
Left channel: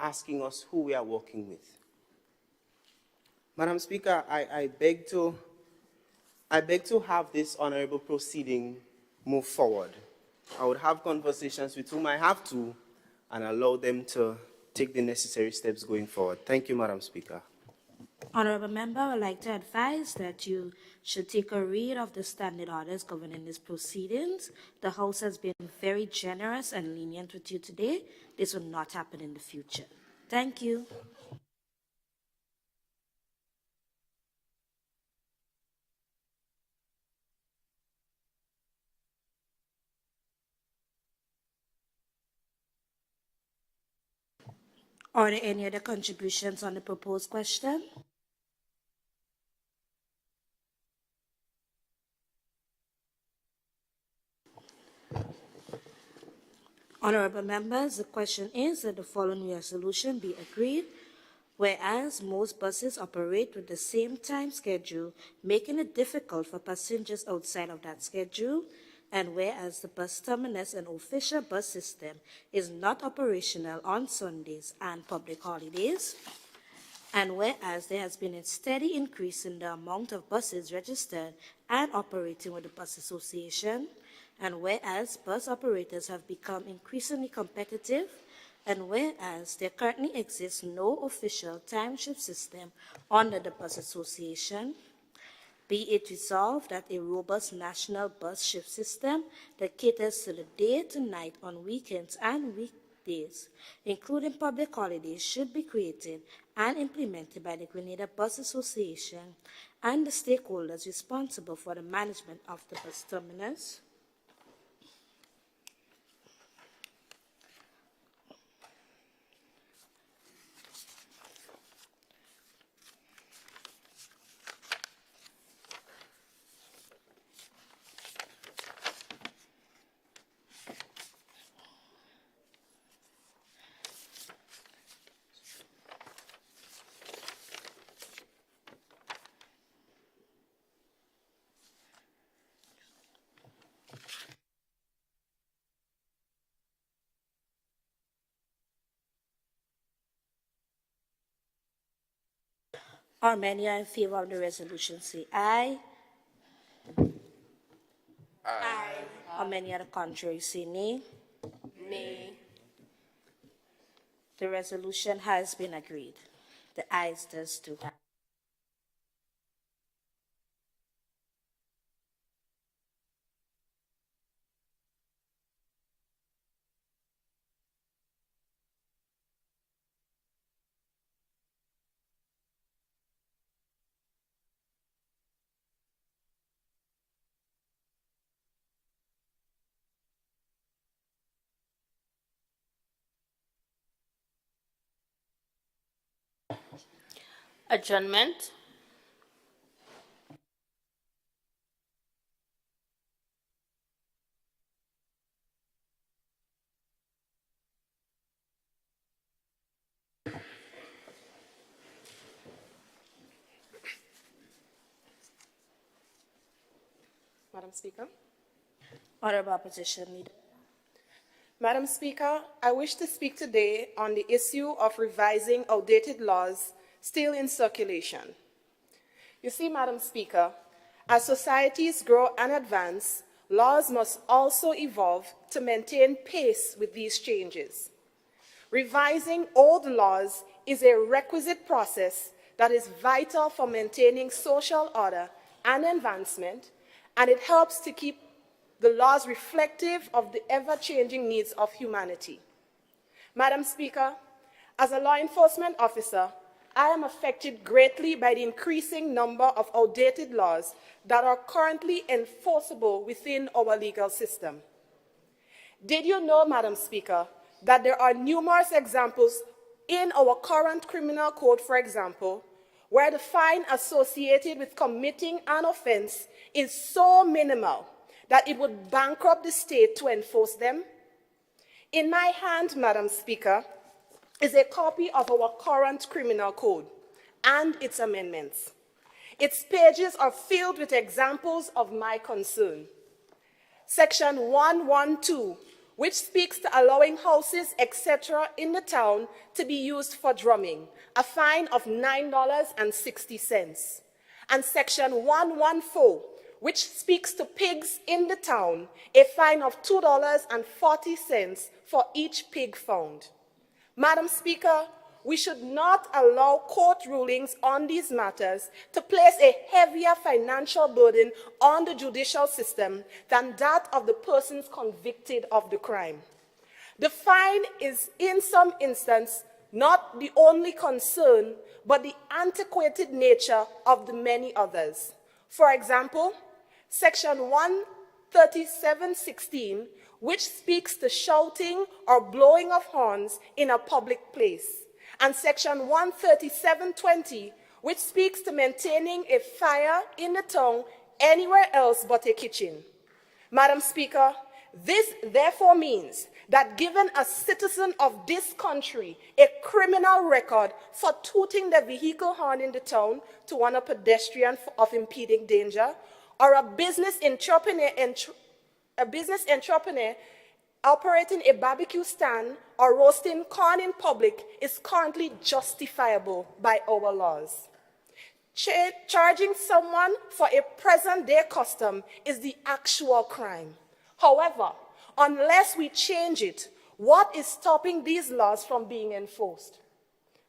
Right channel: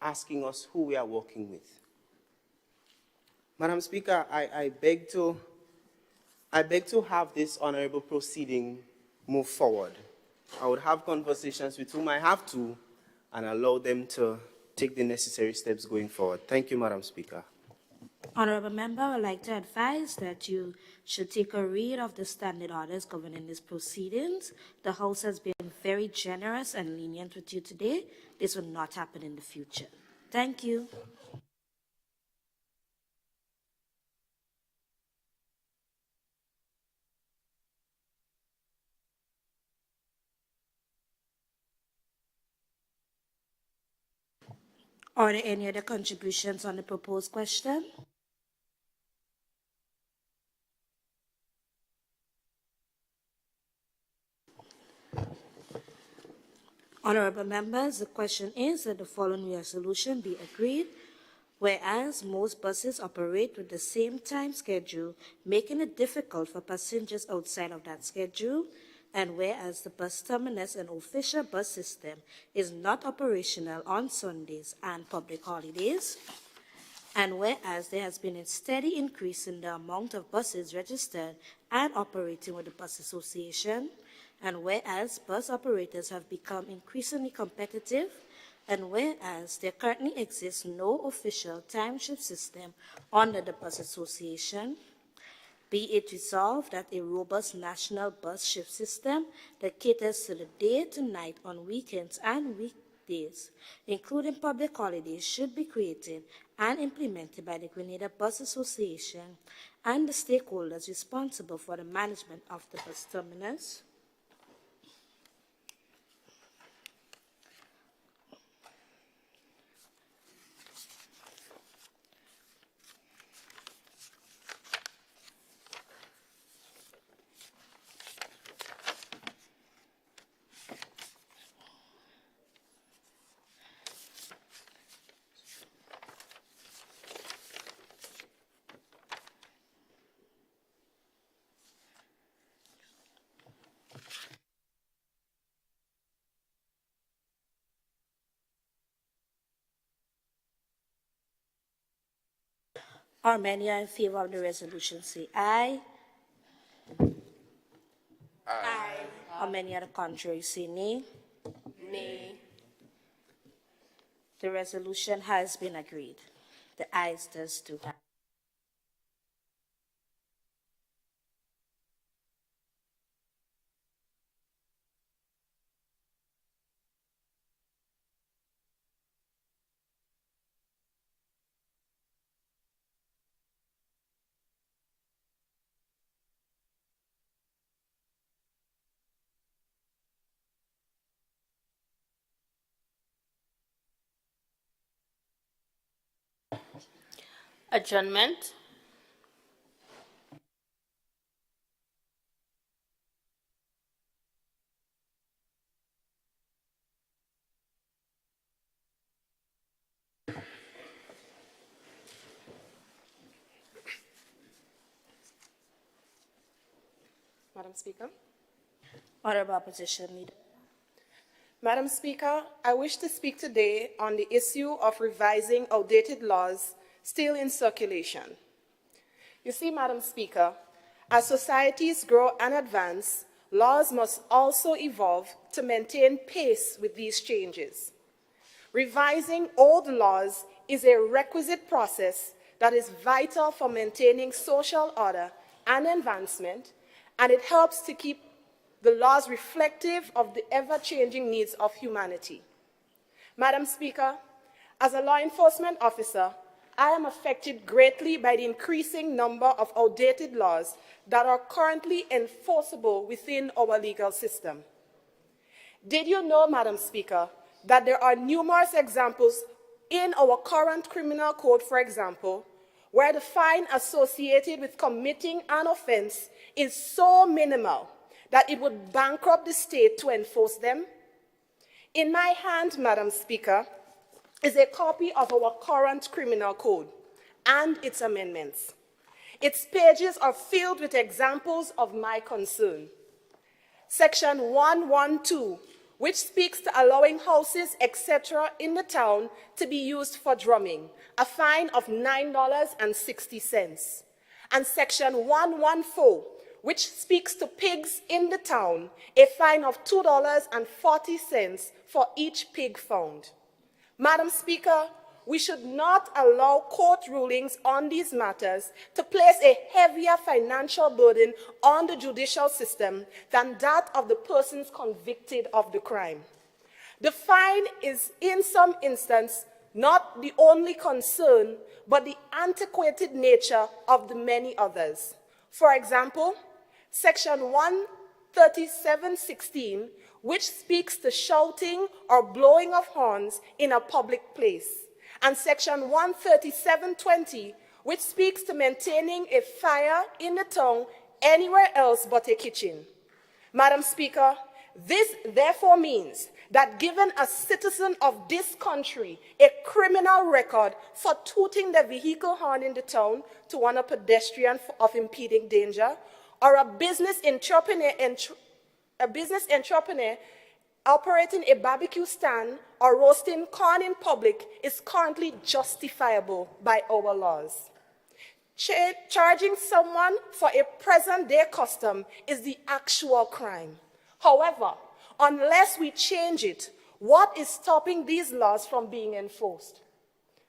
asking us who we are working with. Madam Speaker, I beg to have this honorable proceeding move forward. I would have conversations with whom I have to and allow them to take the necessary steps going forward. Thank you, Madam Speaker. Honorable Member, I would like to advise that you should take a read of the standing orders governing these proceedings. The House has been very generous and lenient with you today. This will not happen in the future. Thank you. Are there any other contributions on the proposed question? Honorable members, the question is that the following resolution be agreed. Whereas most buses operate with the same time schedule, making it difficult for passengers outside of that schedule, and whereas the bus terminus and official bus system is not operational on Sundays and public holidays, and whereas there has been a steady increase in the amount of buses registered and operating with the Bus Association, and whereas bus operators have become increasingly competitive, and whereas there currently exists no official timesheet system under the Bus Association, be it resolved that a robust national bus shift system that caters to the day to night on weekends and weekdays days, including public holidays, should be created and implemented by the Grenada Bus Association and the stakeholders responsible for the management of the bus terminus. How many are in favor of the resolution say aye? Aye. How many are the contrary say nay? Nay. The resolution has been agreed. The ayes does to have. Adjournment. Madam Speaker. Honorable Opposition Leader. Madam Speaker, I wish to speak today on the issue of revising outdated laws still in circulation. You see, Madam Speaker, as societies grow and advance, laws must also evolve to maintain pace with these changes. Revising old laws is a requisite process that is vital for maintaining social order and advancement, and it helps to keep the laws reflective of the ever-changing needs of humanity. Madam Speaker, as a law enforcement officer, I am affected greatly by the increasing number of outdated laws that are currently enforceable within our legal system. Did you know, Madam Speaker, that there are numerous examples in our current criminal code, for example, where the fine associated with committing an offense is so minimal that it would bankrupt the state to enforce them? In my hand, Madam Speaker, is a copy of our current criminal code and its amendments. Its pages are filled with examples of my concern. Section 112, which speaks to allowing houses, etc. in the town to be used for drumming, a fine of $9.60. And Section 114, which speaks to pigs in the town, a fine of $2.40 for each pig found. Madam Speaker, we should not allow court rulings on these matters to place a heavier financial burden on the judicial system than that of the persons convicted of the crime. The fine is, in some instances, not the only concern, but the antiquated nature of the many others. For example, Section 137(16), which speaks to shouting or blowing of horns in a public place, and Section 137(20), which speaks to maintaining a fire in the town anywhere else but a kitchen. Madam Speaker, this therefore means that given a citizen of this country a criminal record for tooting the vehicle horn in the town to warn a pedestrian of impeding danger, or a business entrepreneur operating a barbecue stand or roasting corn in public is currently justifiable by our laws. Charging someone for a present-day custom is the actual crime. However, unless we change it, what is stopping these laws from being enforced?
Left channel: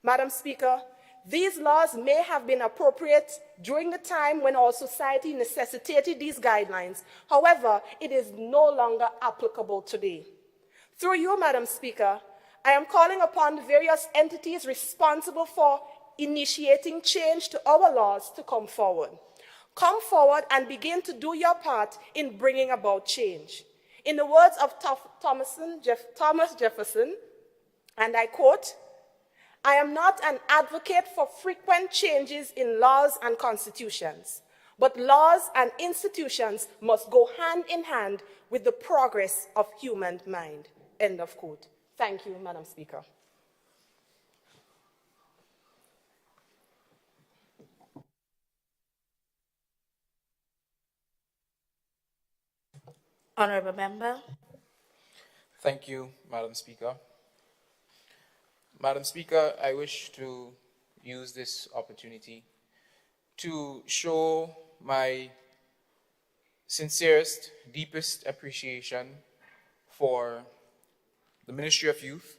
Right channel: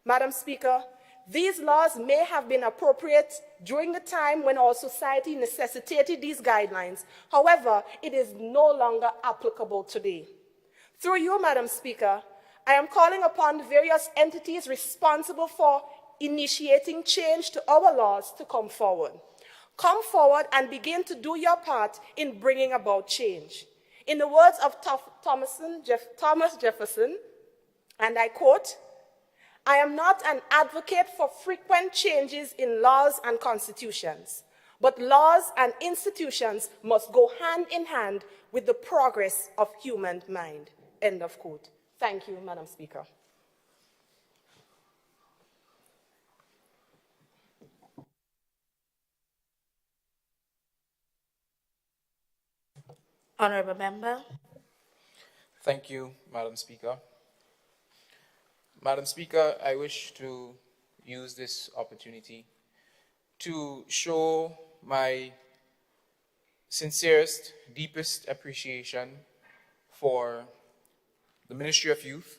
Madam Speaker, these laws may have been appropriate during the time when our society necessitated these guidelines. However, it is no longer applicable today. Through you, Madam Speaker, I am calling upon the various entities responsible for initiating change to our laws to come forward. Come forward and begin to do your part in bringing about change. In the words of Thomas Jefferson, and I quote, "I am not an advocate for frequent changes in laws and constitutions, but laws and institutions must go hand in hand with the progress of human mind." End of quote. Thank you, Madam Speaker. Honorable Member. Thank you, Madam Speaker. Madam Speaker, I wish to use this opportunity to show my sincerest, deepest appreciation for the Ministry of Youth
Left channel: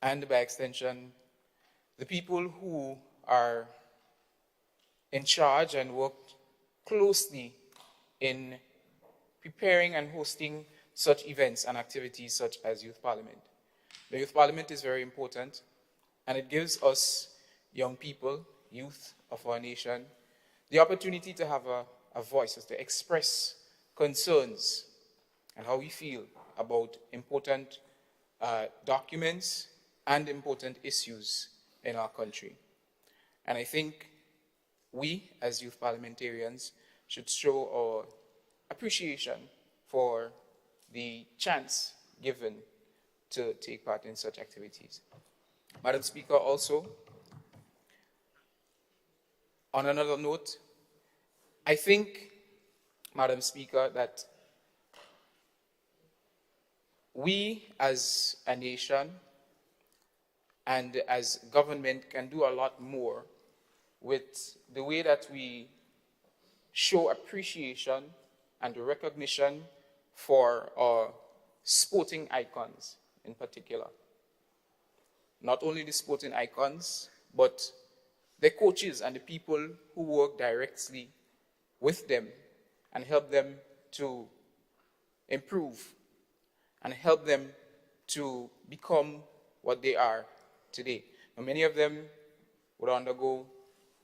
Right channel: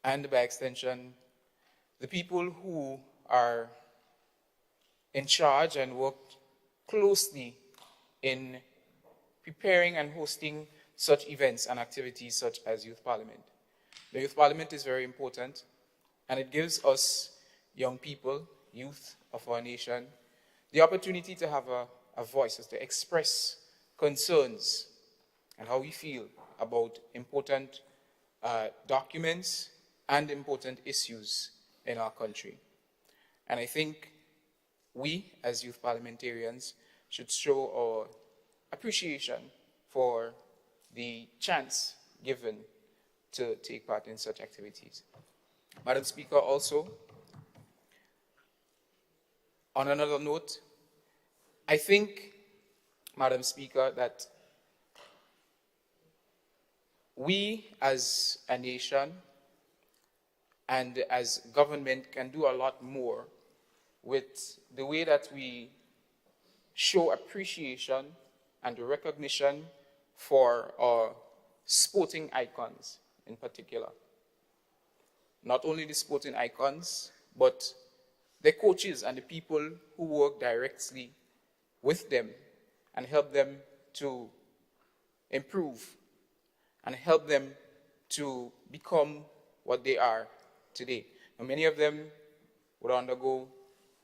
and, by extension, the people who are in charge and work closely in preparing and hosting such events and activities such as Youth Parliament. The Youth Parliament is very important, and it gives us young people, youth of our nation, the opportunity to have a voice, to express concerns and how we feel about important documents and important issues in our country. And I think we, as youth parliamentarians, should show our appreciation for the chance given to take part in such activities. Madam Speaker, also, on another note, I think, Madam Speaker, that we as a nation and as government can do a lot more with the way that we show appreciation and recognition for our sporting icons in particular. Not only the sporting icons, but the coaches and the people who work directly with them and help them to improve and help them to become what they are today. Now, many of them would undergo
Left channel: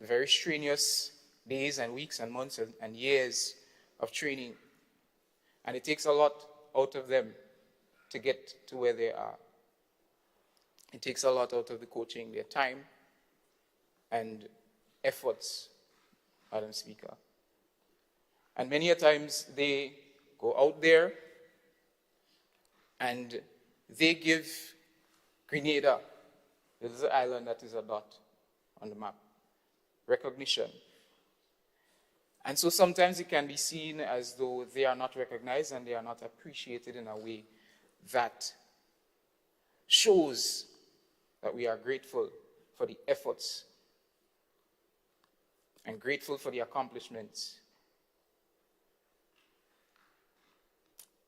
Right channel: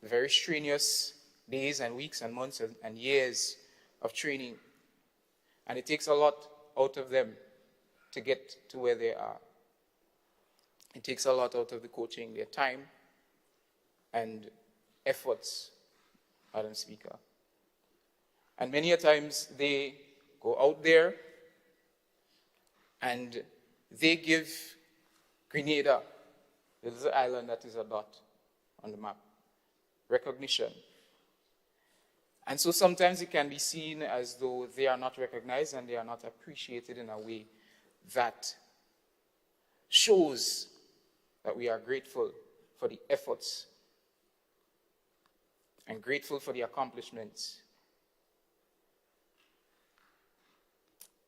very strenuous days and weeks and months and years of training. And it takes a lot out of them to get to where they are. It takes a lot out of the coaching, their time and efforts, Madam Speaker. And many a times they go out there and they give Grenada, this is the island that is a dot on the map, recognition. And so sometimes it can be seen as though they are not recognized and they are not appreciated in a way that shows that we are grateful for the efforts and grateful for the accomplishments.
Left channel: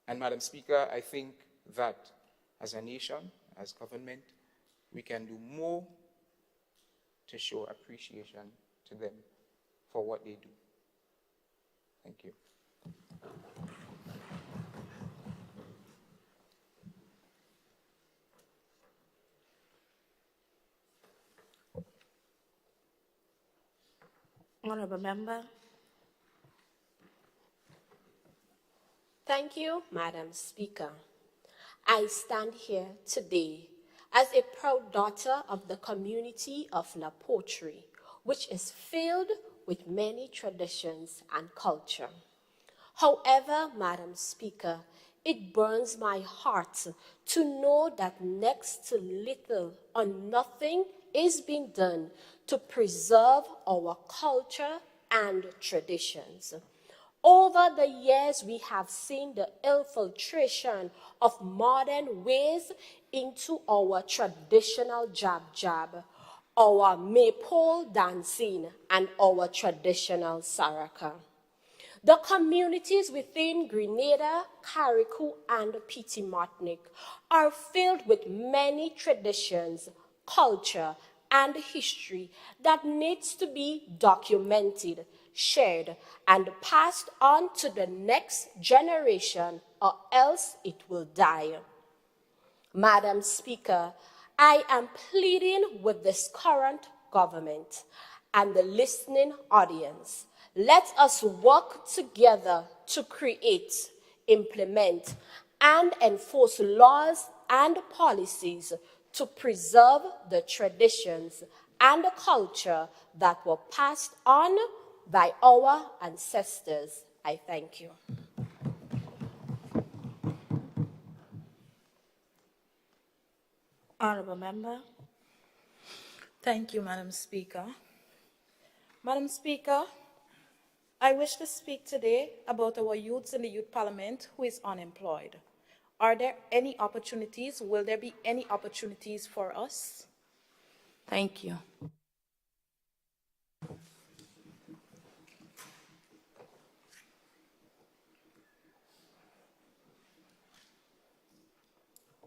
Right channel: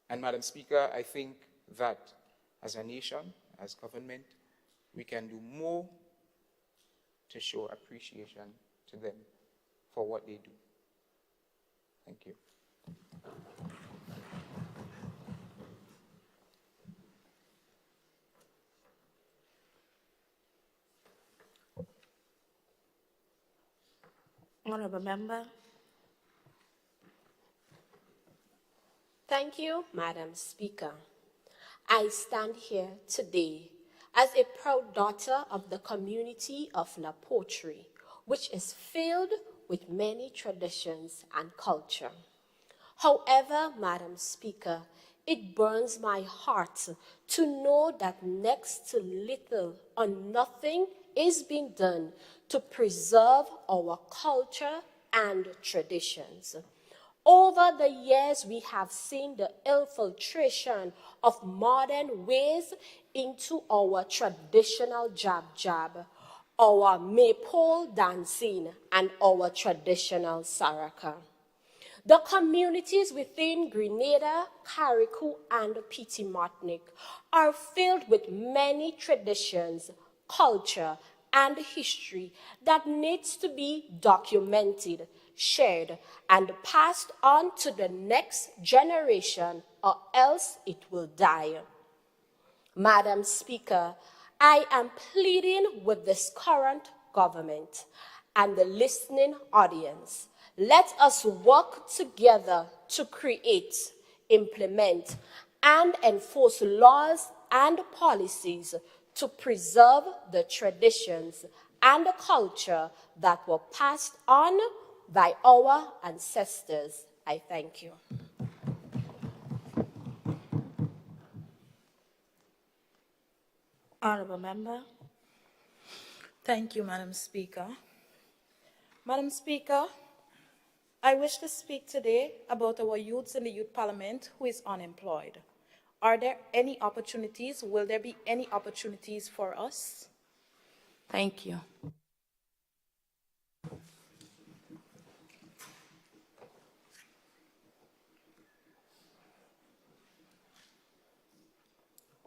And Madam Speaker, I think that as a nation, as government, we can do more to show appreciation to them for what they do. Thank you. Honorable Member. Thank you, Madam Speaker. I stand here today as a proud daughter of the community of Napotri, which is filled with many traditions and culture. However, Madam Speaker, it burns my heart to know that next to little or nothing is being done to preserve our culture and traditions. Over the years, we have seen the infiltration of modern ways into our traditional jab, our maypole dancing, and our traditional saraka. The communities within Grenada, Carriacou, and Petit Martinique are filled with many traditions, culture, and history that needs to be documented, shared, and passed on to the next generation, or else it will die. Madam Speaker, I am pleading with this current government and the listening audience. Let us work together to create, implement, and enforce laws and policies to preserve the traditions and culture that were passed on by our ancestors. I thank you. Honorable Member. Thank you, Madam Speaker. Madam Speaker, I wish to speak today about our youths in the Youth Parliament who is unemployed. Are there any opportunities? Will there be any opportunities for us? Thank you.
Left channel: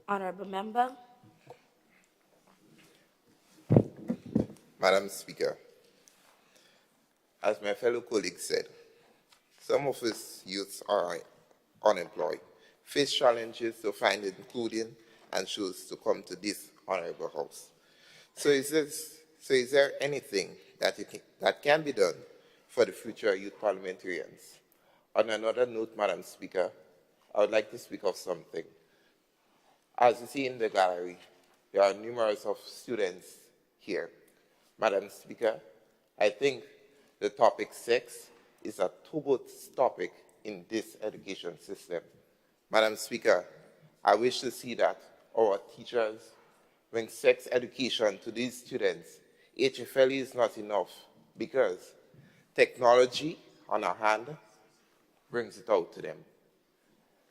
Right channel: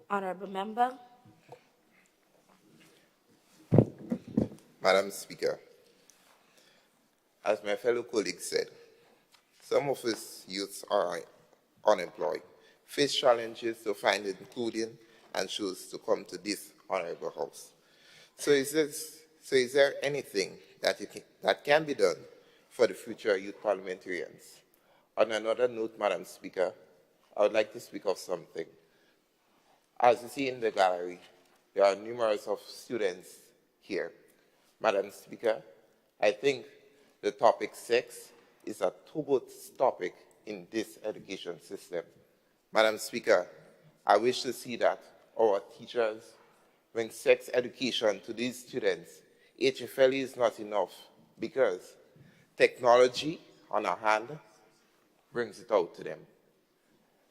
Honorable Member. Madam Speaker, as my fellow colleague said, some of us youths are unemployed, face challenges to find including, and choose to come to this honorable house. So is there anything that can be done for the future youth parliamentarians? On another note, Madam Speaker, I would like to speak of something. As you see in the gallery, there are numerous of students here. Madam Speaker, I think the topic sex is a taboo topic in this education system. Madam Speaker, I wish to see that our teachers bring sex education to these students. HFLE is not enough because technology on our hand brings it out to them.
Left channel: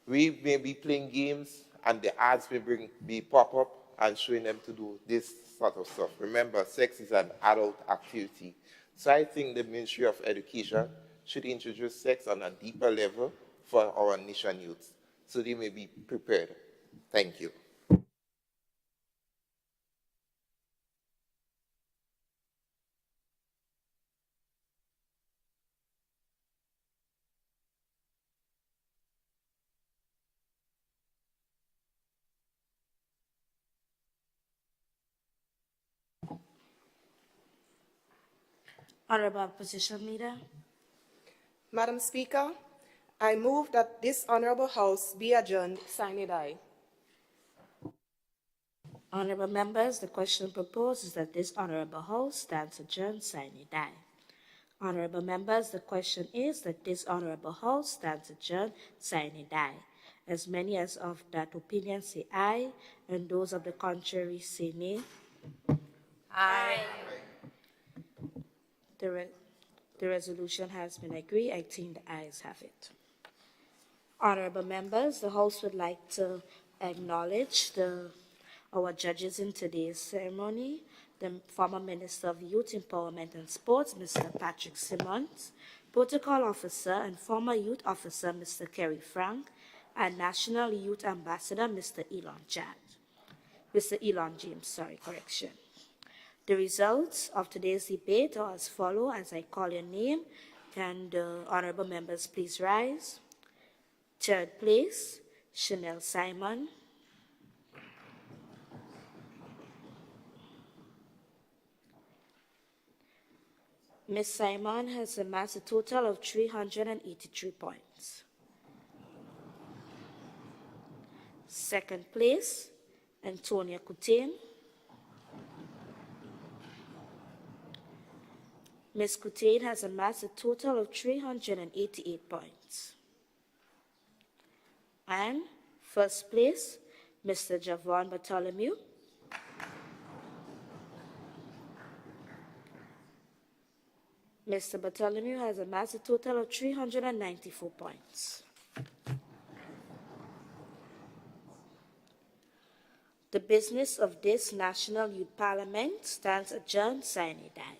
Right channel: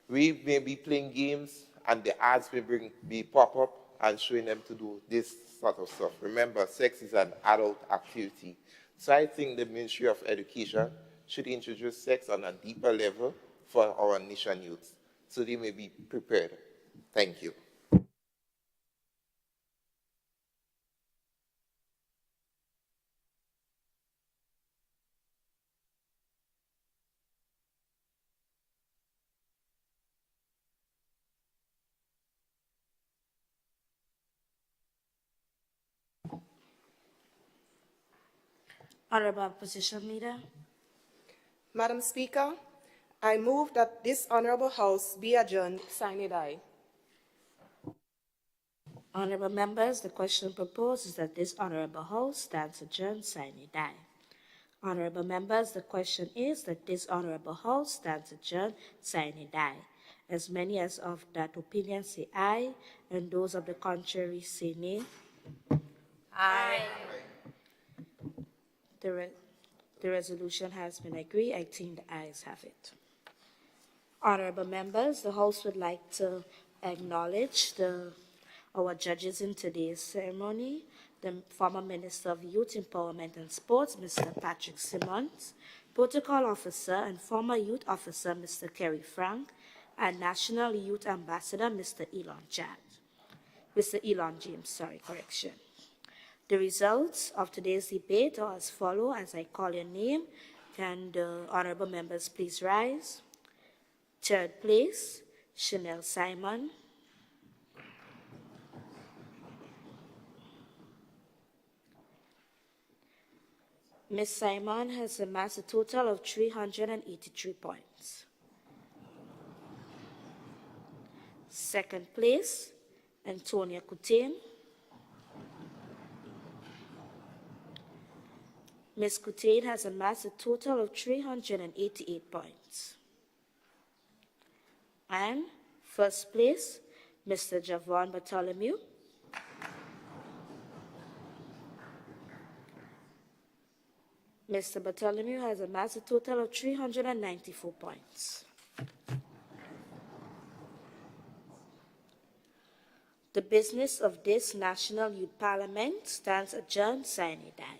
We may be playing games and the ads may be pop up and showing them to do this sort of stuff. Remember, sex is an adult activity. So I think the Ministry of Education should introduce sex on a deeper level for our nation youths so they may be prepared. Thank you. Honorable Opposition Leader. Madam Speaker, I move that this honorable house be adjourned, sine die. Honorable Members, the question proposed is that this honorable house stands adjourned, sine die. Honorable Members, the question is that this honorable house stands adjourned, sine die. As many as of that opinion say aye, and those of the contrary say nay. Aye. The resolution has been agreed. I think the ayes have it. Honorable Members, the House would like to acknowledge our judges in today's ceremony, the former Minister of Youth Empowerment and Sports, Mr. Patrick Simmons, Protocol Officer and former Youth Officer, Mr. Kerry Frank, and National Youth Ambassador, Mr. Elon James, correction. The results of today's debate are as follows. As I call your name, can the honorable members please rise? Third place, Chanel Simon. Ms. Simon has amassed a total of 383 points. Second place, Antonia Coutain. Ms. Coutain has amassed a total of 388 points. And first place, Mr. Javon Bartholomew. Mr. Bartholomew has amassed a total of 394 points. The business of this National Youth Parliament stands adjourned, sine die.